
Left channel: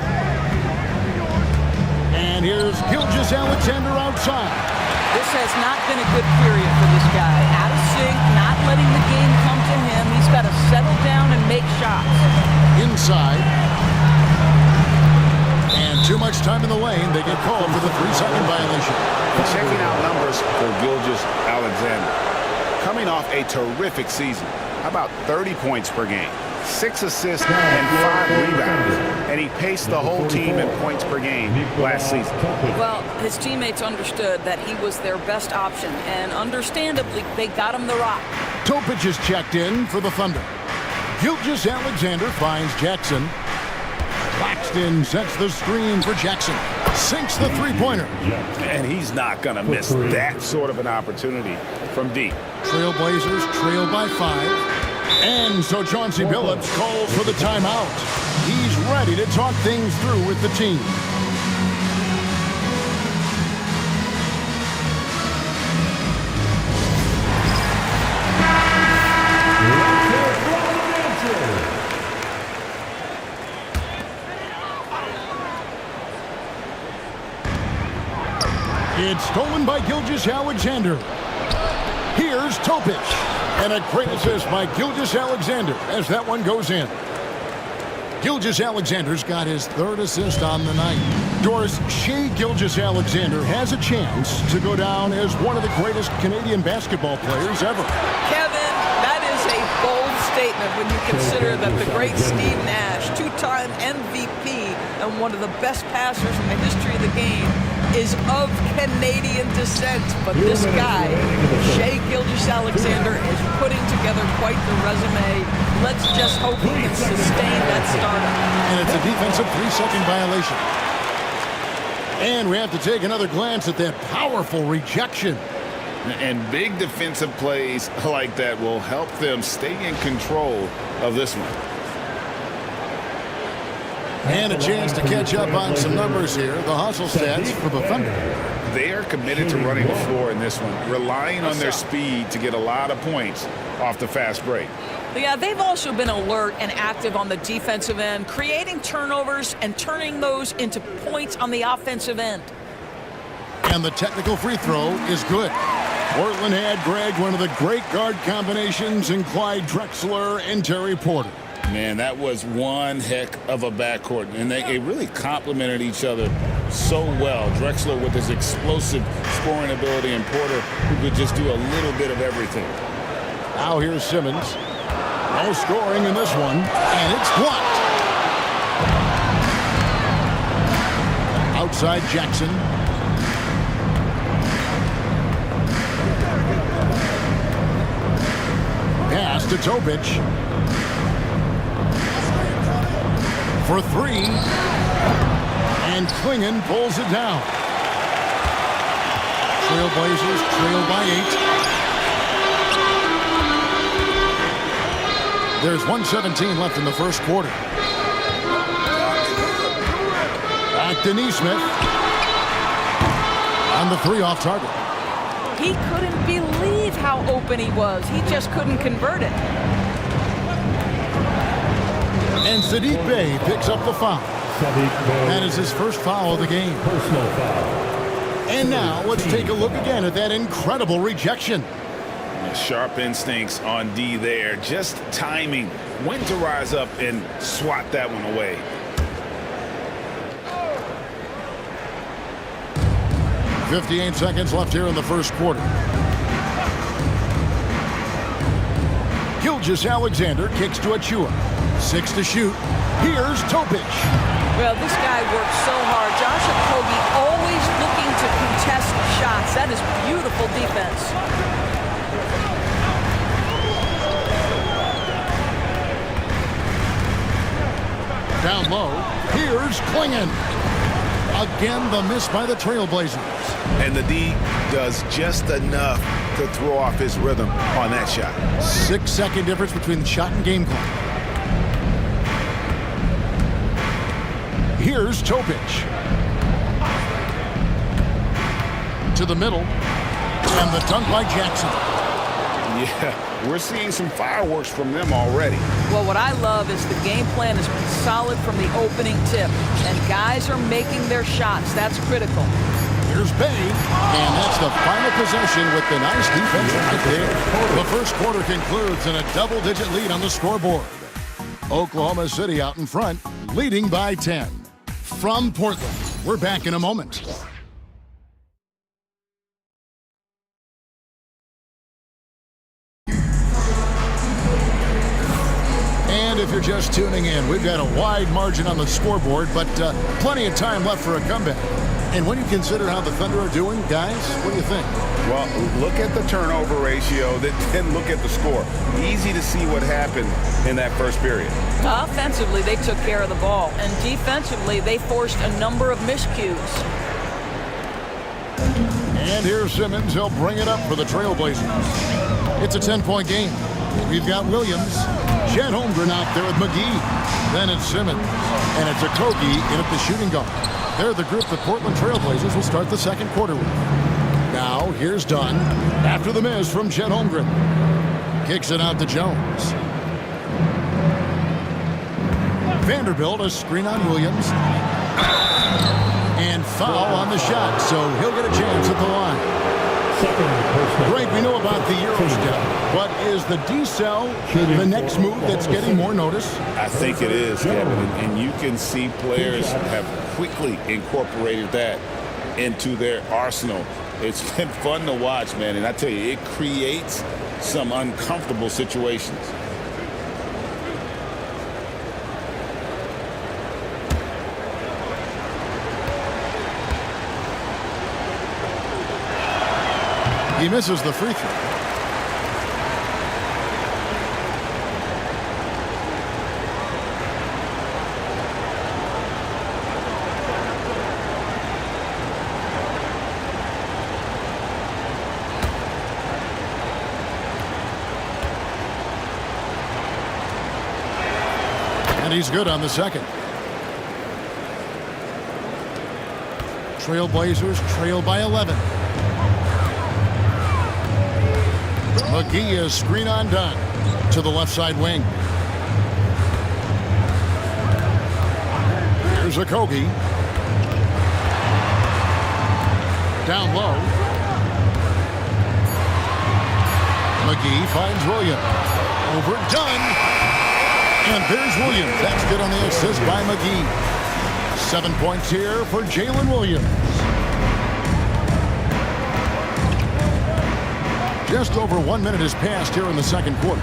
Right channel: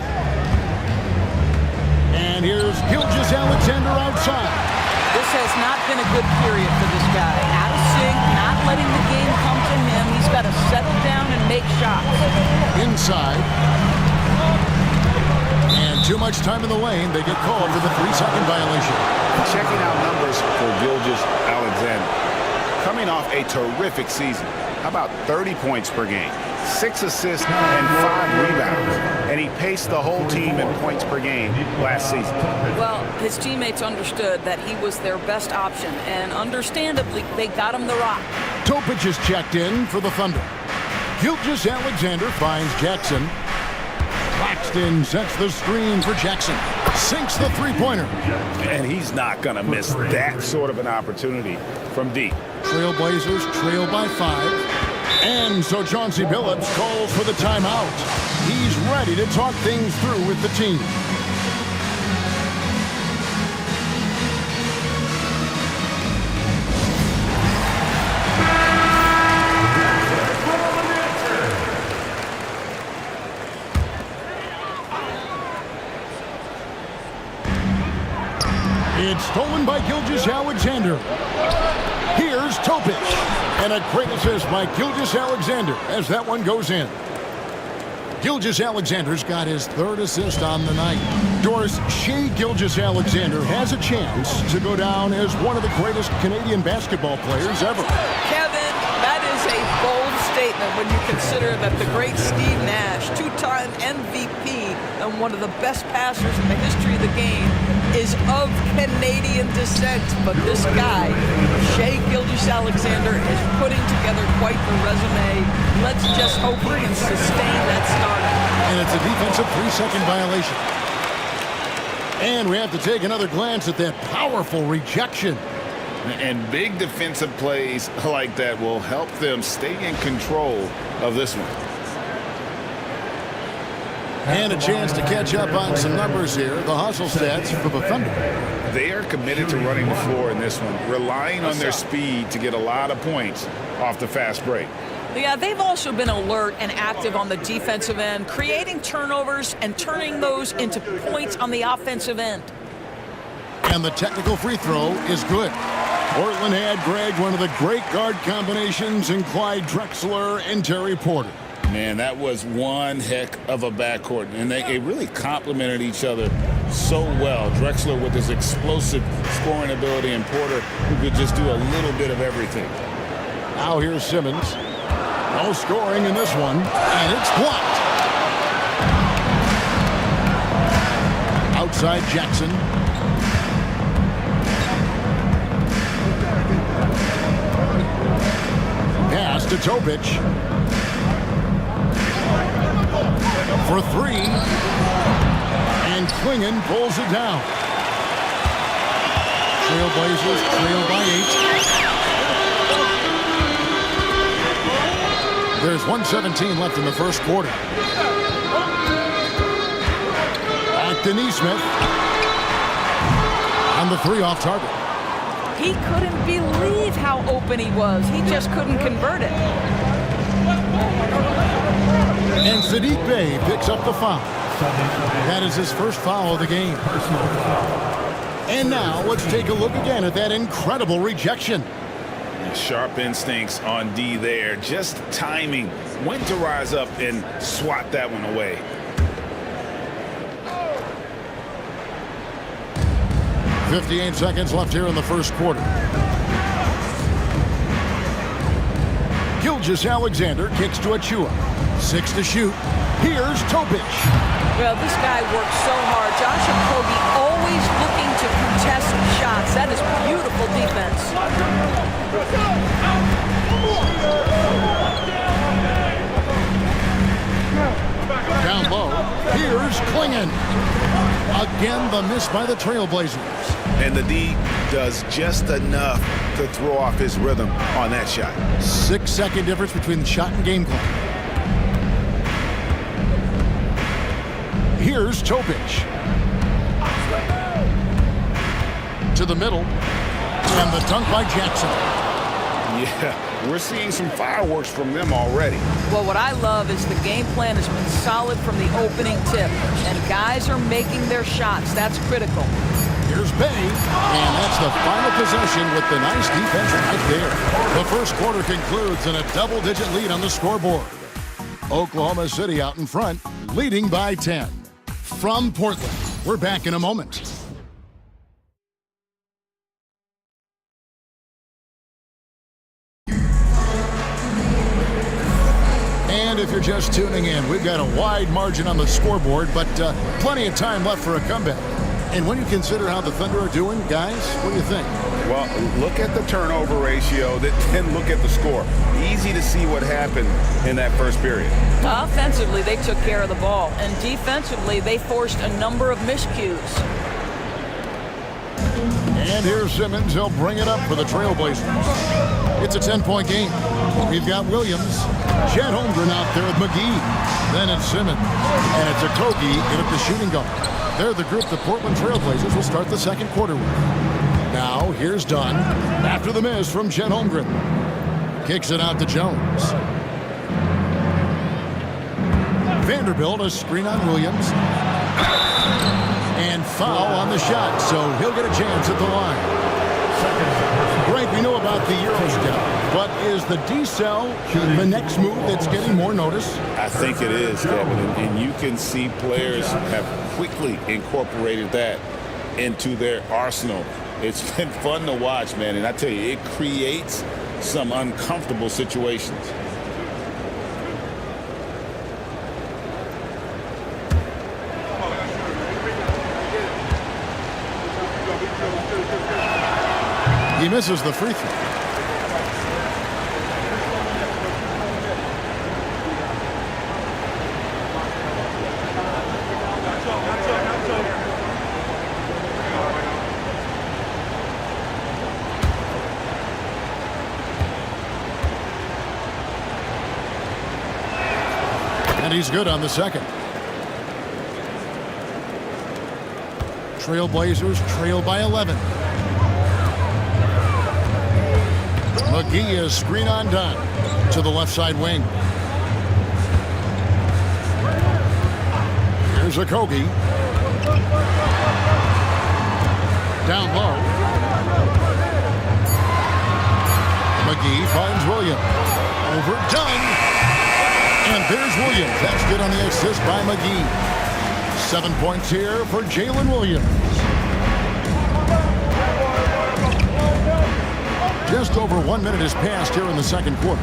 And here's Gilgeous-Alexander outside. This has not been a good period for this guy. Out of sync, not letting the game come to him. He's got to settle down and make shots. Inside. And too much time in the lane. They get called for the 3-second violation. Checking out numbers for Gilgeous-Alexander. Coming off a terrific season. How about 30 points per game? 6 assists and 5 rebounds. And he paced the whole team in points per game last season. Well, his teammates understood that he was their best option, and understandably, they got him the rock. Topic is checked in for the Thunder. Gilgeous-Alexander finds Jackson. Claxton sets the screen for Jackson. Sinks the three-pointer. And he's not going to miss that sort of an opportunity from deep. Trailblazers trail by 5. And so Chauncey Billups calls for the timeout. He's ready to talk things through with the team. It's stolen by Gilgeous-Alexander. Here's Topic. And a great assist by Gilgeous-Alexander as that one goes in. Gilgeous-Alexander's got his 3rd assist on the night. Doris, Shai Gilgeous-Alexander has a chance to go down as one of the greatest Canadian basketball players ever. Kevin, that is a bold statement when you consider that the great Steve Nash, 2-time MVP and one of the best passers in the history of the game, is of Canadian descent. But this guy, Shai Gilgeous-Alexander, is putting together quite the resume. Let's just hope he can sustain that stardom. And it's a defensive 3-second violation. And we have to take another glance at that powerful rejection. And big defensive plays like that will help them stay in control of this one. And a chance to catch up on some numbers here. The hustle stats for the Thunder. They are committed to running the floor in this one, relying on their speed to get a lot of points off the fast break. Yeah, they've also been alert and active on the defensive end, creating turnovers and turning those into points on the offensive end. And the technical free throw is good. Portland had, Greg, one of the great guard combinations in Clyde Drexler and Terry Porter. Man, that was one heck of a backcourt, and they really complemented each other so well. Drexler with his explosive scoring ability, and Porter who could just do a little bit of everything. Now here's Simmons. No scoring in this one, and it's blocked. Outside Jackson. Pass to Topic. For 3. And Clingan pulls it down. Trailblazers trail by 8. There's 1:17 left in the first quarter. Back to Neesmith. On the 3 off target. He couldn't believe how open he was. He just couldn't convert it. And Saddiq Bey picks up the foul. That is his first foul of the game. Personal foul. And now let's take a look again at that incredible rejection. Sharp instincts on D there. Just timing when to rise up and swat that one away. .58 seconds left here in the first quarter. Gilgeous-Alexander kicks to Achua. 6 to shoot. Here's Topic. Well, this guy works so hard. Josh Okogie always looking to contest shots. That is beautiful defense. Down low. Here's Clingan. Again, the miss by the Trailblazers. And the D does just enough to throw off his rhythm on that shot. 6-second difference between the shot and game clock. Here's Topic. To the middle. And the dunk by Jackson. Yeah, we're seeing some fireworks from them already. Well, what I love is the game plan has been solid from the opening tip, and guys are making their shots. That's critical. Here's Bay, and that's the final possession with the nice defense right there. The first quarter concludes in a double-digit lead on the scoreboard. Oklahoma City out in front, leading by 10. From Portland, we're back in a moment. And if you're just tuning in, we've got a wide margin on the scoreboard, but plenty of time left for a comeback. And when you consider how the Thunder are doing, guys, what do you think? Well, look at the turnover ratio, then look at the score. Easy to see what happened in that first period. Offensively, they took care of the ball, and defensively, they forced a number of miscues. And here's Simmons. He'll bring it up for the Trailblazers. It's a 10-point game. We've got Williams, Chet Holmgren out there with McGee. Then it's Simmons, and it's Okogie in at the shooting guard. They're the group the Portland Trailblazers will start the second quarter with. Now, here's Dunn after the miss from Chet Holmgren. Kicks it out to Jones. Vanderbilt, a screen on Williams. And foul on the shot, so he'll get a chance at the line. Great, we know about the Euro step, but is the decel the next move that's getting more notice? I think it is, Kevin, and you can see players have quickly incorporated that into their arsenal. It's been fun to watch, man, and I tell you, it creates some uncomfortable situations. He misses the free throw. And he's good on the second. Trailblazers trail by 11. McGee is screen on Dunn to the left side wing. Here's Okogie. Down low. McGee finds Williams. Over Dunn. And there's Williams. That's good on the assist by McGee. 7 points here for Jalen Williams. Just over 1 minute has passed here in the second quarter.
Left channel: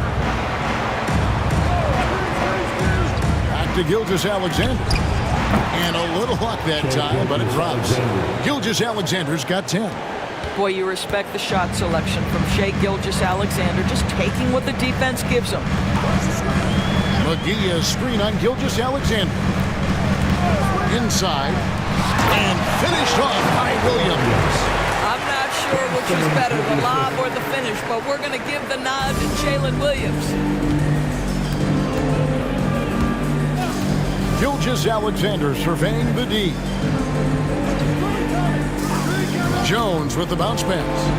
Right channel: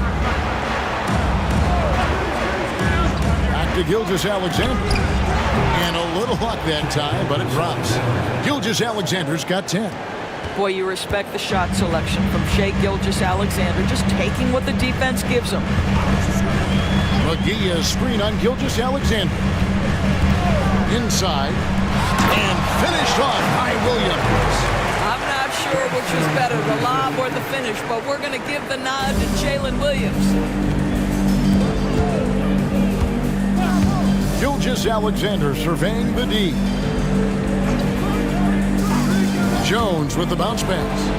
Back to Gilgeous-Alexander. And a little luck that time, but it drops. Gilgeous-Alexander's got 10. Boy, you respect the shot selection from Shai Gilgeous-Alexander, just taking what the defense gives him. McGee is screen on Gilgeous-Alexander. Inside. And finished off by Williams. I'm not sure which was better, the lob or the finish, but we're going to give the nod to Jalen Williams. Gilgeous-Alexander surveying the D. Jones with the bounce pass.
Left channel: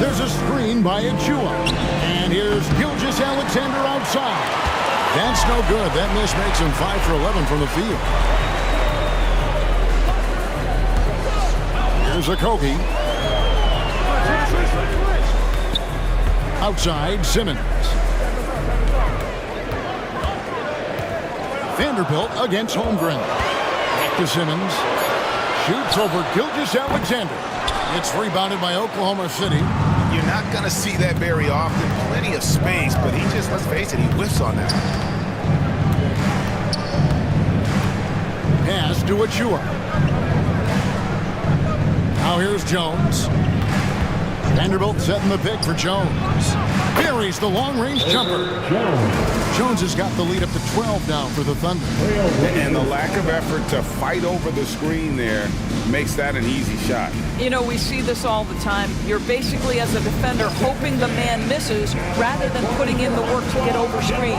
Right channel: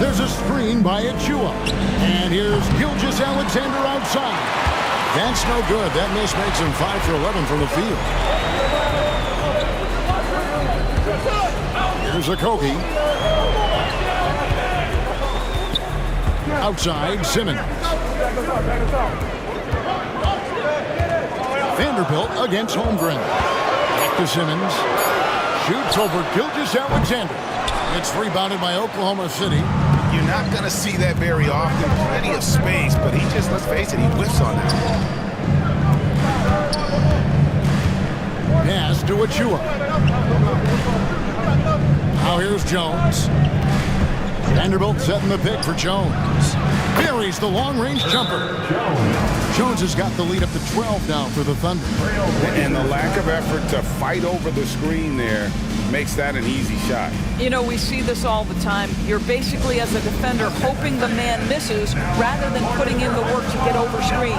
There's a screen by Achua. And here's Gilgeous-Alexander outside. That's no good. That miss makes him 5 for 11 from the field. Here's Okogie. Outside, Simmons. Vanderbilt against Holmgren. Back to Simmons. Shoots over Gilgeous-Alexander. It's rebounded by Oklahoma City. You're not going to see that very often. Plenty of space, but he just, let's face it, he whiffs on that. Pass to Achua. Now here's Jones. Vanderbilt setting the pick for Jones. Buries the long-range jumper. Jones has got the lead up to 12 now for the Thunder. And the lack of effort to fight over the screen there makes that an easy shot. You know, we see this all the time. You're basically, as a defender, hoping the man misses rather than putting in the work to get over screens.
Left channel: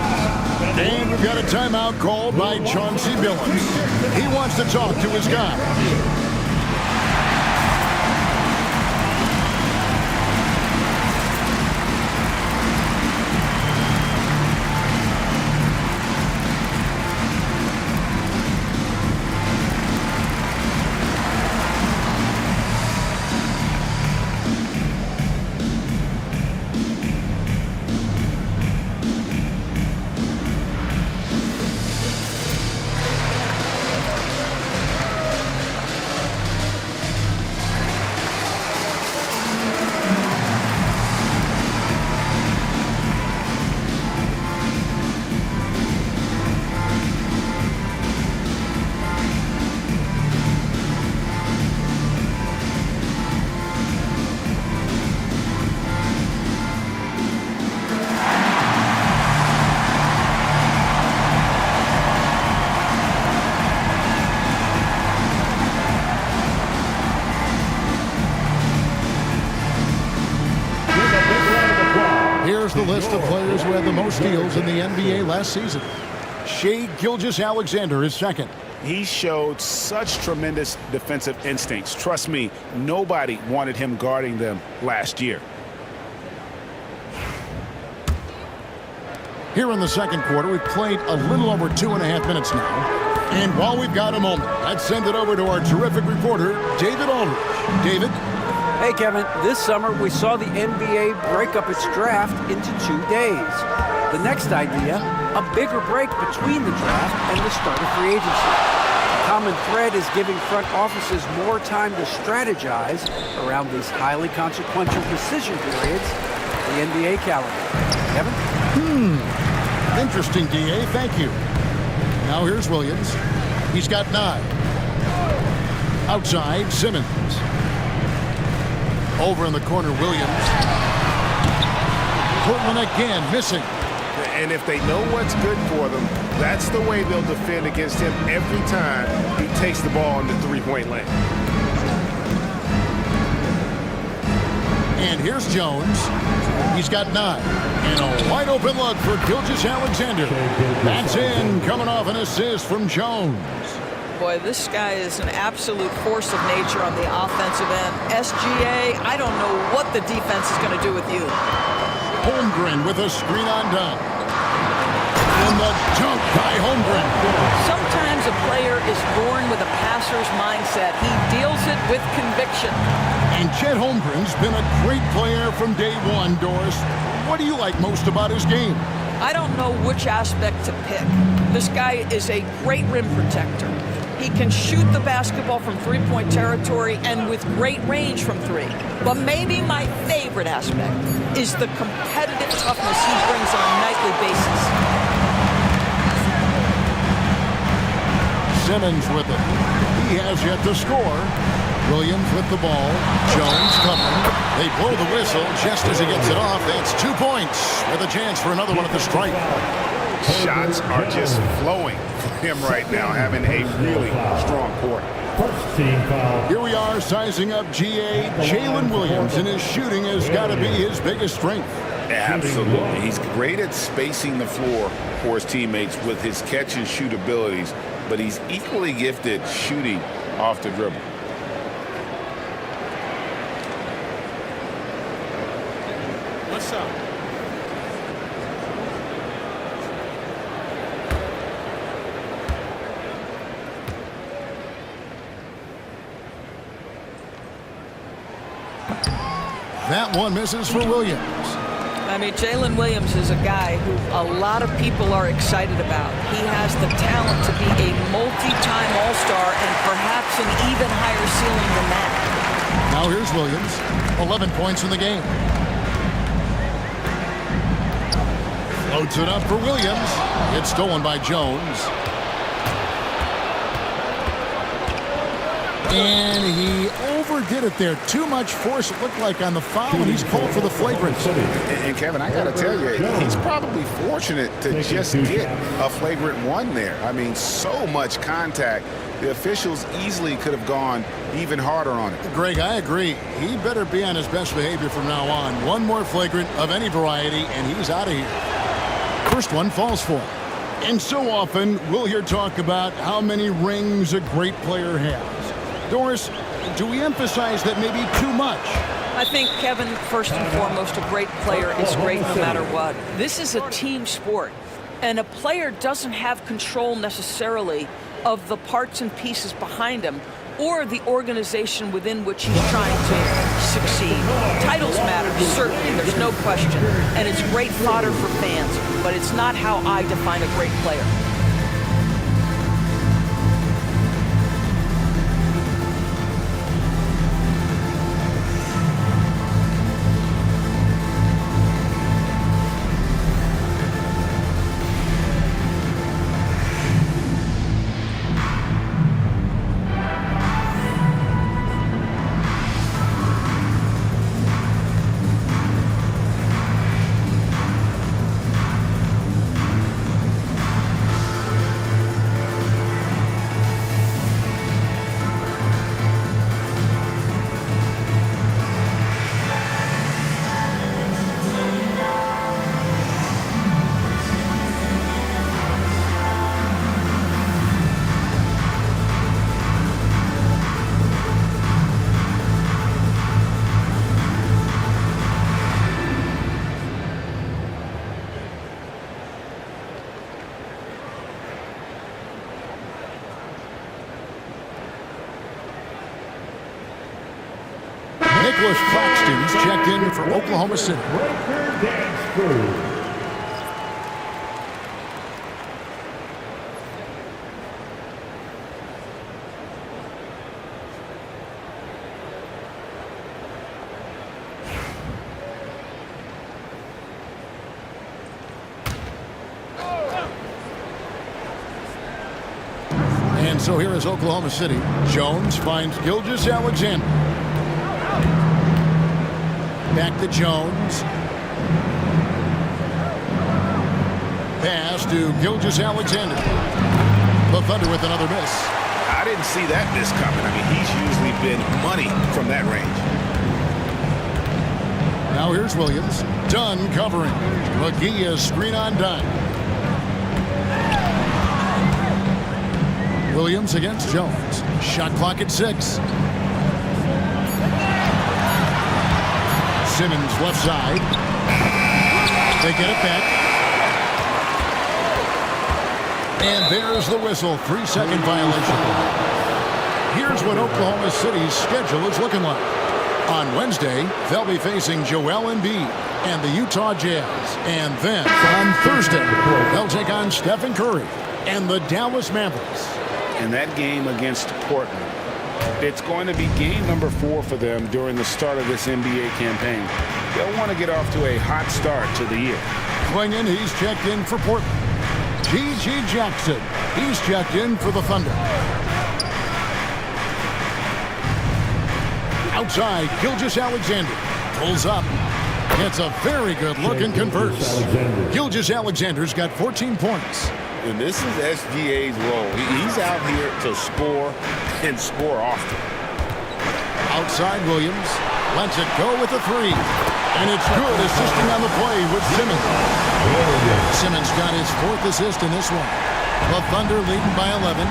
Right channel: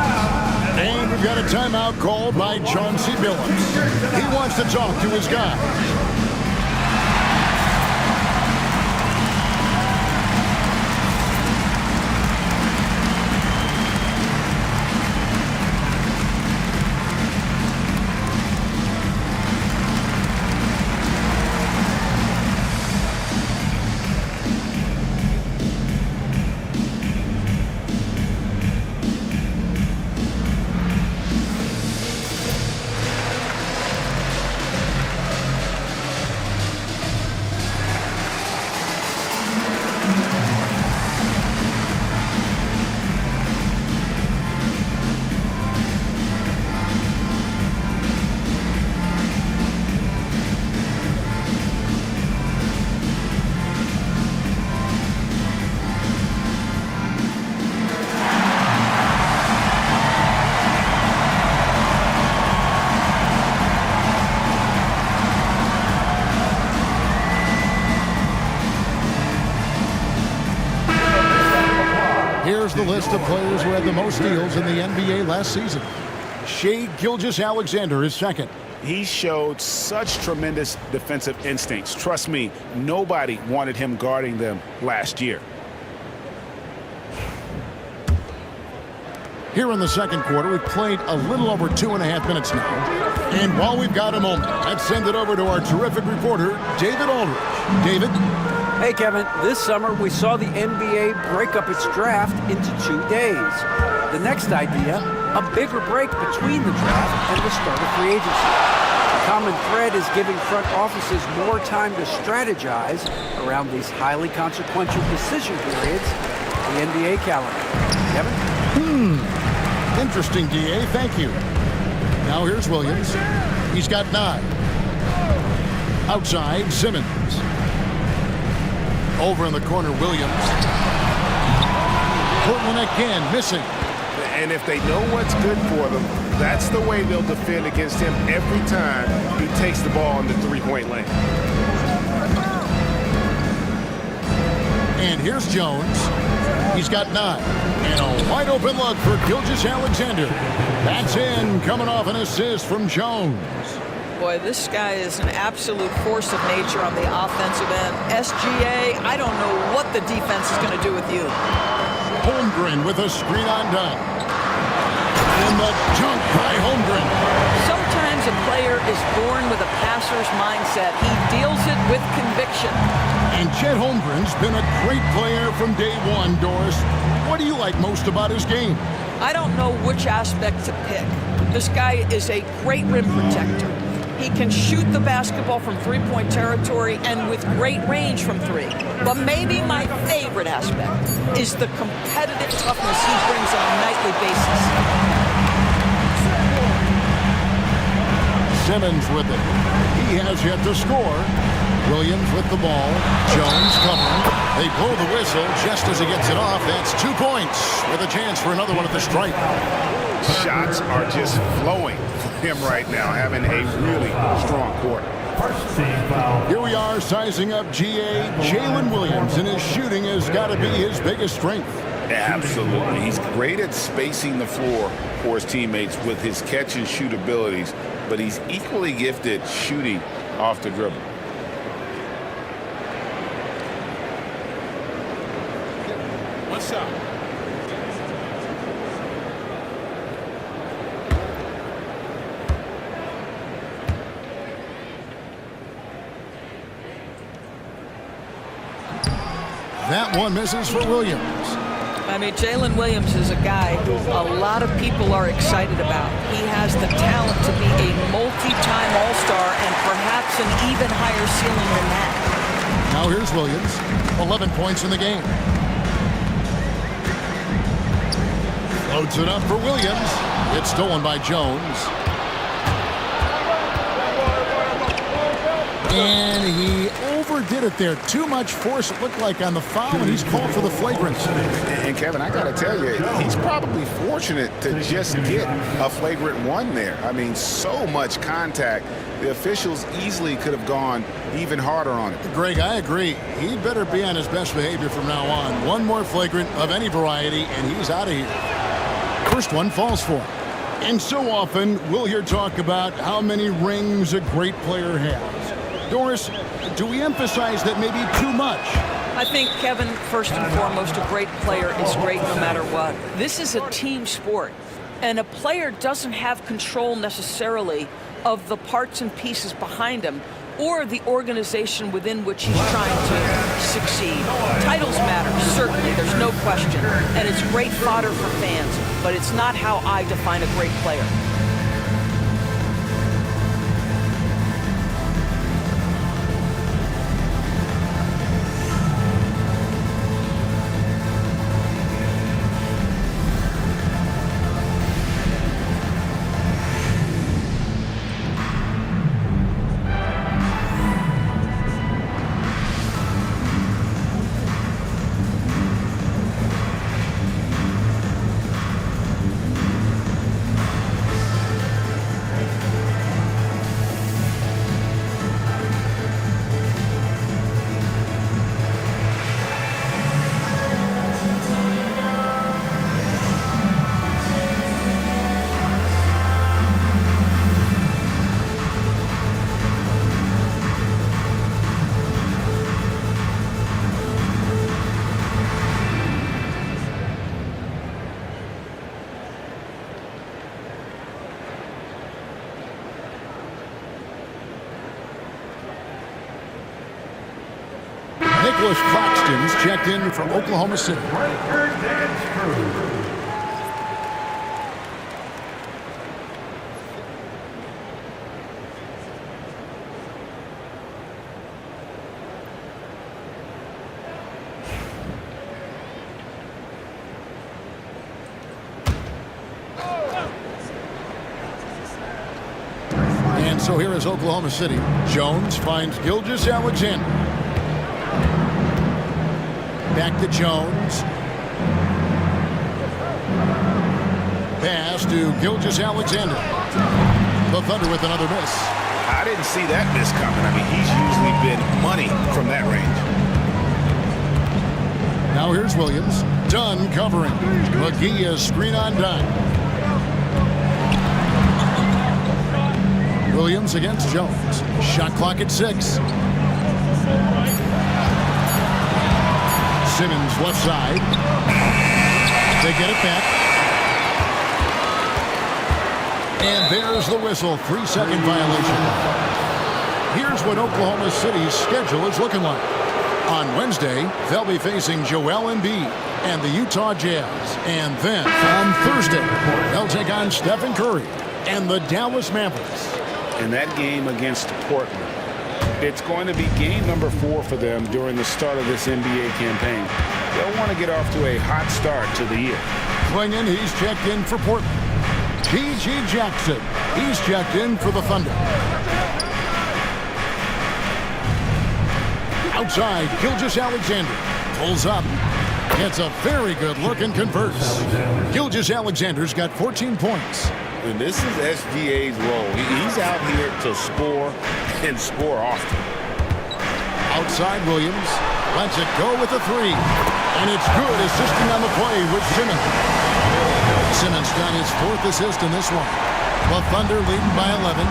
And we've got a timeout called by Chauncey Billups. He wants to talk to his guys. Here's the list of players who had the most steals in the NBA last season. Shai Gilgeous-Alexander is second. He showed such tremendous defensive instincts. Trust me, nobody wanted him guarding them last year. Here in the second quarter, we've played a little over 2.5 minutes now. And while we've got a moment, let's send it over to our terrific reporter, David Aldridge. David? Hey, Kevin, this summer we saw the NBA break up its draft into 2 days. The next idea, a bigger break between the draft and the start of free agency. The common thread is giving front offices more time to strategize around these highly consequential decision periods, the NBA calendar. Kevin? Interesting, DA. Thank you. Now here's Williams. He's got 9. Outside, Simmons. Over in the corner, Williams. Portland again, missing. And if they know what's good for them, that's the way they'll defend against him every time he takes the ball in the three-point lane. And here's Jones. He's got 9. And a wide-open look for Gilgeous-Alexander. That's in, coming off an assist from Jones. Boy, this guy is an absolute force of nature on the offensive end. SGA, I don't know what the defense is going to do with you. Holmgren with a screen on done. And the dunk by Holmgren. Sometimes a player is born with a passer's mindset. He deals it with conviction. And Chet Holmgren's been a great player from day one, Doris. What do you like most about his game? I don't know which aspect to pick. This guy is a great rim protector. He can shoot the basketball from three-point territory and with great range from 3. But maybe my favorite aspect is the competitive toughness he brings on a nightly basis. Simmons with it. He has yet to score. Williams with the ball. Jones covering. They blow the whistle just as he gets it off. That's 2 points with a chance for another one at the stripe. Shots are just flowing for him right now, having a really strong quarter. Here we are sizing up GA. Jalen Williams, and his shooting has got to be his biggest strength. Absolutely. He's great at spacing the floor for his teammates with his catch and shoot abilities, but he's equally gifted shooting off the dribble. What's up? That one misses for Williams. I mean, Jalen Williams is a guy who a lot of people are excited about. He has the talent to be a multi-time All-Star and perhaps an even higher ceiling than that. Now here's Williams. 11 points in the game. Floats it up for Williams. It's stolen by Jones. And he overdid it there. Too much force, it looked like, on the foul, and he's called for the flagrant. And Kevin, I got to tell you, he's probably fortunate to just get a flagrant 1 there. I mean, so much contact. The officials easily could have gone even harder on it. Greg, I agree. He better be on his best behavior from now on. One more flagrant of any variety, and he's out of here. First one falls for him. And so often we'll hear talk about how many rings a great player has. Doris, do we emphasize that maybe too much? I think, Kevin, first and foremost, a great player is great no matter what. This is a team sport, and a player doesn't have control necessarily of the parts and pieces behind him or the organization within which he's trying to succeed. Titles matter, certainly, there's no question, and it's great fodder for fans, but it's not how I define a great player. Nicholas Claxton's checked in for Oklahoma City. And so here is Oklahoma City. Jones finds Gilgeous-Alexander. Back to Jones. Pass to Gilgeous-Alexander. The Thunder with another miss. I didn't see that miss coming. I mean, he's usually been money from that range. Now here's Williams. Dunn covering. McGee is screen on Dunn. Williams against Jones. Shot clock at 6. Simmons left side. They get it back. And there's the whistle. 3-second violation. Here's what Oklahoma City's schedule is looking like. On Wednesday, they'll be facing Joel Embiid and the Utah Jazz. And then on Thursday, they'll take on Stephen Curry and the Dallas Mavericks. And that game against Portland, it's going to be game number 4 for them during the start of this NBA campaign. They'll want to get off to a hot start to the year. Klingon, he's checked in for Portland. P.G. Jackson, he's checked in for the Thunder. Outside, Gilgeous-Alexander pulls up. It's a very good look and converts. Gilgeous-Alexander's got 14 points. And this is SGA's role. He's out here to score and score often. Outside Williams lets it go with a 3. And it's good, assisting on the play with Simmons. Simmons got his 4th assist in this one. The Thunder leading by 11.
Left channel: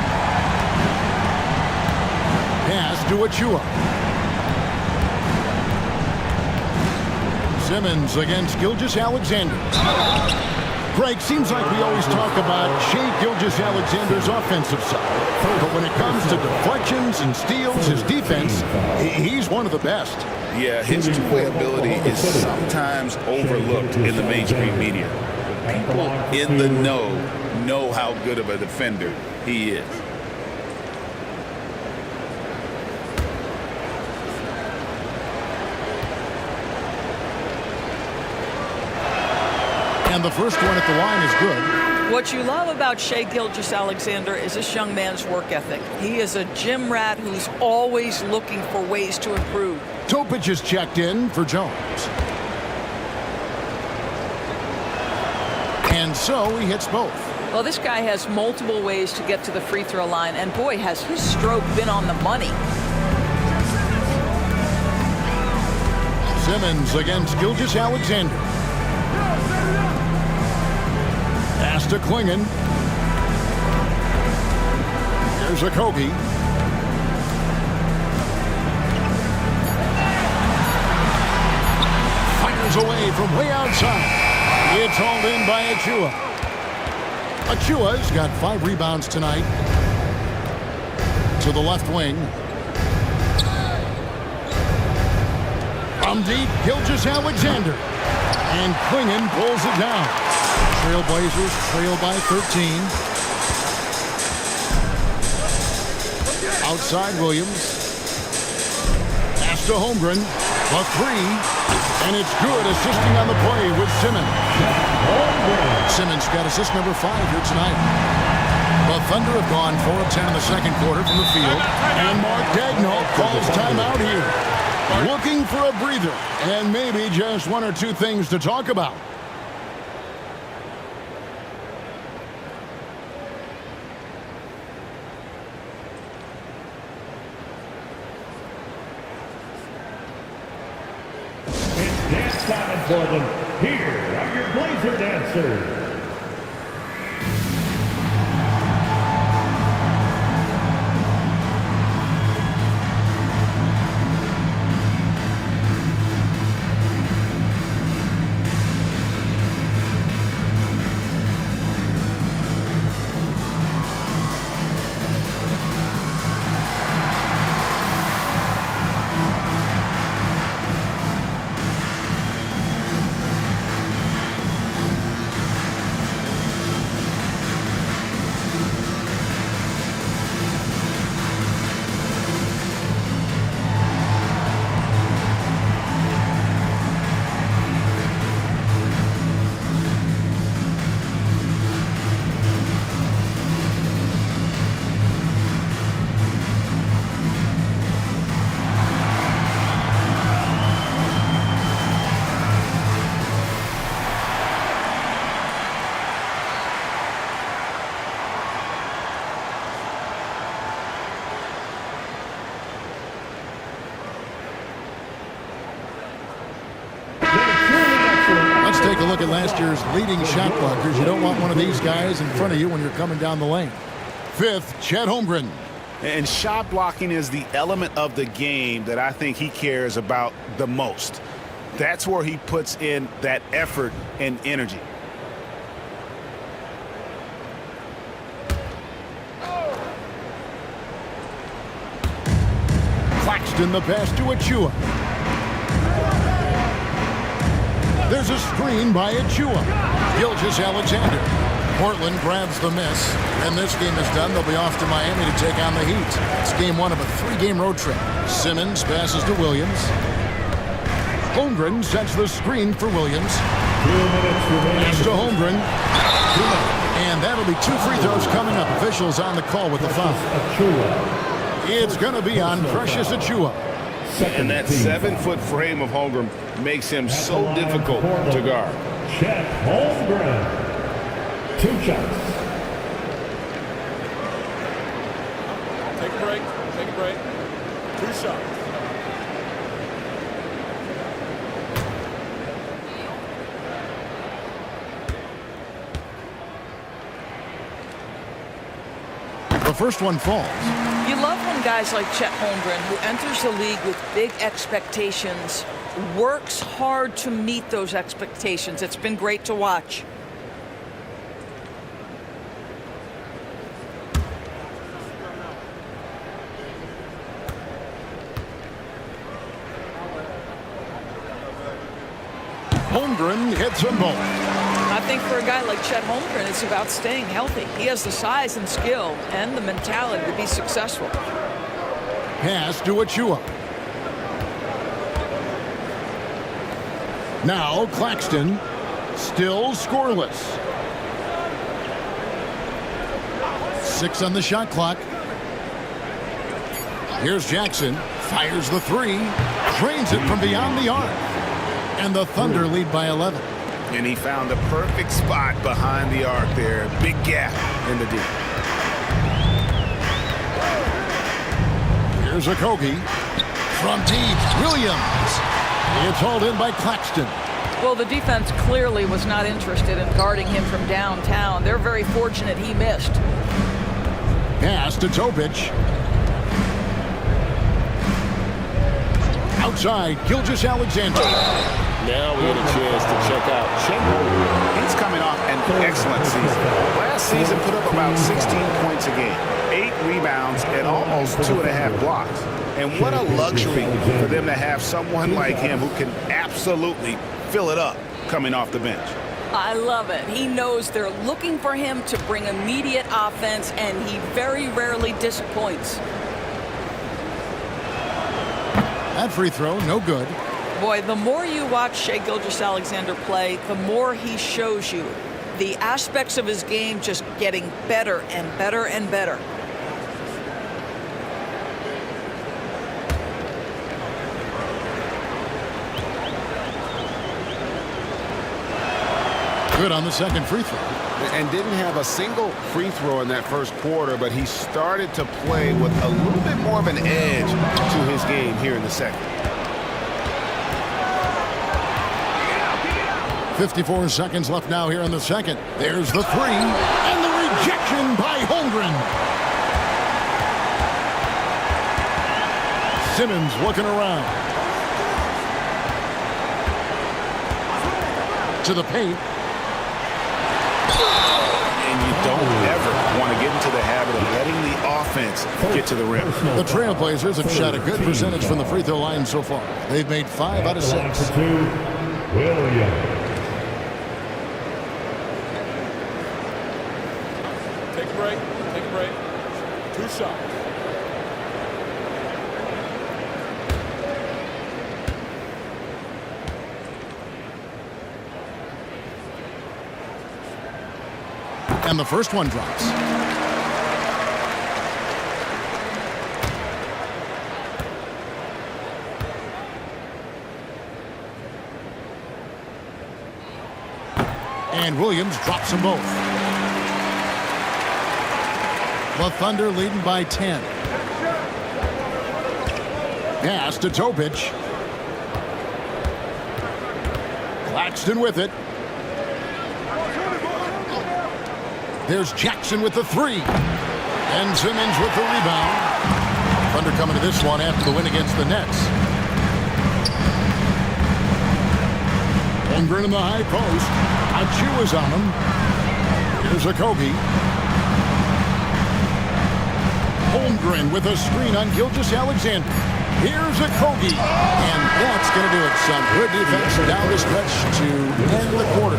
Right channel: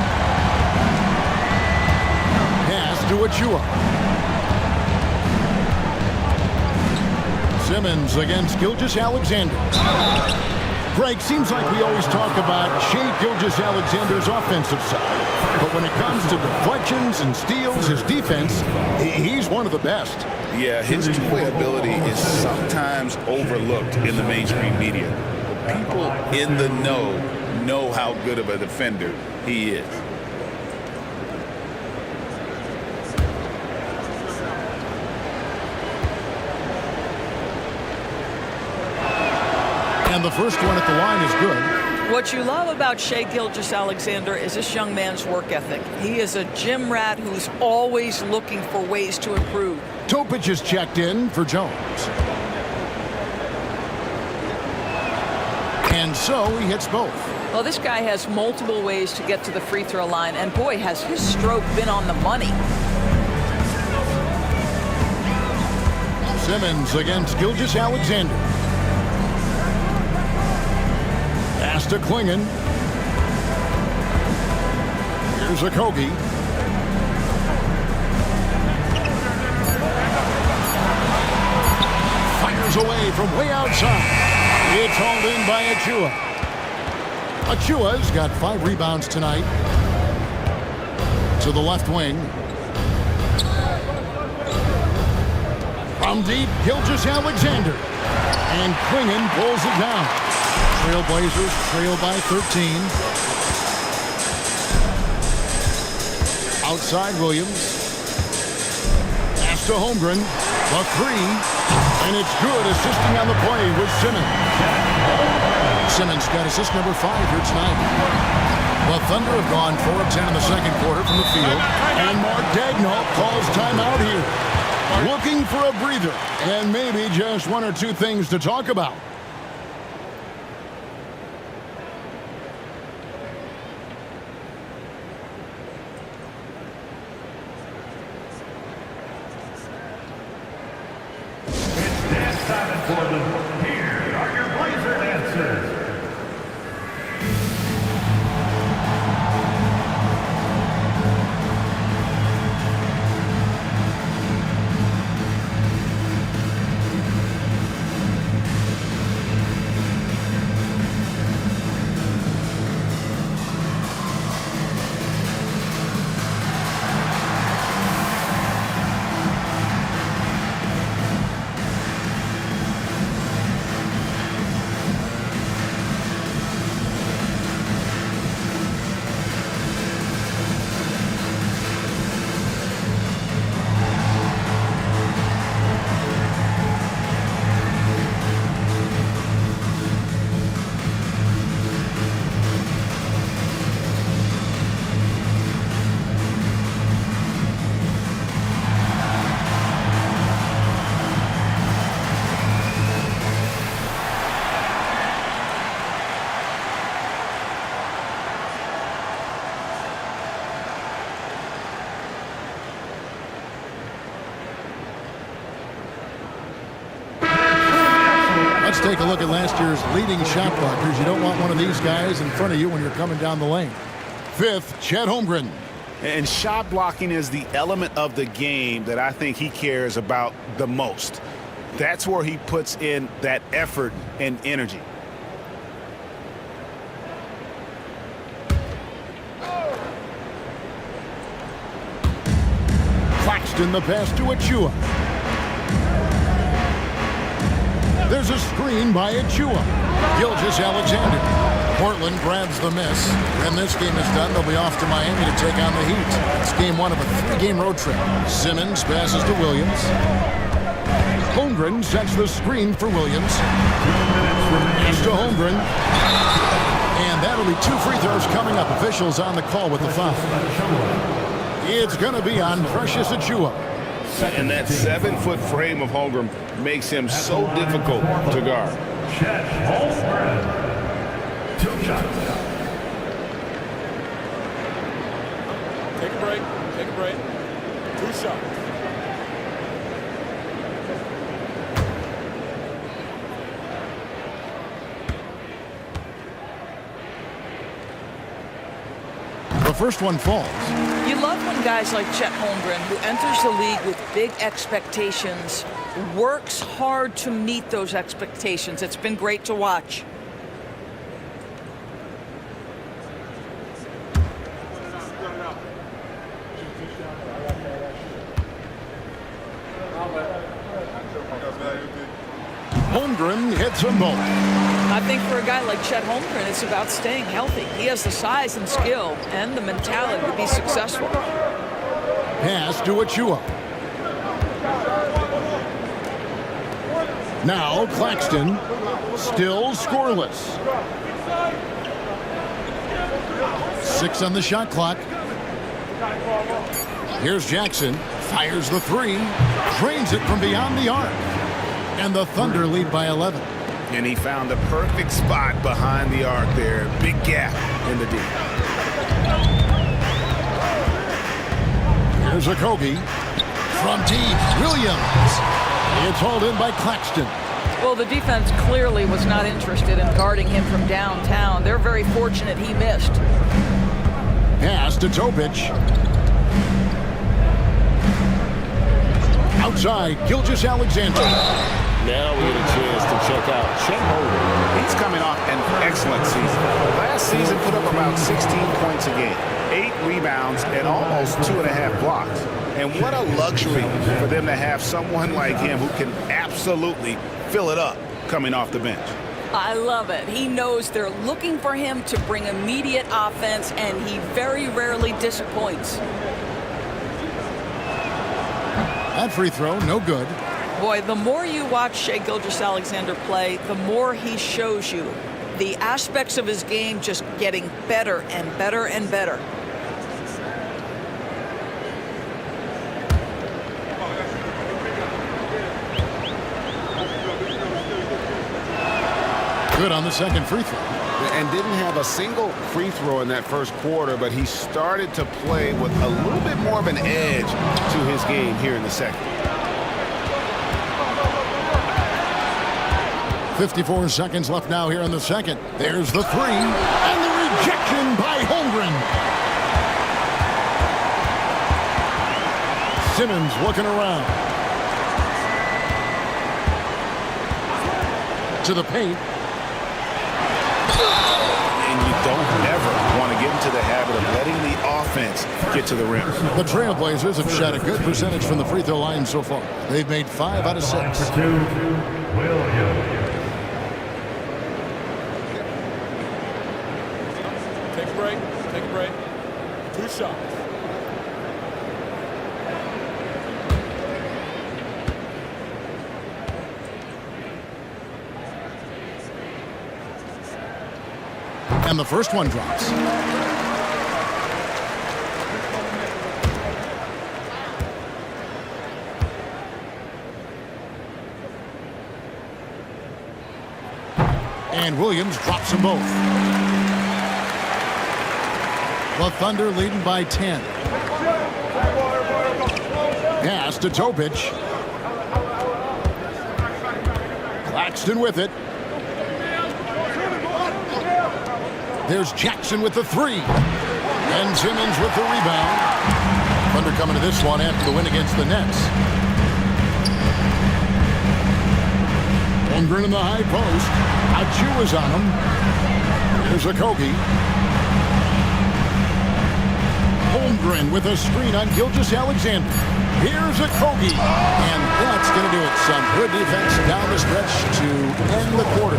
Pass to Achua. Simmons against Gilgeous-Alexander. Greg, seems like we always talk about Shai Gilgeous-Alexander's offensive side, but when it comes to deflections and steals, his defense, he's one of the best. Yeah, his two-way ability is sometimes overlooked in the mainstream media. But people in the know how good of a defender he is. And the first one at the line is good. What you love about Shai Gilgeous-Alexander is this young man's work ethic. He is a gym rat who's always looking for ways to improve. Topic is checked in for Jones. And so he hits both. Well, this guy has multiple ways to get to the free throw line, and boy, has his stroke been on the money. Simmons against Gilgeous-Alexander. Pass to Klingon. Here's Okogie. Fires away from way outside. It's hauled in by Achiuwa. Achiuwa's got 5 rebounds tonight. To the left wing. From deep, Gilgeous-Alexander. And Clingan pulls it down. Trailblazers trail by 13. Outside Williams. Pass to Holmgren. The 3. And it's good, assisting on the play with Simmons. Simmons got assist number 5 here tonight. The Thunder have gone 4 of 10 in the second quarter from the field. And Mark Daigneault calls timeout here. Looking for a breather and maybe just 1 or 2 things to talk about. For them. Here are your Blazer dancers. Let's take a look at last year's leading shot blockers. You don't want one of these guys in front of you when you're coming down the lane. 5th, Chet Holmgren. And shot blocking is the element of the game that I think he cares about the most. That's where he puts in that effort and energy. Claxton the pass to Achiuwa. There's a screen by Achiuwa. Gilgeous-Alexander. Portland grabs the miss. When this game is done, they'll be off to Miami to take on the Heat. It's game 1 of a 3-game road trip. Simmons passes to Williams. Holmgren sets the screen for Williams. Pass to Holmgren. And that'll be 2 free throws coming up. Officials on the call with the foul. It's going to be on Precious Achiuwa. And that 7-foot frame of Holmgren makes him so difficult to guard. Chet Holmgren. 2 shots. Take a break. Take a break. 2 shots. The first one falls. You love when guys like Chet Holmgren, who enters the league with big expectations, works hard to meet those expectations. It's been great to watch. Holmgren hits them both. I think for a guy like Chet Holmgren, it's about staying healthy. He has the size and skill and the mentality to be successful. Pass to Achiuwa. Now Claxton, still scoreless. 6 on the shot clock. Here's Jackson, fires the 3, drains it from beyond the arc. And the Thunder lead by 11. And he found the perfect spot behind the arc there. Big gap in the D. Here's Okogie. From deep, Williams. It's hauled in by Claxton. Well, the defense clearly was not interested in guarding him from downtown. They're very fortunate he missed. Pass to Topic. Outside, Gilgeous-Alexander. Now we get a chance to check out Chet Holmgren. He's coming off an excellent season. Last season put up about 16 points a game, 8 rebounds, and almost 2.5 blocks. And what a luxury for them to have someone like him who can absolutely fill it up coming off the bench. I love it. He knows they're looking for him to bring immediate offense, and he very rarely disappoints. That free throw, no good. Boy, the more you watch Shai Gilgeous-Alexander play, the more he shows you the aspects of his game just getting better and better and better. Good on the second free throw. And didn't have a single free throw in that first quarter, but he started to play with a little bit more of an edge to his game here in the second. 54 seconds left now here in the second. There's the three, and the rejection by Holmgren. Simmons looking around. To the paint. And you don't ever want to get into the habit of letting the offense get to the rim. The Trailblazers have shot a good percentage from the free throw line so far. They've made 5 out of 6. Williams. Take a break. Take a break. 2 shots. And the first one drops. And Williams drops them both. The Thunder leading by 10. Pass to Topic. Claxton with it. There's Jackson with the three. And Simmons with the rebound. Thunder coming to this one after the win against the Nets. Holmgren in the high post. Achiuwa's on him. Here's Okogie. Holmgren with a screen on Gilgeous-Alexander. Here's Okogie. And that's going to do it. Some good defense down the stretch to end the quarter.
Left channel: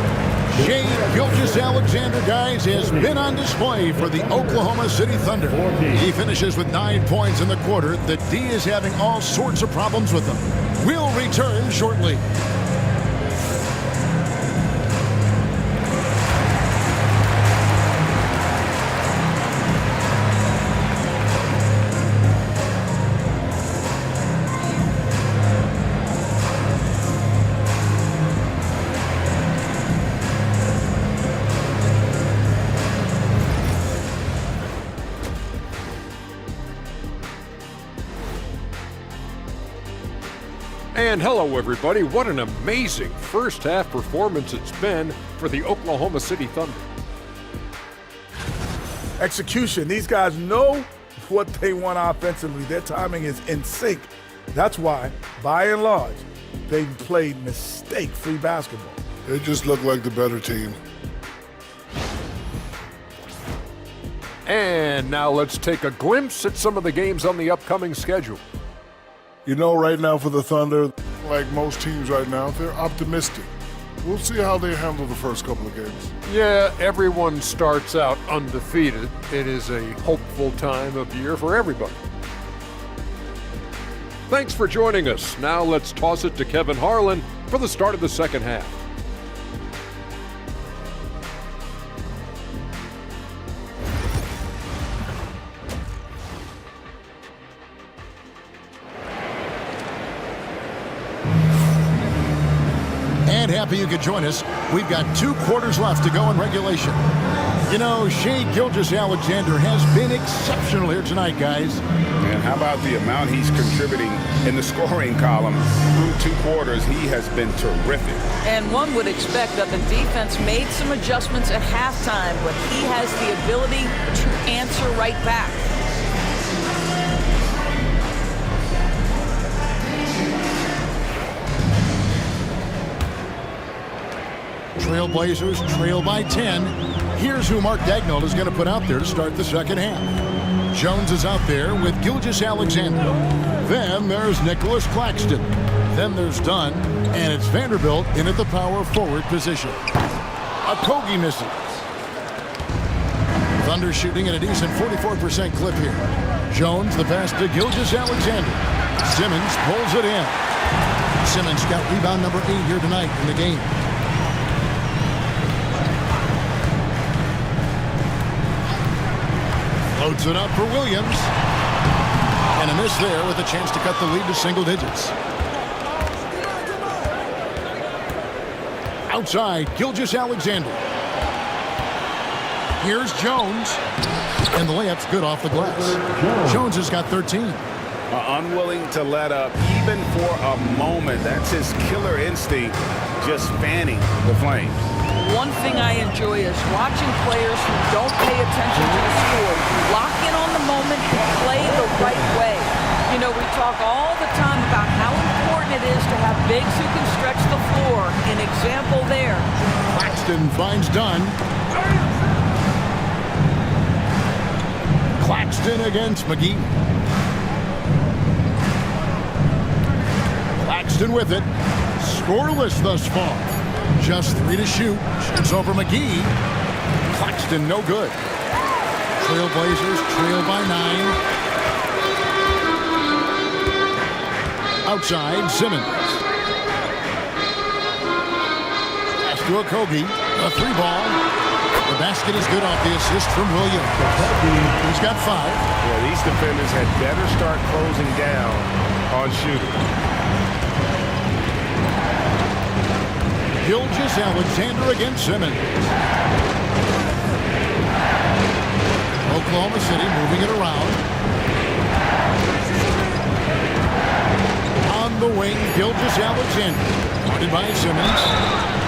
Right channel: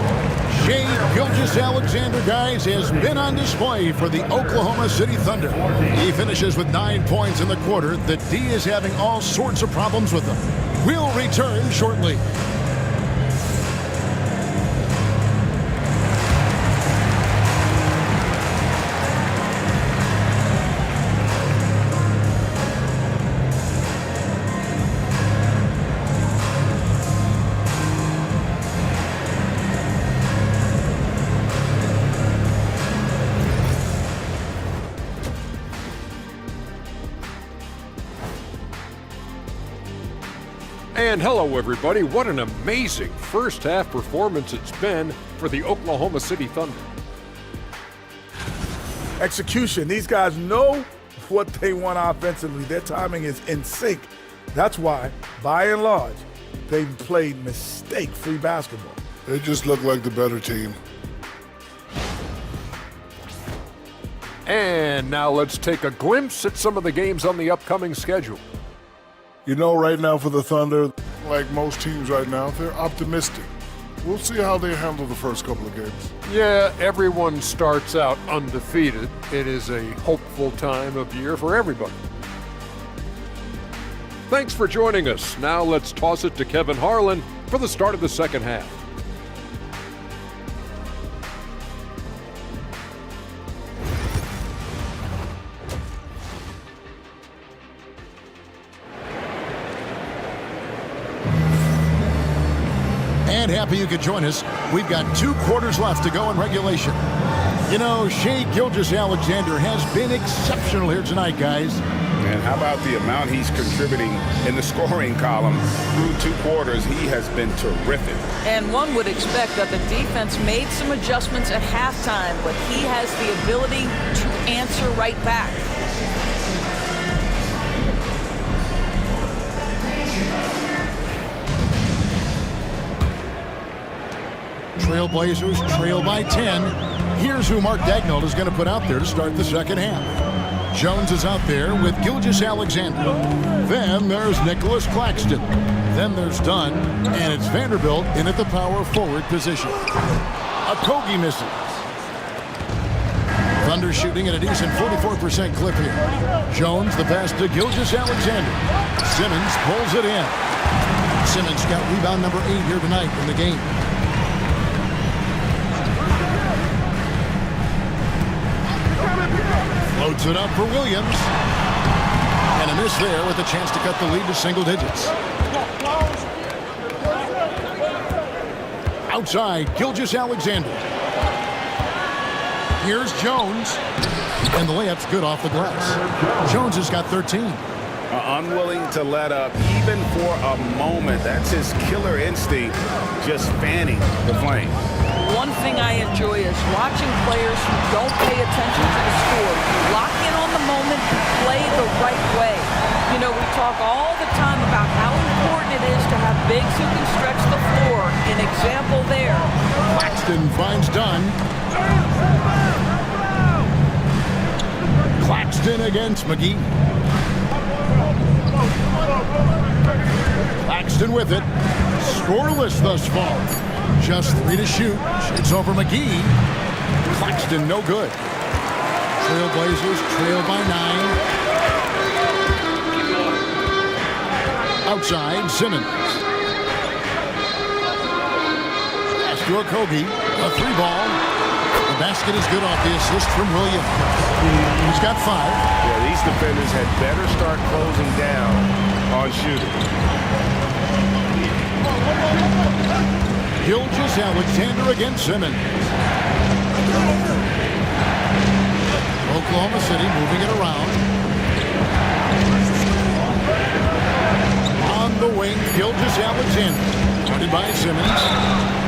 Shai Gilgeous-Alexander, guys, has been on display for the Oklahoma City Thunder. He finishes with 9 points in the quarter. The D is having all sorts of problems with them. We'll return shortly. And hello, everybody. What an amazing first half performance it's been for the Oklahoma City Thunder. Execution. These guys know what they want offensively. Their timing is in sync. That's why, by and large, they've played mistake-free basketball. They just look like the better team. And now let's take a glimpse at some of the games on the upcoming schedule. You know, right now for the Thunder, like most teams right now, they're optimistic. We'll see how they handle the first couple of games. Yeah, everyone starts out undefeated. It is a hopeful time of year for everybody. Thanks for joining us. Now let's toss it to Kevin Harlan for the start of the second half. And happy you could join us. We've got 2 quarters left to go in regulation. You know, Shai Gilgeous-Alexander has been exceptional here tonight, guys. And how about the amount he's contributing in the scoring column through 2 quarters? He has been terrific. And one would expect that the defense made some adjustments at halftime, but he has the ability to answer right back. Trailblazers trail by 10. Here's who Mark Daigneault is going to put out there to start the second half. Jones is out there with Gilgeous-Alexander. Then there's Nicholas Claxton. Then there's Dunn, and it's Vanderbilt in at the power forward position. Okogie misses. Thunder shooting at a decent 44% clip here. Jones the pass to Gilgeous-Alexander. Simmons pulls it in. Simmons got rebound number 8 here tonight in the game. Floats it up for Williams. And a miss there with a chance to cut the lead to single digits. Outside, Gilgeous-Alexander. Here's Jones. And the layup's good off the glass. Jones has got 13. Unwilling to let up even for a moment. That's his killer instinct, just fanning the flames. One thing I enjoy is watching players who don't pay attention to the score. You lock in on the moment and play the right way. You know, we talk all the time about how important it is to have bigs who can stretch the floor. An example there. Claxton finds Dunn. Claxton against McGee. Claxton with it. Scoreless thus far. Just 3 to shoot. Shoots over McGee. Claxton no good. Trailblazers trail by 9. Outside, Simmons. Pass to Okogie. A 3-ball. The basket is good off the assist from Williams. He's got 5. Yeah, these defenders had better start closing down on shooting. Gilgeous-Alexander against Simmons. Oklahoma City moving it around. On the wing, Gilgeous-Alexander. Guarded by Simmons.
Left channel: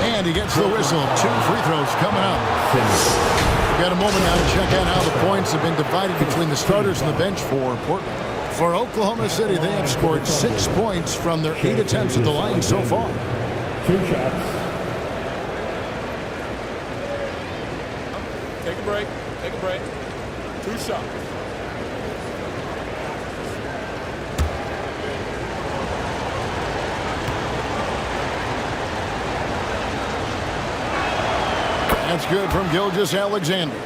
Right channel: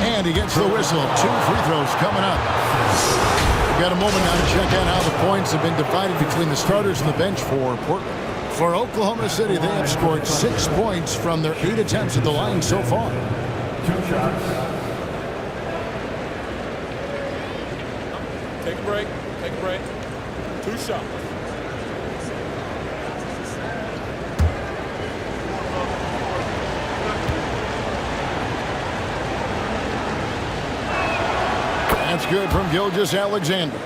And he gets the whistle. 2 free throws coming up. We've got a moment now to check out how the points have been divided between the starters and the bench for Portland. For Oklahoma City, they have scored 6 points from their 8 attempts at the line so far. 2 shots. Take a break. Take a break. 2 shots. That's good from Gilgeous-Alexander.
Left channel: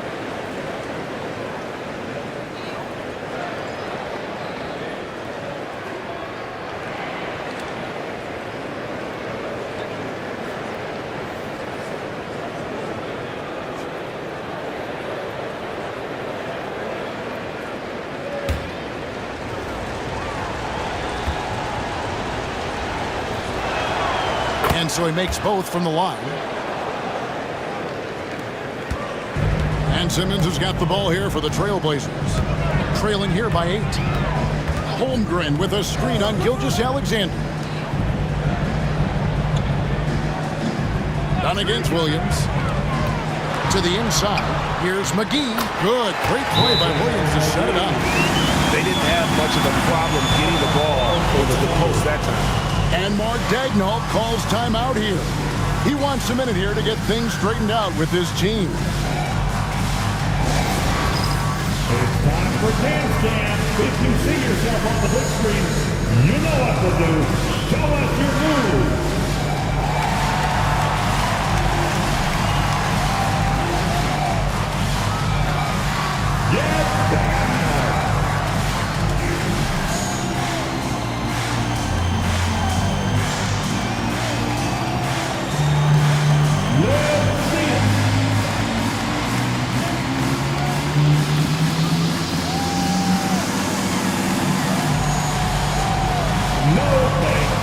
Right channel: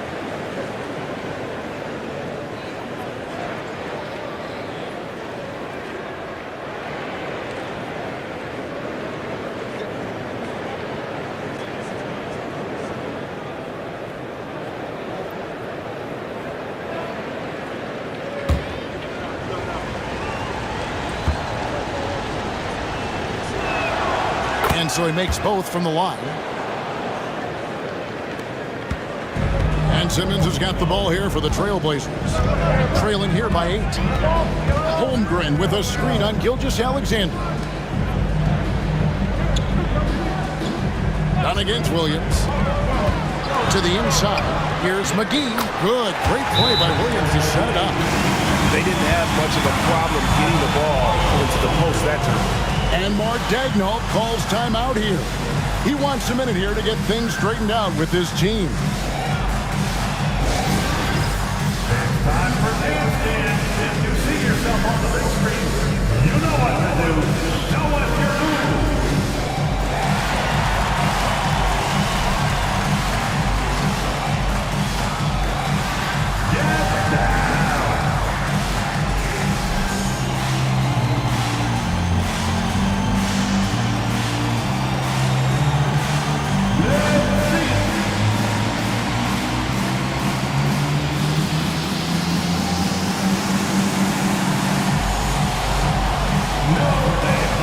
And so he makes both from the line. And Simmons has got the ball here for the Trailblazers. Trailing here by 8. Holmgren with a screen on Gilgeous-Alexander. Done against Williams. To the inside. Here's McGee. Good. Great play by Williams to set it up. They didn't have much of a problem getting the ball into the post that time. And Mark Daigneault calls timeout here. He wants a minute here to get things straightened out with his team. It's time for Dance Jam. If you see yourself on the big screen, you know what to do. Show us your move. Get down. Let's see it. No thanks.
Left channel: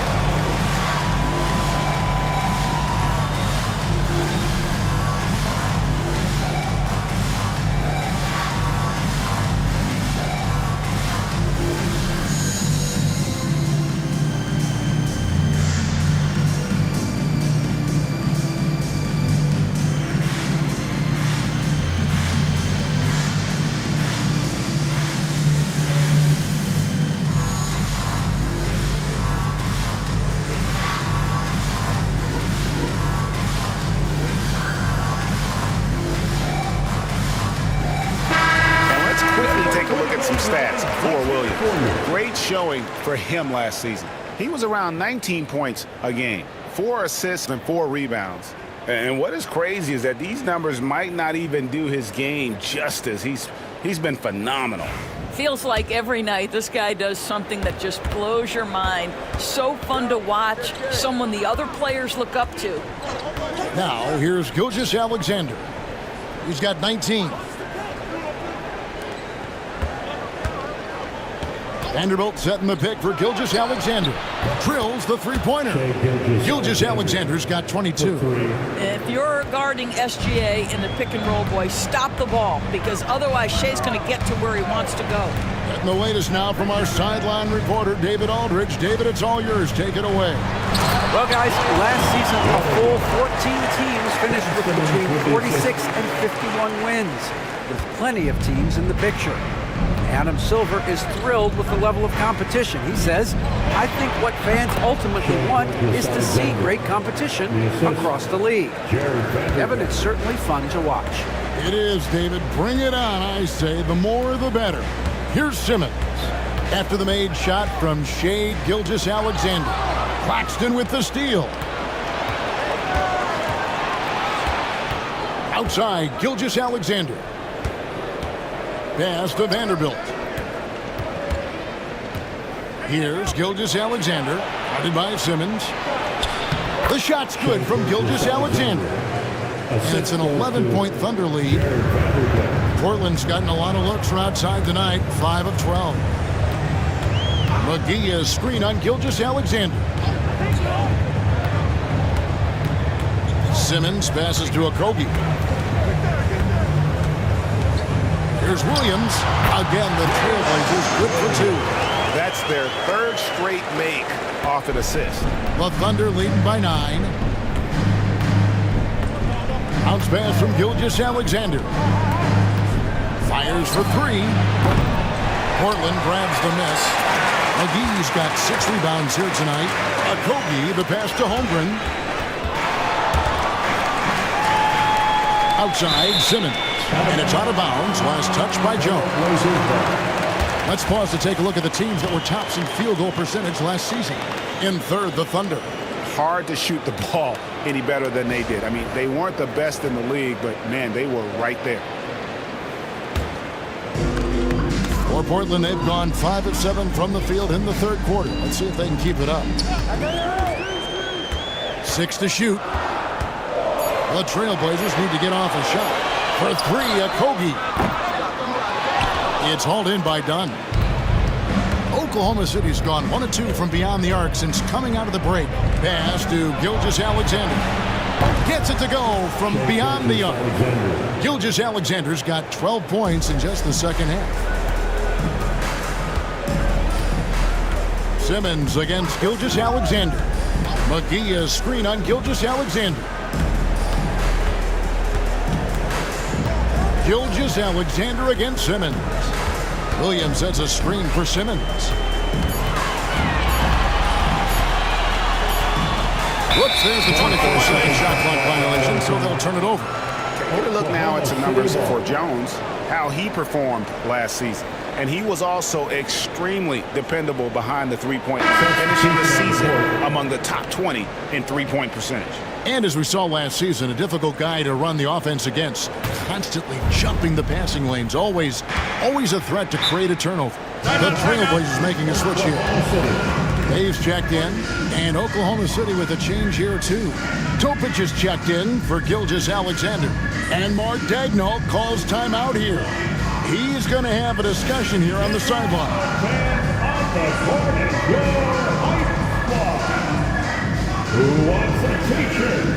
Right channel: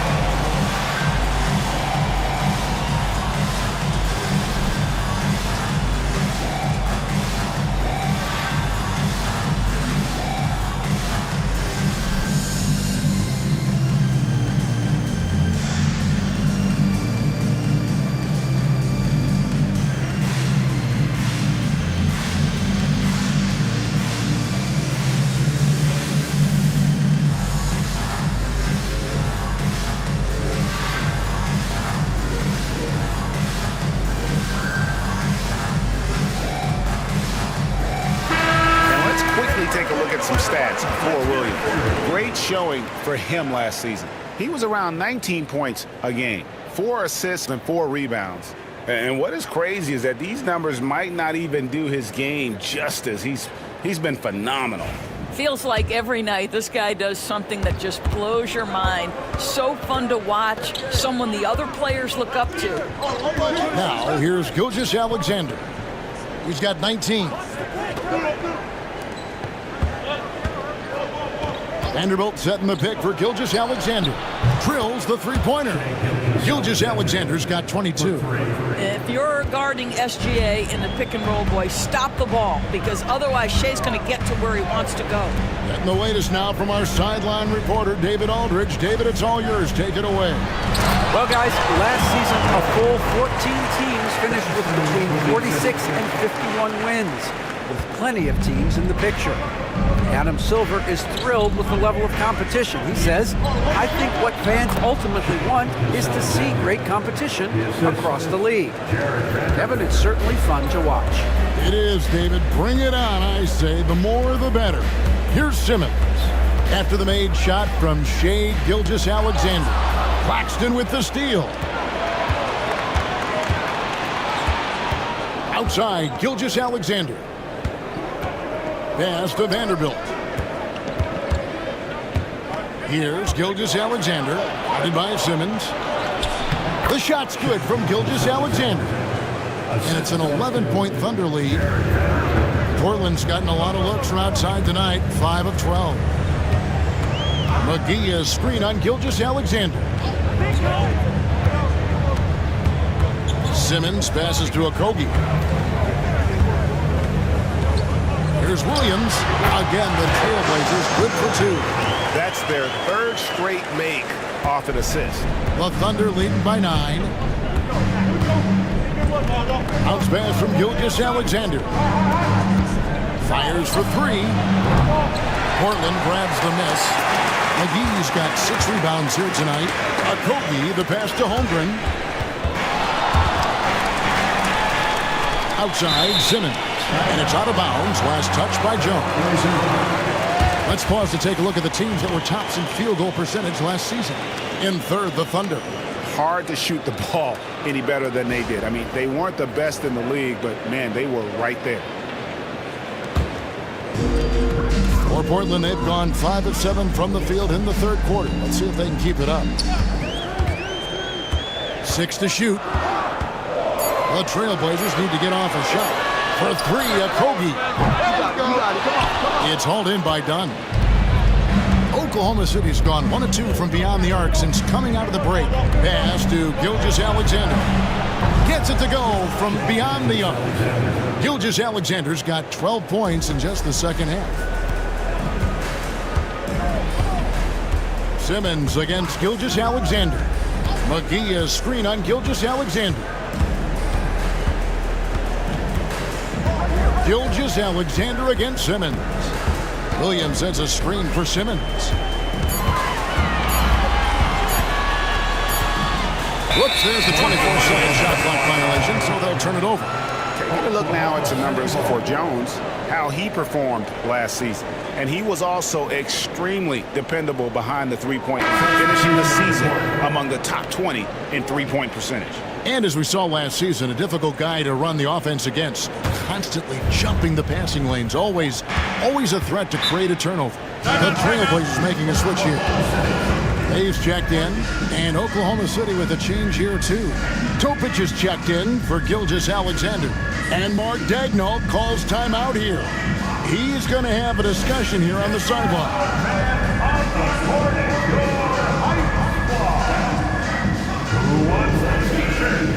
at some stats for Williams. Great showing for him last season. He was around 19 points a game, 4 assists and 4 rebounds. And what is crazy is that these numbers might not even do his game justice. He's been phenomenal. Feels like every night this guy does something that just blows your mind. So fun to watch, someone the other players look up to. Now, here's Gilgeous-Alexander. He's got 19. Vanderbilt setting the pick for Gilgeous-Alexander. Drills the three-pointer. Gilgeous-Alexander's got 22. If you're guarding SGA in the pick and roll, boy, stop the ball, because otherwise Shea's going to get to where he wants to go. Getting the latest now from our sideline reporter, David Aldridge. David, it's all yours. Take it away. Well, guys, last season, a full 14 teams finished with between 46 and 51 wins, with plenty of teams in the picture. Adam Silver is thrilled with the level of competition. He says, I think what fans ultimately want is to see great competition across the league. Kevin, it's certainly fun to watch. It is, David. Bring it on, I say. The more, the better. Here's Simmons. After the made shot from Shai Gilgeous-Alexander. Claxton with the steal. Outside, Gilgeous-Alexander. Pass to Vanderbilt. Here's Gilgeous-Alexander, guarded by Simmons. The shot's good from Gilgeous-Alexander. And it's an 11-point Thunder lead. Portland's gotten a lot of looks from outside tonight, 5 of 12. McGee screen on Gilgeous-Alexander. Simmons passes to Okogie. Here's Williams. Again, the Trailblazers good for 2. That's their 3rd straight make off an assist. The Thunder leading by 9. Bounce pass from Gilgeous-Alexander. Fires for 3. Portland grabs the miss. McGee's got 6 rebounds here tonight. Okogie, the pass to Holmgren. Outside, Simmons. And it's out of bounds. Last touch by Jones. Let's pause to take a look at the teams that were tops in field goal percentage last season. In third, the Thunder. Hard to shoot the ball any better than they did. I mean, they weren't the best in the league, but, man, they were right there. For Portland, they've gone 5 of 7 from the field in the third quarter. Let's see if they can keep it up. 6 to shoot. The Trailblazers need to get off a shot. For 3, Okogie. It's hauled in by Dunn. Oklahoma City's gone 1 of 2 from beyond the arc since coming out of the break. Pass to Gilgeous-Alexander. Gets it to go from beyond the arc. Gilgeous-Alexander's got 12 points in just the second half. Simmons against Gilgeous-Alexander. McGee screen on Gilgeous-Alexander. Gilgeous-Alexander against Simmons. Williams sets a screen for Simmons. Whoops, there's the 24-second shot clock violation, so they'll turn it over. Taking a look now at some numbers for Jones, how he performed last season. And he was also extremely dependable behind the three-point line, finishing the season among the top 20 in three-point percentage. And as we saw last season, a difficult guy to run the offense against, constantly jumping the passing lanes, always a threat to create a turnover. The Trailblazers making a switch here. Dave's checked in, and Oklahoma City with a change here too. Topic is checked in for Gilgeous-Alexander, and Mark Daigneault calls timeout here. He's going to have a discussion here on the sideline. Who wants the t-shirt?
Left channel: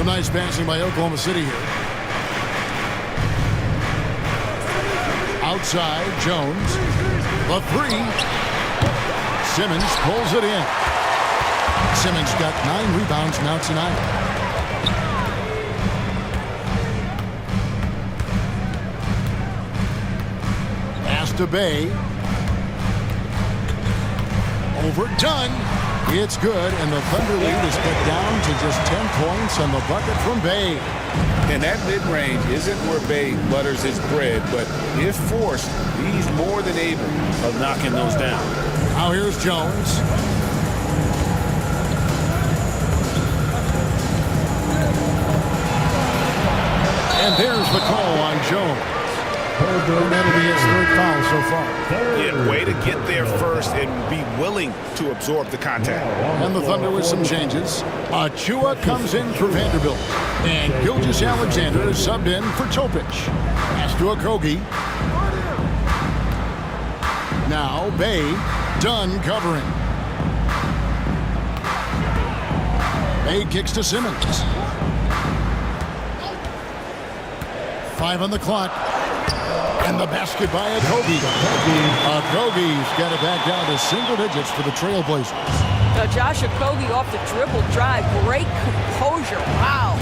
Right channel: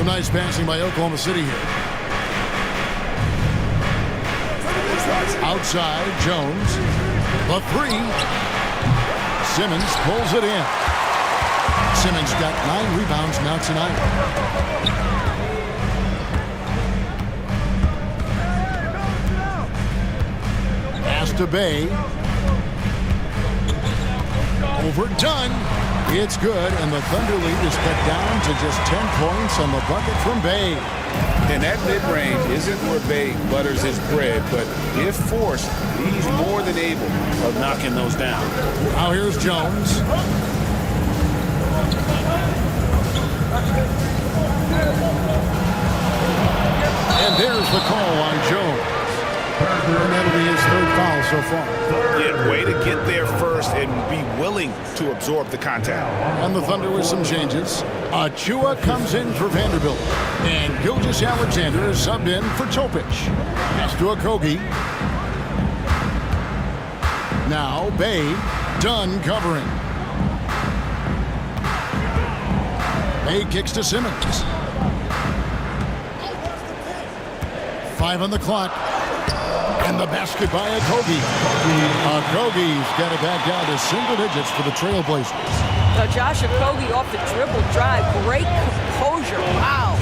Some nice passing by Oklahoma City here. Outside, Jones. The three. Simmons pulls it in. Simmons got 9 rebounds now tonight. Pass to Bay. Overdone. It's good, and the Thunder lead is cut down to just 10 points on the bucket from Bay. And that mid-range isn't where Bay butters his bread, but if forced, he's more than able of knocking those down. Now here's Jones. And there's the call on Jones. And that'll be his 3rd foul so far. Yeah, way to get there first and be willing to absorb the contact. And the Thunder with some changes. Achua comes in for Vanderbilt. And Gilgeous-Alexander is subbed in for Topic. Pass to Okogie. Now Bay, Dunn covering. Bay kicks to Simmons. 5 on the clock. And the basket by Okogie. Okogie's got it back down to single digits for the Trailblazers. Josh Okogie off the dribble drive. Great composure. Wow.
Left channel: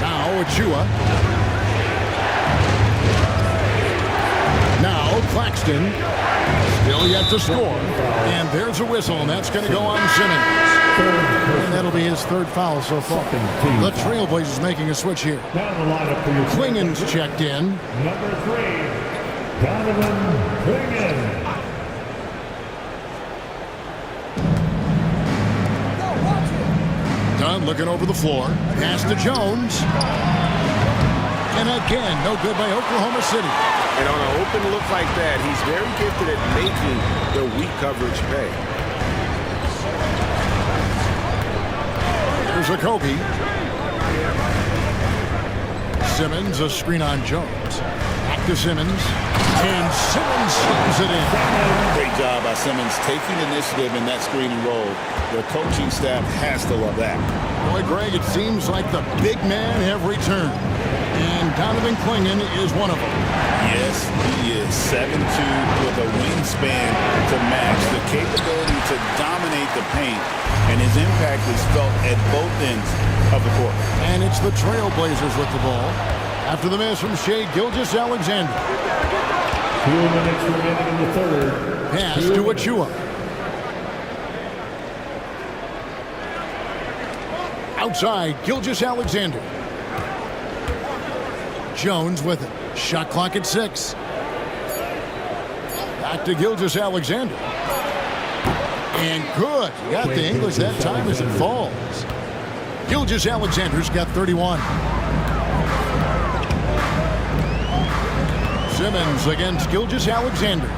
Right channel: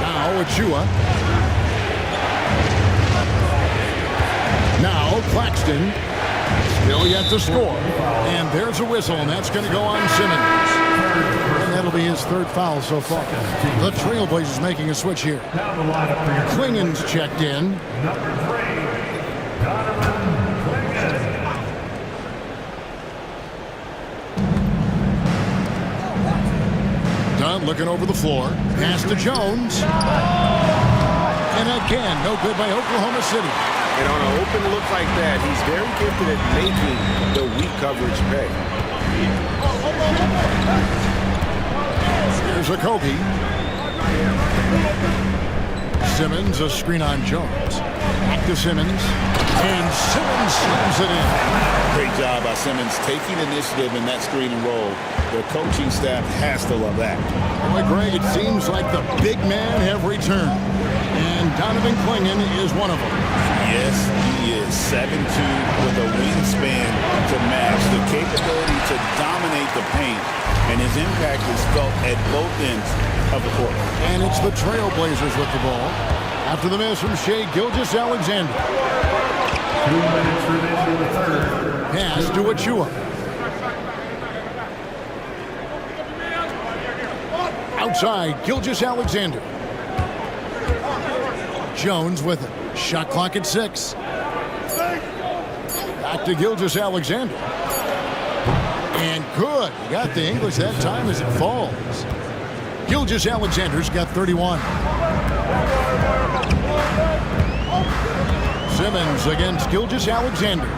Now Achua. Now Claxton. Still yet to score. And there's a whistle, and that's going to go on Simmons. And that'll be his 3rd foul so far. The Trailblazers making a switch here. Klingen's checked in. Number 3, Donovan Clingan. Dunn looking over the floor. Pass to Jones. And again, no good by Oklahoma City. And on an open look like that, he's very gifted at making the weak coverage pay. Here's Okogie. Simmons, a screen on Jones. Back to Simmons. And Simmons slams it in. Great job by Simmons taking initiative in that screen and roll. The coaching staff has to love that. Boy, Greg, it seems like the big man have returned. And Donovan Clingan is one of them. Yes, he is 7'2" with a wingspan to match, the capability to dominate the paint, and his impact is felt at both ends of the court. And it's the Trailblazers with the ball. After the miss from Shai Gilgeous-Alexander. 2 minutes remaining in the 3rd. Pass to Achua. Outside, Gilgeous-Alexander. Jones with it. Shot clock at 6. Back to Gilgeous-Alexander. And good. Got the English that time as it falls. Gilgeous-Alexander's got 31. Simmons against Gilgeous-Alexander.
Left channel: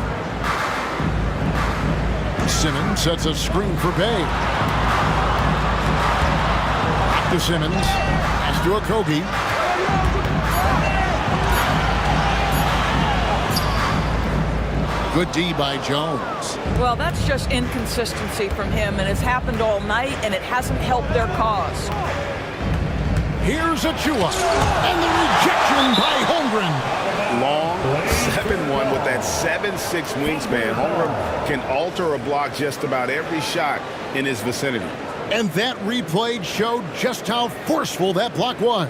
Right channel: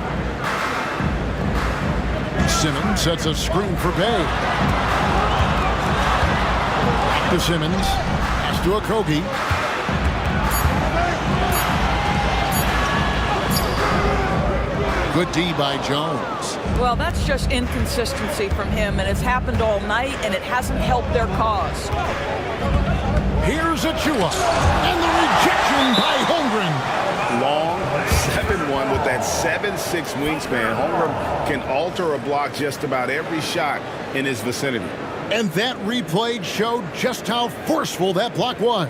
Simmons sets a screen for Bay. Back to Simmons. Pass to Okogie. Good D by Jones. Well, that's just inconsistency from him, and it's happened all night, and it hasn't helped their cause. Here's Achua, and the rejection by Holmgren. Long, 7'1" with that 7'6" wingspan. Holmgren can alter a block just about every shot in his vicinity. And that replay showed just how forceful that block was.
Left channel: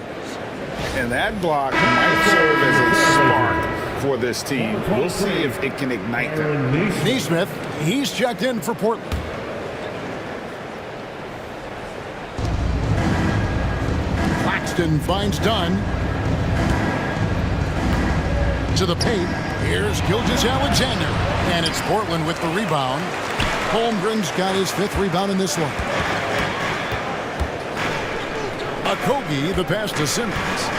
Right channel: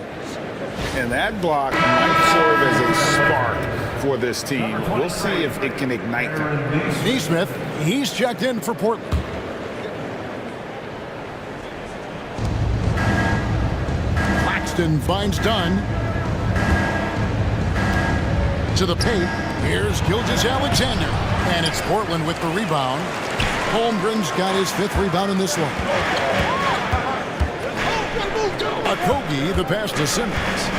And that block might serve as a spark for this team. We'll see if it can ignite them. Nesmith, he's checked in for Portland. Claxton finds Dunn. To the paint. Here's Gilgeous-Alexander. And it's Portland with the rebound. Holmgren's got his 5th rebound in this one. Okogie, the pass to Simmons.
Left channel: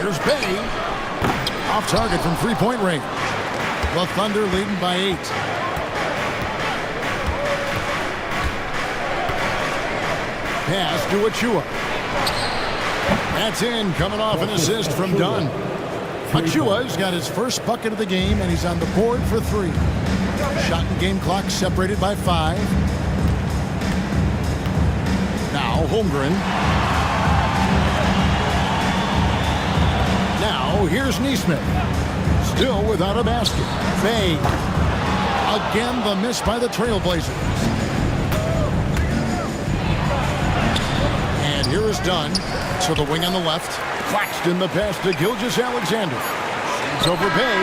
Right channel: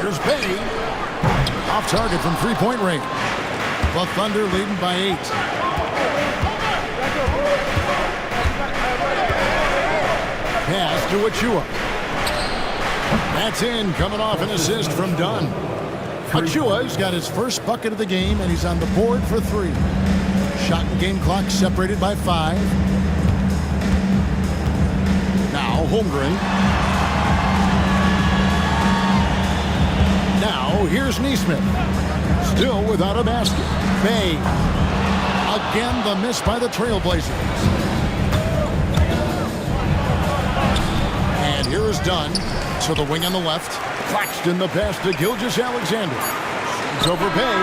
Here's Bay. Off target from 3-point range. The Thunder leading by 8. Pass to Achua. That's in, coming off an assist from Dunn. Achua's got his first bucket of the game, and he's on the board for 3. Shot and game clock separated by 5. Now Now Holmgren. Now here's Neesmith. Still without a basket. Bay. Again the miss by the Trailblazers. And here is Dunn to the wing on the left. Claxton the pass to Gilgeous-Alexander. Shoots over Bay.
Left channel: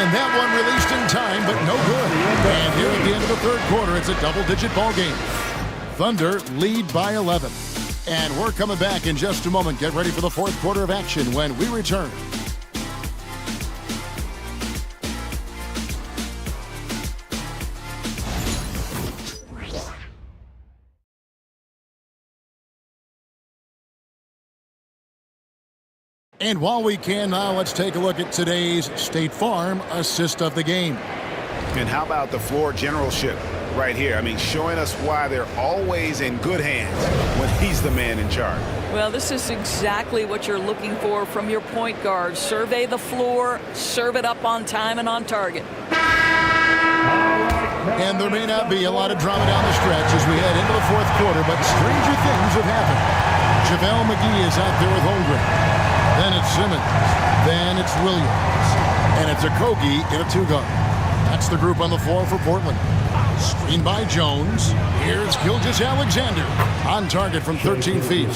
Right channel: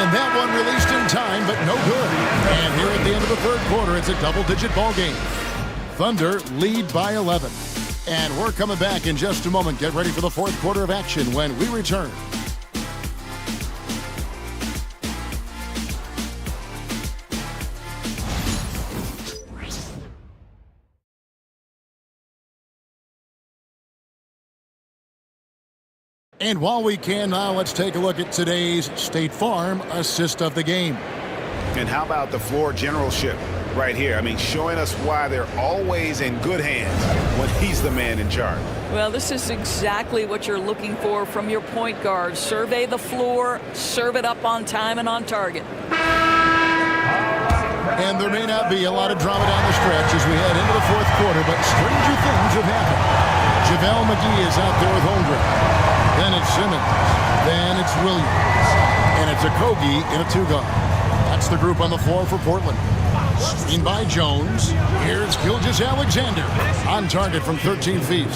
And that one released in time, but no good. And here at the end of the third quarter, it's a double-digit ball game. Thunder lead by 11. And we're coming back in just a moment. Get ready for the fourth quarter of action when we return. And while we can now, let's take a look at today's State Farm assist of the game. And how about the floor generalship right here? I mean, showing us why they're always in good hands when he's the man in charge. Well, this is exactly what you're looking for from your point guard. Survey the floor, serve it up on time and on target. And there may not be a lot of drama down the stretch as we head into the fourth quarter, but stranger things have happened. JaVale McGee is out there with Holmgren. Then it's Simmons. Then it's Williams. And it's Okogie in a two-guard. That's the group on the floor for Portland. Screen by Jones. Here's Gilgeous-Alexander. On target from 13 feet.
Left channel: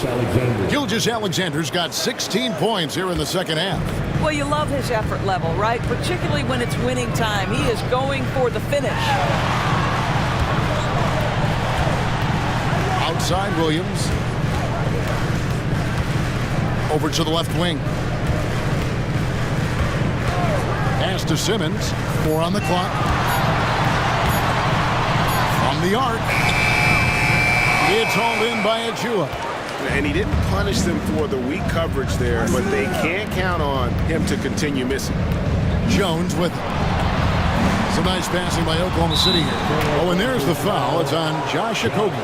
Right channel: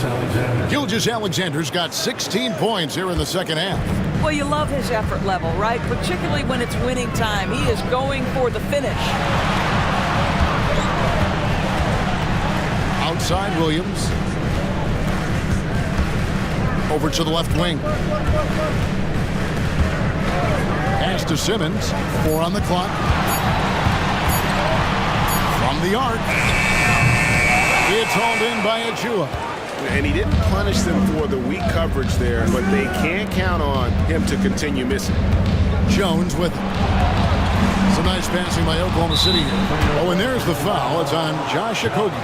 Gilgeous-Alexander's got 16 points here in the second half. Well, you love his effort level, right? Particularly when it's winning time. He is going for the finish. Outside Williams. Over to the left wing. Pass to Simmons. 4 on the clock. From the arc. It's hauled in by Achua. And he didn't punish them for the weak coverage there, but they can't count on him to continue missing. Jones with it. Some nice passing by Oklahoma City here. Oh, and there's the foul. It's on Josh Okogie.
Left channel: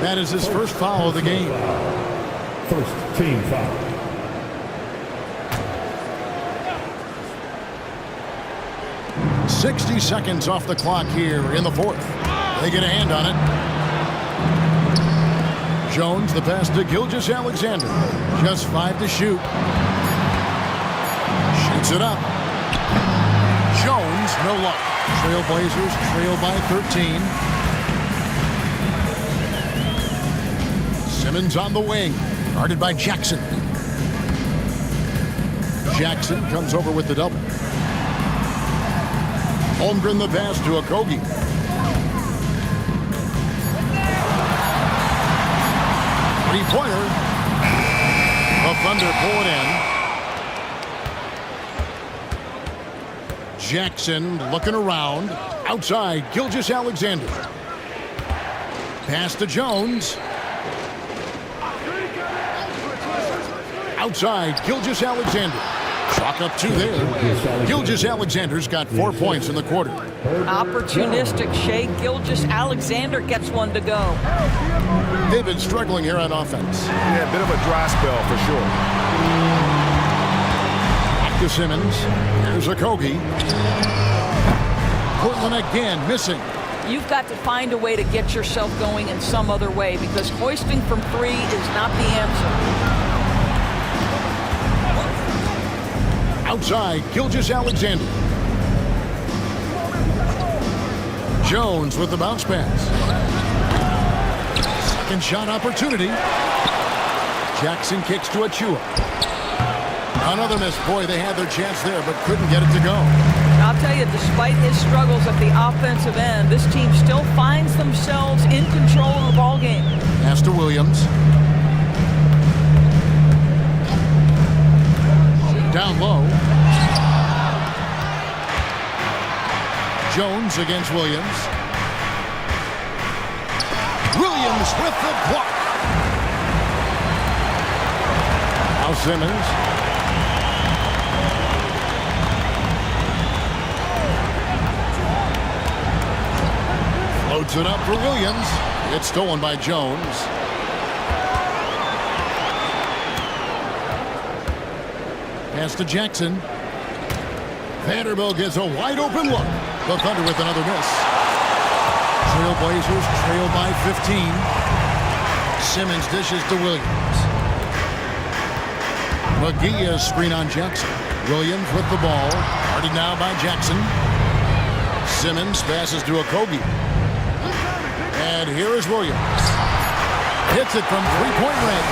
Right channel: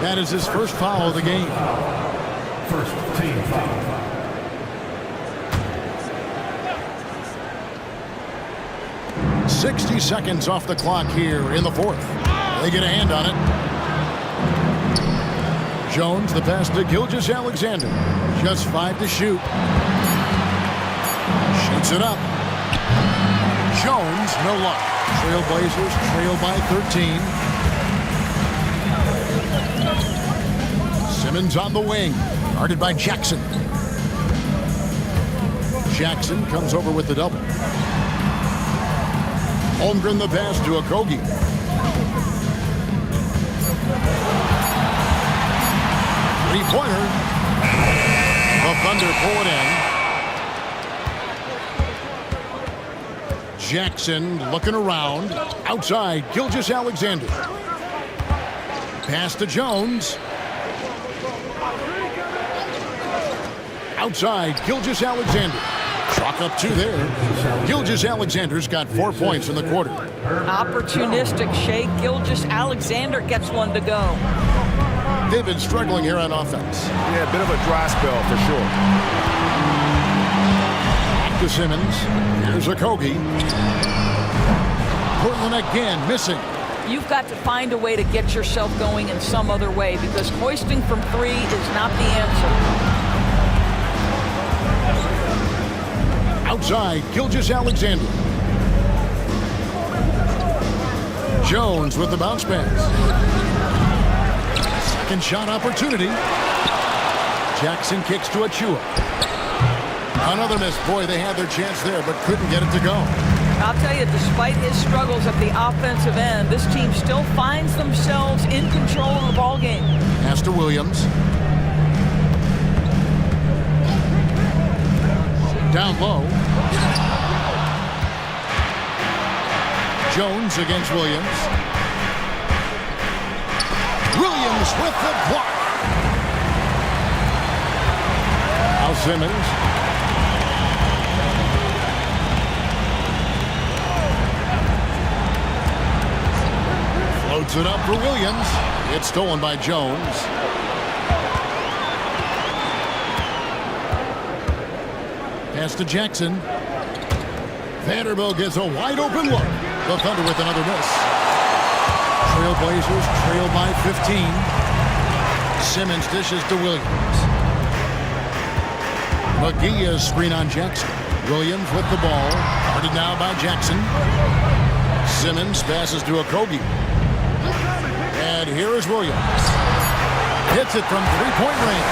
That is his first foul of the game. First team foul. "60 seconds off the clock here in the fourth. They get a hand on it. Jones, the pass to Gilgeous-Alexander. Just 5 to shoot. Shoots it up. Jones, no luck. Trailblazers trail by 13. Simmons on the wing. Guarded by Jackson. Jackson comes over with the double. Holmgren the pass to Okogie. Three-pointer. The Thunder pull it in. Jackson looking around. Outside, Gilgeous-Alexander. Pass to Jones. Outside, Gilgeous-Alexander. Chalk up 2 there. Gilgeous-Alexander's got 4 points in the quarter. Opportunistic shake. Gilgeous-Alexander gets one to go. They've been struggling here on offense. Yeah, a bit of a dry spell for sure. Back to Simmons. Here's Okogie. Portland again missing. You've got to find a way to get yourself going in some other way because hoisting from 3 is not the answer. Outside, Gilgeous-Alexander. Jones with the bounce pass. Second shot opportunity. Jackson kicks to Achua. Another miss. Boy, they had their chance there, but couldn't get it to go. I'll tell you, despite his struggles at the offensive end, this team still finds themselves in control of the ball game. Pass to Williams. Down low. Jones against Williams. Williams with the block. Now Simmons. Floats it up for Williams. It's stolen by Jones. Pass to Jackson. Vanderbilt gets a wide open look. The Thunder with another miss. Trailblazers trail by 15. Simmons dishes to Williams. McGee is screen on Jackson. Williams with the ball. Guarded now by Jackson. Simmons passes to Okogie. And here is Williams. Hits it from three-point range.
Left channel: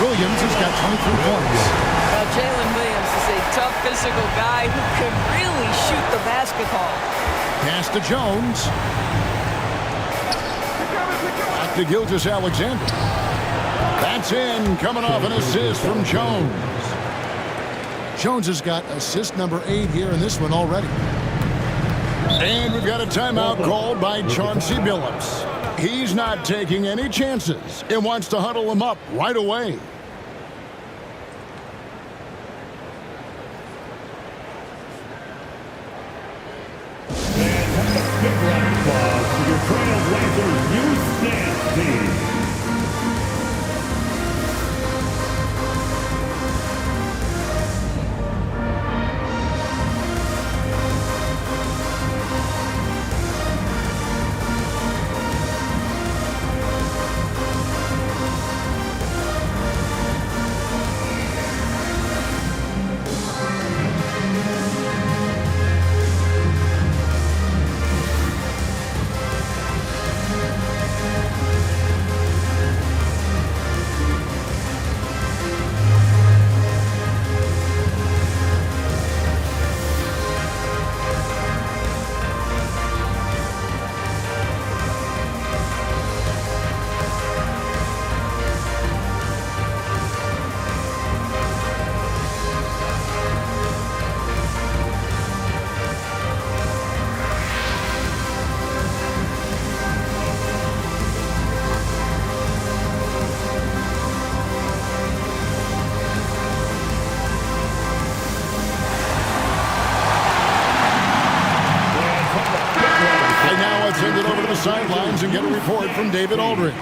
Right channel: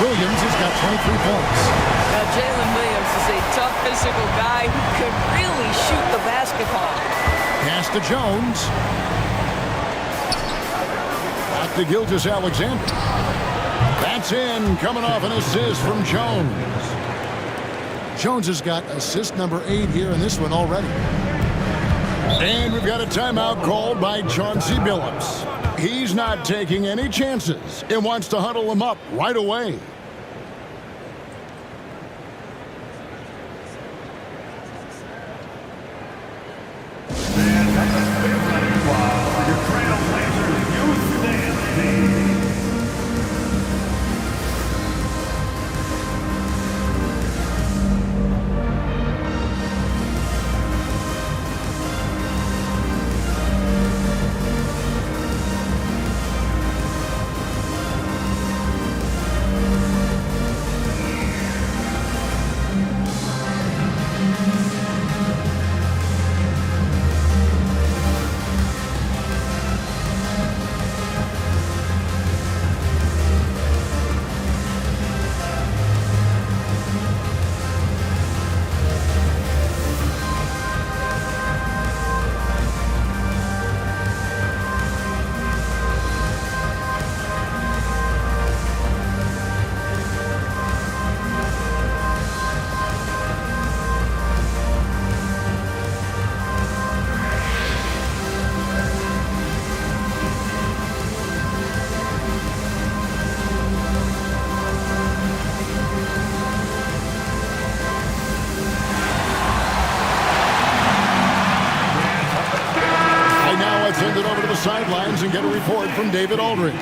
Williams has got 23 points. Well, Jalen Williams is a tough physical guy who could really shoot the basketball. Pass to Jones. Back to Gilgeous-Alexander. That's in, coming off an assist from Jones. Jones has got assist number 8 here in this one already. And we've got a timeout called by Chauncey Billups. He's not taking any chances and wants to huddle him up right away. Your Trailblazers Youth Dance Team. Now let's send it over to the sidelines and get a report from David Aldridge.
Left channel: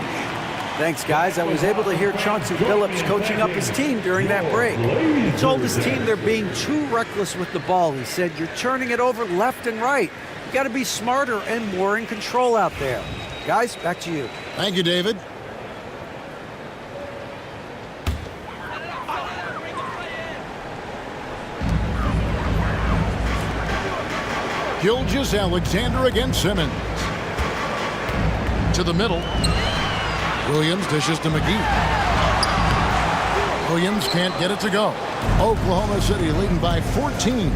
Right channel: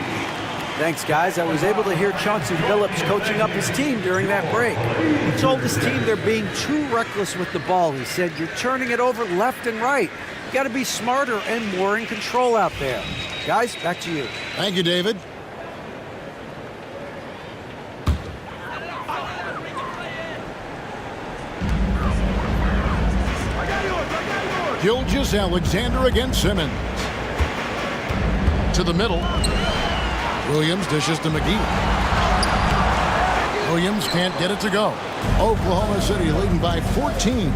Thanks, guys. I was able to hear Chauncey Billups coaching up his team during that break. He told his team they're being too reckless with the ball. He said, you're turning it over left and right. You got to be smarter and more in control out there. Guys, back to you. Thank you, David. Gilgeous-Alexander against Simmons. To the middle. Williams dishes to McGee. Williams can't get it to go. Oklahoma City leading by 14.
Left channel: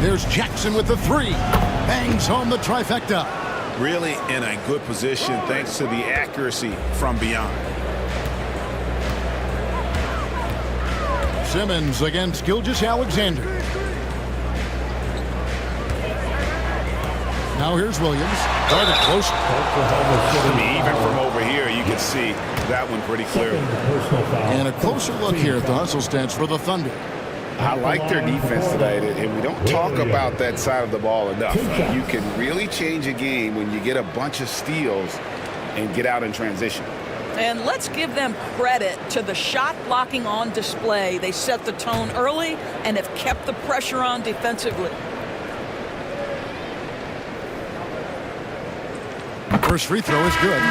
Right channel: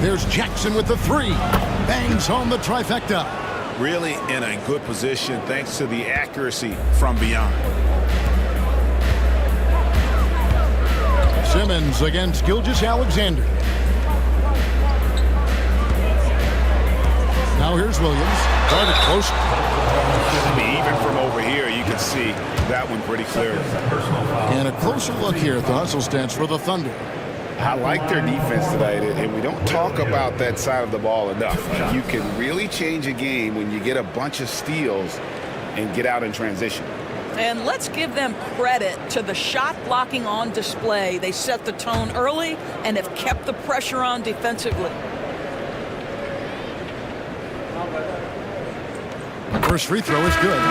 There's Jackson with the 3. Bangs home the trifecta. Really in a good position thanks to the accuracy from beyond. Simmons against Gilgeous-Alexander. Now here's Williams. Guarded closer. I mean, even from over here, you can see that one pretty clearly. And a closer look here at the hustle stats for the Thunder. I like their defense tonight, and we don't talk about that side of the ball enough. You can really change a game when you get a bunch of steals and get out in transition. And let's give them credit to the shot blocking on display. They set the tone early and have kept the pressure on defensively. First free throw is good.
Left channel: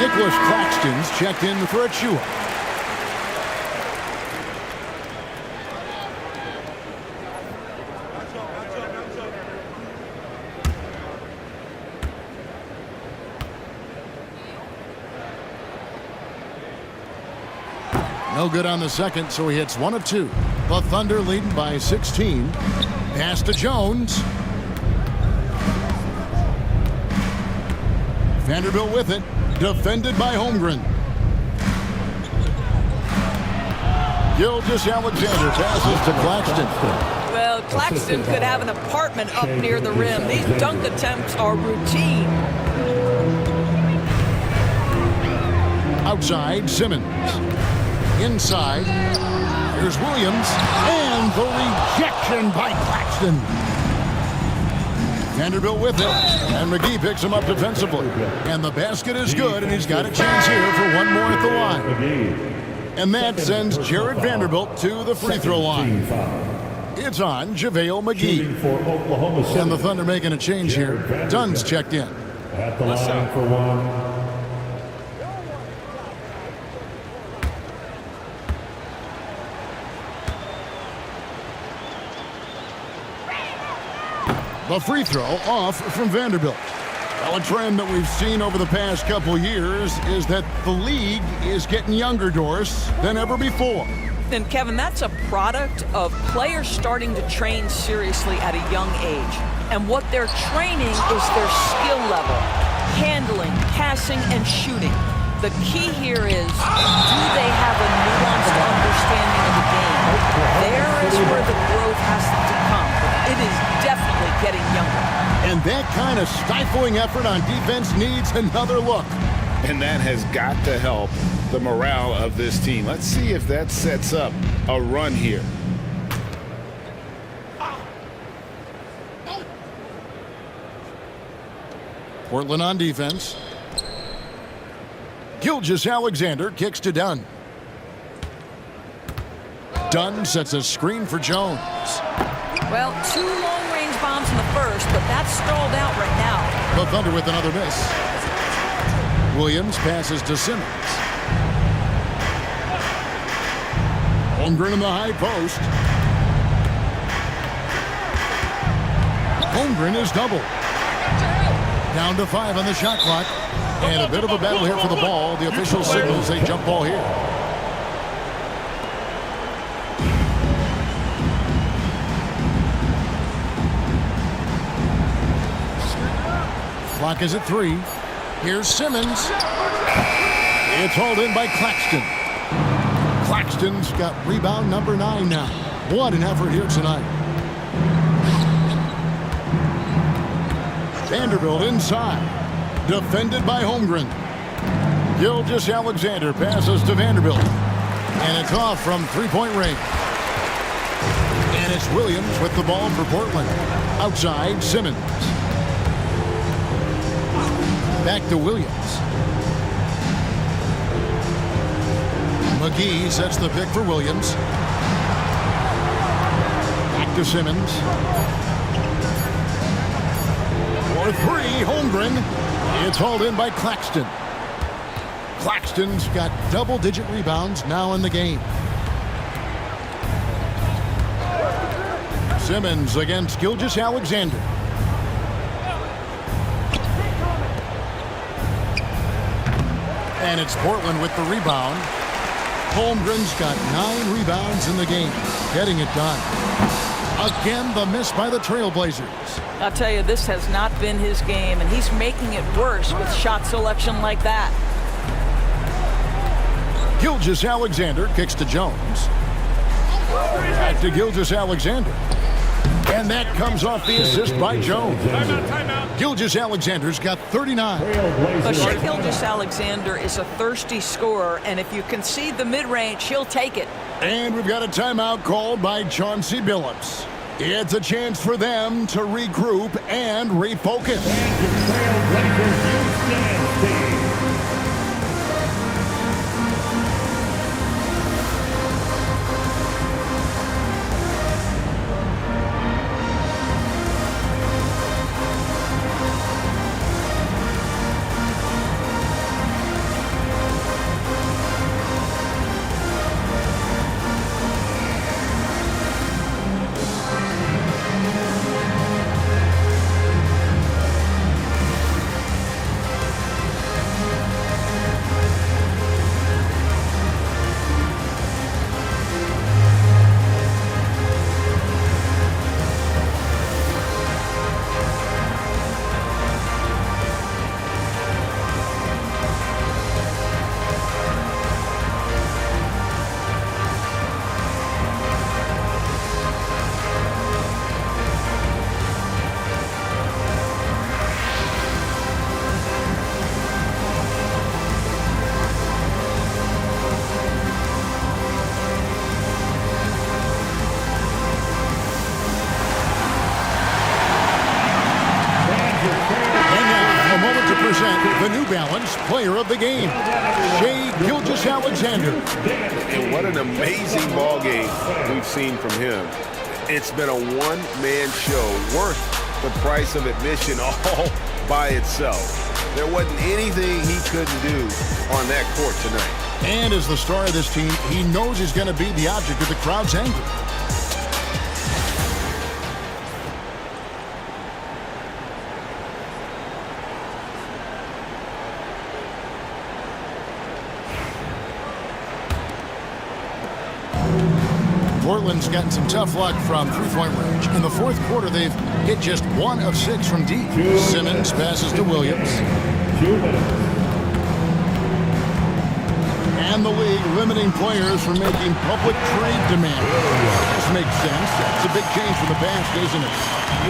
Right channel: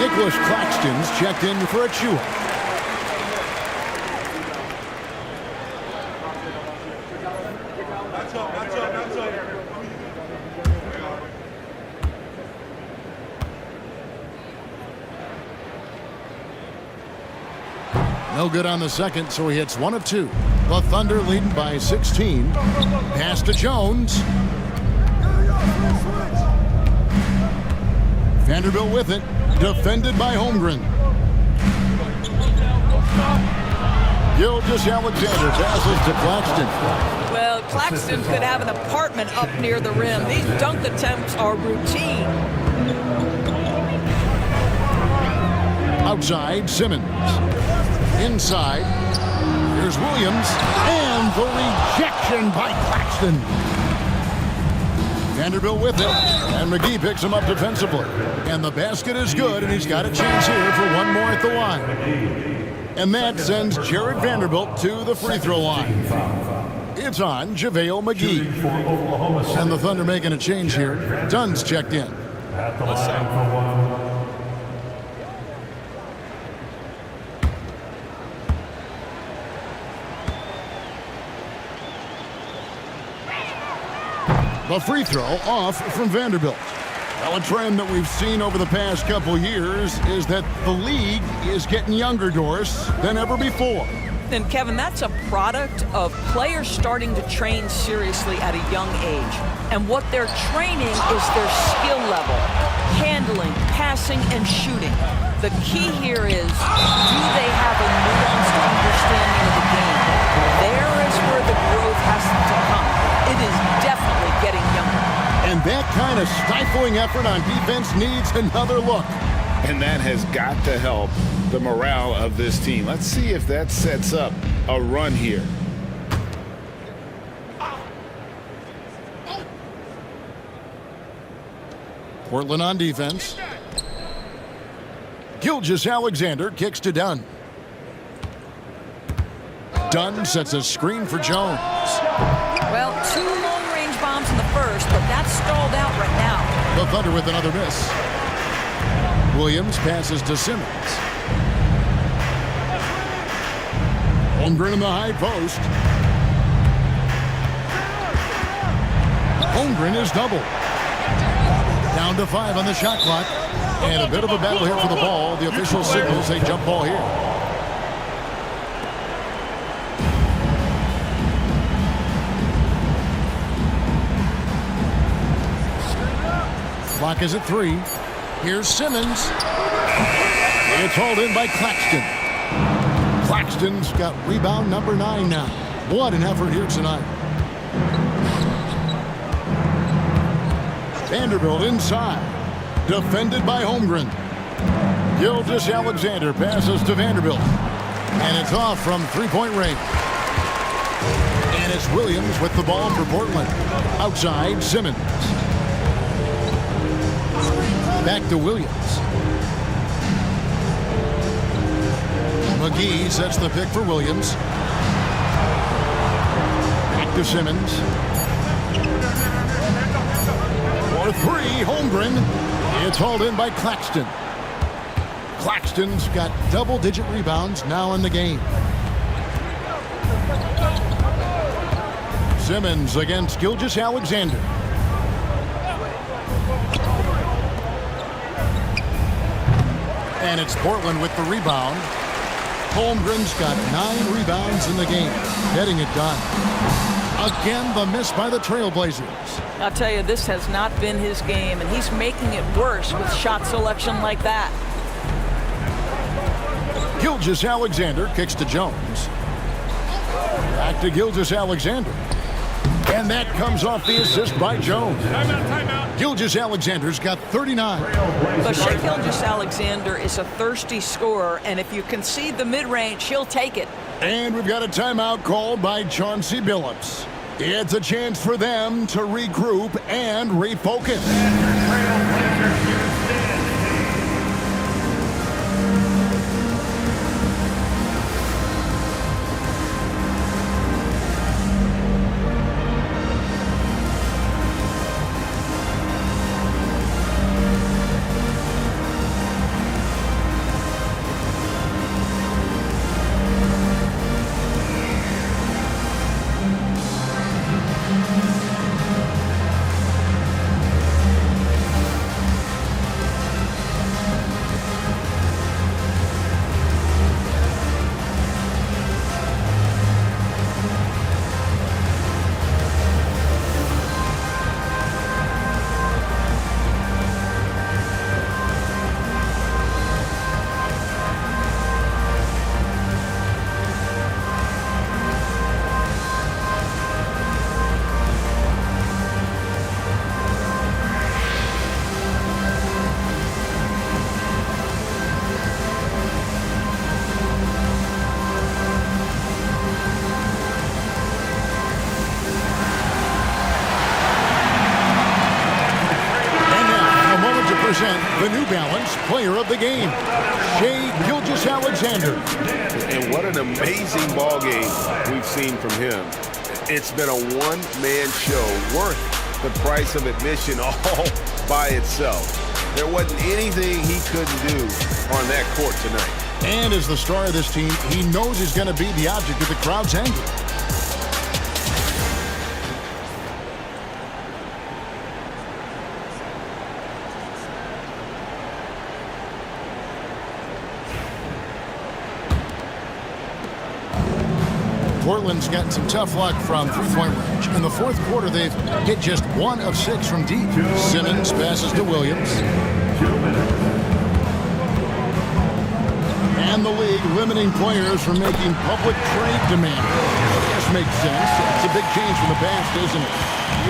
Nicholas Claxton's checked in for Achua. No good on the second, so he hits 1 of 2. The Thunder leading by 16. Pass to Jones. Vanderbilt with it. Defended by Holmgren. Gilgeous-Alexander passes to Claxton. Well, Claxton could have an apartment up near the rim. These dunk attempts are routine. Outside, Simmons. Inside, here's Williams. And the rejection by Claxton. Vanderbilt with it, and McGee picks him up defensively. And the basket is good, and he's got a chance here for one more at the line. And that sends Jared Vanderbilt to the free throw line. It's on JaVale McGee. And the Thunder making a change here. Dunn's checked in. At the line for one. The free throw off from Vanderbilt. Well, a trend that we've seen over the past couple years is that the league is getting younger, Doris, than ever before. And Kevin, that's a product of players starting to train seriously at a young age. And what they're training is their skill level, handling, passing, and shooting. The key here is, do they have a nuanced understanding of the game? There is where the growth has to come, but it is definitely getting younger. And that kind of stifling effort on defense needs another look. And that has got to help the morale of this team. Let's see if that sets up a run here. Portland on defense. Gilgeous-Alexander kicks to Dunn. Dunn sets a screen for Jones. Well, 2 long-range bombs in the first, but that's stalled out right now. The Thunder with another miss. Williams passes to Simmons. Holmgren in the high post. Holmgren is doubled. Down to 5 on the shot clock. And a bit of a battle here for the ball. The official signals a jump ball here. Clock is at 3. Here's Simmons. It's hauled in by Claxton. Claxton's got rebound number 9 now. What an effort here tonight. Vanderbilt inside. Defended by Holmgren. Gilgeous-Alexander passes to Vanderbilt. And it's off from three-point range. And it's Williams with the ball for Portland. Outside, Simmons. Back to Williams. McGee sets the pick for Williams. Back to Simmons. For 3, Holmgren. It's hauled in by Claxton. Claxton's got double-digit rebounds now in the game. Simmons against Gilgeous-Alexander. And it's Portland with the rebound. Holmgren's got 9 rebounds in the game, getting it done. Again, the miss by the Trailblazers. I'll tell you, this has not been his game, and he's making it worse with shot selection like that. Gilgeous-Alexander kicks to Jones. Back to Gilgeous-Alexander. And that comes off the assist by Jones. Timeout. Gilgeous-Alexander's got 39. But Shai Gilgeous-Alexander is a thirsty scorer, and if you concede the mid-range, he'll take it. And we've got a timeout called by Chauncey Billups. It's a chance for them to regroup and refocus. A moment to present the New Balance Player of the Game, Shai Gilgeous-Alexander. And what an amazing ball game we've seen from him. It's been a one-man show worth the price of admission all by itself. There wasn't anything he couldn't do on that court tonight. And as the star of this team, he knows he's going to be the object of the crowd's anger. Portland's gotten some tough luck from three-point range. In the fourth quarter, they've hit just 1 of 6 from deep. Simmons passes to Williams. And the league limiting players from making public trade demands. This makes sense. It's a big change from the past, isn't it?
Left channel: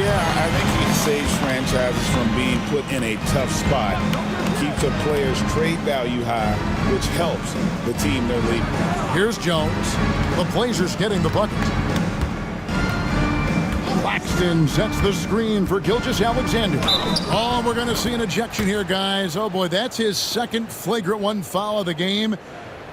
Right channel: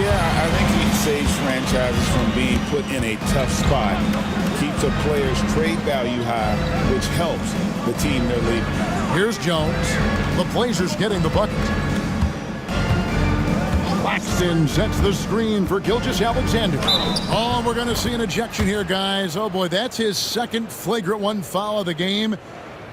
Yeah, I think he saves franchises from being put in a tough spot. Keeps a player's trade value high, which helps the team they're leading. Here's Jones. The Blazers getting the bucket. Claxton sets the screen for Gilgeous-Alexander. Oh, we're going to see an ejection here, guys. Oh, boy, that's his second flagrant one foul of the game,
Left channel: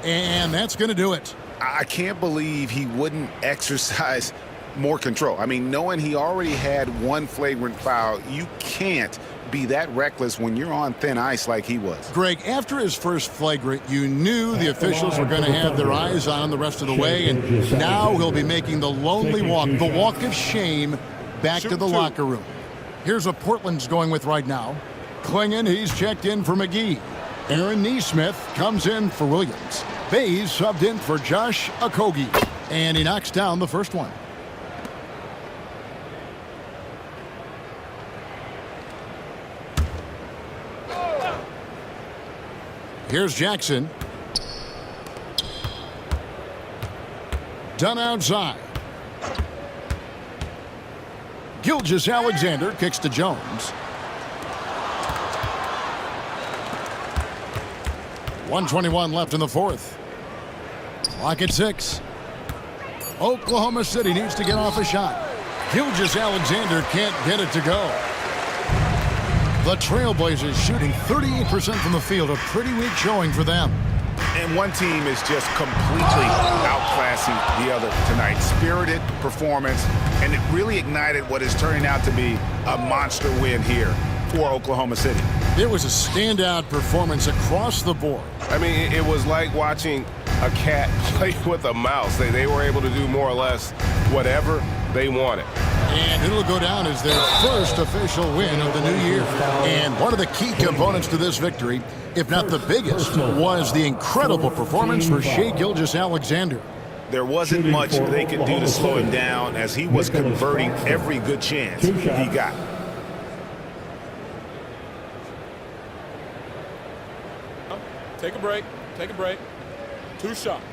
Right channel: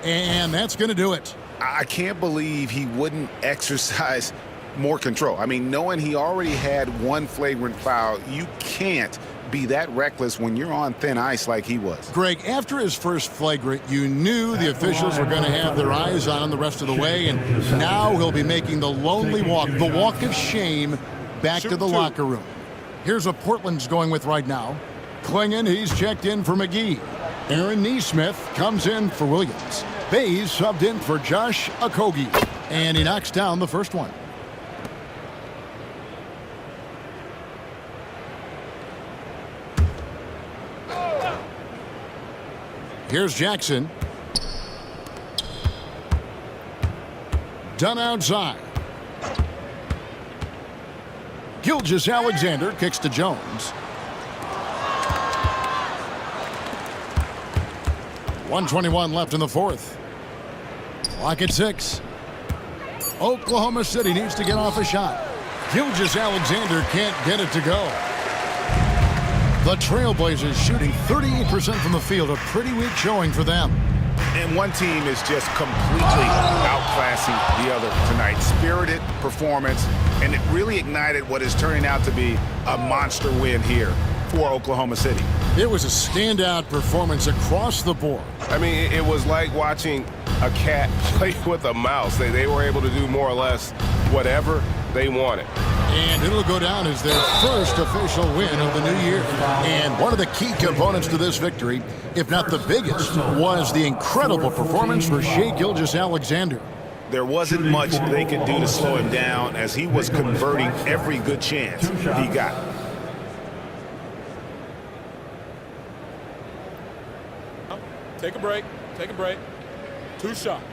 and that's going to do it. I can't believe he wouldn't exercise more control. I mean, knowing he already had one flagrant foul, you can't be that reckless when you're on thin ice like he was. Greg, after his first flagrant, you knew the officials were going to have their eyes on the rest of the way, and now he'll be making the lonely walk, the walk of shame, back to the locker room. Here's what Portland's going with right now. Klingon, he's checked in for McGee. Aaron Nesmith comes in for Williams. Bays subbed in for Josh Okogie, and he knocks down the first one. Here's Jackson. Done outside. Gilgeous-Alexander kicks to Jones. 1:21 left in the fourth. Clock at 6. Oklahoma City needs to get off a shot. Gilgeous-Alexander can't get it to go. The Trailblazers shooting 38% from the field, a pretty weak showing for them. And one team is just completely outclassing the other tonight. Spirited performance, and it really ignited what is turning out to be a monster win here for Oklahoma City. It was a standout performance across the board. I mean, it was like watching a cat play with a mouse. They were able to do more or less whatever they wanted. And it'll go down as their first official win of the new year. And one of the key components to this victory, if not the biggest, was the incredible performance for Shai Gilgeous-Alexander. There wasn't much they could do to slow him down as he was converting every good chance he got. Take a break. Take a break. 2 shots.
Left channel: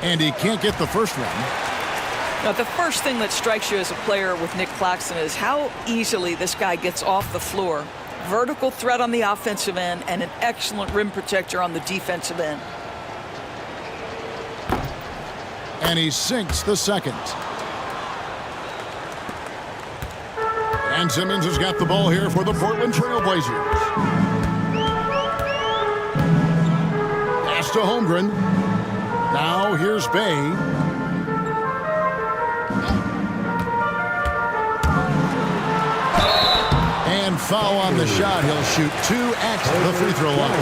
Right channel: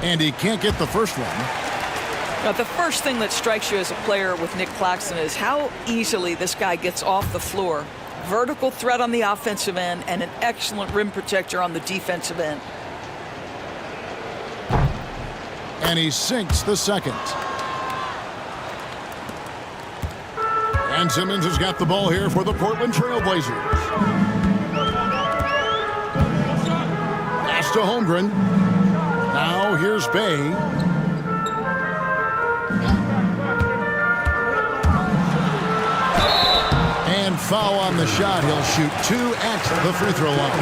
And he can't get the first one. Now, the first thing that strikes you as a player with Nick Claxton is how easily this guy gets off the floor. Vertical threat on the offensive end and an excellent rim protector on the defensive end. And he sinks the second. And Simmons has got the ball here for the Portland Trailblazers. Pass to Holmgren. Now here's Bay. And foul on the shot. He'll shoot 2 at the free throw line.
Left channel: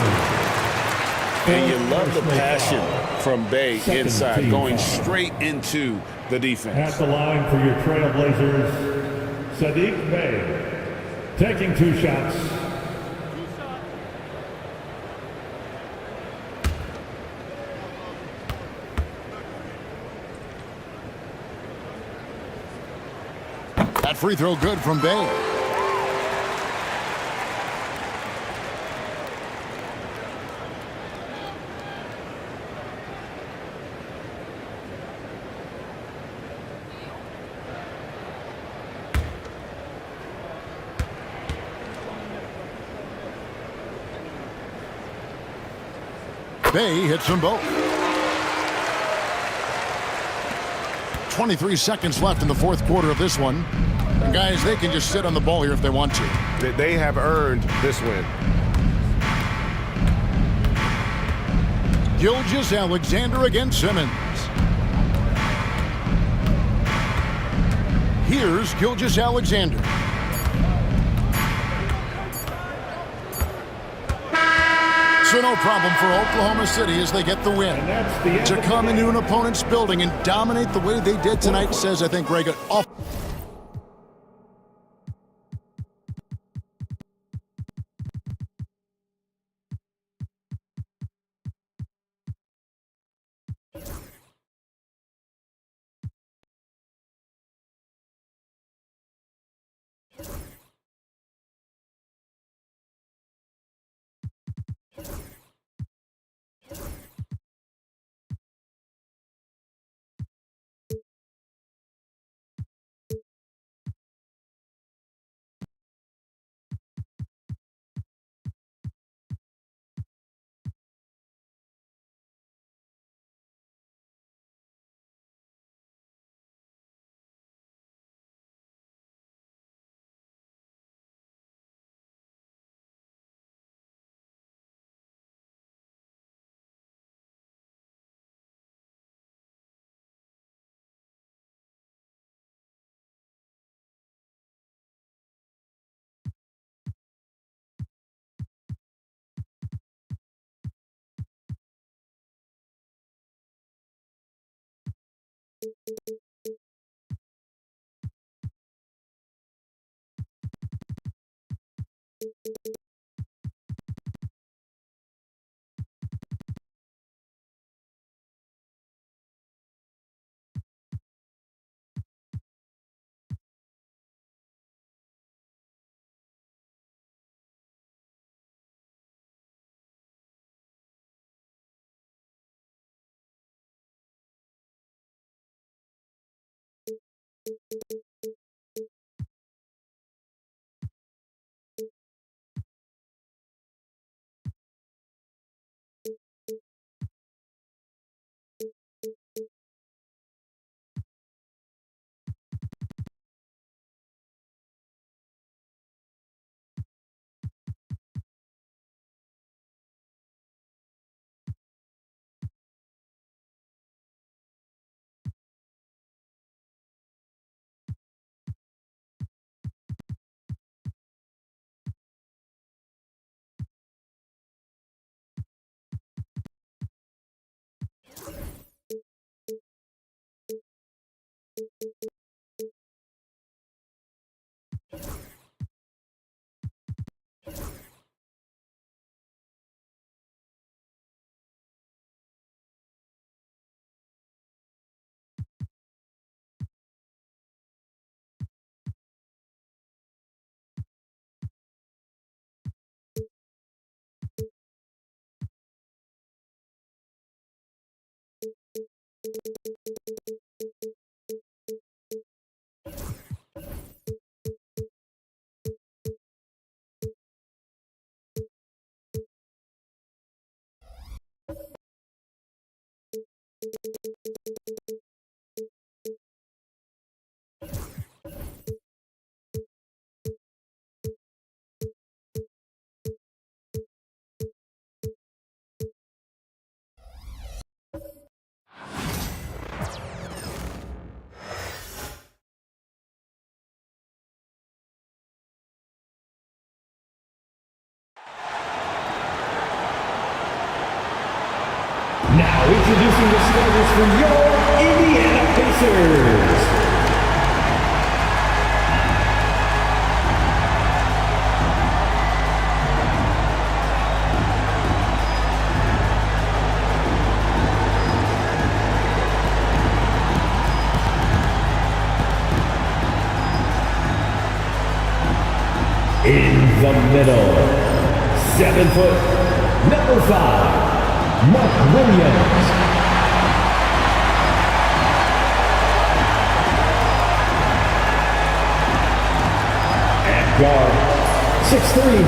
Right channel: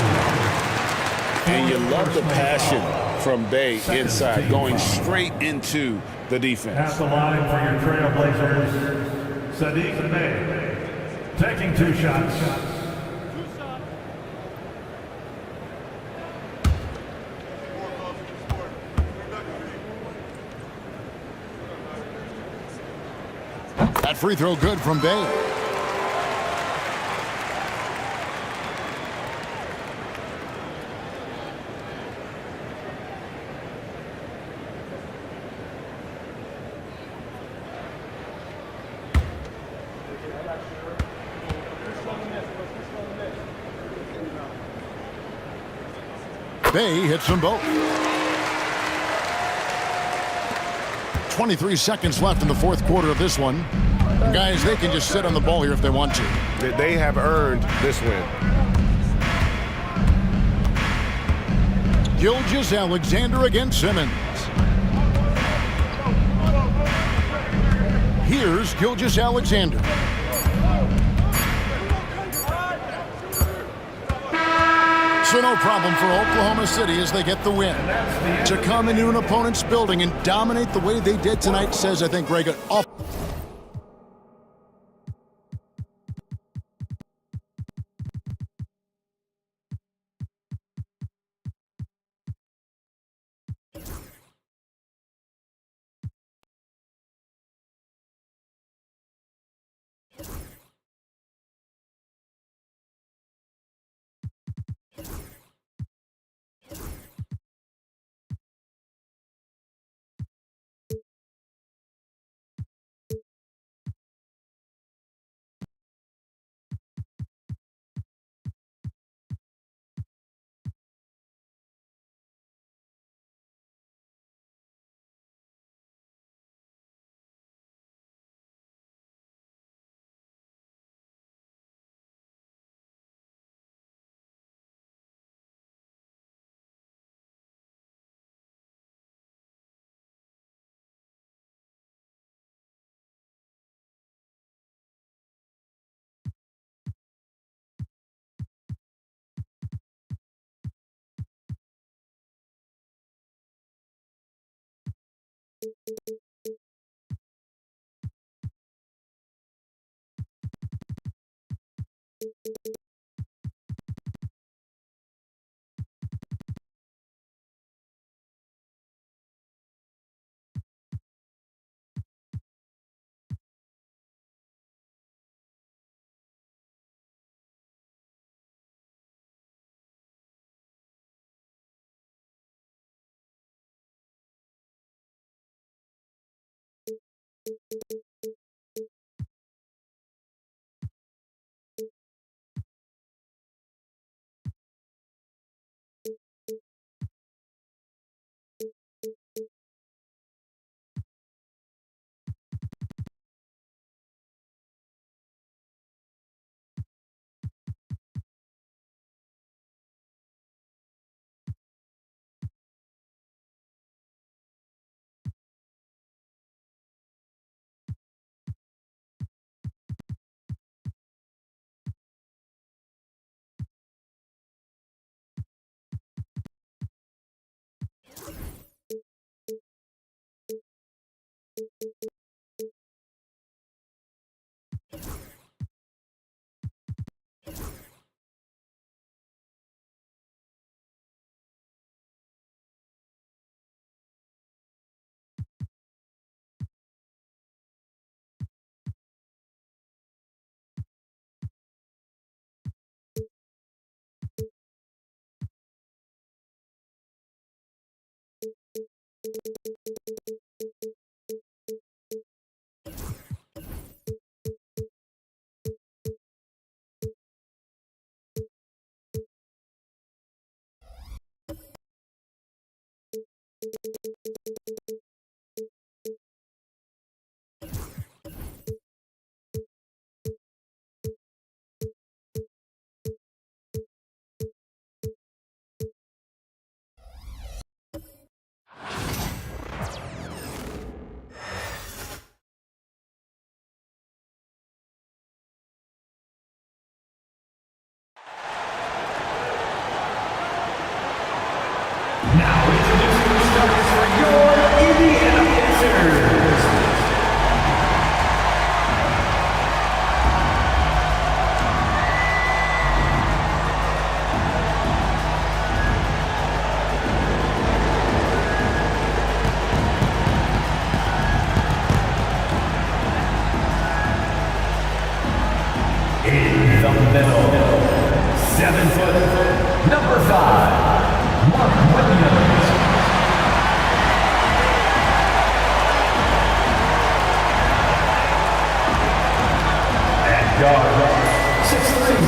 And you love the passion from Bay inside, going straight into the defense. At the line for your Trailblazers, Saddiq Bey, taking 2 shots. That free throw good from Bay. Bay hits them both. 23 seconds left in the fourth quarter of this one. And guys, they can just sit on the ball here if they want to. They have earned this win. Gilgeous-Alexander against Simmons. Here's Gilgeous-Alexander. So no problem for Oklahoma City as they get the win. To come into an opponent's building and dominate the way they did tonight says, I think, Greg, off. Now introducing the starters for your Indiana Pacers. In the middle, 7 foot, number 5. Mark Williams. At guard, 6'3",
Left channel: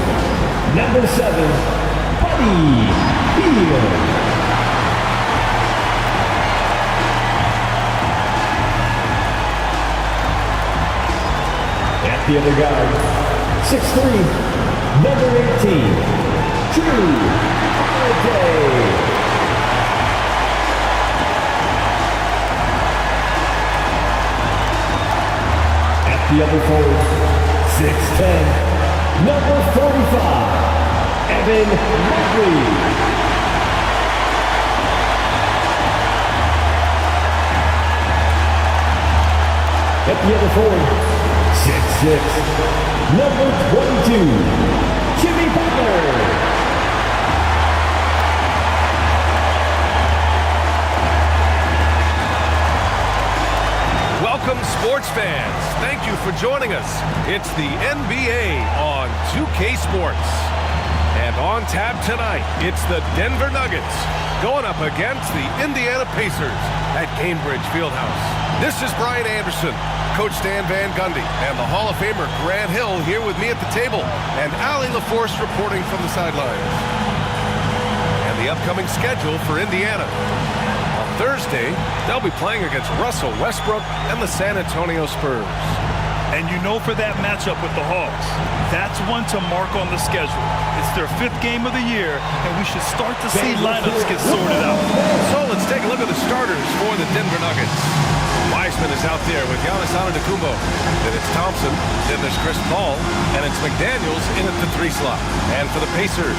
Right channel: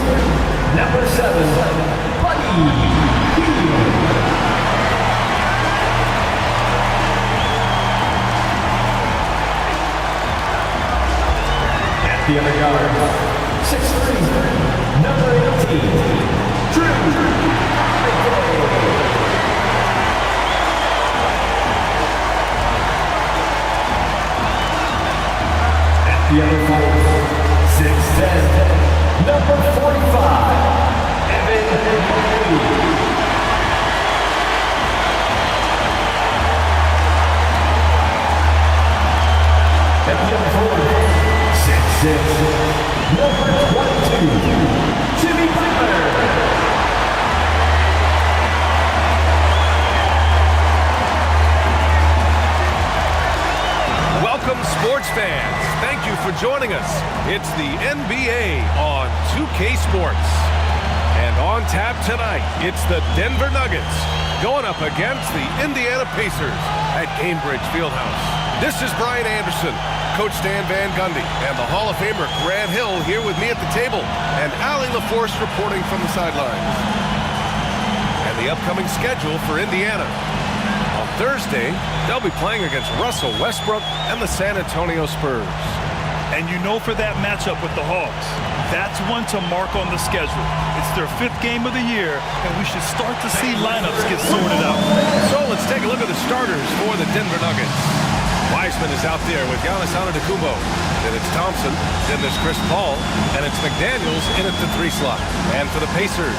number 7, Buddy Hield. At the other guard, 6'3", number 18, Drew Holiday. the other forward, 6'10", number 45, Evan Mobley. At the other forward, 6'6", number 22, Jimmy Butler. Welcome, sports fans. Thank you for joining us. It's the NBA on 2K Sports. And on tap tonight, it's the Denver Nuggets going up against the Indiana Pacers at Gainbridge Fieldhouse. This is Brian Anderson, Coach Stan Van Gundy, and the Hall of Famer Grant Hill here with me at the table, and Allie LaForce reporting from the sidelines. And the upcoming schedule for Indiana. On Thursday, they'll be playing against Russell Westbrook and the San Antonio Spurs. And you know, for that matchup with the Hawks, that's one to mark on the schedule. It's their 5th game of the year, and we should start to see lineups get sorted out. So let's take a look at the starters for the Denver Nuggets. Wiseman is out there with Giannis Antetokounmpo. Then it's Thompson, then there's Chris Paul, and it's McDaniels in at the 3 slot. And for the Pacers,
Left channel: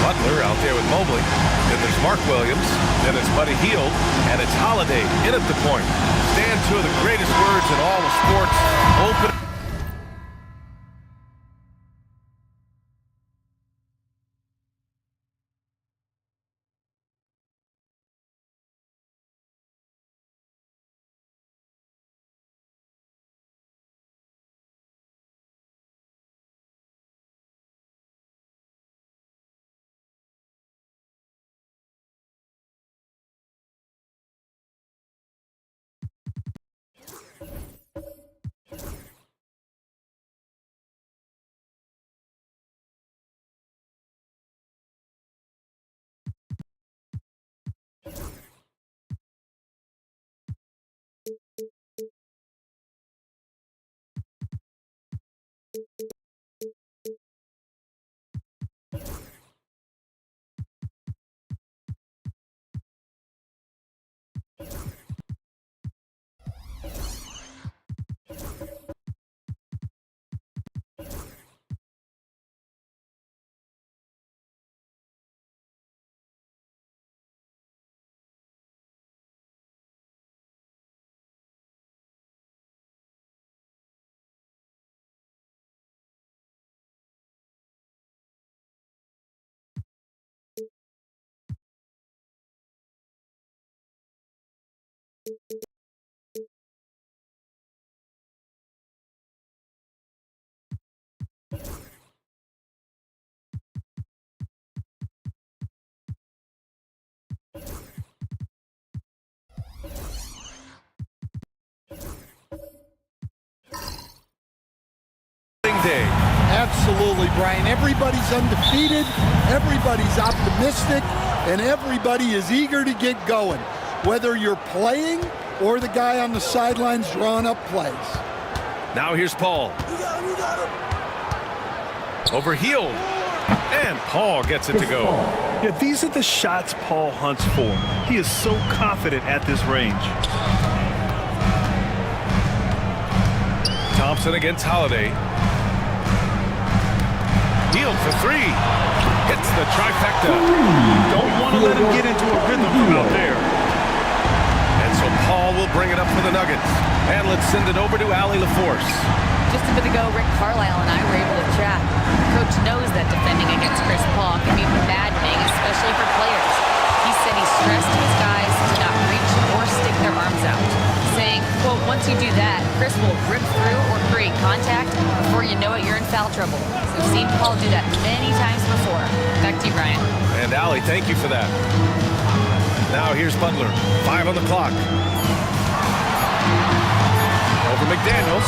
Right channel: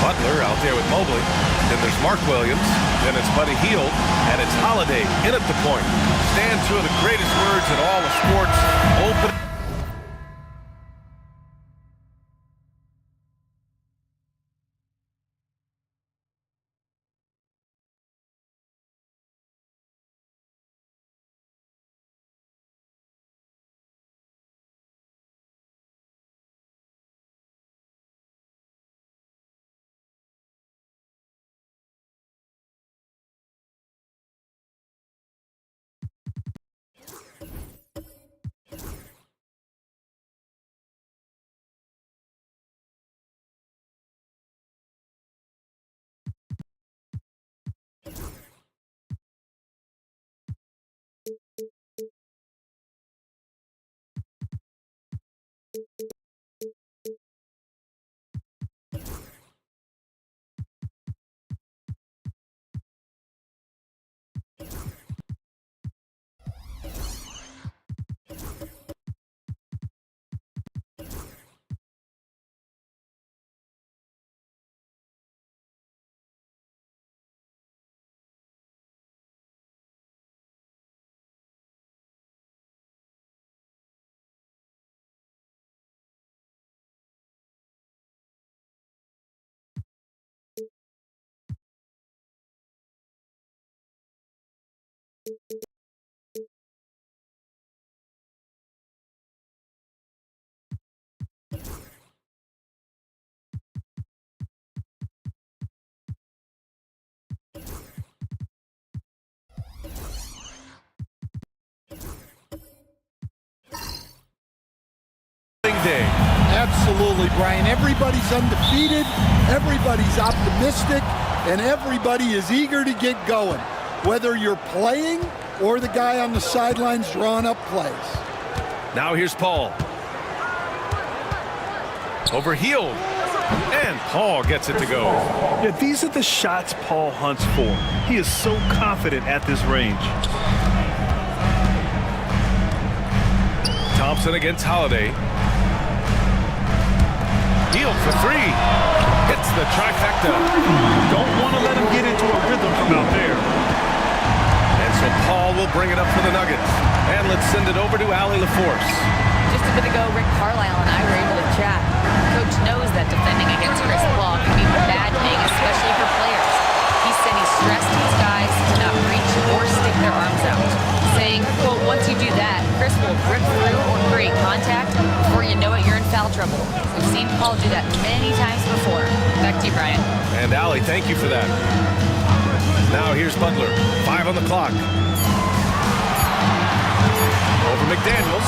Butler out there with Mobley. Then there's Mark Williams, then it's Buddy Hield, and it's Holiday in at the point. Stan, 2 of the greatest words in all of sports, open. Day. Absolutely, Brian. Everybody's undefeated, everybody's optimistic, and everybody is eager to get going, whether you're playing or the guy on the sidelines drawing up plays. Now here's Paul. Over Hield. And Paul gets it to go. Yeah, these are the shots Paul hunts for. He is so confident at this range. Thompson against Holiday. Hield for 3. Hits the trifecta. Don't want to let him get into a rhythm from out there. And so Paul will bring it up for the Nuggets. And let's send it over to Allie LaForce. Just a bit ago, Rick Carlisle and I were able to chat. Coach knows that defending against Chris Paul can be maddening, especially for players. He said he stressed to his guys to not reach or stick their arms out, saying, quote, once you do that, Chris will rip through or create contact. Before you know it, you're in foul trouble. We've seen Paul do that many times before. Back to you, Brian. And Allie, thank you for that. Now here's Butler. 5 on the clock. Over McDaniels.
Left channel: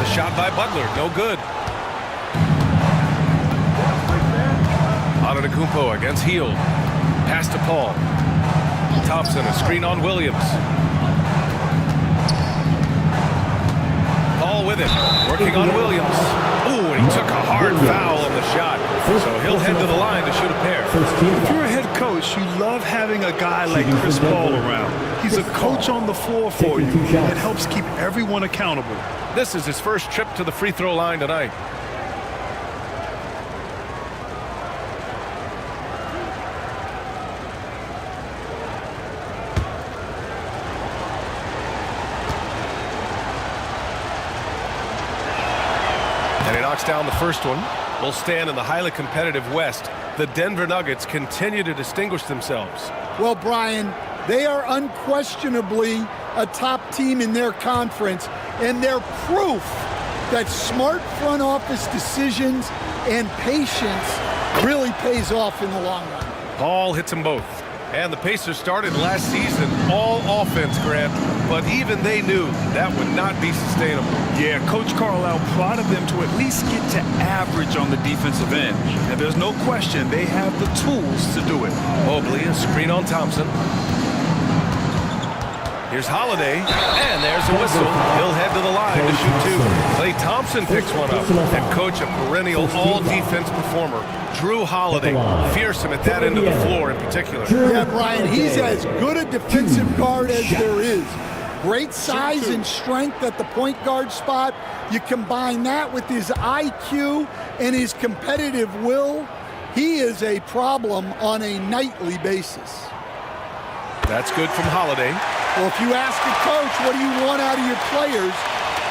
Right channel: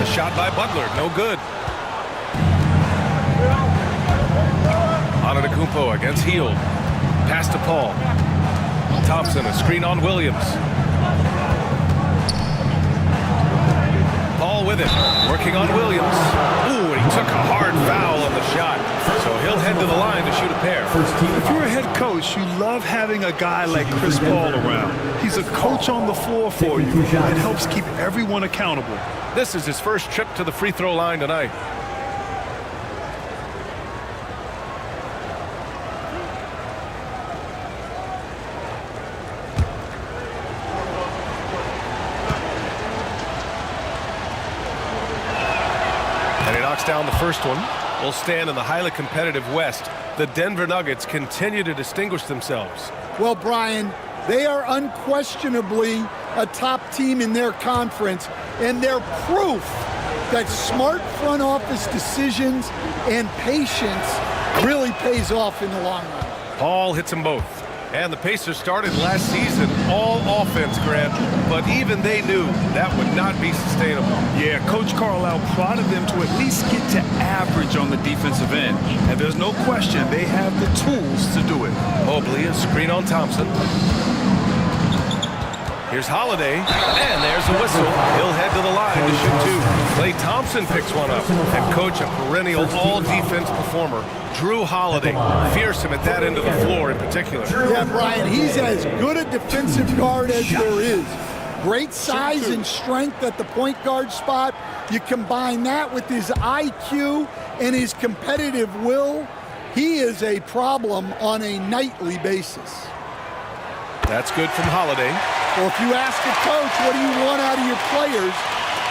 The shot by Butler, no good. Antetokounmpo against Hield. Pass to Paul. Thompson, a screen on Williams. Paul Paul with it, working on Williams. Ooh, and he took a hard foul on the shot. So he'll head to the line to shoot a pair. If you're a head coach, you love having a guy like Chris Paul around. He's a coach on the floor for you and helps keep everyone accountable. This is his first trip to the free throw line tonight. And he knocks down the first one. Will stand in the highly competitive West. The Denver Nuggets continue to distinguish themselves. Well, Brian, they are unquestionably a top team in their conference, and they're proof that smart front office decisions and patience really pays off in the long run. Paul hits them both. And the Pacers started last season all offense, Grant, but even they knew that would not be sustainable. Yeah, Coach Carlisle prodded them to at least get to average on the defensive end. And there's no question they have the tools to do it. Mobley, a screen on Thompson. Here's Holiday, and there's a whistle. He'll head to the line to shoot two. Klay Thompson picks one up, and coach, a perennial all-defense performer, Drew Holiday, fearsome at that end of the floor in particular. Yeah, Brian, he's as good a defensive guard as there is. Great size and strength at the point guard spot. You combine that with his IQ and his competitive will, he is a problem on a nightly basis. That's good from Holiday. Well, if you ask a coach, what do you want out of your players?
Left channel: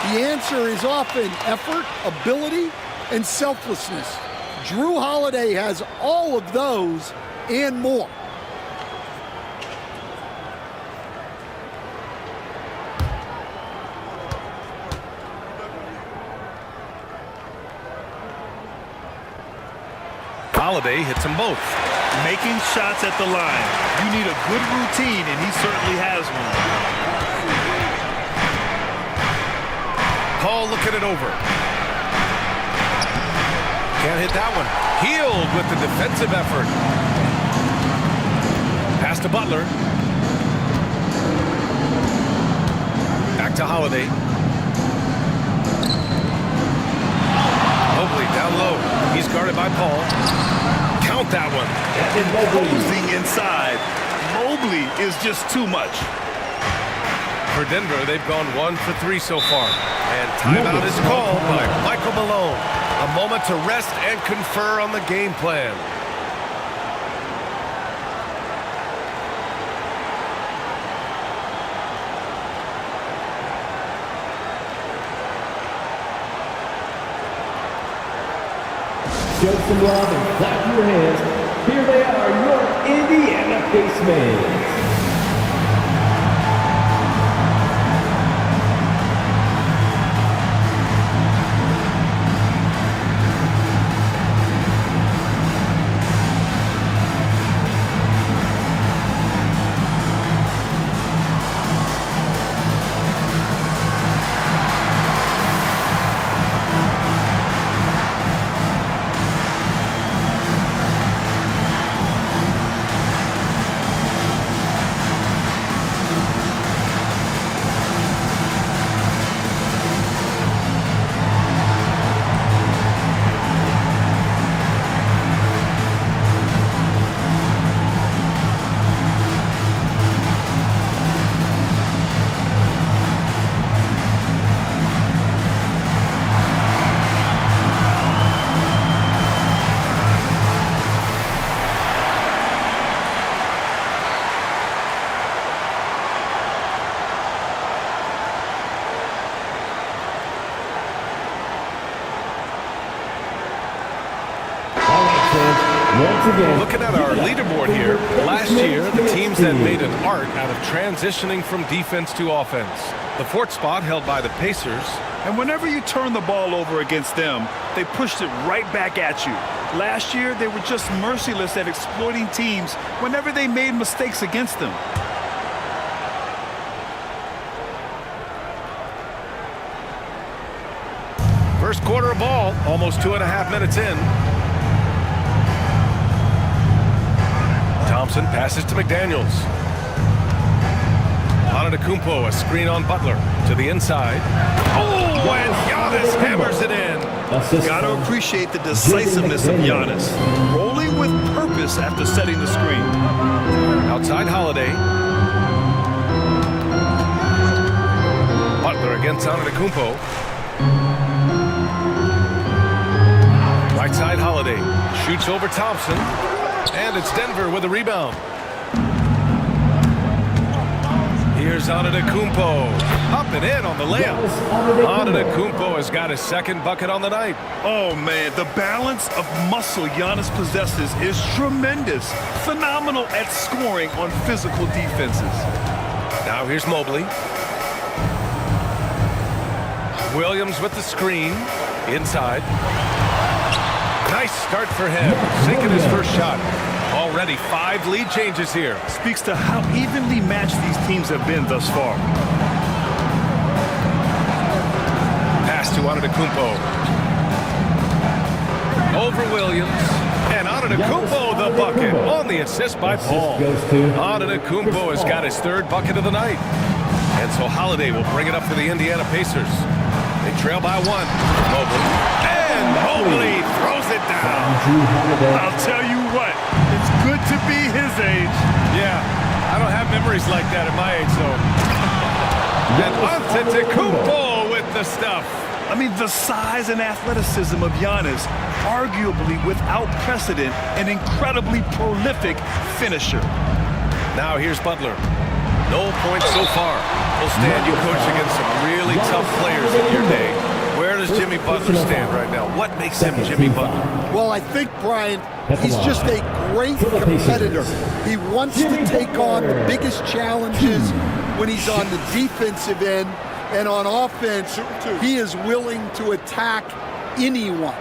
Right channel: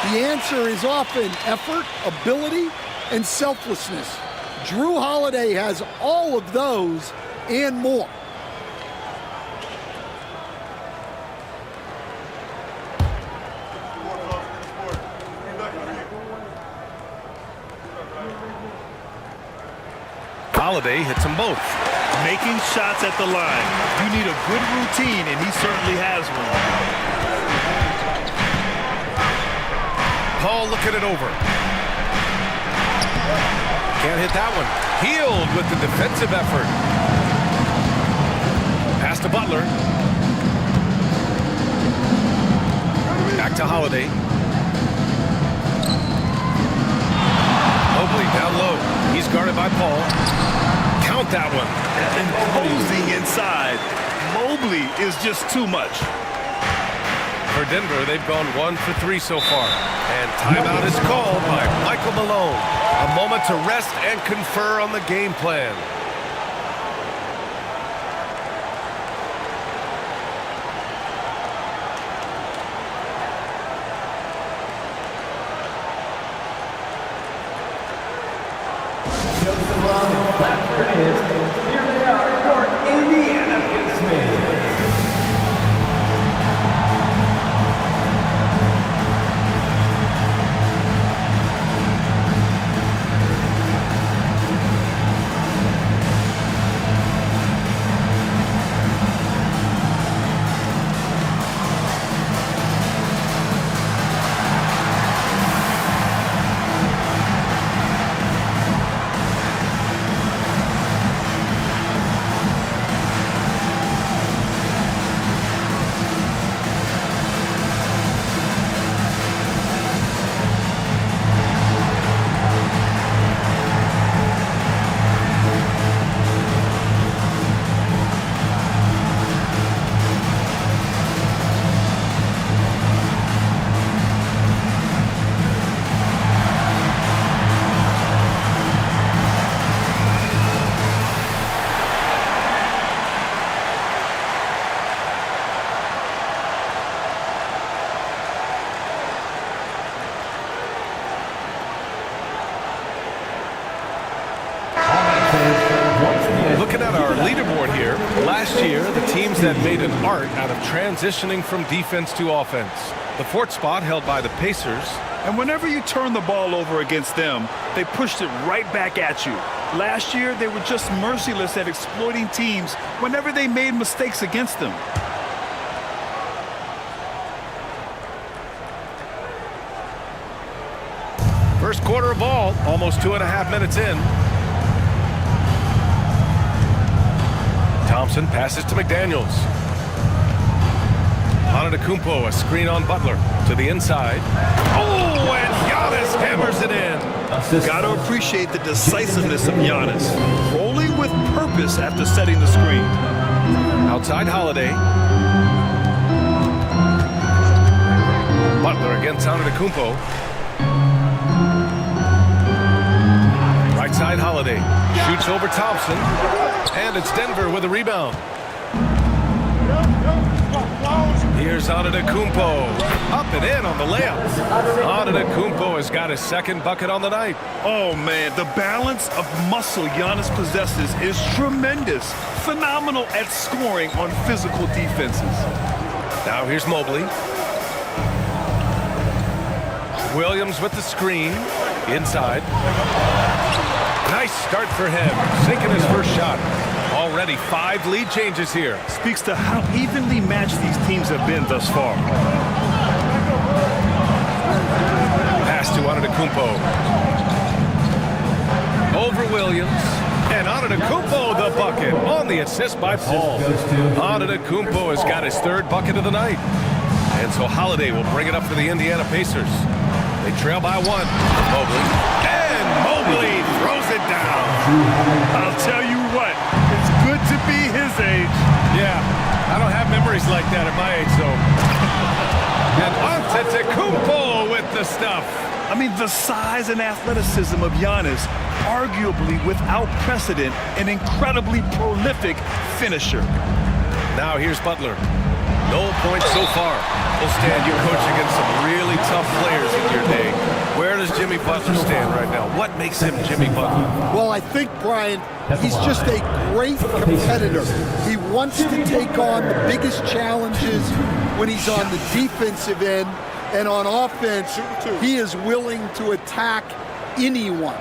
The answer is often effort, ability, and selflessness. Drew Holiday has all of those and more. Holiday hits them both. Making shots at the line. You need a good routine, and he certainly has one. Paul looking it over. Can't hit that one. Healed with the defensive effort. Pass to Butler. Back to Holiday. Mobley down low. He's guarded by Paul. Count that one. Imposing inside. Mobley is just too much. For Denver, they've gone 1 for 3 so far. And timeout is called by Michael Malone. A moment to rest and confer on the game plan. Show some love and clap your hands. Here they are, your Indiana Pacers. Looking at our leaderboard here, last year the teams that made an art out of transitioning from defense to offense. The 4th spot held by the Pacers. And whenever you turn the ball over against them, they pushed it right back at you. Last year, they were just merciless at exploiting teams whenever they made mistakes against them. First quarter of ball, almost 2.5 minutes in. Thompson passes to McDaniels. Antetokounmpo, a screen on Butler to the inside. Oh, and Giannis hammers it in. Got to appreciate the decisiveness of Giannis. Rolling with purpose after setting the screen. Outside Holiday. Butler against Antetokounmpo. Right side Holiday. Shoots over Thompson. And it's Denver with a rebound. Here's Antetokounmpo. Up and in on the layup. Antetokounmpo has got his second bucket on the night. Oh, man, the balance of muscle Giannis possesses is tremendous. Phenomenal at scoring on physical defenses. Now here's Mobley. Williams with the screen. Inside. Nice start for him. Sinking his first shot. Already 5 lead changes here. Speaks to how evenly matched these teams have been thus far. Pass to Antetokounmpo. Over Williams. And Antetokounmpo the bucket on the assist by Paul. Antetokounmpo has got his 3rd bucket of the night. And so Holiday will bring it up for the Indiana Pacers. They trail by 1. Mobley. And Mobley throws it down. I'll tell you what, it's good to be his age. Yeah, I don't have memories like that at my age, so. And Antetokounmpo with the stuff. I mean, the size and athleticism of Giannis, arguably without precedent, an incredibly prolific finisher. Now here's Butler. No points so far. Well, Stan, you coach against some really tough players in your day. Where does Jimmy Butler stand right now? What makes him Jimmy Butler? Well, I think, Brian, he's just a great competitor. He wants to take on the biggest challenges when he's on the defensive end, and on offense, he is willing to attack anyone.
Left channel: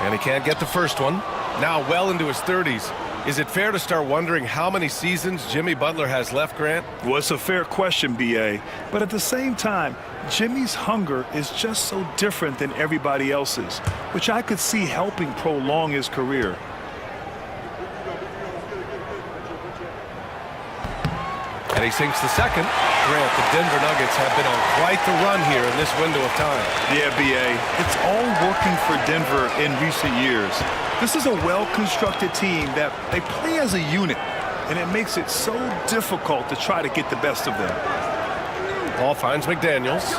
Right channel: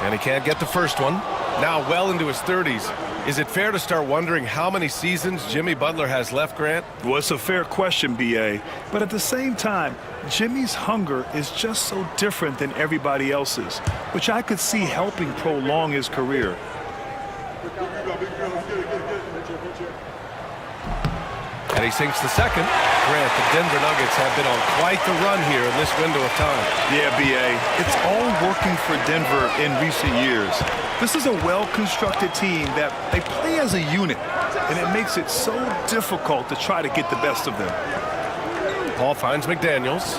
And he can't get the first one. Now well into his 30s. Is it fair to start wondering how many seasons Jimmy Butler has left, Grant? Well, it's a fair question, B.A. But at the same time, Jimmy's hunger is just so different than everybody else's, which I could see helping prolong his career. And he sinks the second. Grant, the Denver Nuggets have been on quite the run here in this window of time. Yeah, B.A., it's all working for Denver in recent years. This is a well-constructed team that they play as a unit, and it makes it so difficult to try to get the best of them. Paul finds McDaniels.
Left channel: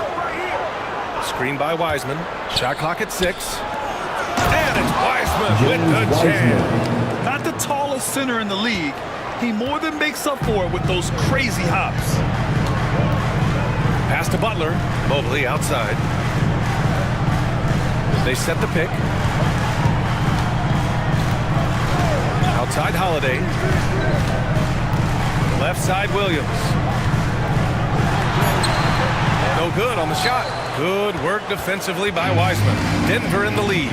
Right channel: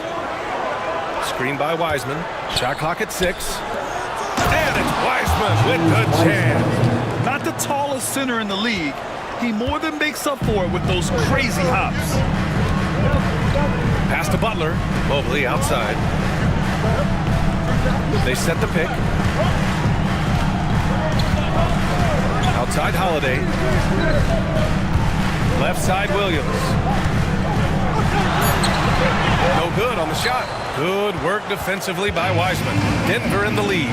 Screen by Wiseman. Shot clock at 6. And it's Wiseman with the jam. Not the tallest center in the league. He more than makes up for it with those crazy hops. Pass to Butler. Mobley outside. They set the pick. Outside Holiday. Left side Williams. No good on the shot. Good work defensively by Wiseman. Denver in the lead.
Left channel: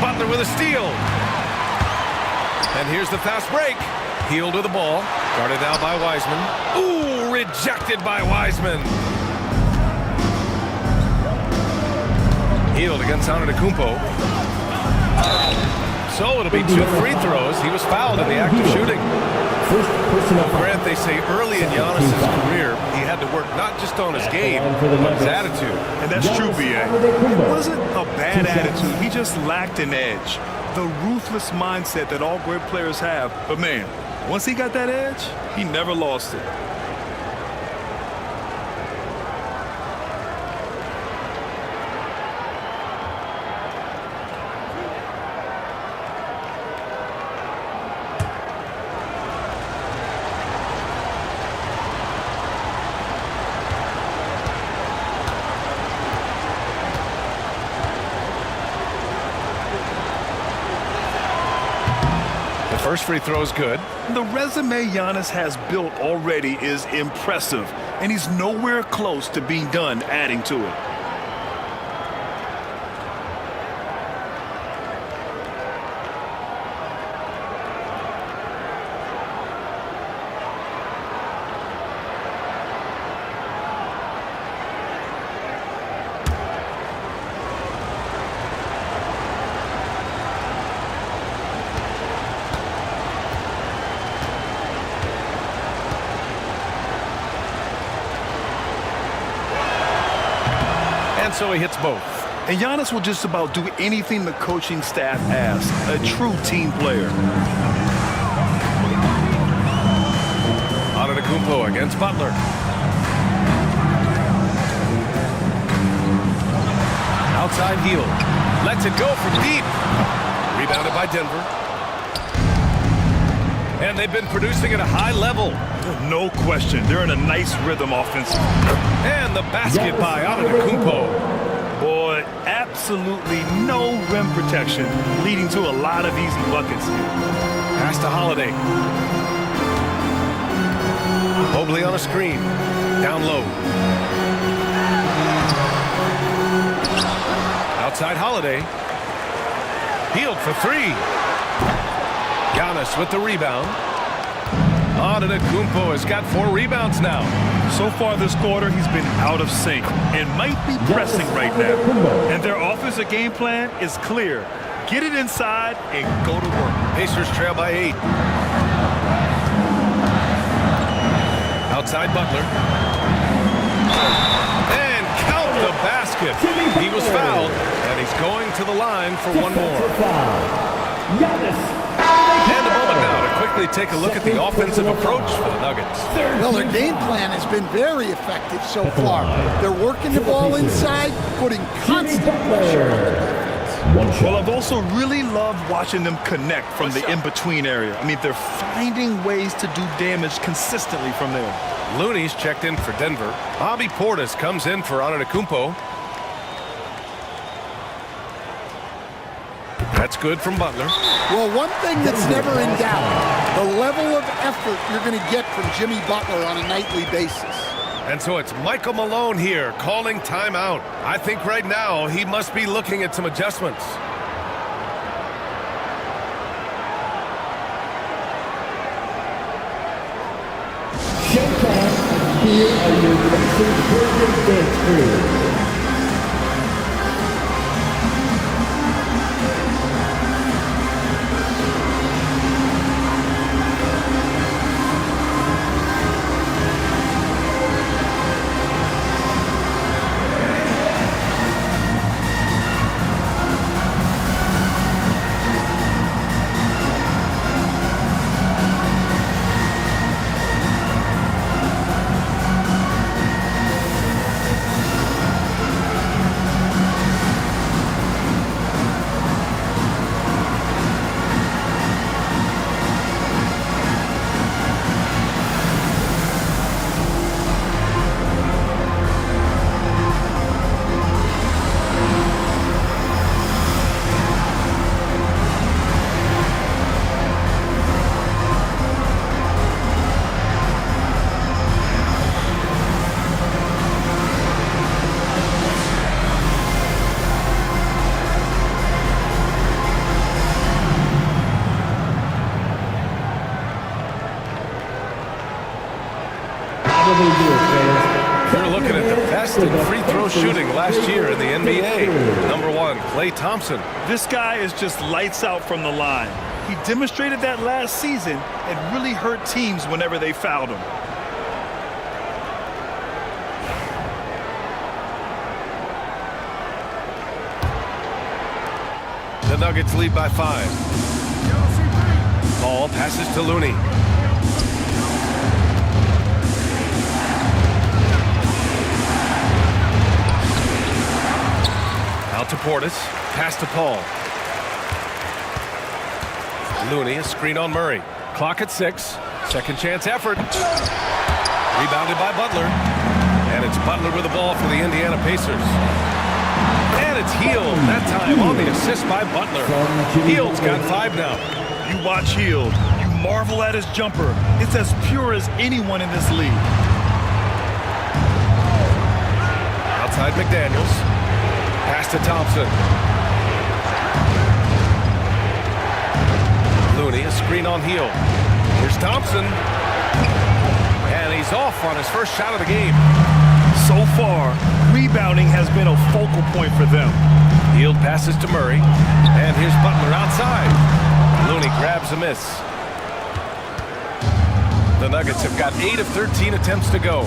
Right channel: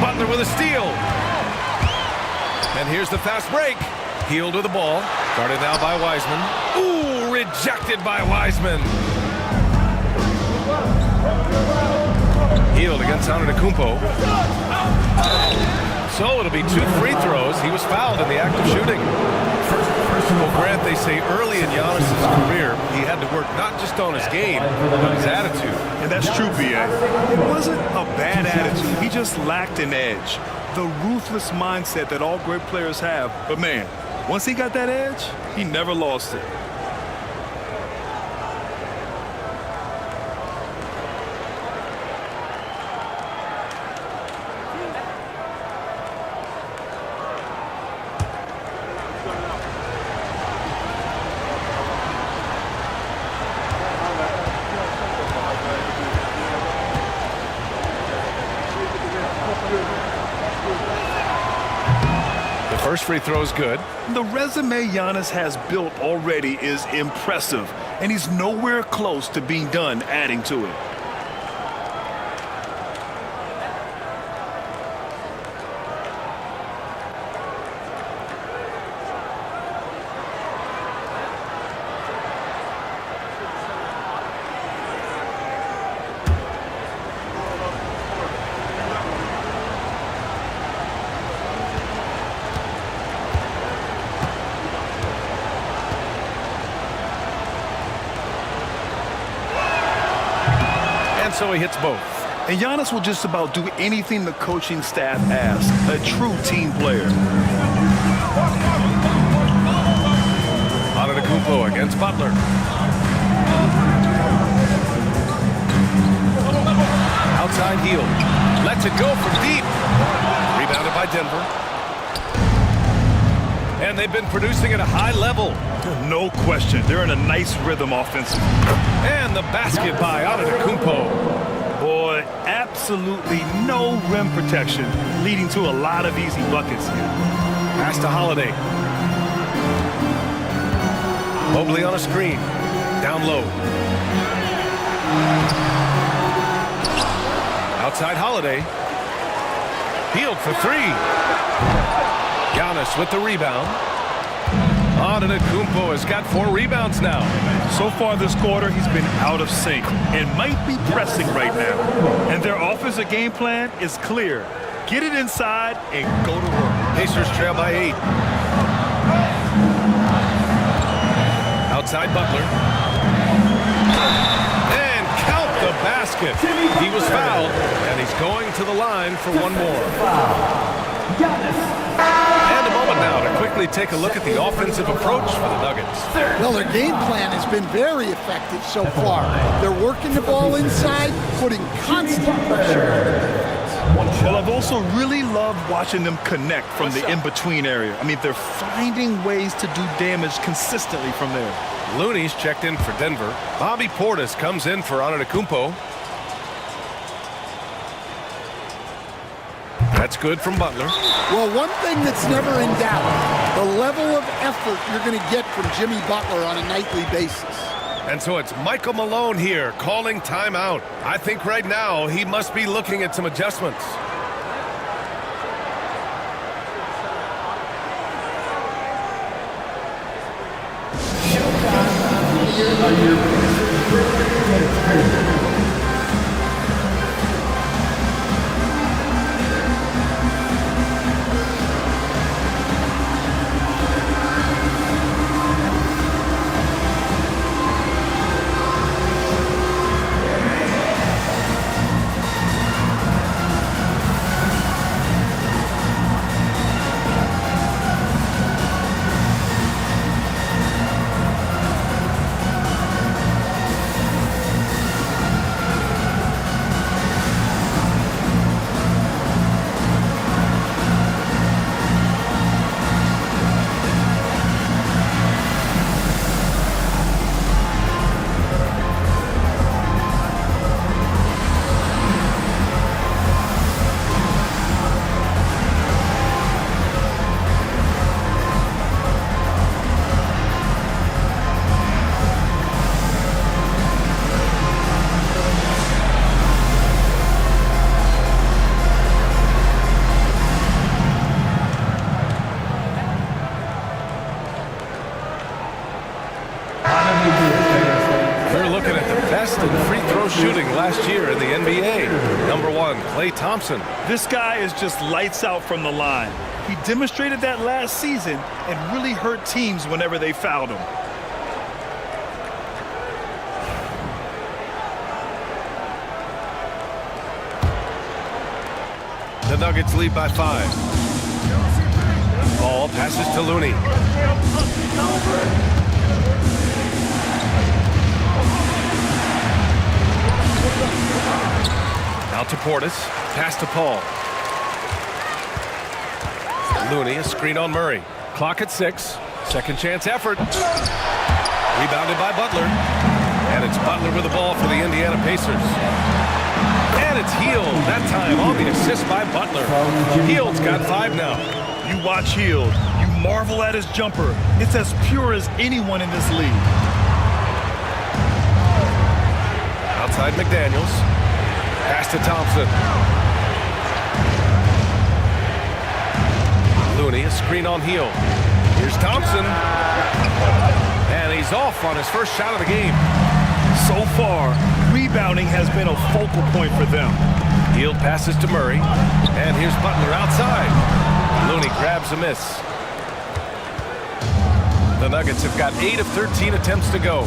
Butler with a steal. And here's the fast break. Hield with the ball. Guarded now by Wiseman. Ooh, rejected by Wiseman. Hield against Antetokounmpo. So it'll be 2 free throws. He was fouled in the act of shooting. Well, Grant, they say early in Giannis' career, he had to work not just on his game, but his attitude. And that's true, B.A. It wasn't a bad attitude. He just lacked an edge. The ruthless mindset that all great players have. But, man, once he got that edge, he never lost it. First free throw is good. The resume Giannis has built already is impressive, and he's nowhere close to being done adding to it. And so he hits both. And Giannis will just about do anything the coaching staff asks. A true team player. Antetokounmpo against Butler. Outside heel. Lets it go from deep. Rebounded by Denver. And they've been producing at a high level. No question. They're in a nice rhythm offensively. And the basket by Antetokounmpo. Boy, absolutely no rim protection, leading to a lot of easy buckets here. Pass to Holiday. Mobley on a screen. Down low. Outside Holiday. Hield for three. Giannis with the rebound. Antetokounmpo has got 4 rebounds now. So far this quarter, he's been out of sync and might be pressing right now. And their offensive game plan is clear. Get it inside and go to work. Pacers trail by 8. Outside Butler. And count the basket. He was fouled, and he's going to the line for one more. And a moment now to quickly take a look at the offensive approach for the Nuggets. Well, their game plan has been very effective so far. They're working the ball inside, putting constant pressure on the defense. Well, I've also really loved watching them connect from the in-between area. I mean, they're finding ways to do damage consistently from there. Looney's checked in for Denver. Bobby Portis comes in for Antetokounmpo. That's good from Butler. Well, one thing that's never in doubt, the level of effort you're going to get from Jimmy Butler on a nightly basis. And so it's Michael Malone here calling timeout. I think right now he must be looking at some adjustments. Showtime. Here are your Pacers dance crew. You're looking at the best in free throw shooting last year in the NBA. Number 1, Klay Thompson. This guy is just lights out from the line. He demonstrated that last season and really hurt teams whenever they fouled him. The Nuggets lead by 5. Ball passes to Looney. Out to Portis. Pass to Paul. Looney, a screen on Murray. Clock at 6. Second chance effort. Rebounded by Butler. And it's Butler with the ball for the Indiana Pacers. And it's Hield, that time on the assist by Butler. Hield's got 5 now. You watch Hield. You marvel at his jumper. It's as pure as anyone in this league. Outside McDaniels. Pass to Thompson. Looney, a screen on Hield. Here's Thompson. And he's off on his first shot of the game. So far, rebounding has been a focal point for them. Hield passes to Murray. And here's Butler outside. Looney grabs a miss. The Nuggets have got 8 of 13 attempts to go.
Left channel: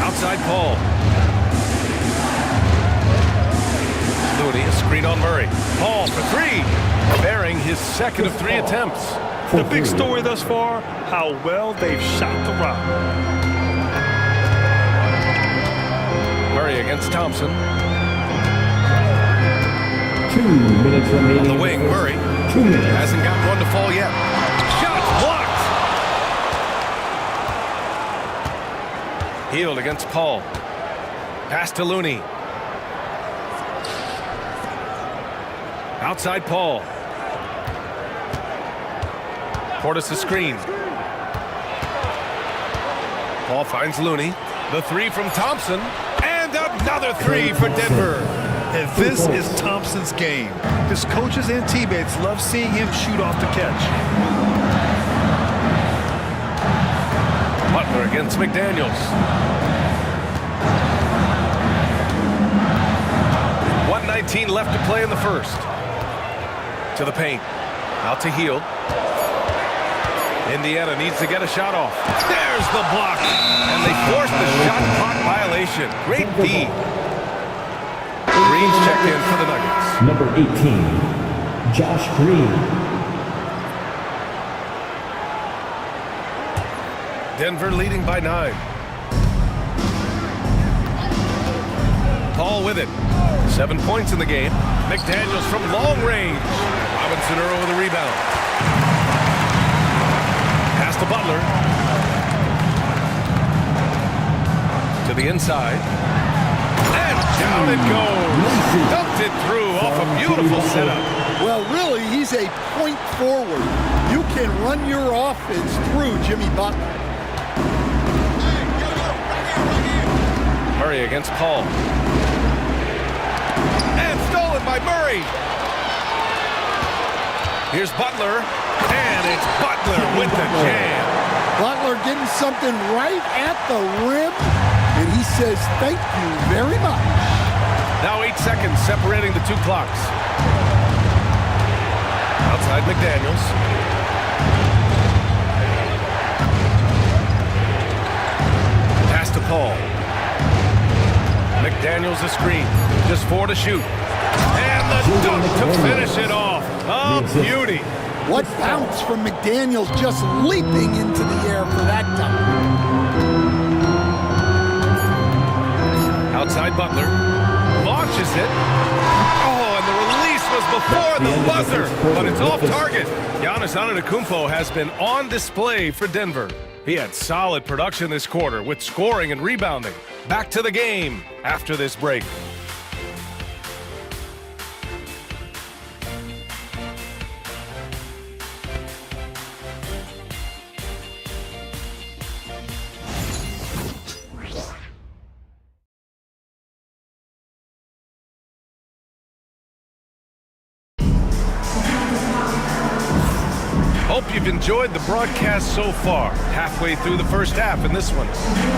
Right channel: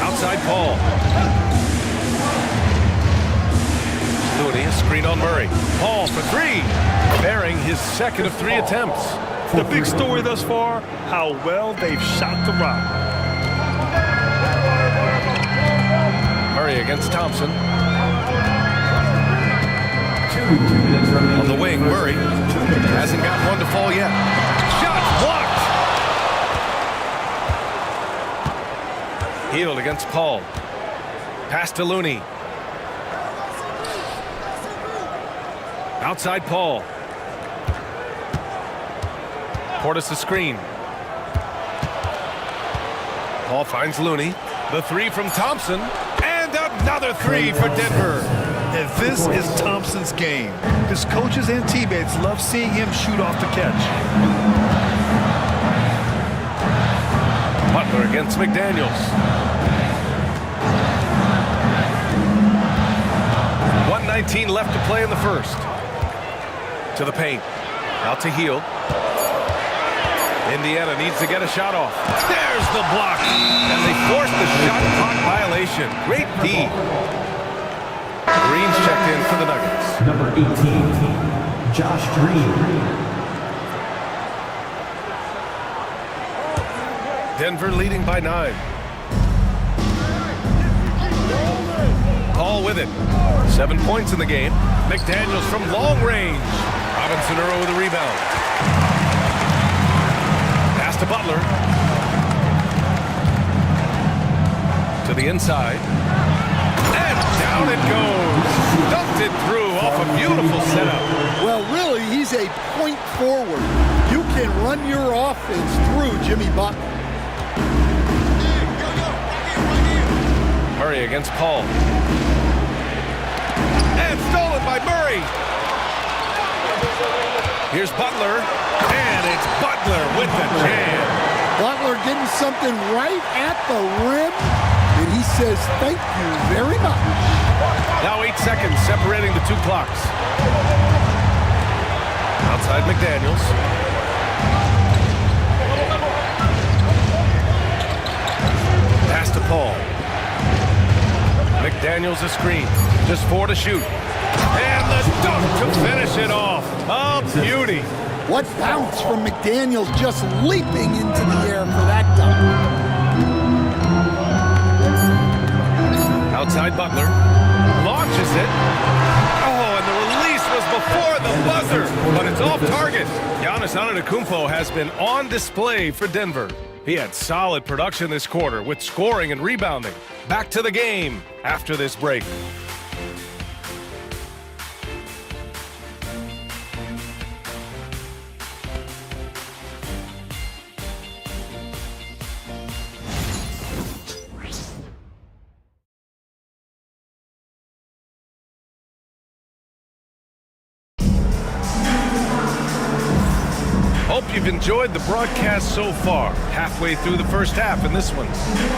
Outside Paul. Looney, a screen on Murray. Paul for three, bearing his second of 3 attempts. The big story thus far, how well they've shot the rock. Murray against Thompson. 2 minutes remaining. On the wing, Murray hasn't got one to fall yet. Shot blocked. Hield against Paul. Pass to Looney. Outside Paul. Portis a screen. Paul finds Looney. The 3 from Thompson. And another 3 for Denver. And this is Thompson's game. His coaches and teammates love seeing him shoot off the catch. Butler against McDaniels. 1:19 left to play in the first. To the paint. Out to Hield. Indiana needs to get a shot off. There's the block. And they force the shot clock violation. Great D. Green's checked in for the Nuggets. Number 18, Josh Green. Denver leading by 9. Paul with it. 7 points in the game. McDaniels from long range. Robinson Earl with a rebound. Pass to Butler. To the inside. And down it goes. Dumped it through off a beautiful setup. Well, really, he's a point forward. You can run your offense through Jimmy Butler. Murray against Paul. And stolen by Murray. Here's Butler. And it's Butler with the jam. Butler getting something right at the rim. And he says, thank you very much. Now 8 seconds separating the 2 clocks. Outside McDaniels. Pass to Paul. McDaniels a screen. Just 4 to shoot. And the dunk to finish it off. A beauty. What bounce from McDaniels, just leaping into the air for that dunk. Outside Butler. Launches it. Oh, and the release was before the buzzer, but it's off target. Giannis Antetokounmpo has been on display for Denver. He had solid production this quarter with scoring and rebounding. Back to the game after this break. Hope you've enjoyed the broadcast so far, halfway through the first half in this one.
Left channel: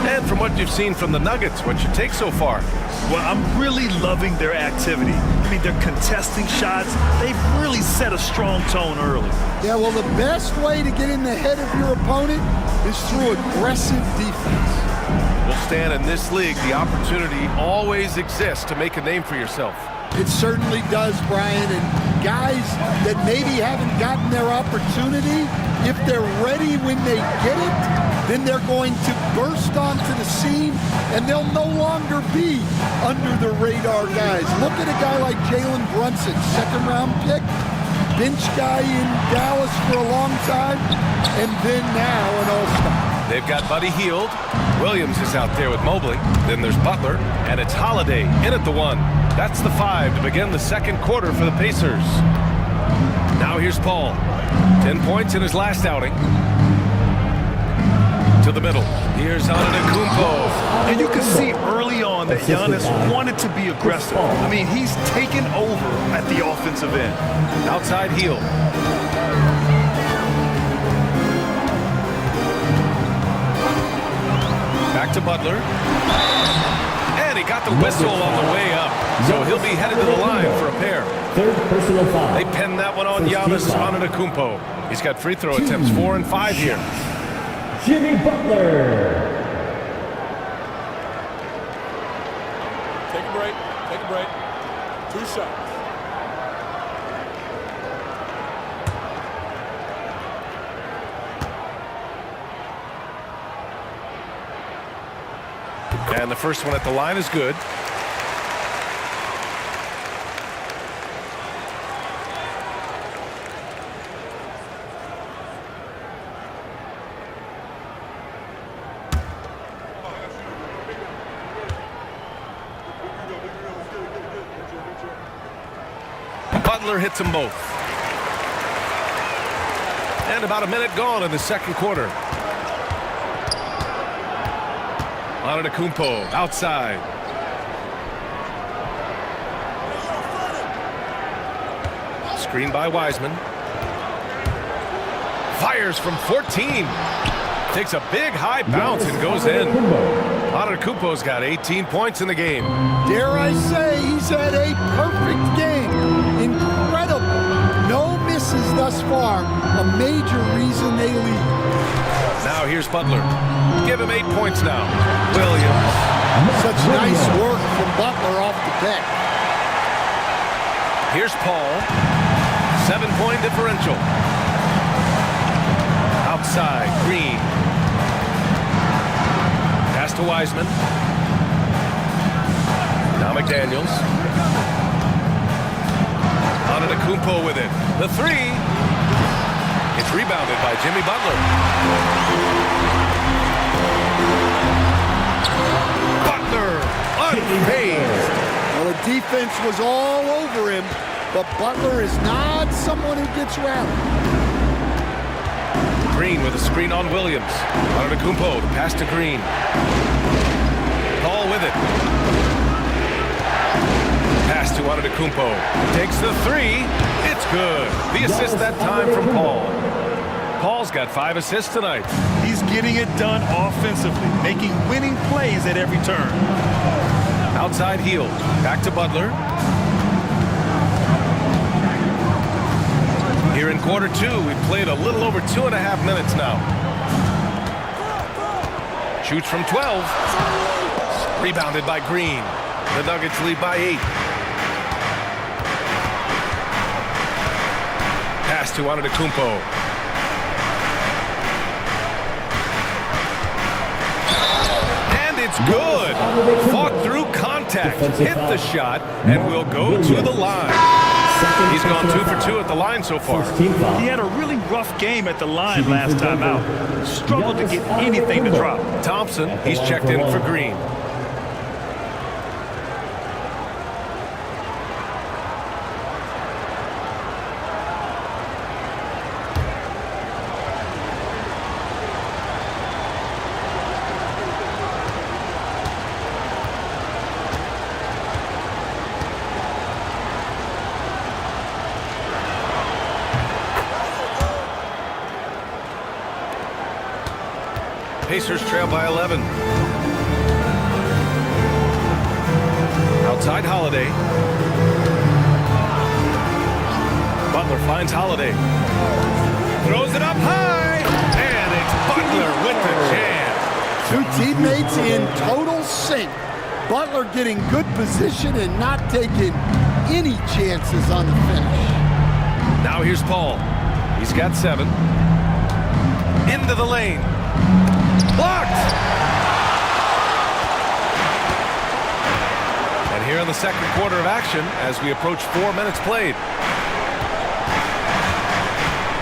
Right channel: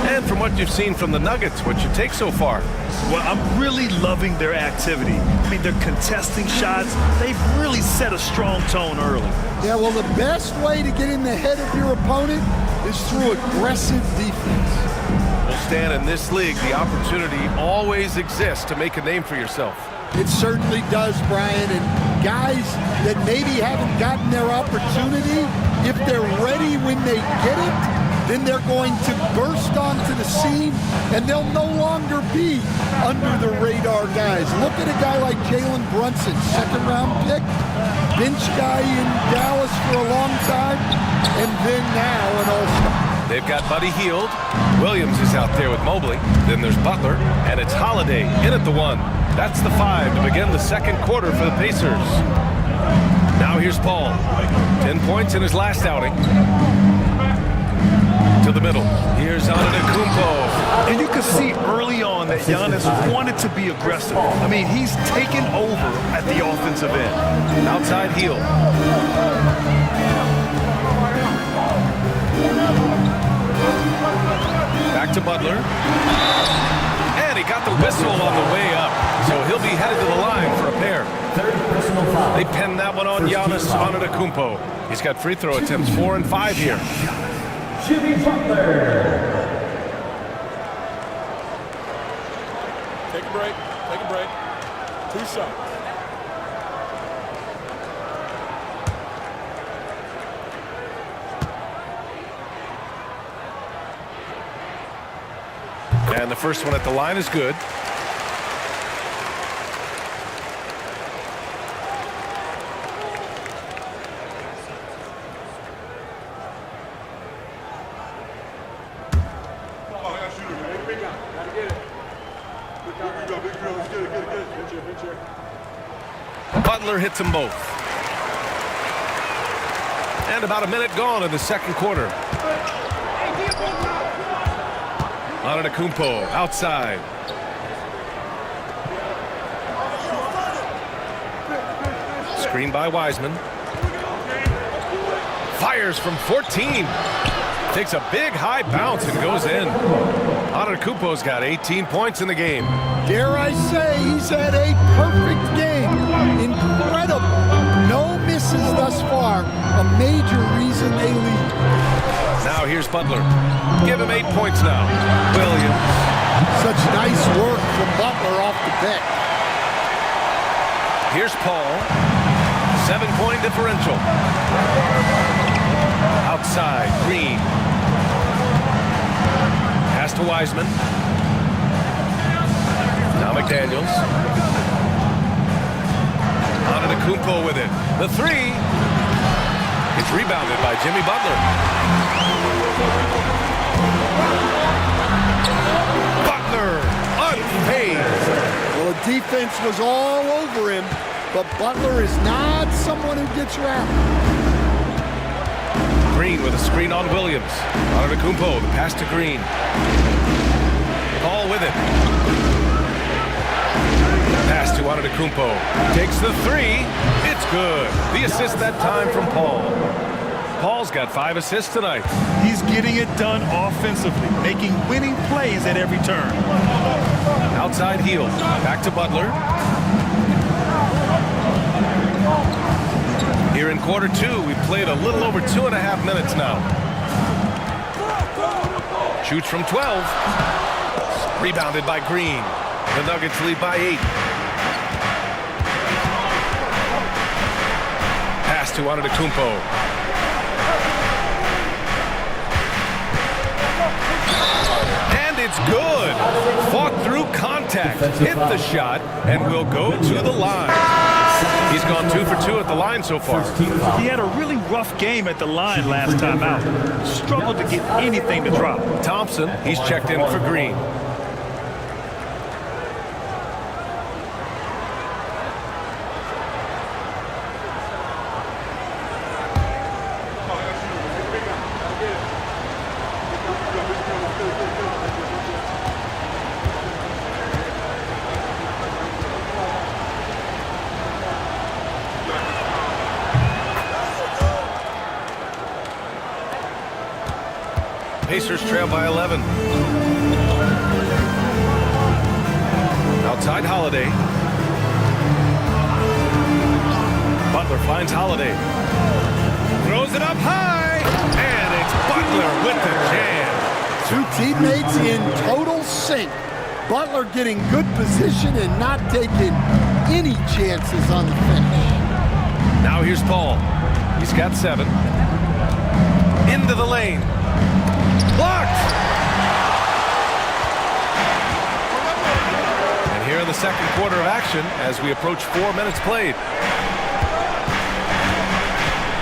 And from what you've seen from the Nuggets, what's your take so far? Well, I'm really loving their activity. I mean, they're contesting shots. They've really set a strong tone early. Yeah, well, the best way to get in the head of your opponent is through aggressive defense. Well, Stan, in this league, the opportunity always exists to make a name for yourself. It certainly does, Brian, and guys that maybe haven't gotten their opportunity, if they're ready when they get it, then they're going to burst onto the scene, and they'll no longer be under the radar guys. Look at a guy like Jalen Brunson, second-round pick, bench guy in Dallas for a long time, and then now an all-star. They've got Buddy Hield. Williams is out there with Mobley. Then there's Butler, and it's Holiday in at the 1. That's the 5 to begin the second quarter for the Pacers. Now here's Paul. 10 points in his last outing. To the middle. Here's Antetokounmpo. And you can see early on that Giannis wanted to be aggressive. I mean, he's taken over at the offensive end. Outside Hield. Back to Butler. And he got the whistle on the way up. So he'll be headed to the line for a pair. Third personal foul. They pinned that one on Giannis Antetokounmpo. He's got free throw attempts 4 and 5 here. Jimmy Butler. Take a break. Take a break. 2 shots. And the first one at the line is good. Butler hits them both. And about a minute gone in the second quarter. Antetokounmpo outside. Screen by Wiseman. Fires from 14. Takes a big high bounce and goes in. Antetokounmpo's got 18 points in the game. Dare I say he's had a perfect game. Incredible. No misses thus far. A major reason they lead. Now here's Butler. Give him 8 points now. Williams. Such nice work from Butler off the pick. Here's Paul. 7-point differential. Outside, Green. Pass to Wiseman. Now McDaniels. Antetokounmpo with it. The three. It's rebounded by Jimmy Butler. Butler unfazed. Well, the defense was all over him, but Butler is not someone who gets rattled. Green with a screen on Williams. Antetokounmpo, the pass to Green. Paul with it. Pass to Antetokounmpo. Takes the three. It's good. The assist that time from Paul. Paul's got 5 assists tonight. He's getting it done offensively, making winning plays at every turn. Outside heel. Back to Butler. Here in quarter 2, we've played a little over 2.5 minutes now. Shoots from 12. Rebounded by Green. The Nuggets lead by 8. Pass to Antetokounmpo. And it's good. Fought through contact. Hit the shot and will go to the line. He's gone 2 for 2 at the line so far. He had a really rough game at the line last time out. Struggled to get anything to drop. Thompson, he's checked in for Green. Pacers trail by 11. Outside Holiday. Butler finds Holiday. Throws it up high. And it's Butler with the jam. 2 teammates in total sync. Butler getting good position and not taking any chances on the finish. Now here's Paul. He's got 7. Into the lane. Blocked! And here in the second quarter of action as we approach 4 minutes played.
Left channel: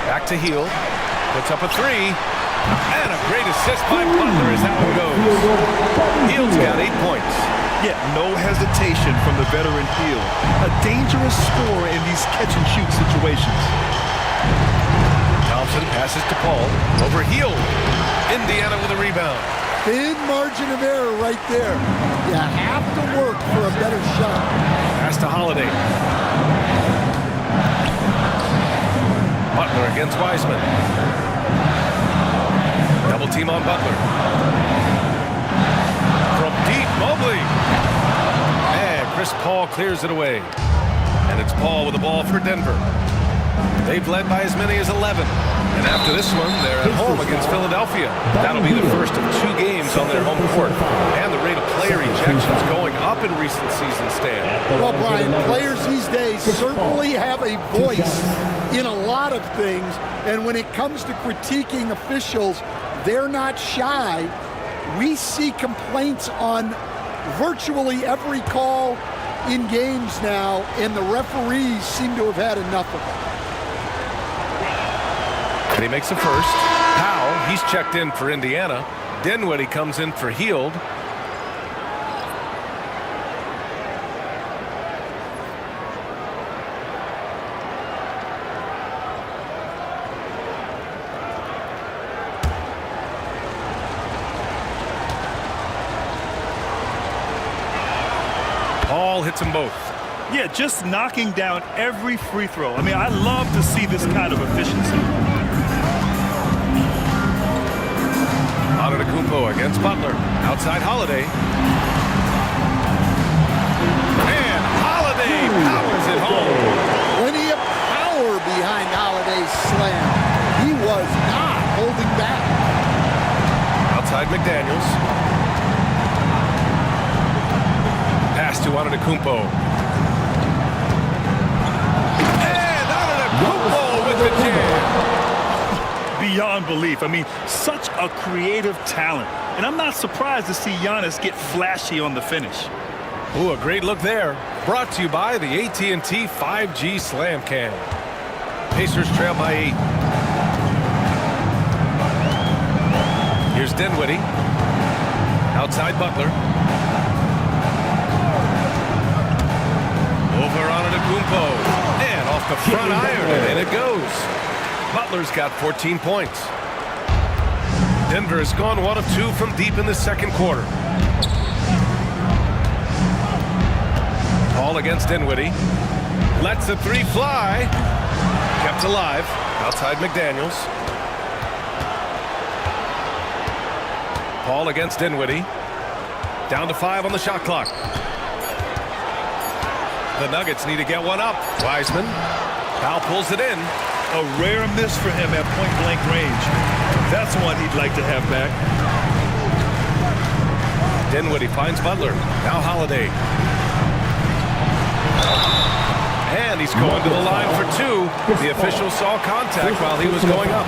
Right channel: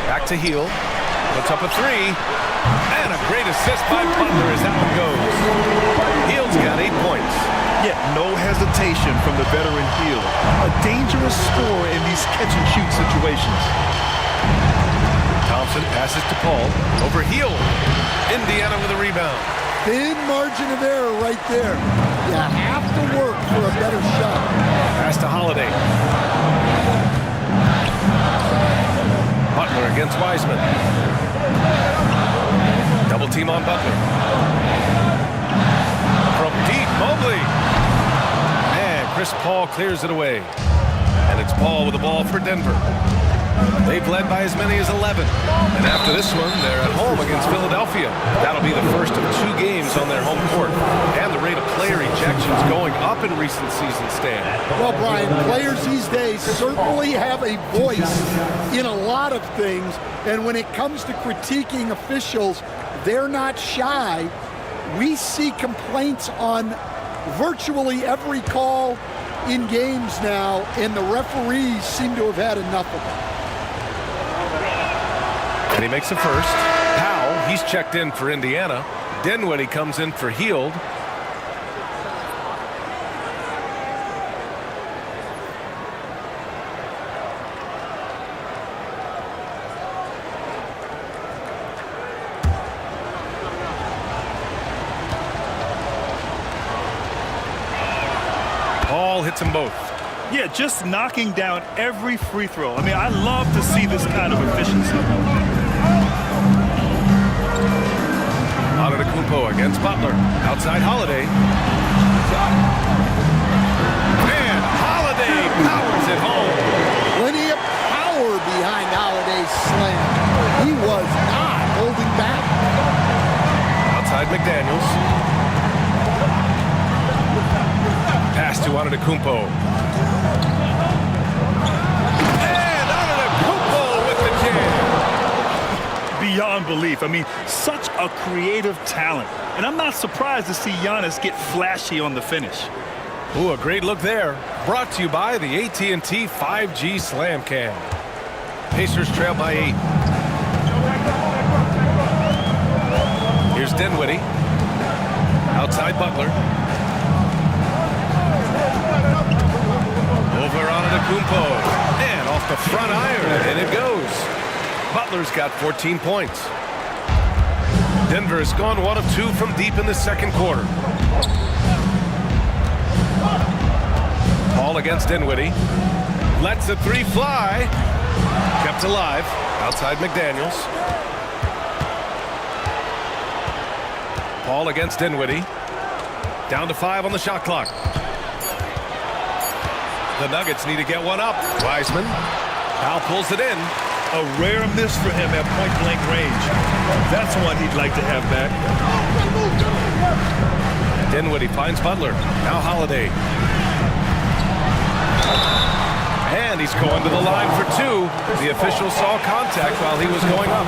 Back to Heel. Puts up a 3. And a great assist by Butler as that one goes. Hield's got 8 points. Yet no hesitation from the veteran Hield. A dangerous scorer in these catch-and-shoot situations. Thompson passes to Paul. Over Hield. Indiana with a rebound. Thin margin of error right there. You have to work for a better shot. Pass to Holiday. Butler against Wiseman. Double team on Butler. From deep, Mobley. And Chris Paul clears it away. And it's Paul with the ball for Denver. They've led by as many as 11. And after this one, they're at home against Philadelphia. That'll be the first of 2 games on their home court. And the rate of player ejections going up in recent seasons, Stan. Well, Brian, players these days certainly have a voice in a lot of things. And when it comes to critiquing officials, they're not shy. We see complaints on virtually every call in games now, and the referees seem to have had enough of it. And he makes a first. Powell, he's checked in for Indiana. Dinwiddie comes in for Hield. Paul hits them both. Yeah, just knocking down every free throw. I mean, I love to see this kind of efficiency. Antetokounmpo against Butler. Outside Holiday. And Holiday powers it home. Plenty of power behind Holiday's slam. He was not holding back. Outside McDaniels. Pass to Antetokounmpo. And Antetokounmpo with the jam. Beyond belief. I mean, such a creative talent. And I'm not surprised to see Giannis get flashy on the finish. Ooh, a great look there. Brought to you by the AT&T 5G Slam Cam. Pacers trail by 8. Here's Dinwiddie. Outside Butler. Over Antetokounmpo. And off the front iron, and in it goes. Butler's got 14 points. Denver has gone 1 of 2 from deep in the second quarter. Paul against Dinwiddie. Lets the 3 fly. Kept alive. Outside McDaniels. Paul against Dinwiddie. Down to 5 on the shot clock. The Nuggets need to get one up. Wiseman. Powell pulls it in. A rare miss for him at point-blank range. That's one he'd like to have back. Dinwiddie finds Butler. Now Holiday. And he's going to the line for 2. The official saw contact while he was going up.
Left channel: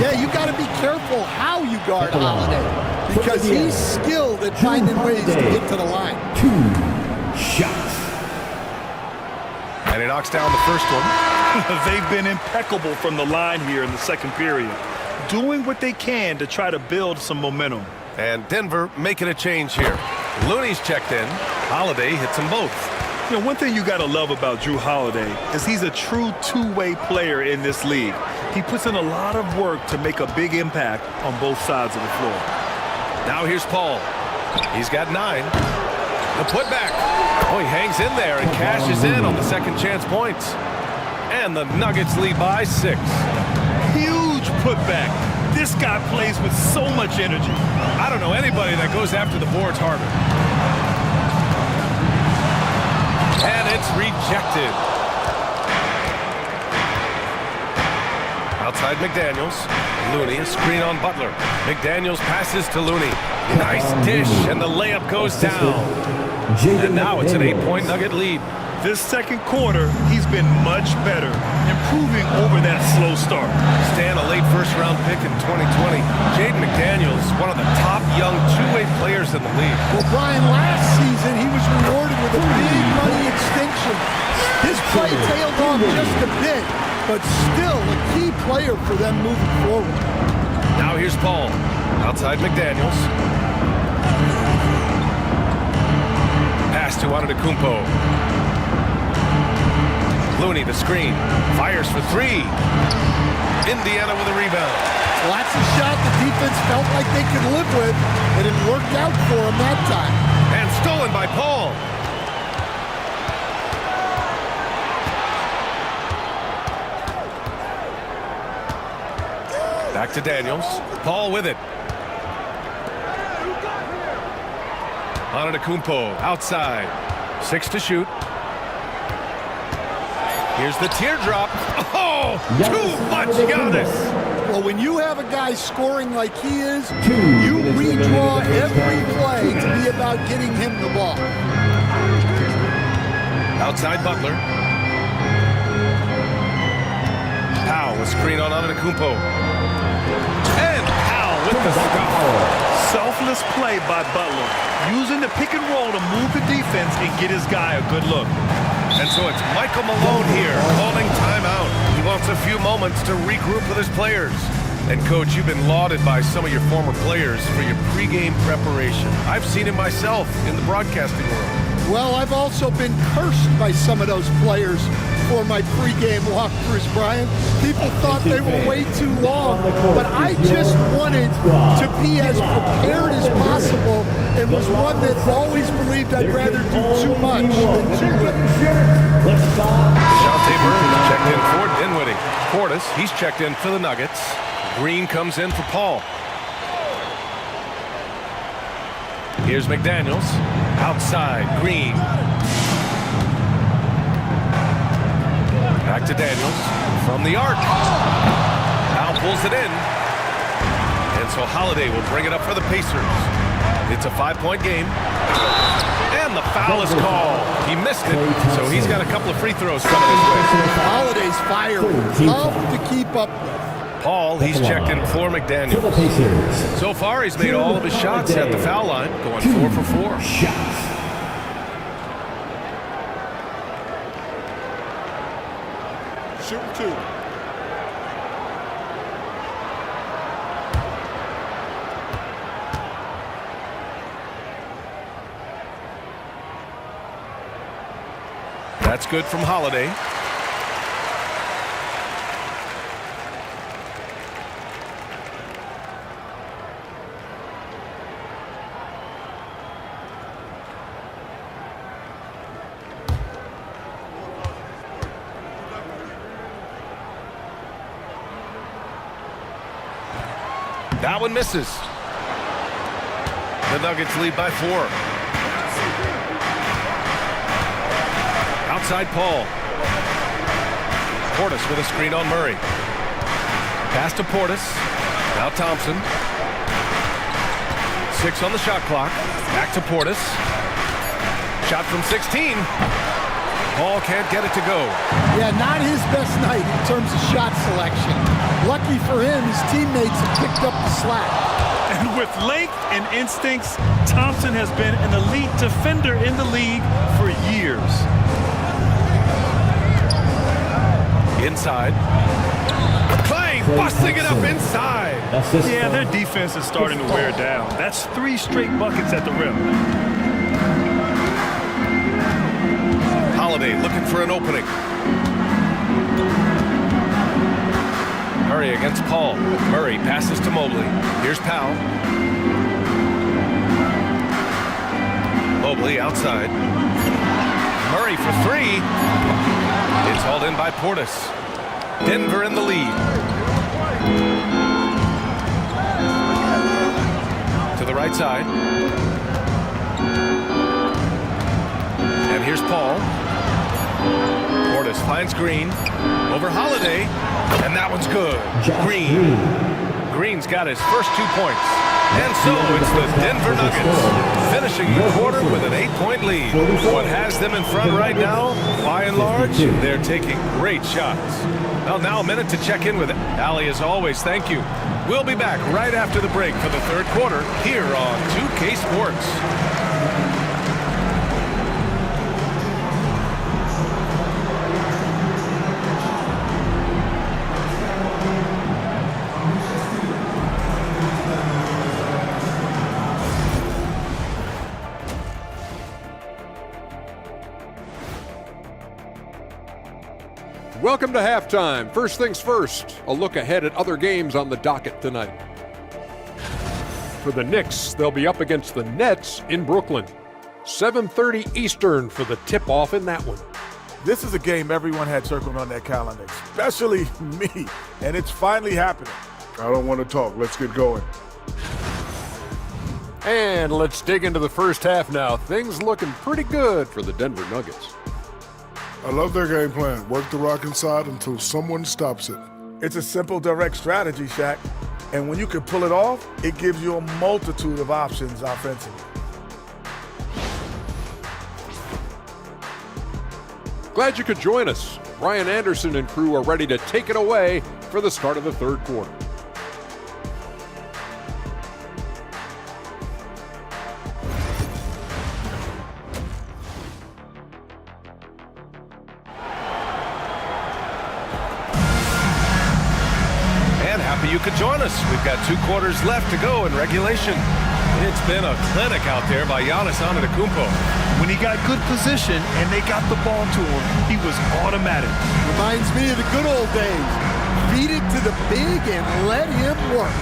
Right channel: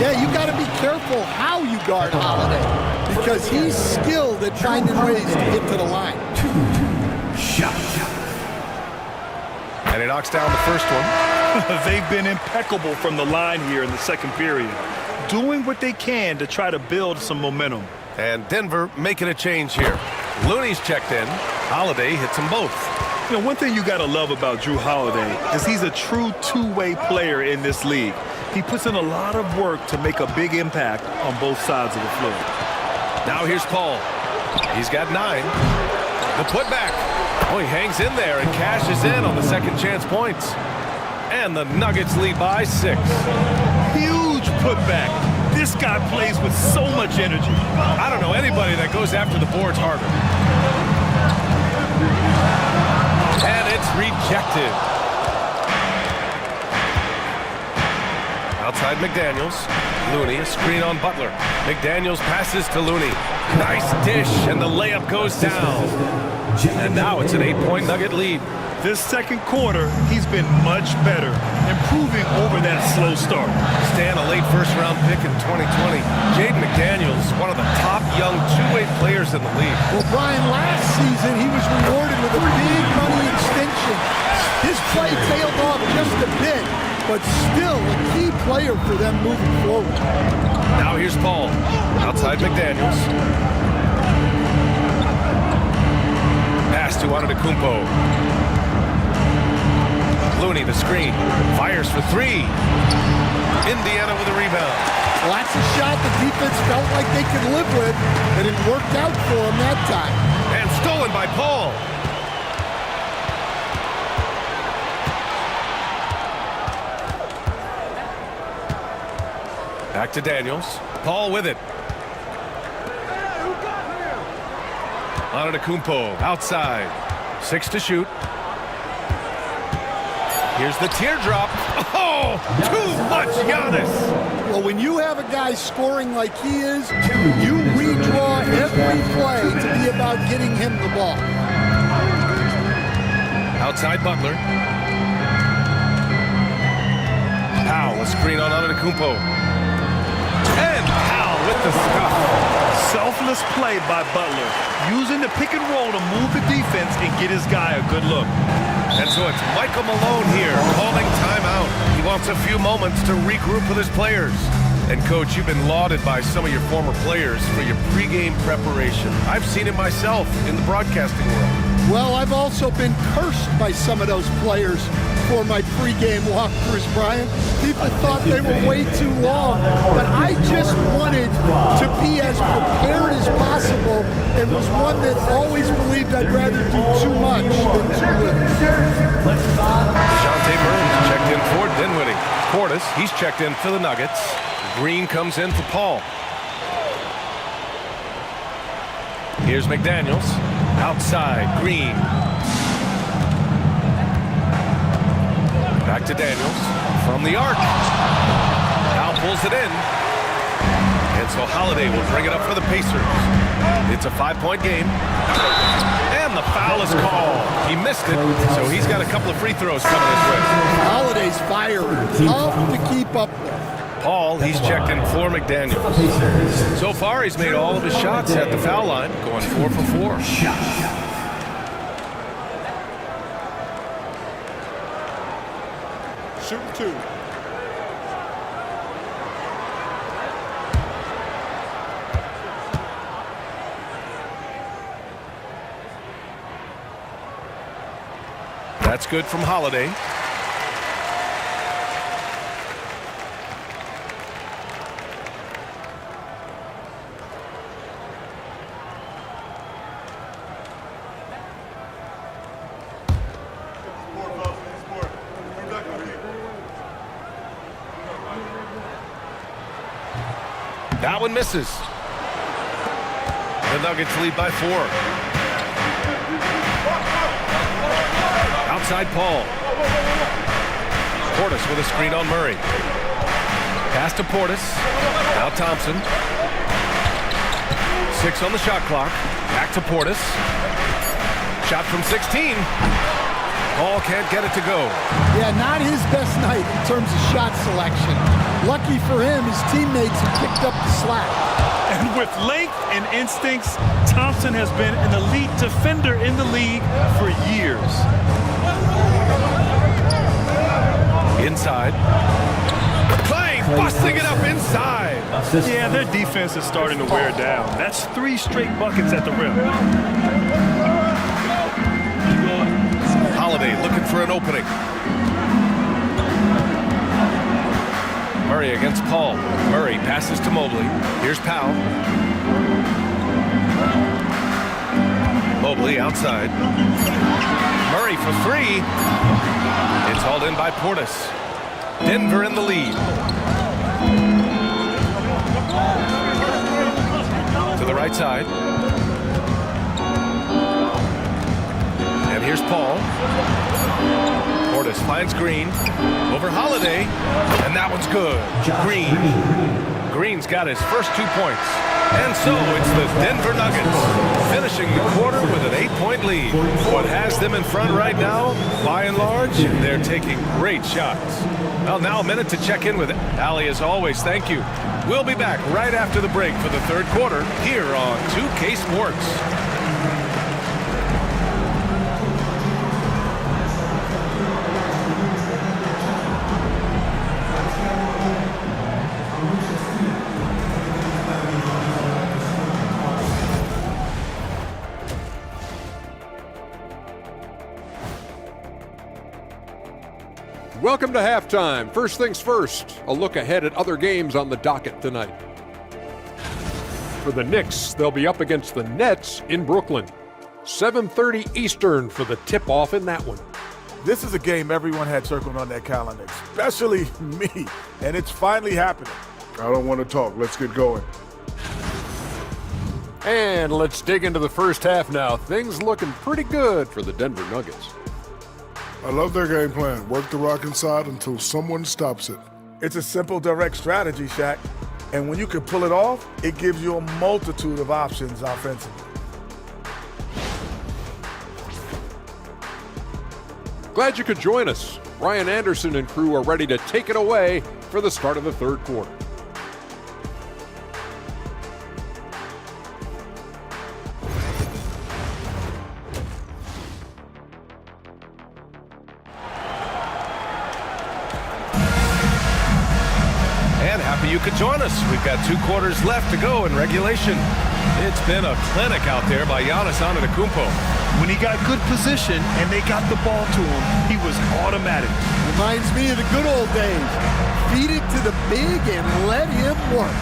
Yeah, you got to be careful how you guard Holiday, because he's skilled at finding ways to get to the line. 2 shots. And he knocks down the first one. They've been impeccable from the line here in the second period, doing what they can to try to build some momentum. And Denver making a change here. Looney's checked in. Holiday hits them both. You know, one thing you got to love about Jrue Holiday is he's a true two-way player in this league. He puts in a lot of work to make a big impact on both sides of the floor. Now here's Paul. He's got 9. The putback. Oh, he hangs in there and cashes in on the second chance points. And the Nuggets lead by 6. Huge putback. This guy plays with so much energy. I don't know anybody that goes after the boards harder. And it's rejected. Outside McDaniels. Looney, a screen on Butler. McDaniels passes to Looney. Nice dish, and the layup goes down. And now it's an 8-point Nugget lead. This second quarter, he's been much better, improving over that slow start. Stan, a late first-round pick in 2020. Jaden McDaniels, one of the top young two-way players in the league. Well, Brian, last season he was rewarded with a big money extension. His play tailed off just a bit, but still a key player for them moving forward. Now here's Paul. Outside McDaniels. Pass to Antetokounmpo. Looney, the screen. Fires for 3. Indiana with a rebound. Well, that's a shot the defense felt like they could live with, and it worked out for them that time. And stolen by Paul. Back to Daniels. Paul with it. Antetokounmpo outside. 6 to shoot. Here's the teardrop. Oh, too much Giannis. Well, when you have a guy scoring like he is, you redraw every play to be about getting him the ball. Outside Butler. Powell, a screen on Antetokounmpo. And Powell with the stuff. Selfless play by Butler, using the pick and roll to move the defense and get his guy a good look. And so it's Michael Malone here calling timeout. He wants a few moments to regroup with his players. And Coach, you've been lauded by some of your former players for your pregame preparation. I've seen it myself in the broadcasting world. Well, I've also been cursed by some of those players for my pregame walkthroughs, Brian. People thought they were way too long, but I just wanted to be as prepared as possible and was one that always believed I'd rather do too much than too little. DeJounte Murray checked in for Dinwiddie. Portis, he's checked in for the Nuggets. Green comes in for Paul. Here's McDaniels. Outside, Green. Back to Daniels from the arc. Now pulls it in. And so Holiday will bring it up for the Pacers. It's a 5-point game. And the foul is called. He missed it, so he's got a couple of free throws coming his way. Holiday's fiery, tough to keep up with. Paul, he's checked in for McDaniels. So far, he's made all of his shots at the foul line, going 4 for 4. Shooting 2. That's good from Holiday. That one misses. The Nuggets lead by 4. Outside Paul. Portis with a screen on Murray. Pass to Portis. Now Thompson. 6 on the shot clock. Back to Portis. Shot from 16. Paul can't get it to go. Yeah, not his best night in terms of shot selection. Lucky for him, his teammates have picked up the slack. And with length and instincts, Thompson has been an elite defender in the league for years. Inside. Clay busting it up inside. Yeah, their defense is starting to wear down. That's 3 straight buckets at the rim. Holiday looking for an opening. Murray against Paul. Murray passes to Mobley. Here's Powell. Mobley outside. Murray for 3. It's hauled in by Portis. Denver in the lead. To the right side. And here's Paul. Portis finds Green. Over Holiday. And that one's good. Green. Green's got his first 2 points. And so it's the Denver Nuggets finishing the quarter with an 8-point lead. What has them in front right now, by and large, they're taking great shots. Well, now a minute to check in with Ali as always. Thank you. We'll be back right after the break for the third quarter here on 2K Sports. Welcome to halftime. First things first, a look ahead at other games on the docket tonight. For the Knicks, they'll be up against the Nets in Brooklyn. 7:30 Eastern for the tip-off in that one. This is a game everyone had circled on their calendar, especially me, and it's finally happening. I don't want to talk. Let's get going. And let's dig into the first half now. Things looking pretty good for the Denver Nuggets. I love their game plan. Work the rock inside until someone stops it. It's a simple, direct strategy, Shaq. And when you can pull it off, it gives you a multitude of options offensively. Glad you could join us. Ryan Anderson and crew are ready to take it away for the start of the third quarter. And happy you could join us. We've got 2 quarters left to go in regulation. It's been a clinic out there by Giannis Antetokounmpo. When he got good position and they got the ball to him, he was automatic. Reminds me of the good old days. Feed it to the big and let him work.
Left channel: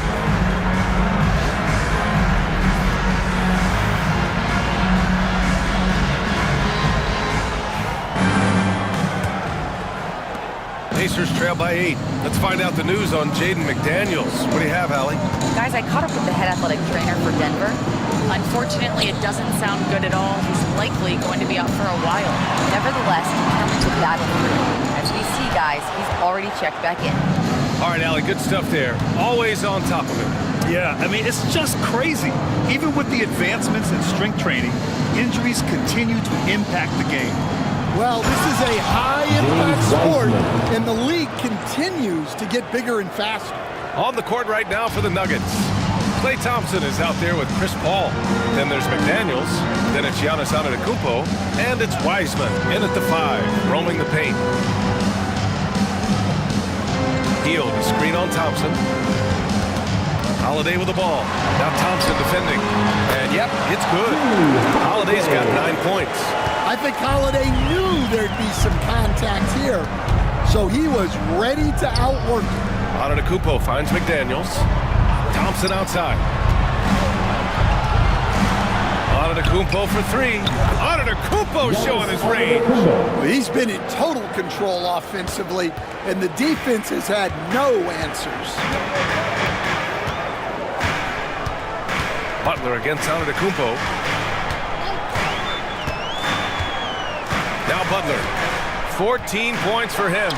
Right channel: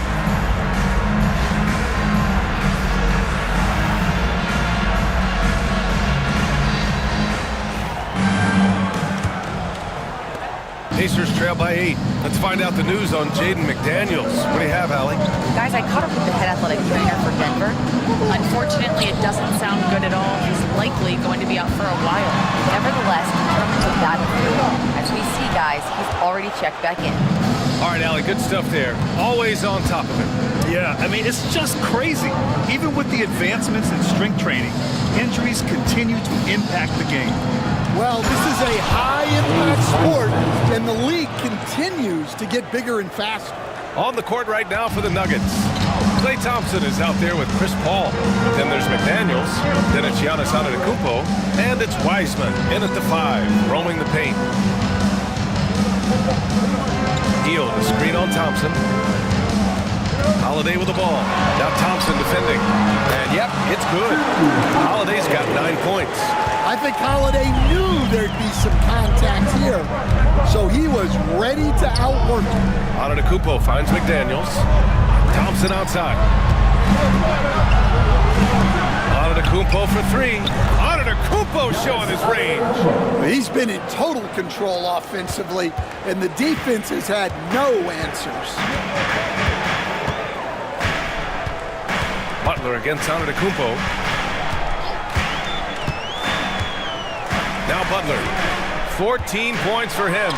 Pacers trail by 8. Let's find out the news on Jaden McDaniels. What do you have, Allie? Guys, I caught up with the head athletic trainer for Denver. Unfortunately, it doesn't sound good at all. He's likely going to be out for a while. Nevertheless, determined to battle through it. As we see, guys, he's already checked back in. All right, Allie, good stuff there. Always on top of it. Yeah, I mean, it's just crazy. Even with the advancements in strength training, injuries continue to impact the game. Well, this is a high-impact sport, and the league continues to get bigger and faster. On the court right now for the Nuggets. Klay Thompson is out there with Chris Paul. Then there's McDaniels. Then it's Giannis Antetokounmpo. And it's Wiseman in at the 5, roaming the paint. Hield, the screen on Thompson. Holiday with the ball. Now Thompson defending. And yep, it's good. Holiday's got 9 points. I think Holiday knew there'd be some contact here, so he was ready to outwork him. Antetokounmpo finds McDaniels. Thompson outside. Antetokounmpo for 3. Antetokounmpo showing his range. He's been in total control offensively, and the defense has had no answers. Butler against Antetokounmpo. Now Butler, 14 points for him.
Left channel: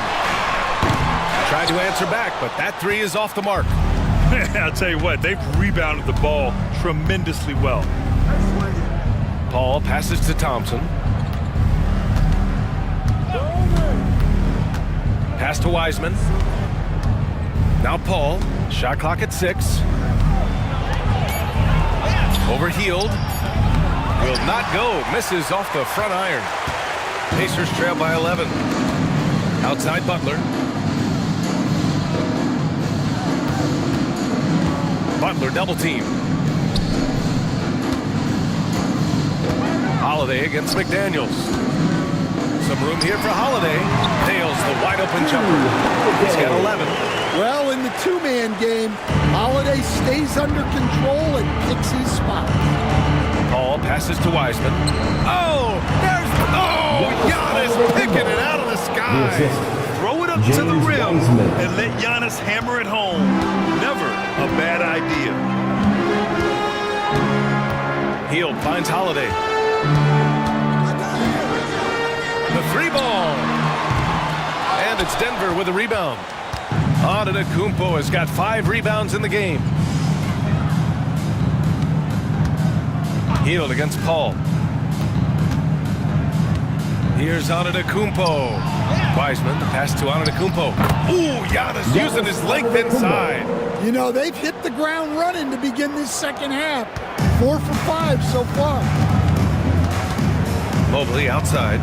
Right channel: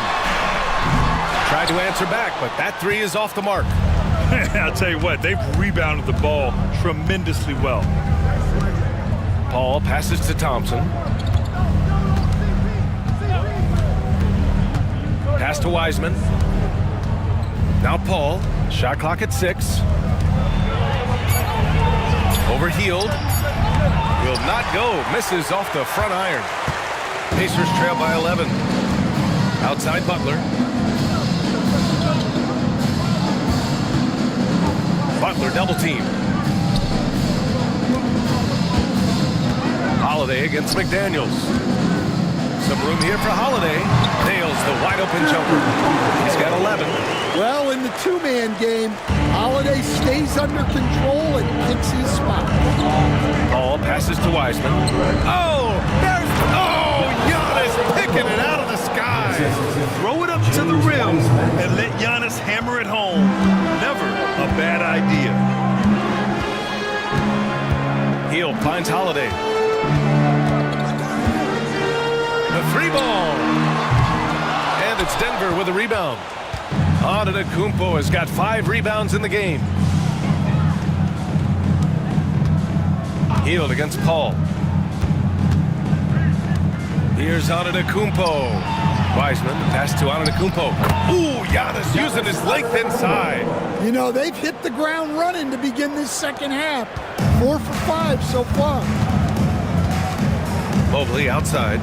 Tried to answer back, but that 3 is off the mark. I'll tell you what, they've rebounded the ball tremendously well. Paul passes to Thompson. Pass to Wiseman. Now Paul, shot clock at 6. Over Hield. Will not go, misses off the front iron. Pacers trail by 11. Outside Butler. Butler double team. Holiday against McDaniels. Some room here for Holiday. Nails the wide open jumper. He's got 11. Well, in the 2-man game, Holiday stays under control and picks his spot. Paul passes to Wiseman. Oh, there's, Giannis picking it out of the sky. Throw it up to the rim and let Giannis hammer it home. Never a bad idea. Hield finds Holiday. The 3 ball. And it's Denver with a rebound. Antetokounmpo has got 5 rebounds in the game. Hield against Paul. Here's Antetokounmpo. Wiseman, the pass to Antetokounmpo. Ooh, Giannis using his length inside. You know, they've hit the ground running to begin this second half. 4 for 5 so far. Mobley outside.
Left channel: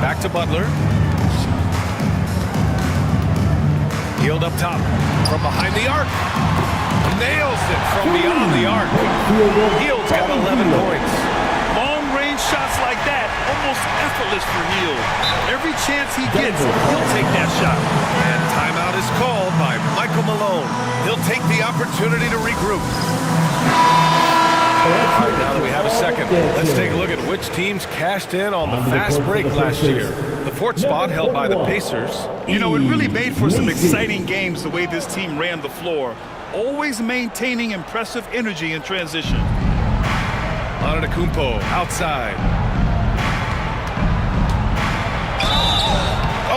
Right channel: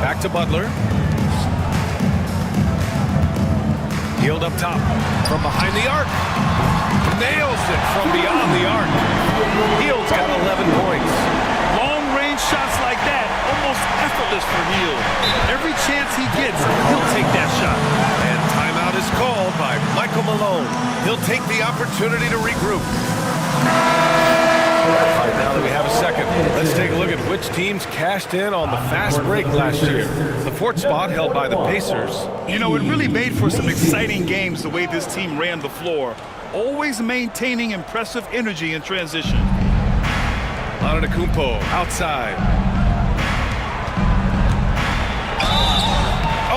Back to Butler. Hield up top. From behind the arc. Nails it from beyond the arc. Hield's got 11 points. Long-range shots like that, almost effortless for Hield. Every chance he gets, he'll take that shot. And timeout is called by Michael Malone. He'll take the opportunity to regroup. All right, now that we have a second, let's take a look at which teams cashed in on the fast break last year. The 4th spot held by the Pacers. You know, it really made for some exciting games the way this team ran the floor, always maintaining impressive energy in transition. Antetokounmpo outside.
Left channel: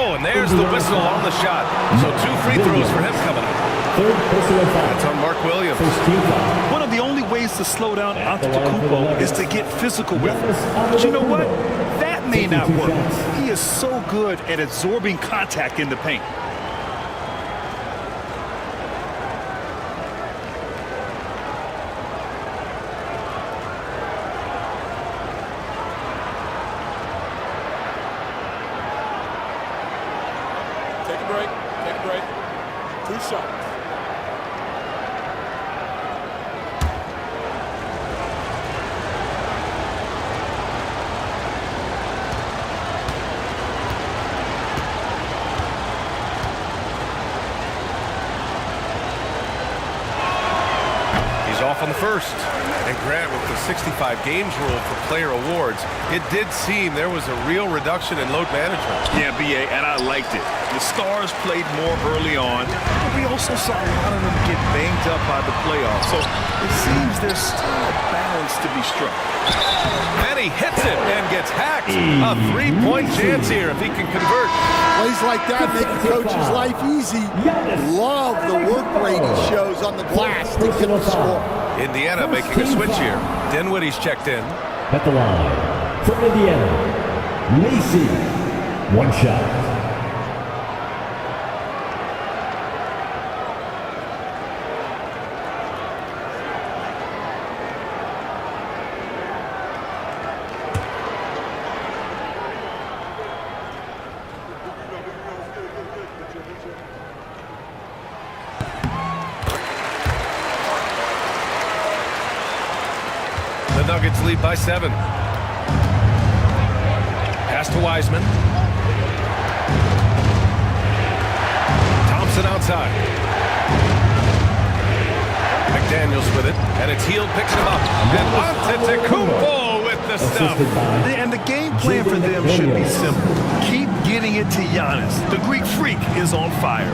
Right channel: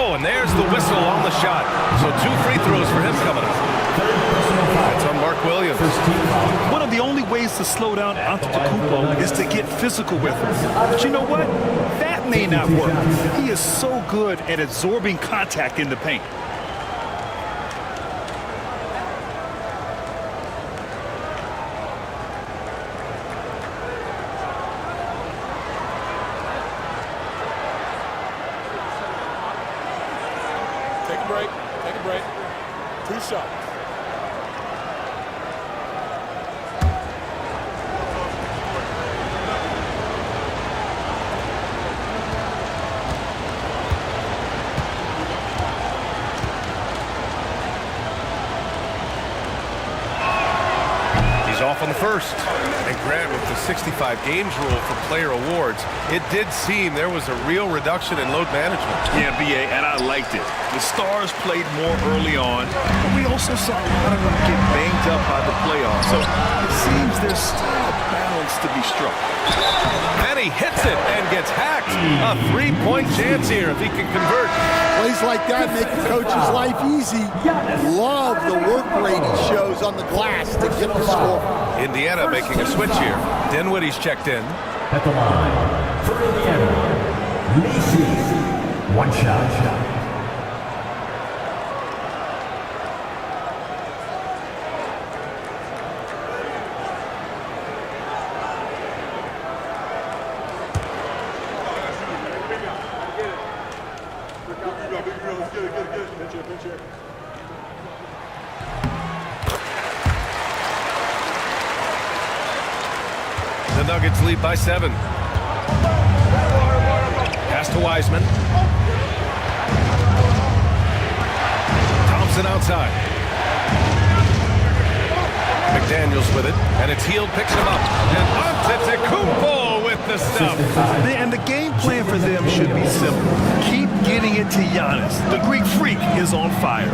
Oh, and there's the whistle on the shot. So 2 free throws for him coming up. That's on Mark Williams. One of the only ways to slow down Antetokounmpo is to get physical with him. But you know what? That may not work. He is so good at absorbing contact in the paint. Take a break. Take a break. 2 shots. He's off on the first. And Grant, with the 65 games rule for player awards, it did seem there was a real reduction in load management. Yeah, BA, and I liked it. The Stars played more early on, but we also saw a lot of them get banged up by the playoffs. So it seems there's still a balance to be struck. And he hits it and gets hacked. A 3-point chance here if he can convert. Plays like that make a coach's life easy. Love the work rate he shows on the glass to get the score. Indiana making a switch here. Dinwiddie's checked in. At the line for Indiana, Macy. 1 shot. The Nuggets lead by 7. Pass to Wiseman. Thompson outside. McDaniels with it, and it's Hield picks him up. And Antetokounmpo with the stuff. And the game plan for them should be simple. Keep getting it to Giannis. The Greek freak is on fire.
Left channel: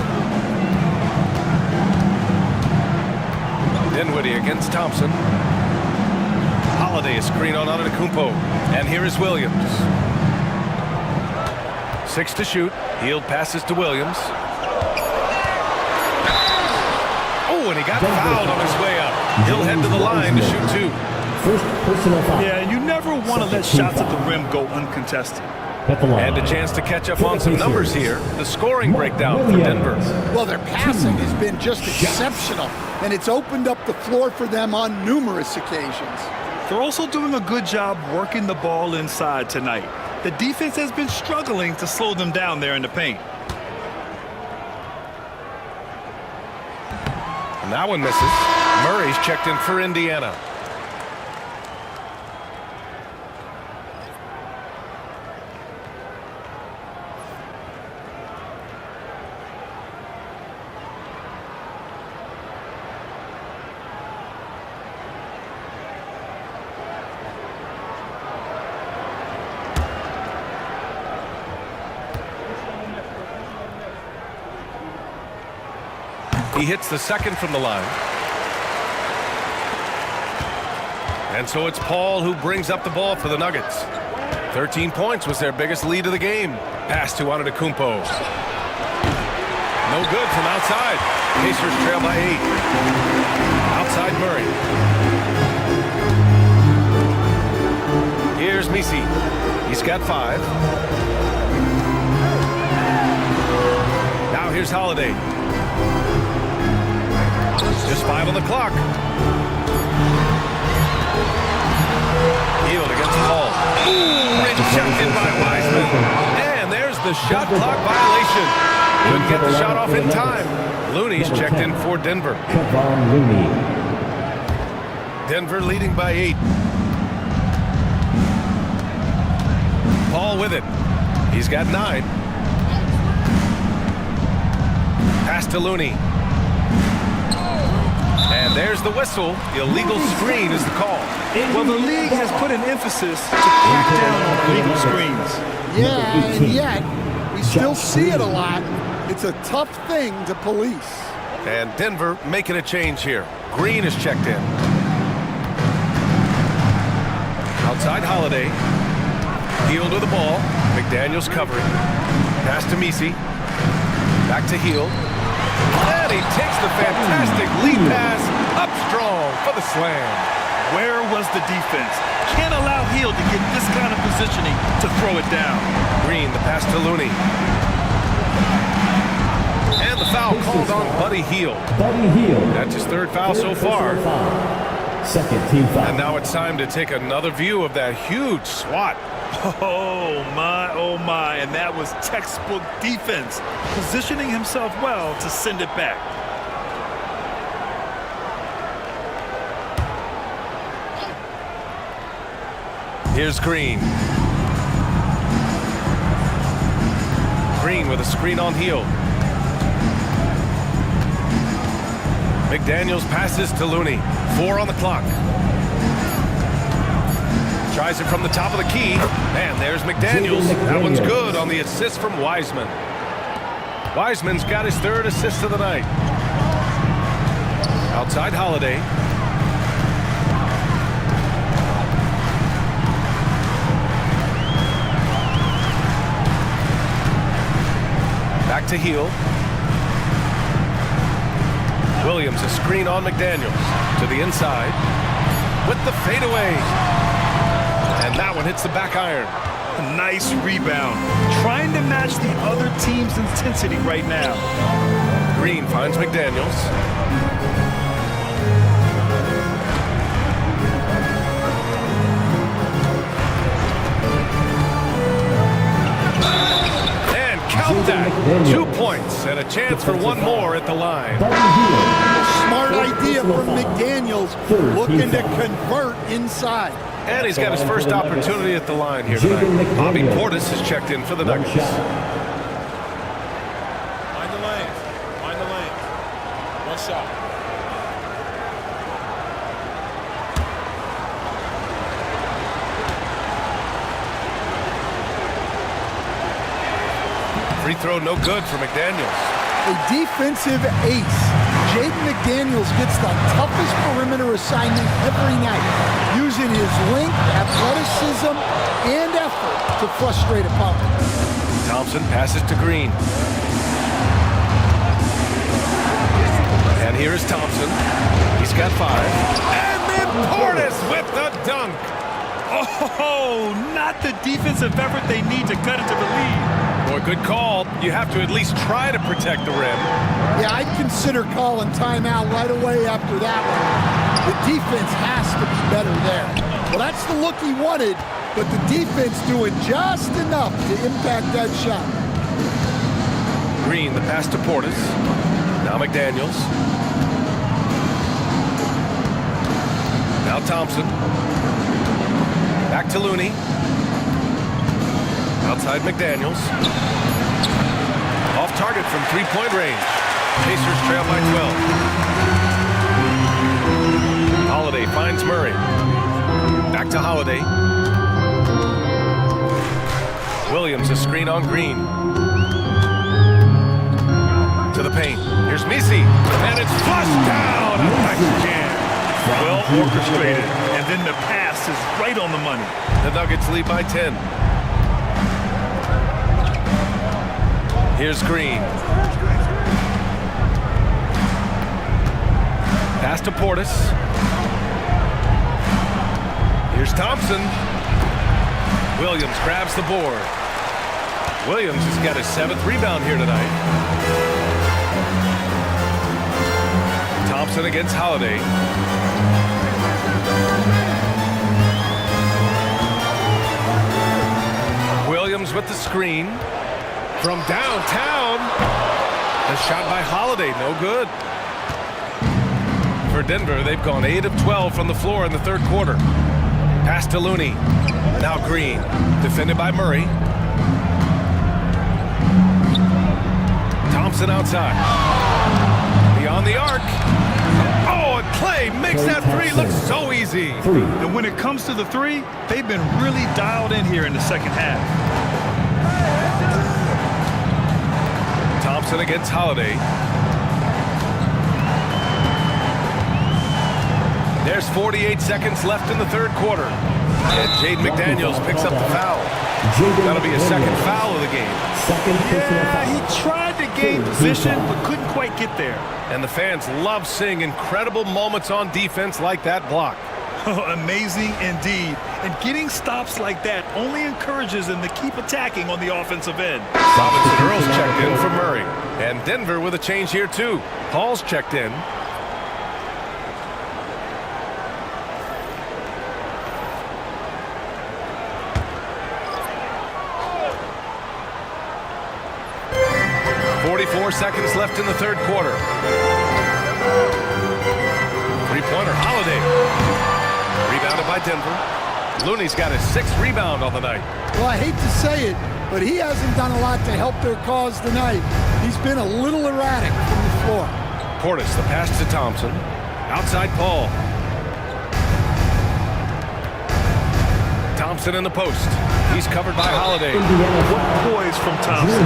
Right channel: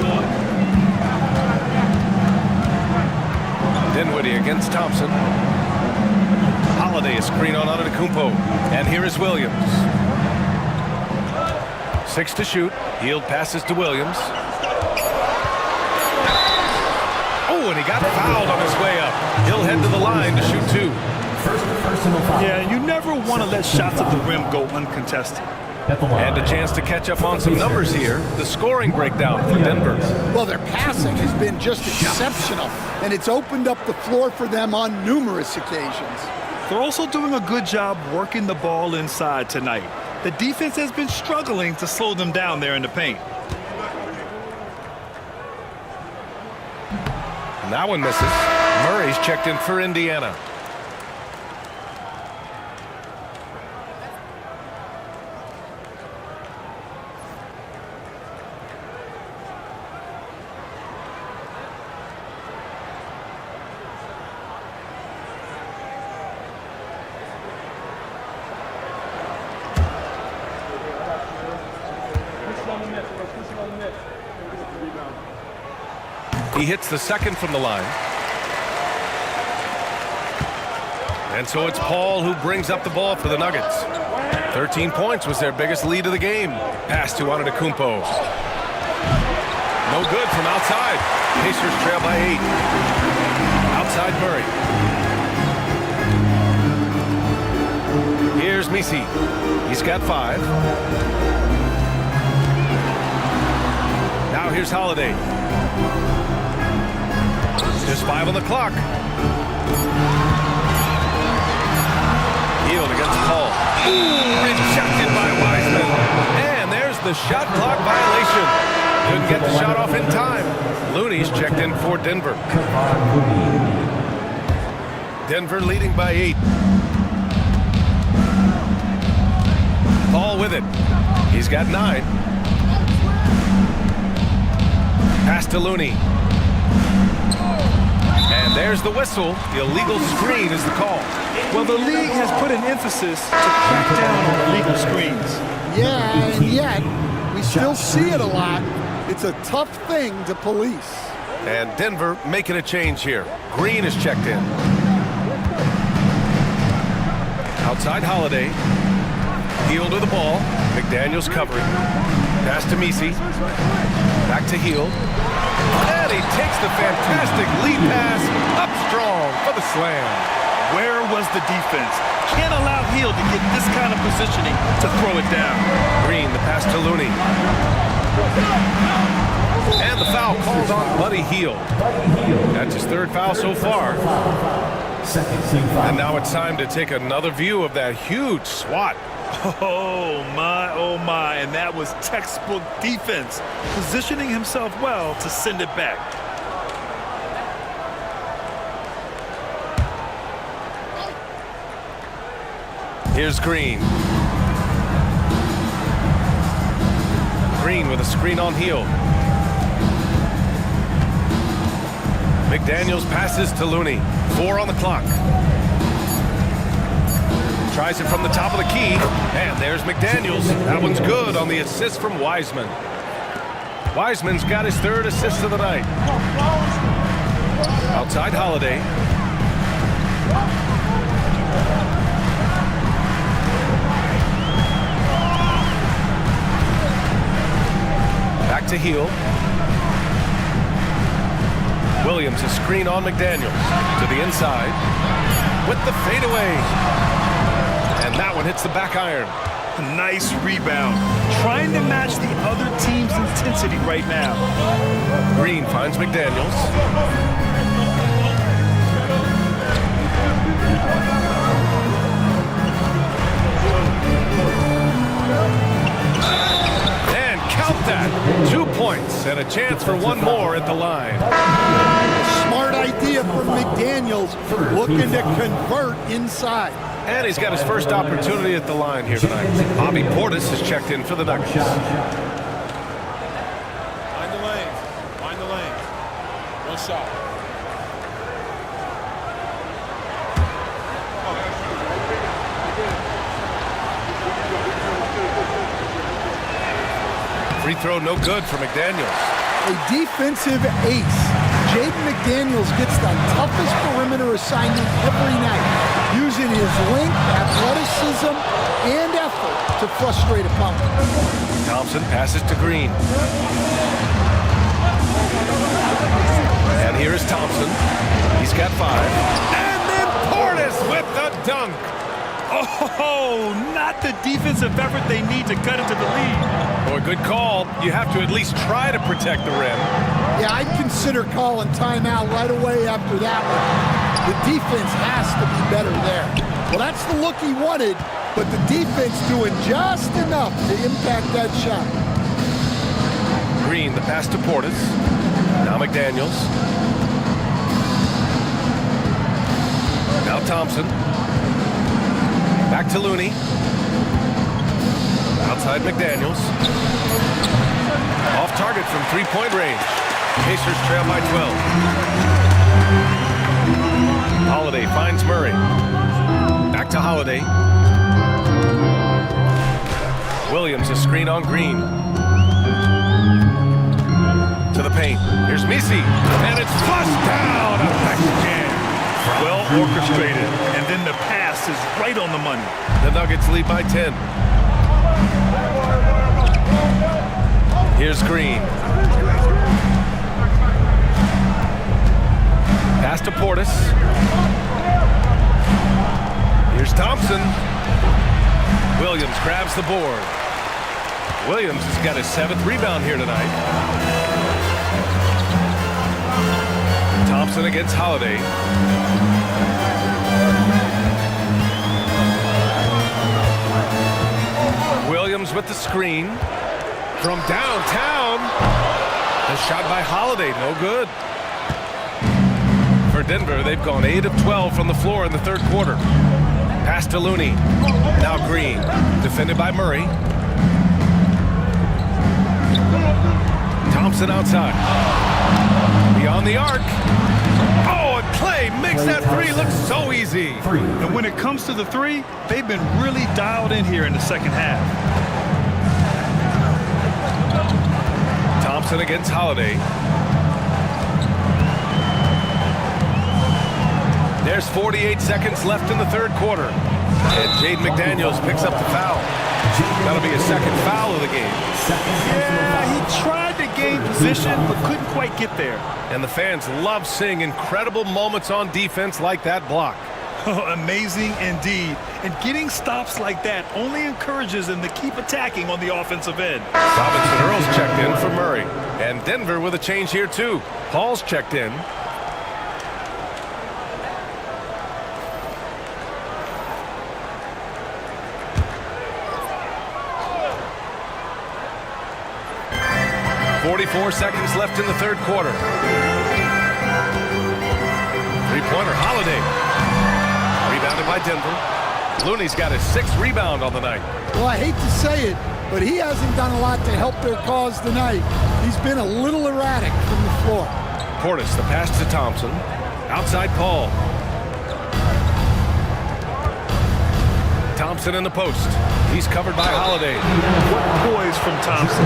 Dinwiddie against Thompson. Holiday a screen on Antetokounmpo. And here is Williams. 6 to shoot. Hield passes to Williams. Oh, and he got fouled on his way up. He'll head to the line to shoot 2. First personal foul. Yeah, you never want to let shots at the rim go uncontested. And a chance to catch up on some numbers here. The scoring breakdown for Denver. Well, their passing has been just exceptional, and it's opened up the floor for them on numerous occasions. They're also doing a good job working the ball inside tonight. The defense has been struggling to slow them down there in the paint. And that one misses. Murray's checked in for Indiana. He hits the second from the line. And so it's Paul who brings up the ball for the Nuggets. 13 points was their biggest lead of the game. Pass to Antetokounmpo. No good from outside. Pacers trail by 8. Outside Murray. Here's Messi. He's got 5. Now here's Holiday. Just 5 on the clock. Hield against Paul. Ooh, rejected by Wiseman. And there's the shot clock violation. Couldn't get the shot off in time. Looney's checked in for Denver. Denver leading by 8. Paul with it. He's got 9. Pass to Looney. And there's the whistle. Illegal screen is the call. Well, the league has put an emphasis to crack down on illegal screens. Yeah, and yet we still see it a lot. It's a tough thing to police. And Denver making a change here. Green is checked in. Outside Holiday. Hield with the ball. McDaniels covering. Pass to Misi. Back to Hield. And he takes the fantastic lead pass up strong for the slam. Where was the defense? Can't allow Hield to get this kind of positioning to throw it down. Green, the pass to Looney. And the foul called on Buddy Hield. That's his third foul so far. Second team foul. And now it's time to take another view of that huge swat. Oh my, and that was textbook defense, positioning himself well to send it back. Here's Green. Green with a screen on Hield. McDaniels passes to Looney. 4 on the clock. Tries it from the top of the key, and there's McDaniels. That one's good on the assist from Wiseman. Wiseman's got his third assist of the night. Outside Holiday. Back to Hield. Williams, a screen on McDaniels. To the inside. With the fadeaway. And that one hits the back iron. A nice rebound. Trying to match the other team's intensity right now. Green finds McDaniels. And count that. 2 points and a chance for one more at the line. Smart idea from McDaniels, looking to convert inside. And he's got his first opportunity at the line here tonight. Bobby Portis has checked in for the Nuggets. Mind the lanes. Mind the lanes. One shot. Free throw no good for McDaniels. A defensive ace. Jaden McDaniels gets the toughest perimeter assignment every night, using his length, athleticism, and effort to frustrate opponents. Thompson passes to Green. And here is Thompson. He's got 5. And then Portis with the dunk. Oh, not the defensive effort they need to cut into the lead. Boy, good call. You have to at least try to protect the rim. Yeah, I'd consider calling timeout right away after that one. The defense has to be better there. Well, that's the look he wanted, but the defense doing just enough to impact that shot. Green, the pass to Portis. Now McDaniels. Now Thompson. Back to Looney. Outside McDaniels. Off target from three-point range. Pacers trail by 12. Holiday finds Murray. Back to Holiday. Williams, a screen on Green. To the paint. Here's Misi. And it's flushed down. A nice jam. Well orchestrated. And then the pass is right on the money. The Nuggets lead by 10. Here's Green. Pass to Portis. Here's Thompson. Williams grabs the board. Williams has got his 7th rebound here tonight. Thompson against Holiday. Williams with the screen. From downtown. The shot by Holiday, no good. For Denver, they've gone 8 of 12 from the floor in the third quarter. Pass to Looney. Now Green. Defended by Murray. Thompson outside. Beyond the arc. Oh, and Clay makes that three look so easy. And when it comes to the three, they've been really dialed in here in the second half. Thompson against Holiday. There's 48 seconds left in the third quarter. And Jaden McDaniels picks up the foul. That'll be his second foul of the game. Yeah, he tried to gain position, but couldn't quite get there. And the fans love seeing incredible moments on defense like that block. Amazing indeed. And getting stops like that only encourages them to keep attacking on the offensive end. Robinson Earls checked in for Murray. And Denver with a change here too. Paul's checked in. .44 seconds left in the third quarter. Three-pointer, Holiday. Rebounded by Denver. Looney's got his 6th rebound on the night. Well, I hate to say it, but he hasn't done a lot to help their cause tonight. He's been a little erratic from the floor. Portis, the pass to Thompson. Outside Paul. Thompson in the post. He's covered by Holiday. What poise from Thompson.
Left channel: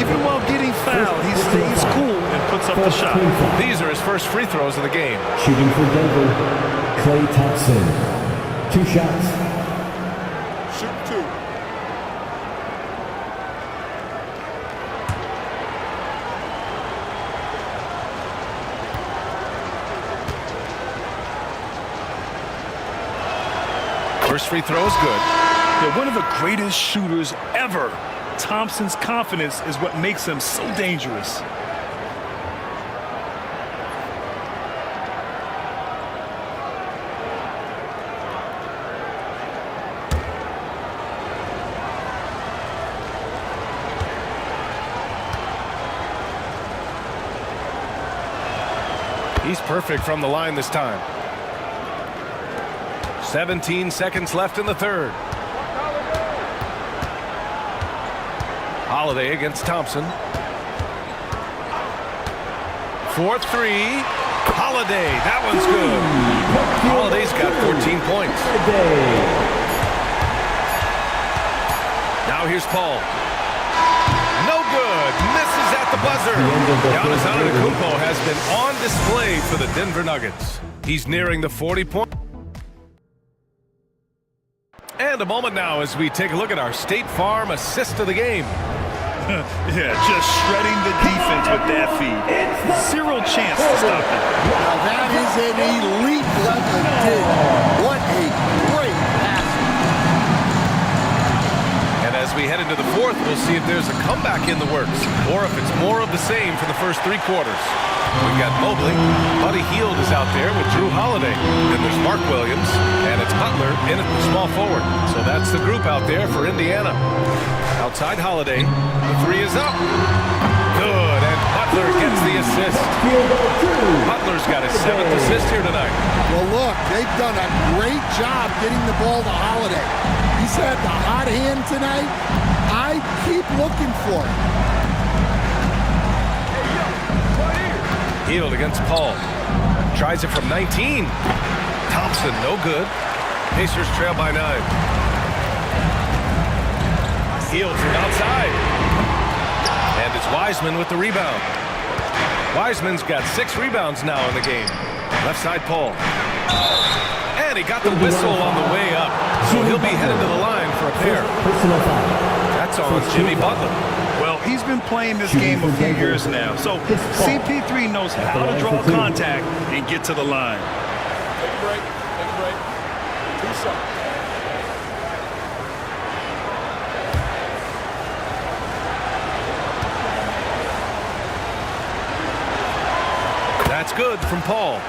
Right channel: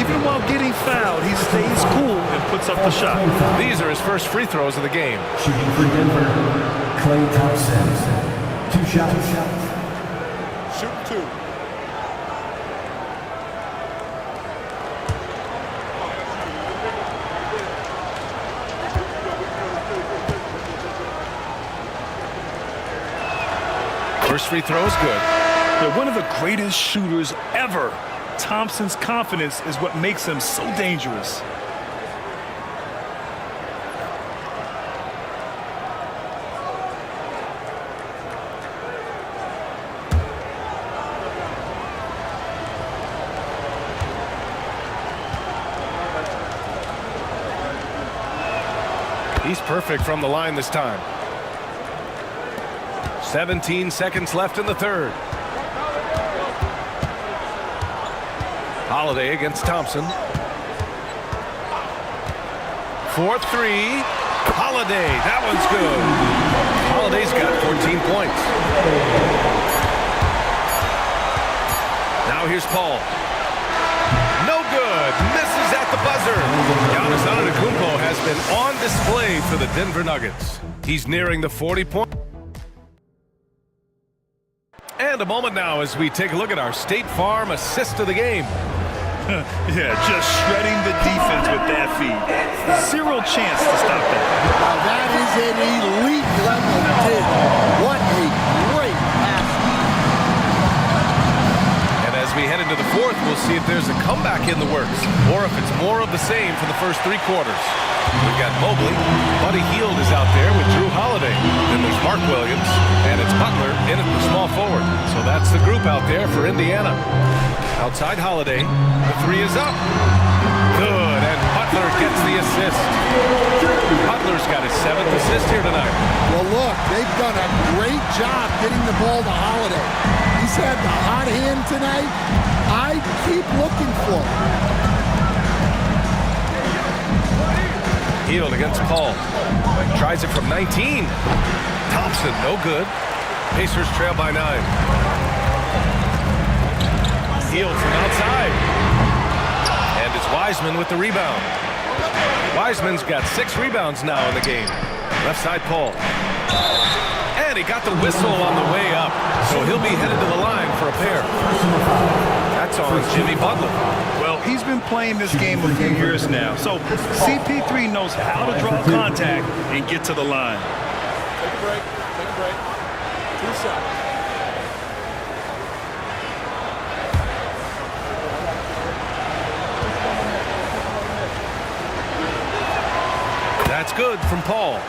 Even while getting fouled, he stays cool and puts up the shot. These are his first free throws of the game. Shooting for Denver, Klay Thompson. 2 shots. Shoot 2. First free throw is good. They're one of the greatest shooters ever. Thompson's confidence is what makes him so dangerous. He's perfect from the line this time. 17 seconds left in the third. Holiday against Thompson. 4-3. Holiday, that one's good. Holiday's got 14 points. Now here's Paul. No good. Misses at the buzzer. Giannis Antetokounmpo has been on display for the Denver Nuggets. He's nearing the 40-point. And a moment now as we take a look at our State Farm assist of the game. Yeah, just shredding the defense with that feed. Zero chance to stop that. Now that is an elite level dig. What a great pass. And as we head into the fourth, we'll see if there's a comeback in the works or if it's more of the same for the first 3 quarters. We've got Mobley. Buddy Hield is out there with Drew Holiday. Then there's Mark Williams, and it's Butler in at the small forward. So that's the group out there for Indiana. Outside Holiday, the 3 is up. Good, and Butler gets the assist. Butler's got his 7th assist here tonight. Well, look, they've done a great job getting the ball to Holiday. He's had the hot hand tonight. I keep looking for it. Hield against Paul. Tries it from 19. Thompson, no good. Pacers trail by 9. Hield from outside. And it's Wiseman with the rebound. Wiseman's got 6 rebounds now in the game. Left side Paul. And he got the whistle on the way up. So he'll be headed to the line for a pair. That's on Jimmy Butler. Well, he's been playing this game a few years now, so CP3 knows how to draw contact and get to the line. Take a break. Take a break. 2 shots. That's good from Paul.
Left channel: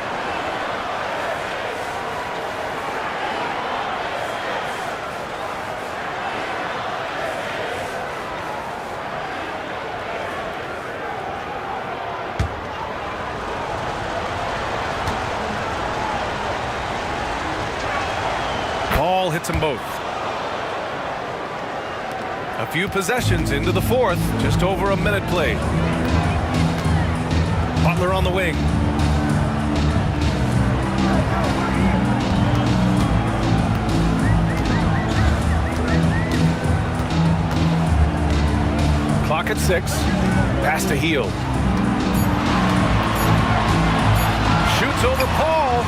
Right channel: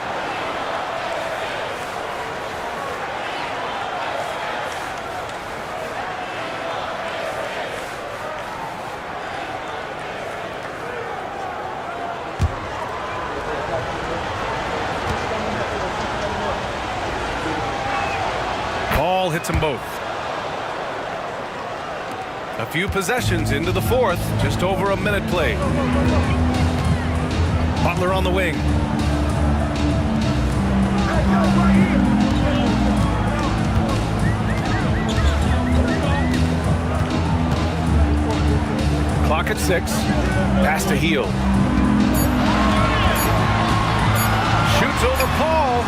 Paul hits them both. A few possessions into the fourth, just over a minute played. Butler on the wing. Clock at 6. Pass to Hield. Shoots over Paul.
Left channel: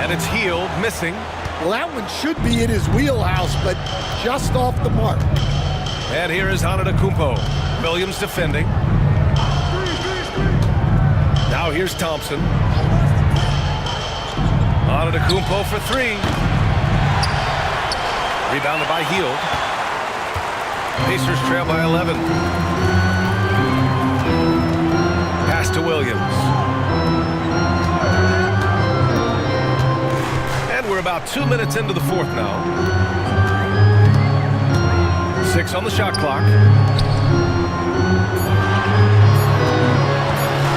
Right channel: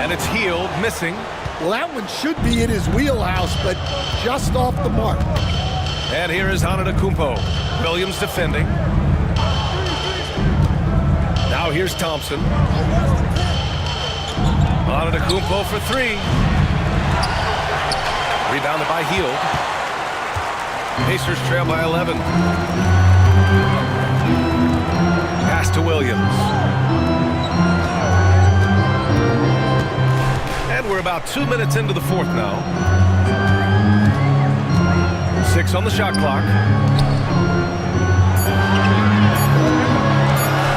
And it's Hield missing. Well, that one should be in his wheelhouse, but just off the mark. And here is Antetokounmpo. Williams defending. Now here's Thompson. Antetokounmpo for three. Rebounded by Hield. Pacers trail by 11. Pass to Williams. And we're about 2 minutes into the fourth now. 6 on the shot clock.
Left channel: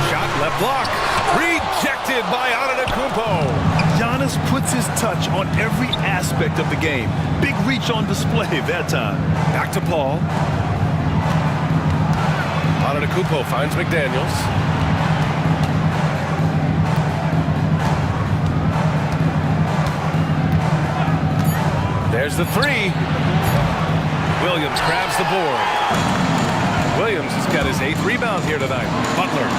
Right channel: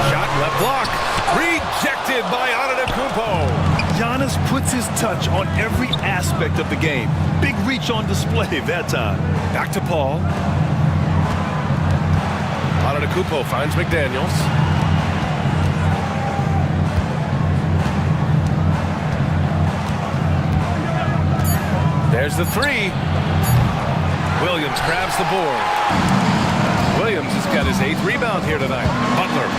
Shot left block. Rejected by Antetokounmpo. Giannis puts his touch on every aspect of the game. Big reach on display that time. Back to Paul. Antetokounmpo finds McDaniels. There's the three. Williams grabs the board. Williams has got his 8th rebound here tonight. Butler.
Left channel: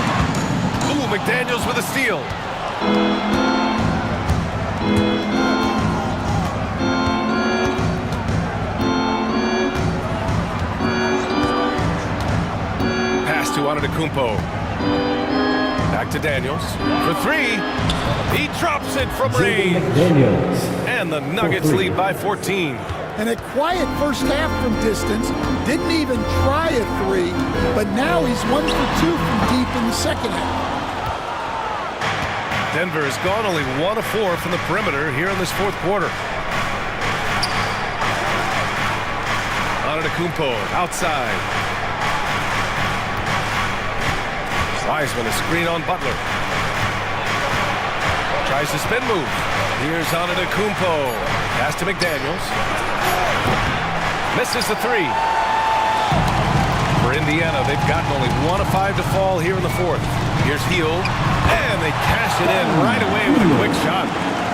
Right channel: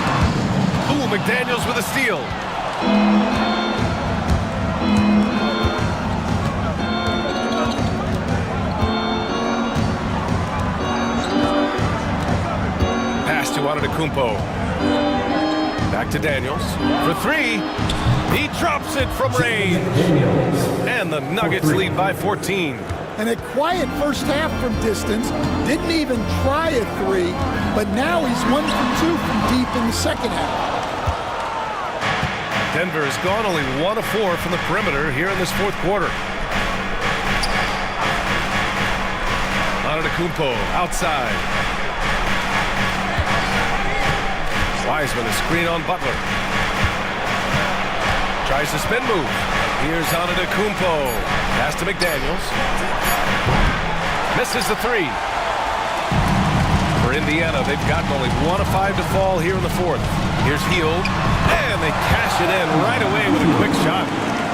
Ooh, McDaniels with a steal. Pass to Antetokounmpo. Back to Daniels for three. He drops it from range. And the Nuggets lead by 14. And a quiet first half from distance. Didn't even try a three, but now he's 1 for 2 from deep in the second half. Denver has gone only 1 of 4 from the perimeter here in this fourth quarter. Antetokounmpo outside. Wiseman, a screen on Butler. Tries the spin move. Here's Antetokounmpo. Pass to McDaniels. Misses the three. For Indiana, they've gotten only 1 of 5 to fall here in the fourth. Here's Hield. And they cash it in right away with a quick shot.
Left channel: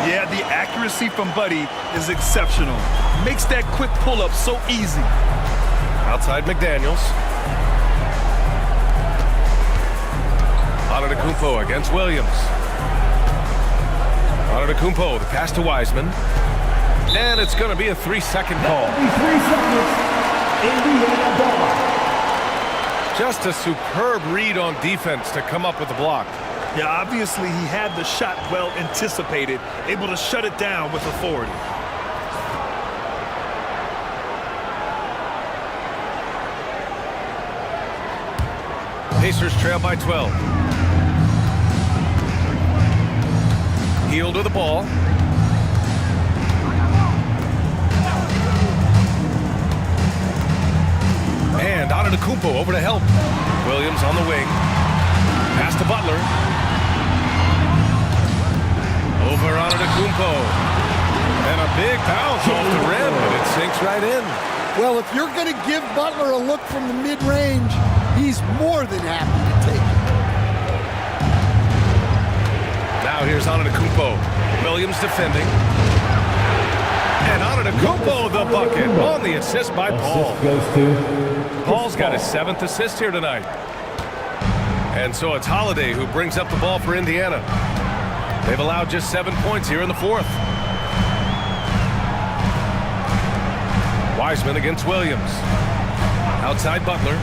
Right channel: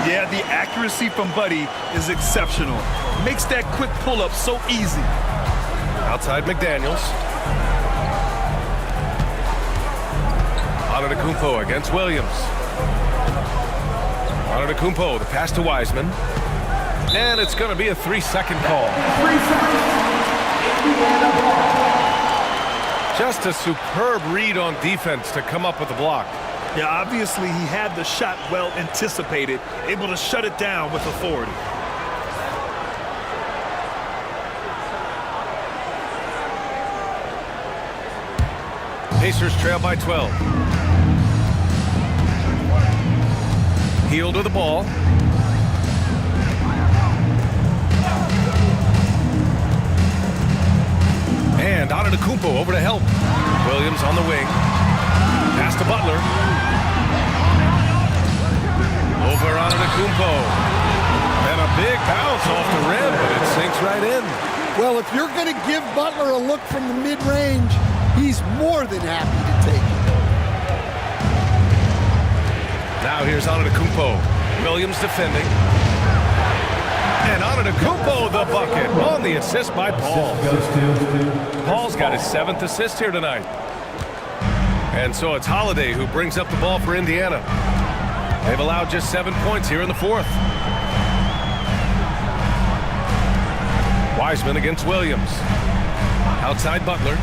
Yeah, the accuracy from Buddy is exceptional. Makes that quick pull-up so easy. Outside McDaniels. Antetokounmpo against Williams. Antetokounmpo, the pass to Wiseman. And it's going to be a 3-second call. 3 seconds. Indiana ball. Just a superb read on defense to come up with the block. Yeah, obviously he had the shot well anticipated, able to shut it down with authority. Pacers trail by 12. Hield with the ball. And Antetokounmpo over to help. Williams on the wing. Pass to Butler. Over Antetokounmpo. And a big bounce off the rim, but it sinks right in. Well, if you're going to give Butler a look from the mid-range, he's more than happy to take it. Now here's Antetokounmpo. Williams defending. And Antetokounmpo the bucket on the assist by Paul. Paul's got his 7th assist here tonight. And so it's Holiday who brings up the ball for Indiana. They've allowed just 7 points here in the fourth. Wiseman against Williams. Outside Butler.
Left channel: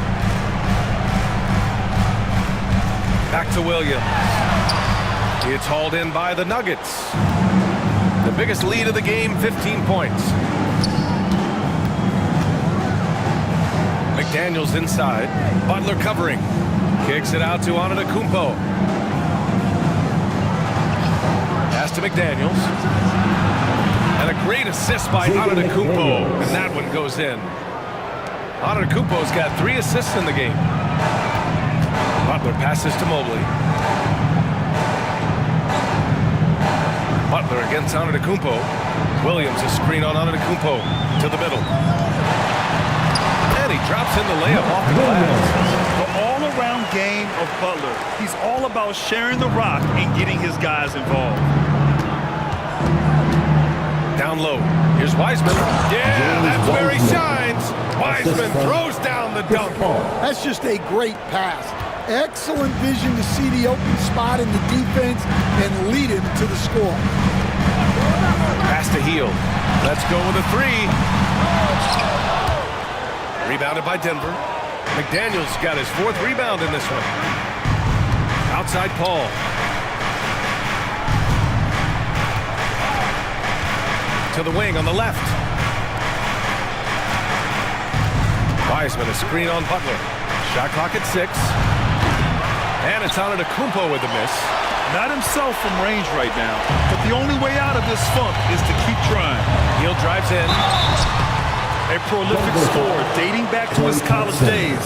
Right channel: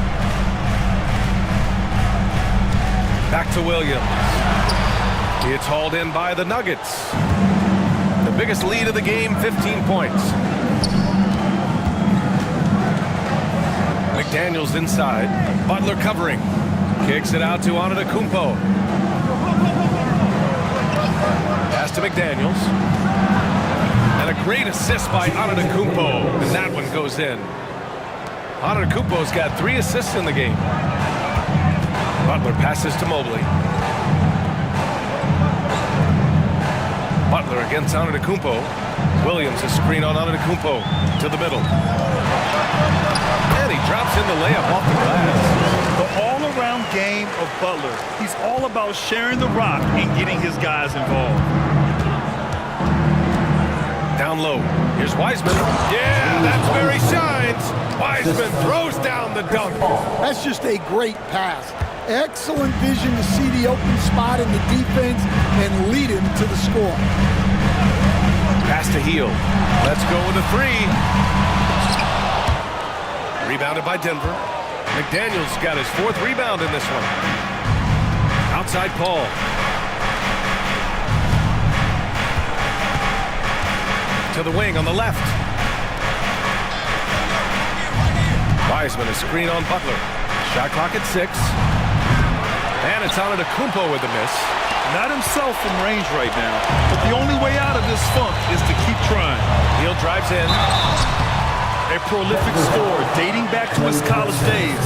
Back to Williams. It's hauled in by the Nuggets. The biggest lead of the game, 15 points. McDaniels inside. Butler covering. Kicks it out to Antetokounmpo. Pass to McDaniels. And a great assist by Antetokounmpo. And that one goes in. Antetokounmpo's got 3 assists in the game. Butler passes to Mobley. Butler against Antetokounmpo. Williams a screen on Antetokounmpo to the middle. And he drops in the layup off the glass. The all-around game of Butler. He's all about sharing the rock and getting his guys involved. Down low. Here's Wiseman. Yeah, that's where he shines. Wiseman throws down the dunk. That's just a great pass. Excellent vision to see the open spot in the defense and lead him to the score. Pass to Hield. Let's go with a three. Rebounded by Denver. McDaniels got his 4th rebound in this one. Outside Paul. To the wing on the left. Wiseman, a screen on Butler. Shot clock at 6. And it's Antetokounmpo with the miss. Not himself from range right now, but the only way out of this funk is to keep trying. Hield drives in. A prolific scorer dating back to his college days.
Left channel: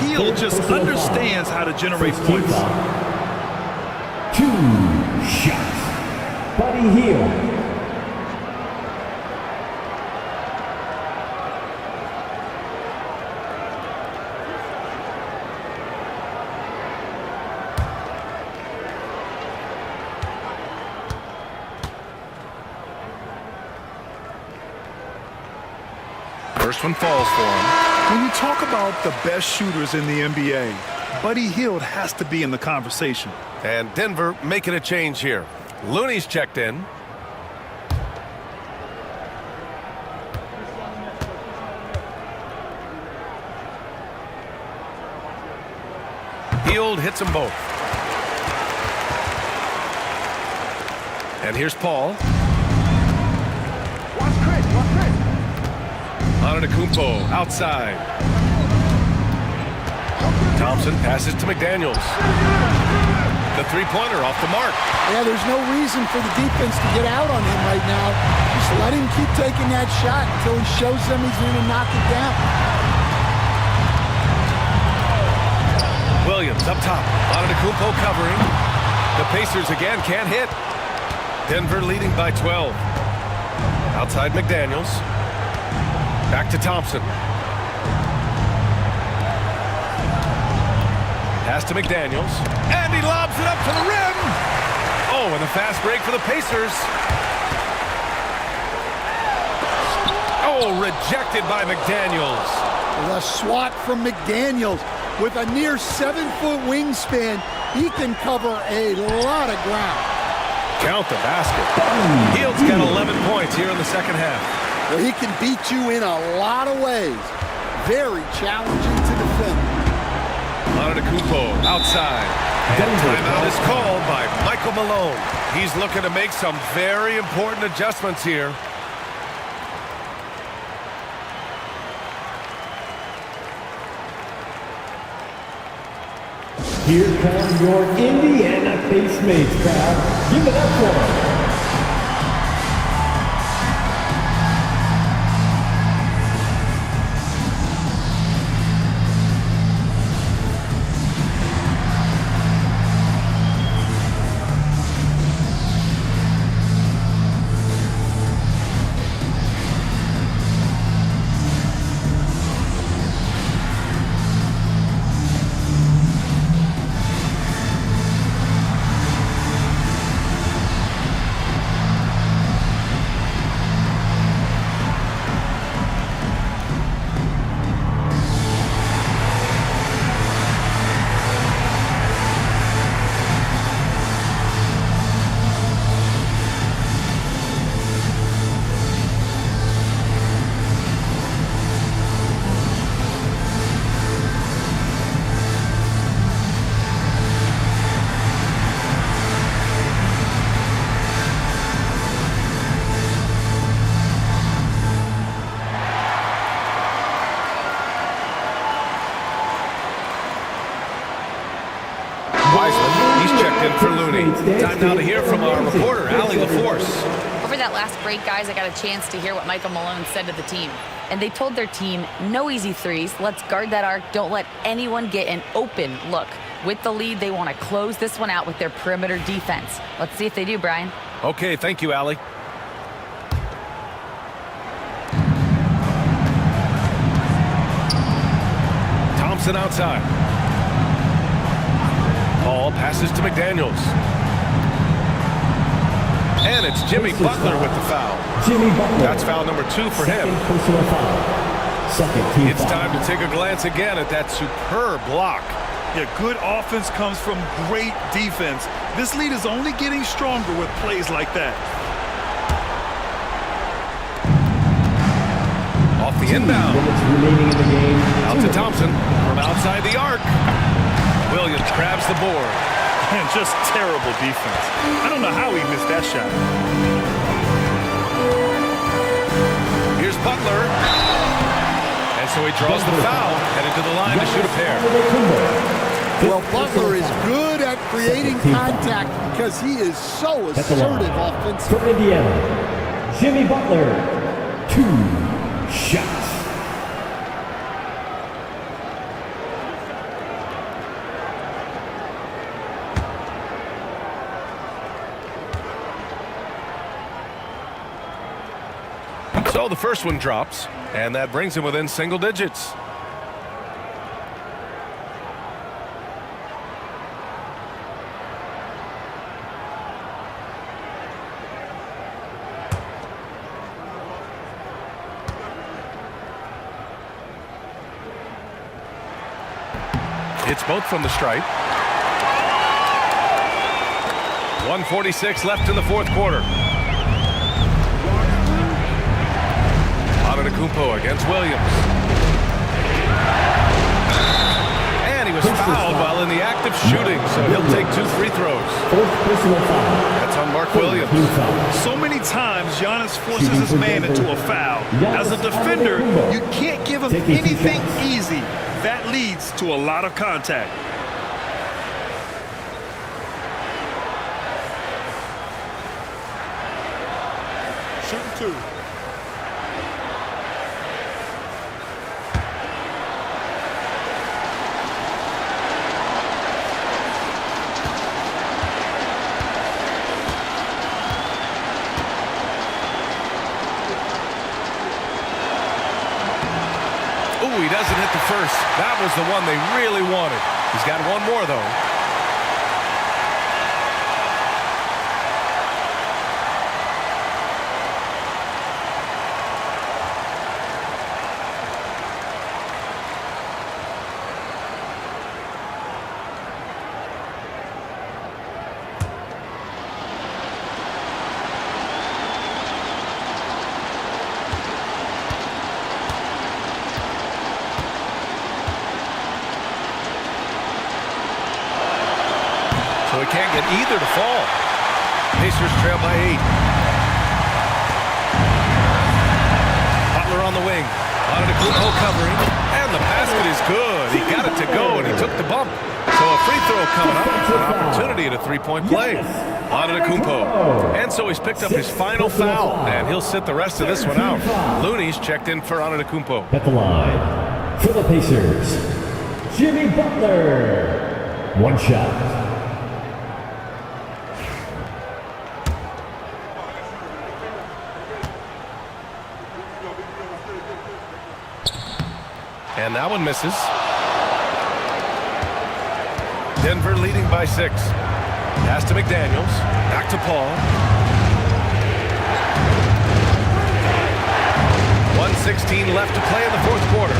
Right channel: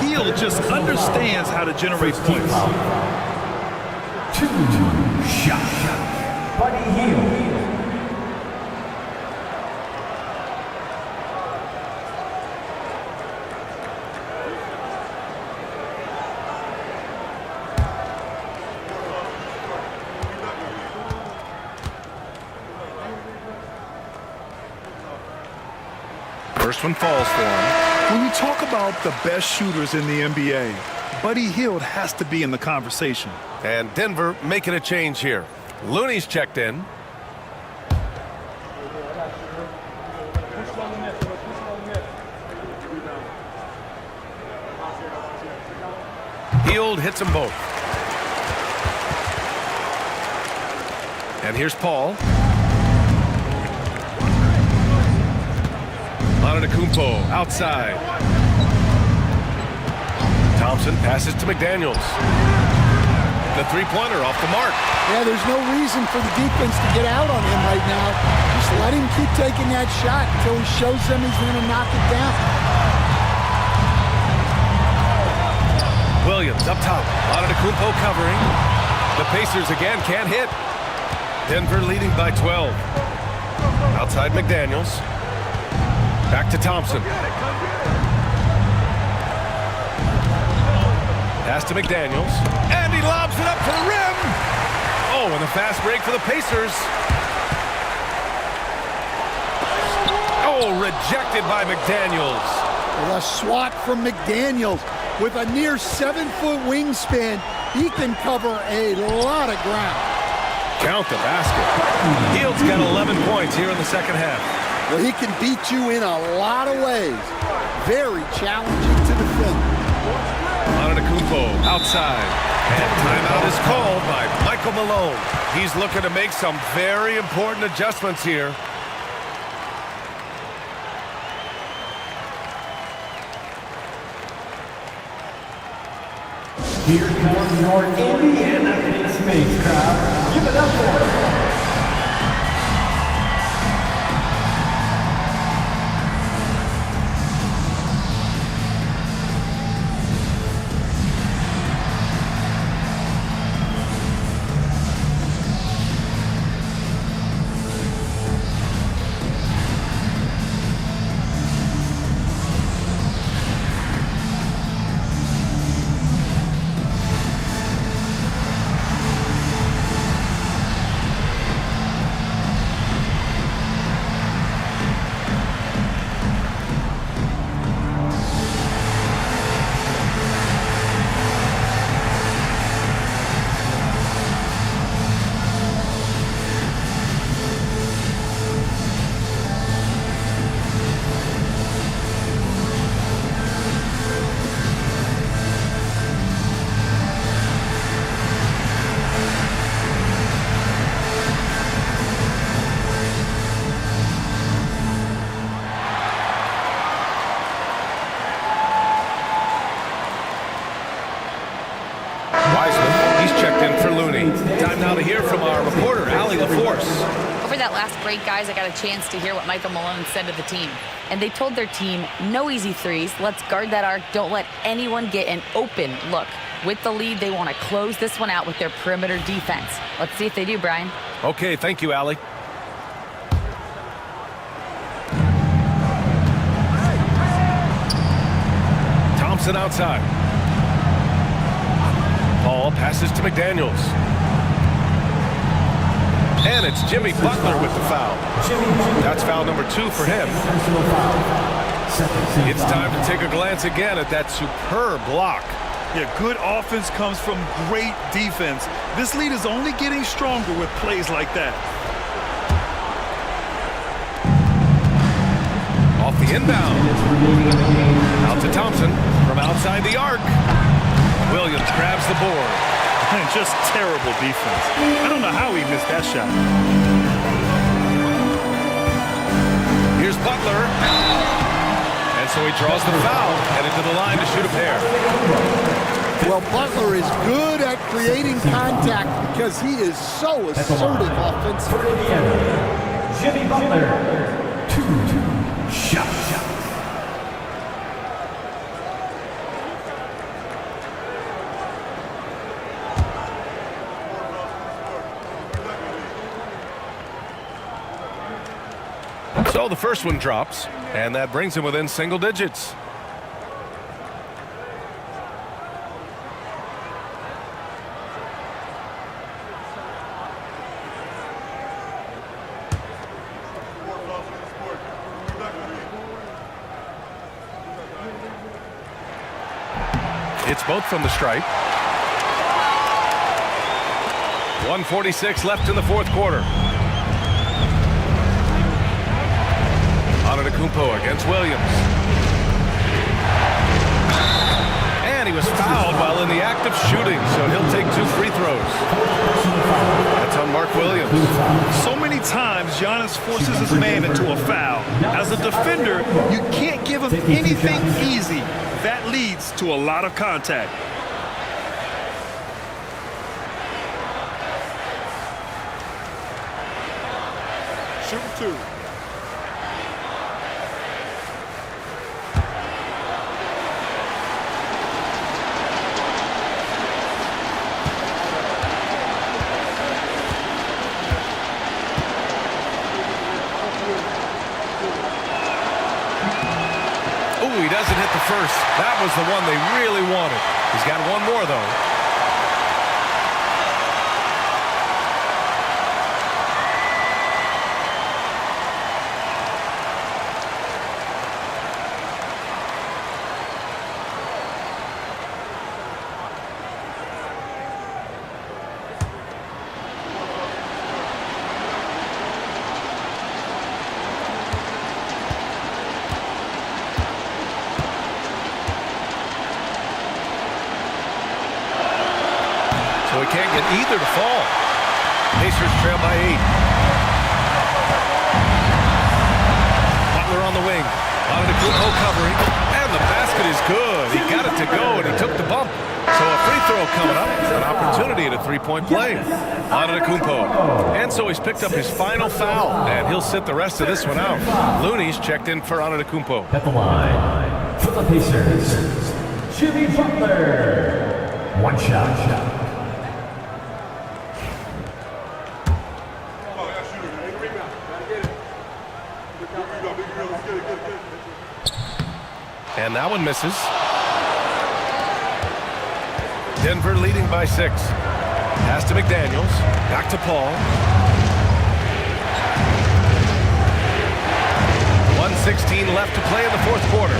Hield just understands how to generate points. 2 shots. Buddy Hield. First one falls for him. When you talk about the best shooters in the NBA, Buddy Hield has to be in the conversation. And Denver making a change here. Looney's checked in. Hield hits them both. And here's Paul. Antetokounmpo outside. Thompson passes to McDaniels. The three-pointer off the mark. Yeah, there's no reason for the defense to get out on him right now. Just let him keep taking that shot until he shows them he's going to knock it down. Williams up top. Antetokounmpo covering. The Pacers again can't hit. Denver leading by 12. Outside McDaniels. Back to Thompson. Pass to McDaniels. And he lobs it up to the rim. Oh, and the fast break for the Pacers. Oh, rejected by McDaniels. With a swat from McDaniels. With a near 7-foot wingspan, he can cover a lot of ground. Count the basket. Hield's got 11 points here in the second half. Well, he can beat you in a lot of ways. Very challenging to defend. Antetokounmpo outside. And timeout is called by Michael Malone. He's looking to make some very important adjustments here. Here come your Indiana Pacemates crowd. Give it up for them. Wiseman, he's checked in for Looney. Time now to hear from our reporter, Allie LaForce. Over that last break, guys, I got a chance to hear what Michael Malone said to the team. And they told their team, no easy threes. Let's guard that arc. Don't let anyone get an open look. With the lead, they want to close this one out with their perimeter defense. Let's see if they do, Brian. Okay, thank you, Allie. Thompson outside. Paul passes to McDaniels. And it's Jimmy Butler with the foul. That's foul number 2 for him. It's time to take a glance again at that superb block. Yeah, good offense comes from great defense. This lead is only getting stronger with plays like that. Off the inbound. Remaining in the game. Out to Thompson from outside the arc. Williams grabs the board. Just terrible defense. I don't know how he missed that shot. Here's Butler. And so he draws the foul, headed to the line to shoot a pair. Well, Butler is good at creating contact because he is so assertive offensively. For Indiana, Jimmy Butler, 2 shots. So the first one drops, and that brings him within single digits. It's both from the stripe. 1:46 left in the fourth quarter. Antetokounmpo against Williams. And he was fouled while in the act of shooting, so he'll take 2 free throws. That's on Mark Williams. So many times Giannis forces his man into a foul. As a defender, you can't give him anything easy. That leads to a lot of contact. Shooting 2. Ooh, he doesn't hit the first. That was the one they really wanted. He's got one more, though. So he can't get either to fall. Pacers trail by 8. Butler on the wing. Antetokounmpo covering. And the basket is good. He got it to go, and he took the bump. So a free throw coming up. An opportunity at a three-point play. Antetokounmpo. And so he's picked up his final foul, and he'll sit the rest of this one out. Looney's checked in for Antetokounmpo. At the line for the Pacers, Jimmy Butler. 1 shot. And that one misses. Denver leading by 6. Pass to McDaniels. Back to Paul. 1:16 left to play in the fourth quarter.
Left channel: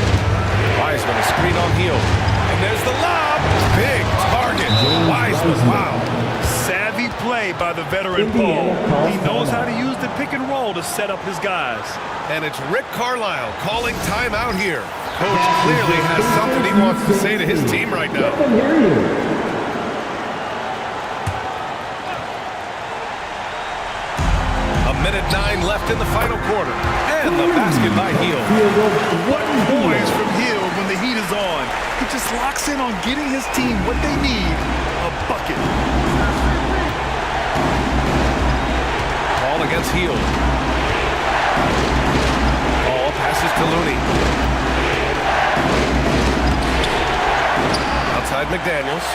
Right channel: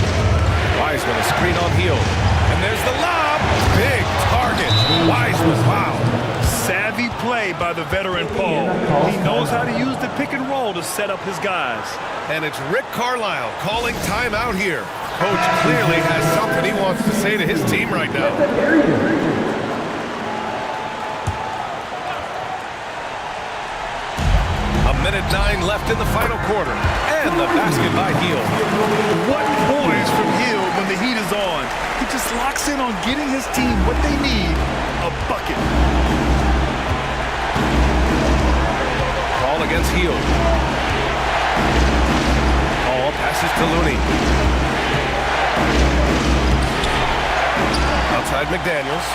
Wiseman a screen on Hield. And there's the lob. Big target. Wiseman, wow. Savvy play by the veteran Paul. He knows how to use the pick and roll to set up his guys. And it's Rick Carlisle calling timeout here. Coach clearly has something he wants to say to his team right now. A minute 9 left in the final quarter. And the basket by Hield. What poise from Hield when the heat is on. He just locks in on getting his team what they need, a bucket. Paul against Hield. Paul passes to Looney. Outside McDaniels.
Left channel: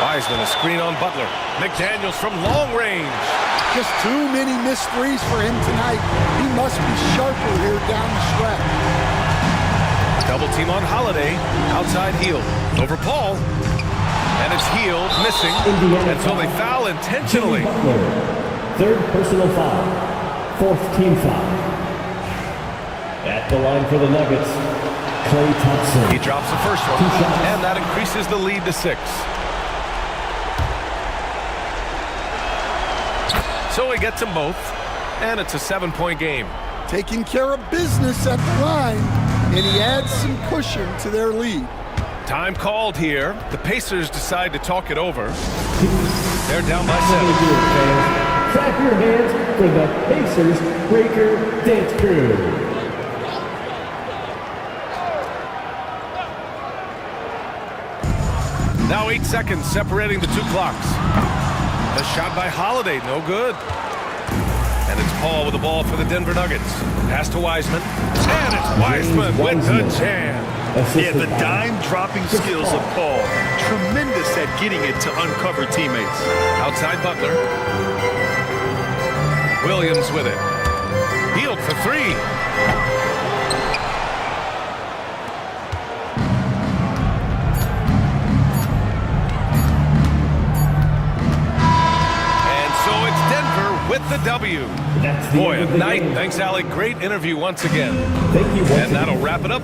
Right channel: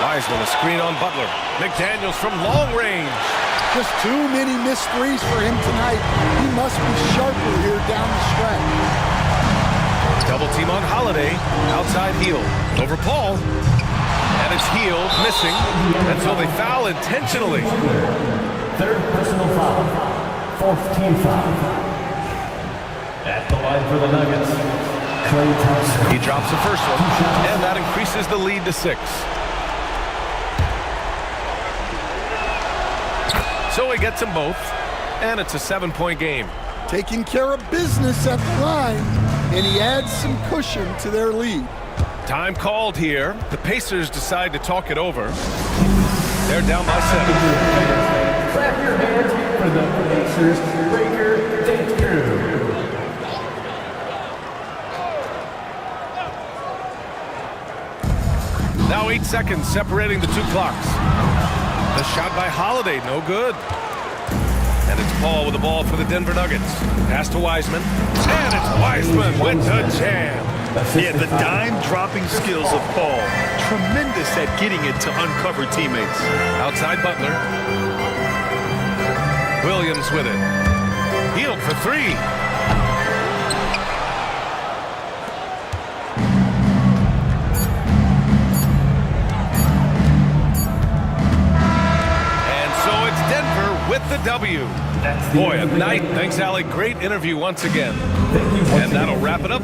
Wiseman a screen on Butler. McDaniels from long range. Just too many missed threes for him tonight. He must be sharper here down the stretch. Double team on Holiday. Outside Hield. Over Paul. And it's Hield missing. And so they foul intentionally. Third personal foul. 4th team foul. At the line for the Nuggets, Klay Thompson. He drops the first one. And that increases the lead to 6. So he gets them both, and it's a 7-point game. taking care of business at the line, and he adds some cushion to their lead. Time called here. The Pacers decide to talk it over. They're down by 7. Clap your hands for the Pacers Breaker Dance Crew. Now 8 seconds separating the two clocks. The shot by Holiday, no good. And it's Paul with the ball for the Denver Nuggets. Pass to Wiseman. And it's Wiseman with the jam. Yeah, the dime-dropping skills of Paul. Tremendous at getting it to uncover teammates. Outside Butler. Williams with it. Hield for 3. So it's Denver with the W. Boy, a night. Thanks, Alec. Great interview once again. Thank you. And that'll wrap it up